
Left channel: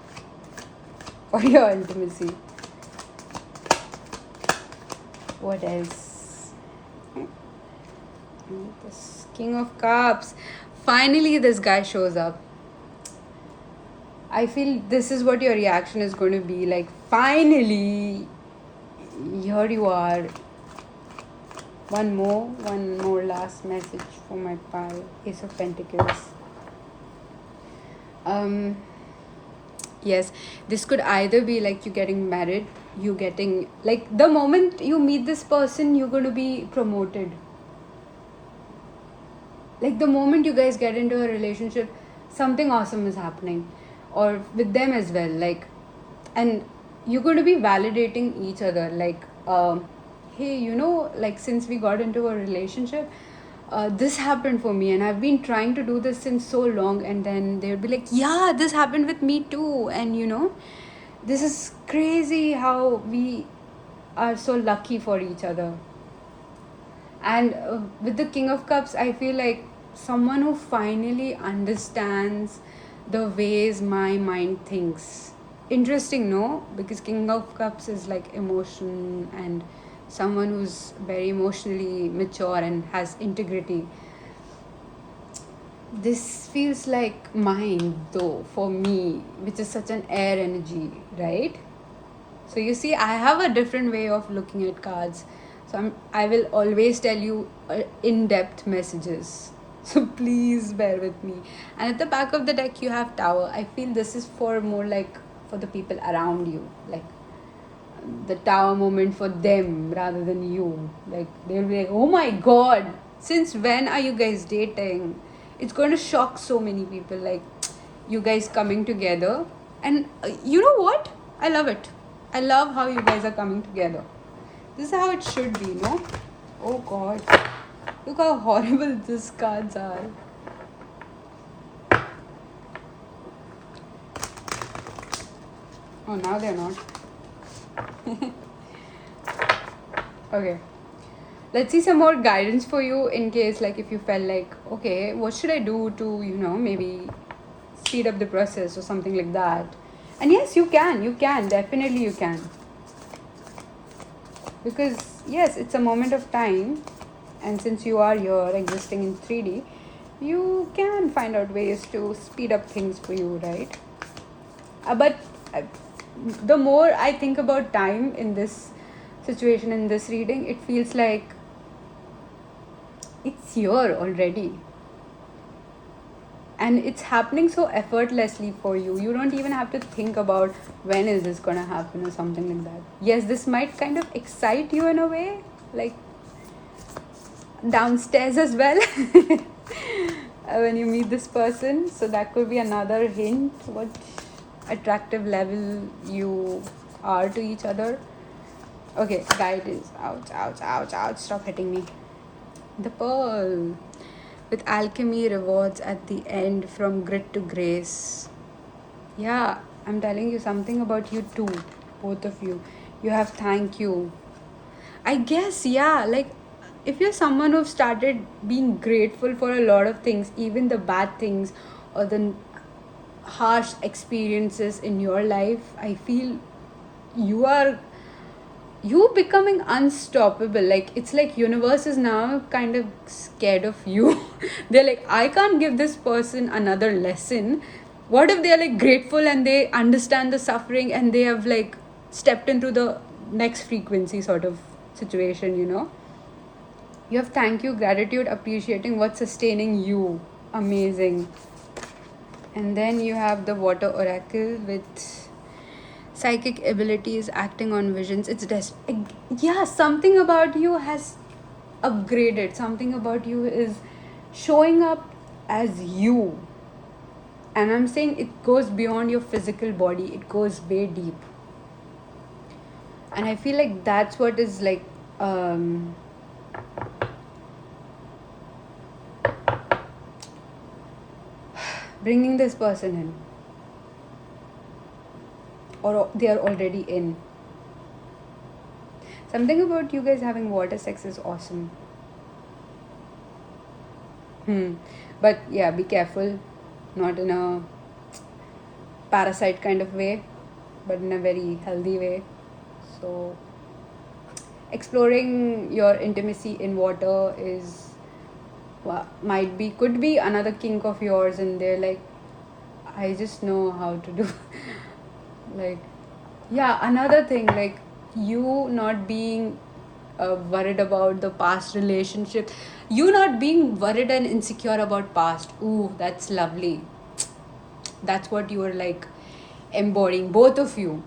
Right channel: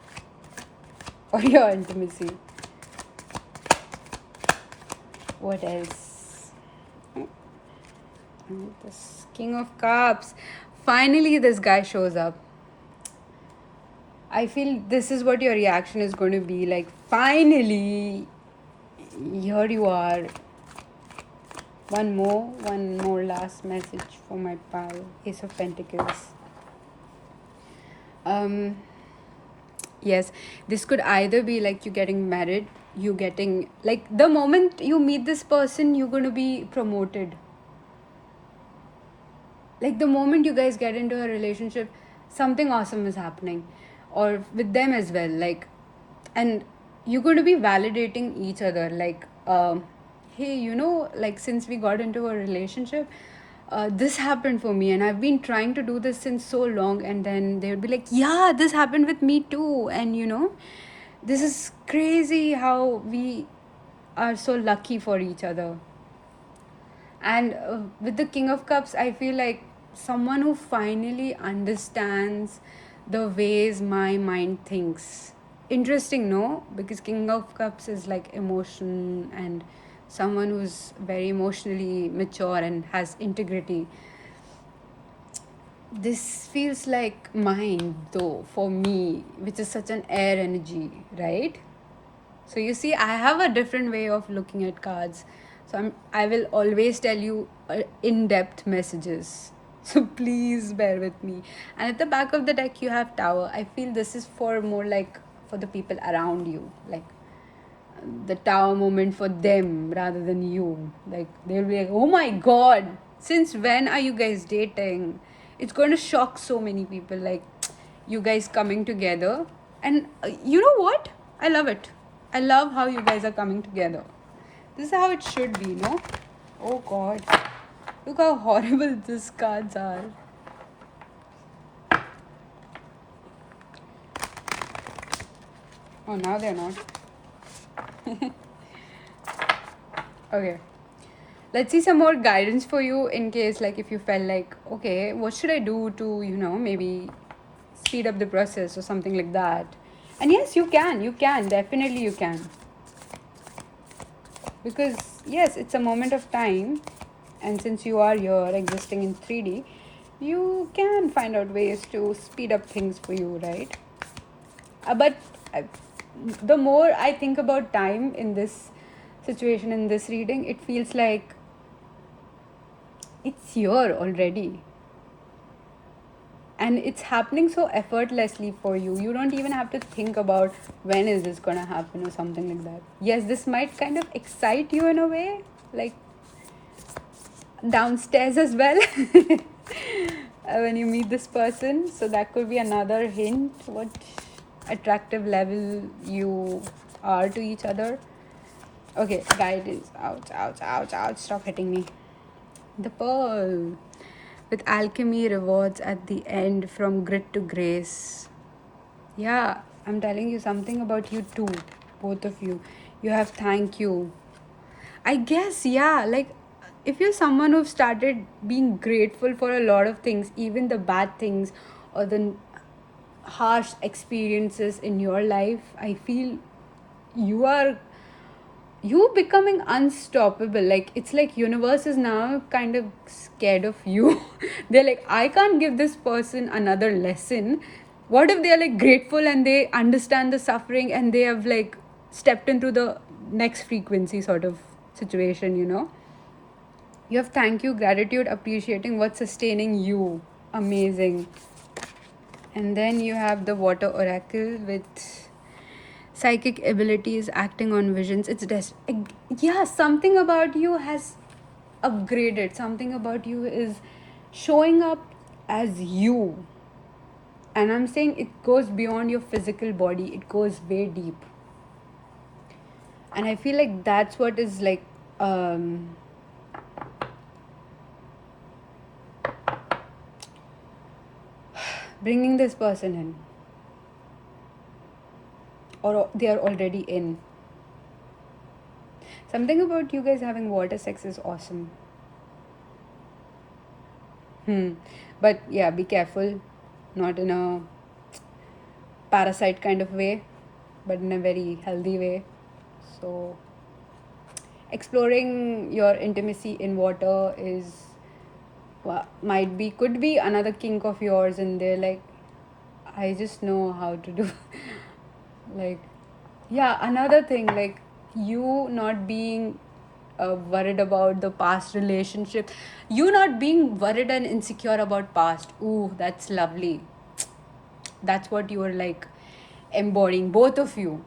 or your intimacy. What else? This King of Cups. Finally, this guy shows up. I feel this is what your reaction is going to be. Like, finally, here you are. One more last message for my pal. Ace of Pentacles. Yes, this could either be like you getting married, you getting, like, the moment you meet this person, you're going to be promoted. Like, the moment you guys get into a relationship, something awesome is happening, or with them as well. Like, and you're going to be validating each other. Like, hey, you know, like, since we got into a relationship, this happened for me, and I've been trying to do this since so long. And then they'll be like, yeah, this happened with me too. And you know, this is crazy how we are so lucky for each other. And with the King of Cups, I feel like someone who finally understands the ways my mind thinks. Interesting, no? Because King of Cups is like emotion, and someone who's very emotionally mature and has integrity. This feels like mine, though, for me, which is such an air energy, right? So you see, I have a different way of looking at cards. So I will always tell you in-depth messages. So please bear with me. And at the back of the deck, you have Tower. I feel this is for more like for the people around you. Like, the Tower moment for them rather than you. Like, they'll be like, oh my god, since when are you guys dating? It's going to shock so many people. Like, you guys coming together. And you know what? I love it. I love how you guys are coming together. This is how it should be, no? Oh god. Look how horrible these cards are. Oh, now they're not. Okay. Let's see some more guidance for you in case, like, if you felt like, okay, what should I do to, you know, maybe speed up the process or something like that. And yes, you can, definitely you can. Because yes, it's a moment of time, and since you are here existing in 3D, you can find out ways to speed up things for you, right? But the more I think about time in this situation, in this reading, it feels like it's here already. And it's happening so effortlessly for you. You don't even have to think about when is this gonna happen or something like that. Yes, this might kind of excite you in a way, like downstairs as well, when you meet this person. So that could be another hint what attractive level you are to each other. Okay, guidance. Ouch, stop hitting me. The Pearl. With alchemy rewards at the end, from grit to grace. Yeah, I'm telling you something about you too, both of you. You have thank you. I guess, yeah, like, if you're someone who started being grateful for a lot of things, even the bad things or the harsh experiences in your life, I feel you are you becoming unstoppable. Like, it's like universe is now kind of scared of you. They're like, I can't give this person another lesson. What if they're like grateful and they understand the suffering and they have like stepped into the next frequency sort of situation. You have thank you, gratitude, appreciating what's sustaining you. Amazing. And then you have the water oracle with psychic abilities, acting on visions. Yeah, something about you has upgraded. Something about you is showing up as you. And I'm saying it goes beyond your physical body, it goes way deep. And I feel like that's what is like um bringing this person in, or they are already in. Something about you guys having water sex is awesome. But yeah, be careful, not in a parasite kind of way, but in a very healthy way. So exploring your intimacy in water is could be another kink of yours, and they're like, I just know how to do. Like, yeah, another thing, like you not being worried about the past relationship, you not being worried and insecure about past. Ooh, that's lovely. That's what you are like embodying, both of you.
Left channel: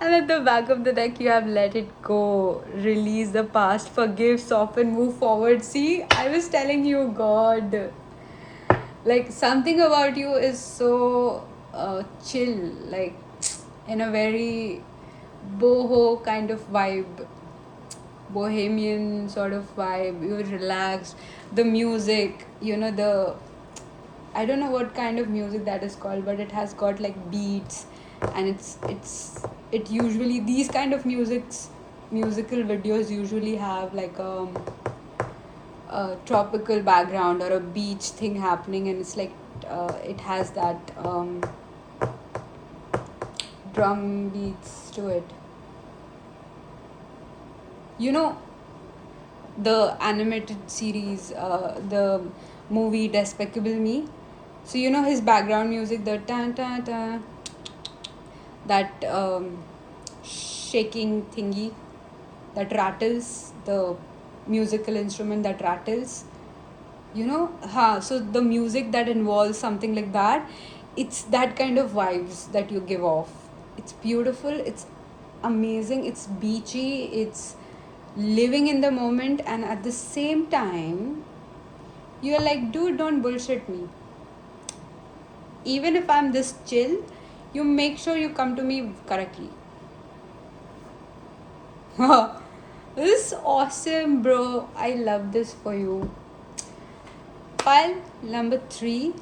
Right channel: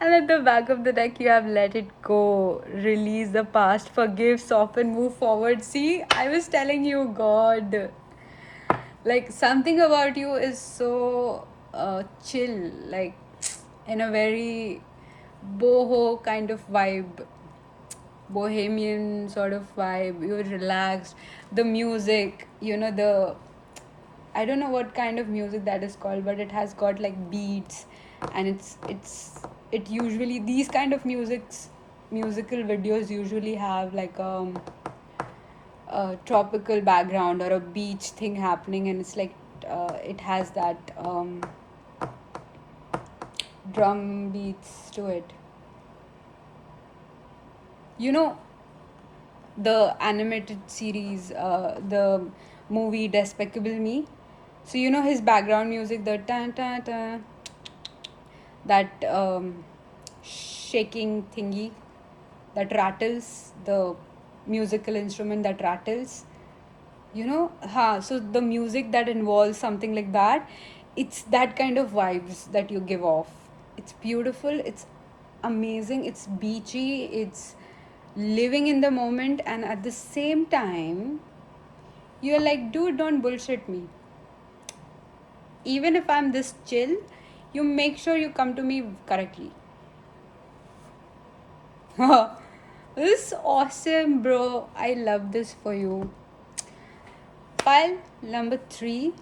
And at the back of the deck, you have let it go, release the past, forgive, soften, move forward. See, I was telling you, God, like something about you is so chill, like in a very boho kind of vibe, bohemian sort of vibe. You're relaxed. The music, the I don't know what kind of music that is called, but it has got like beats, and it usually these kind of musical videos usually have like a tropical background or a beach thing happening, and it's like it has that drum beats to it. You know the animated series, the movie Despicable Me. So his background music, the ta ta ta, that shaking thingy that rattles, the musical instrument that rattles. So the music that involves something like that, it's that kind of vibes that you give off. It's beautiful, it's amazing, it's beachy, it's living in the moment, and at the same time you're like, dude, don't bullshit me. Even if I'm this chill, you make sure you come to me correctly. This is awesome, bro. I love this for you. Pile number 3,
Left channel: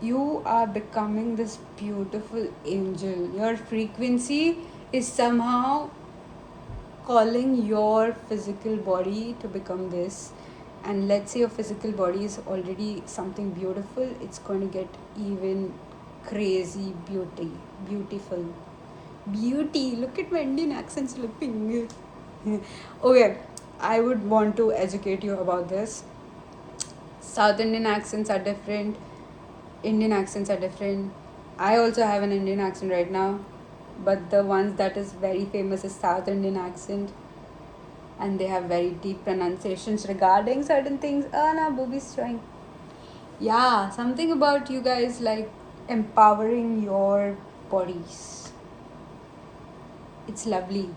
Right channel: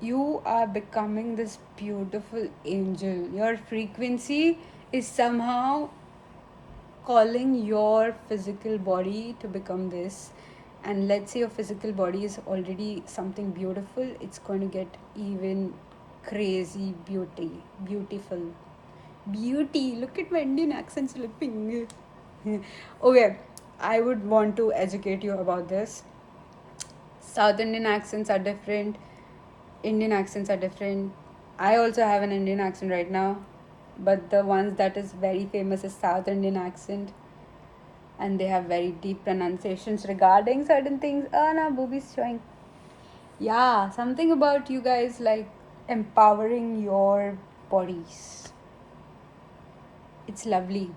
you are becoming this beautiful angel. Your frequency is somehow calling your physical body to become this. And let's say your physical body is already something beautiful, it's going to get even crazy beautiful. Beauty. Look at my Indian accent slipping. Okay, I would want to educate you about this. South Indian accents are different, Indian accents are different. I also have an Indian accent right now, but the ones that is very famous is South Indian accent, and they have very deep pronunciations regarding certain things. Oh no, boobies showing. Yeah, something about you guys like empowering your bodies. It's lovely.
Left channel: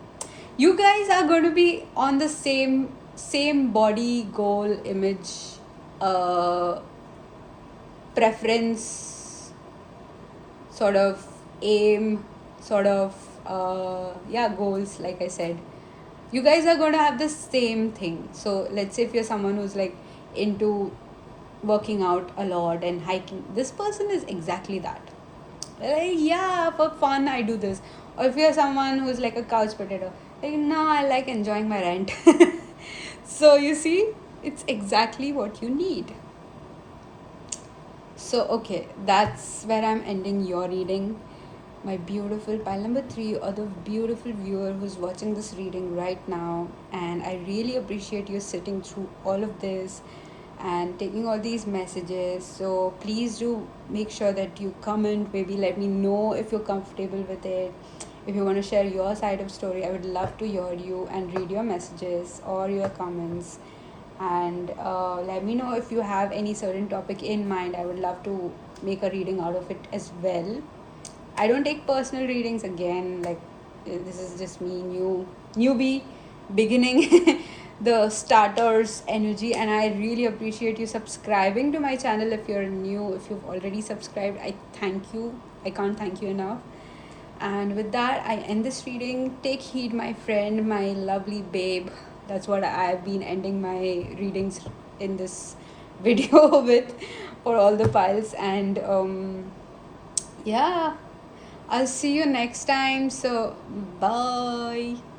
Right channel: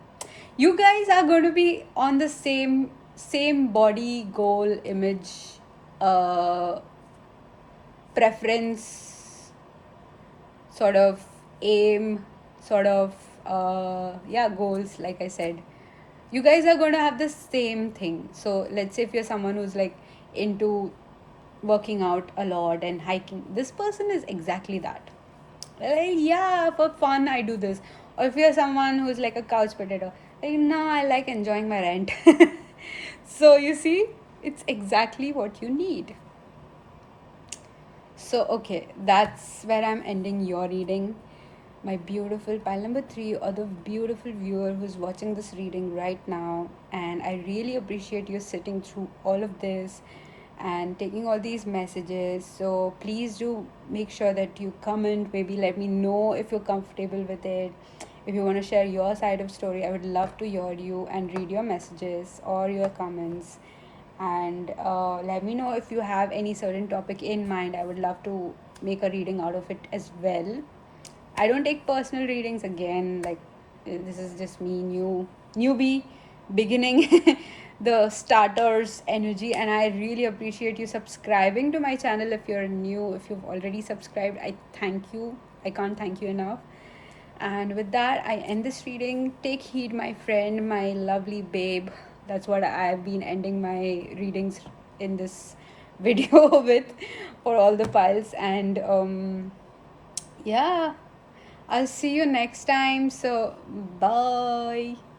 You guys are going to be on the same body goal image uh preference sort of aim sort of goals. Like I said, you guys are going to have the same thing. So let's say if you're someone who's like into working out a lot and hiking, this person is exactly that. Yeah, for fun I do this. Or if you're someone who's like a couch potato, like, no, I like enjoying my rent. So you see, it's exactly what you need. So okay, that's where I'm ending your reading. my beautiful pile number 3, or the beautiful viewer who's watching this reading right now. And I really appreciate you sitting through all of this and taking all these messages. So please do make sure that you comment, maybe let me know if you're comfortable with it. If you want to share your side of story, I would love to hear you and read your messages or your comments. And let me know if you have any certain topic in mind. I would love to make a reading out of it as well. I don't take personal readings again. Like, this is just me, newbie, beginning the starters energy. And I really appreciate you subscribing to my channel. If you're new, if you've already subscribed, I thank you. I can't thank you enough. And with that, I end this reading. Take heed, my friend, my lovely babe. That's what I've been ending my readings in this video with, for all the piles. And yeah, I'll see you next time. So, bye.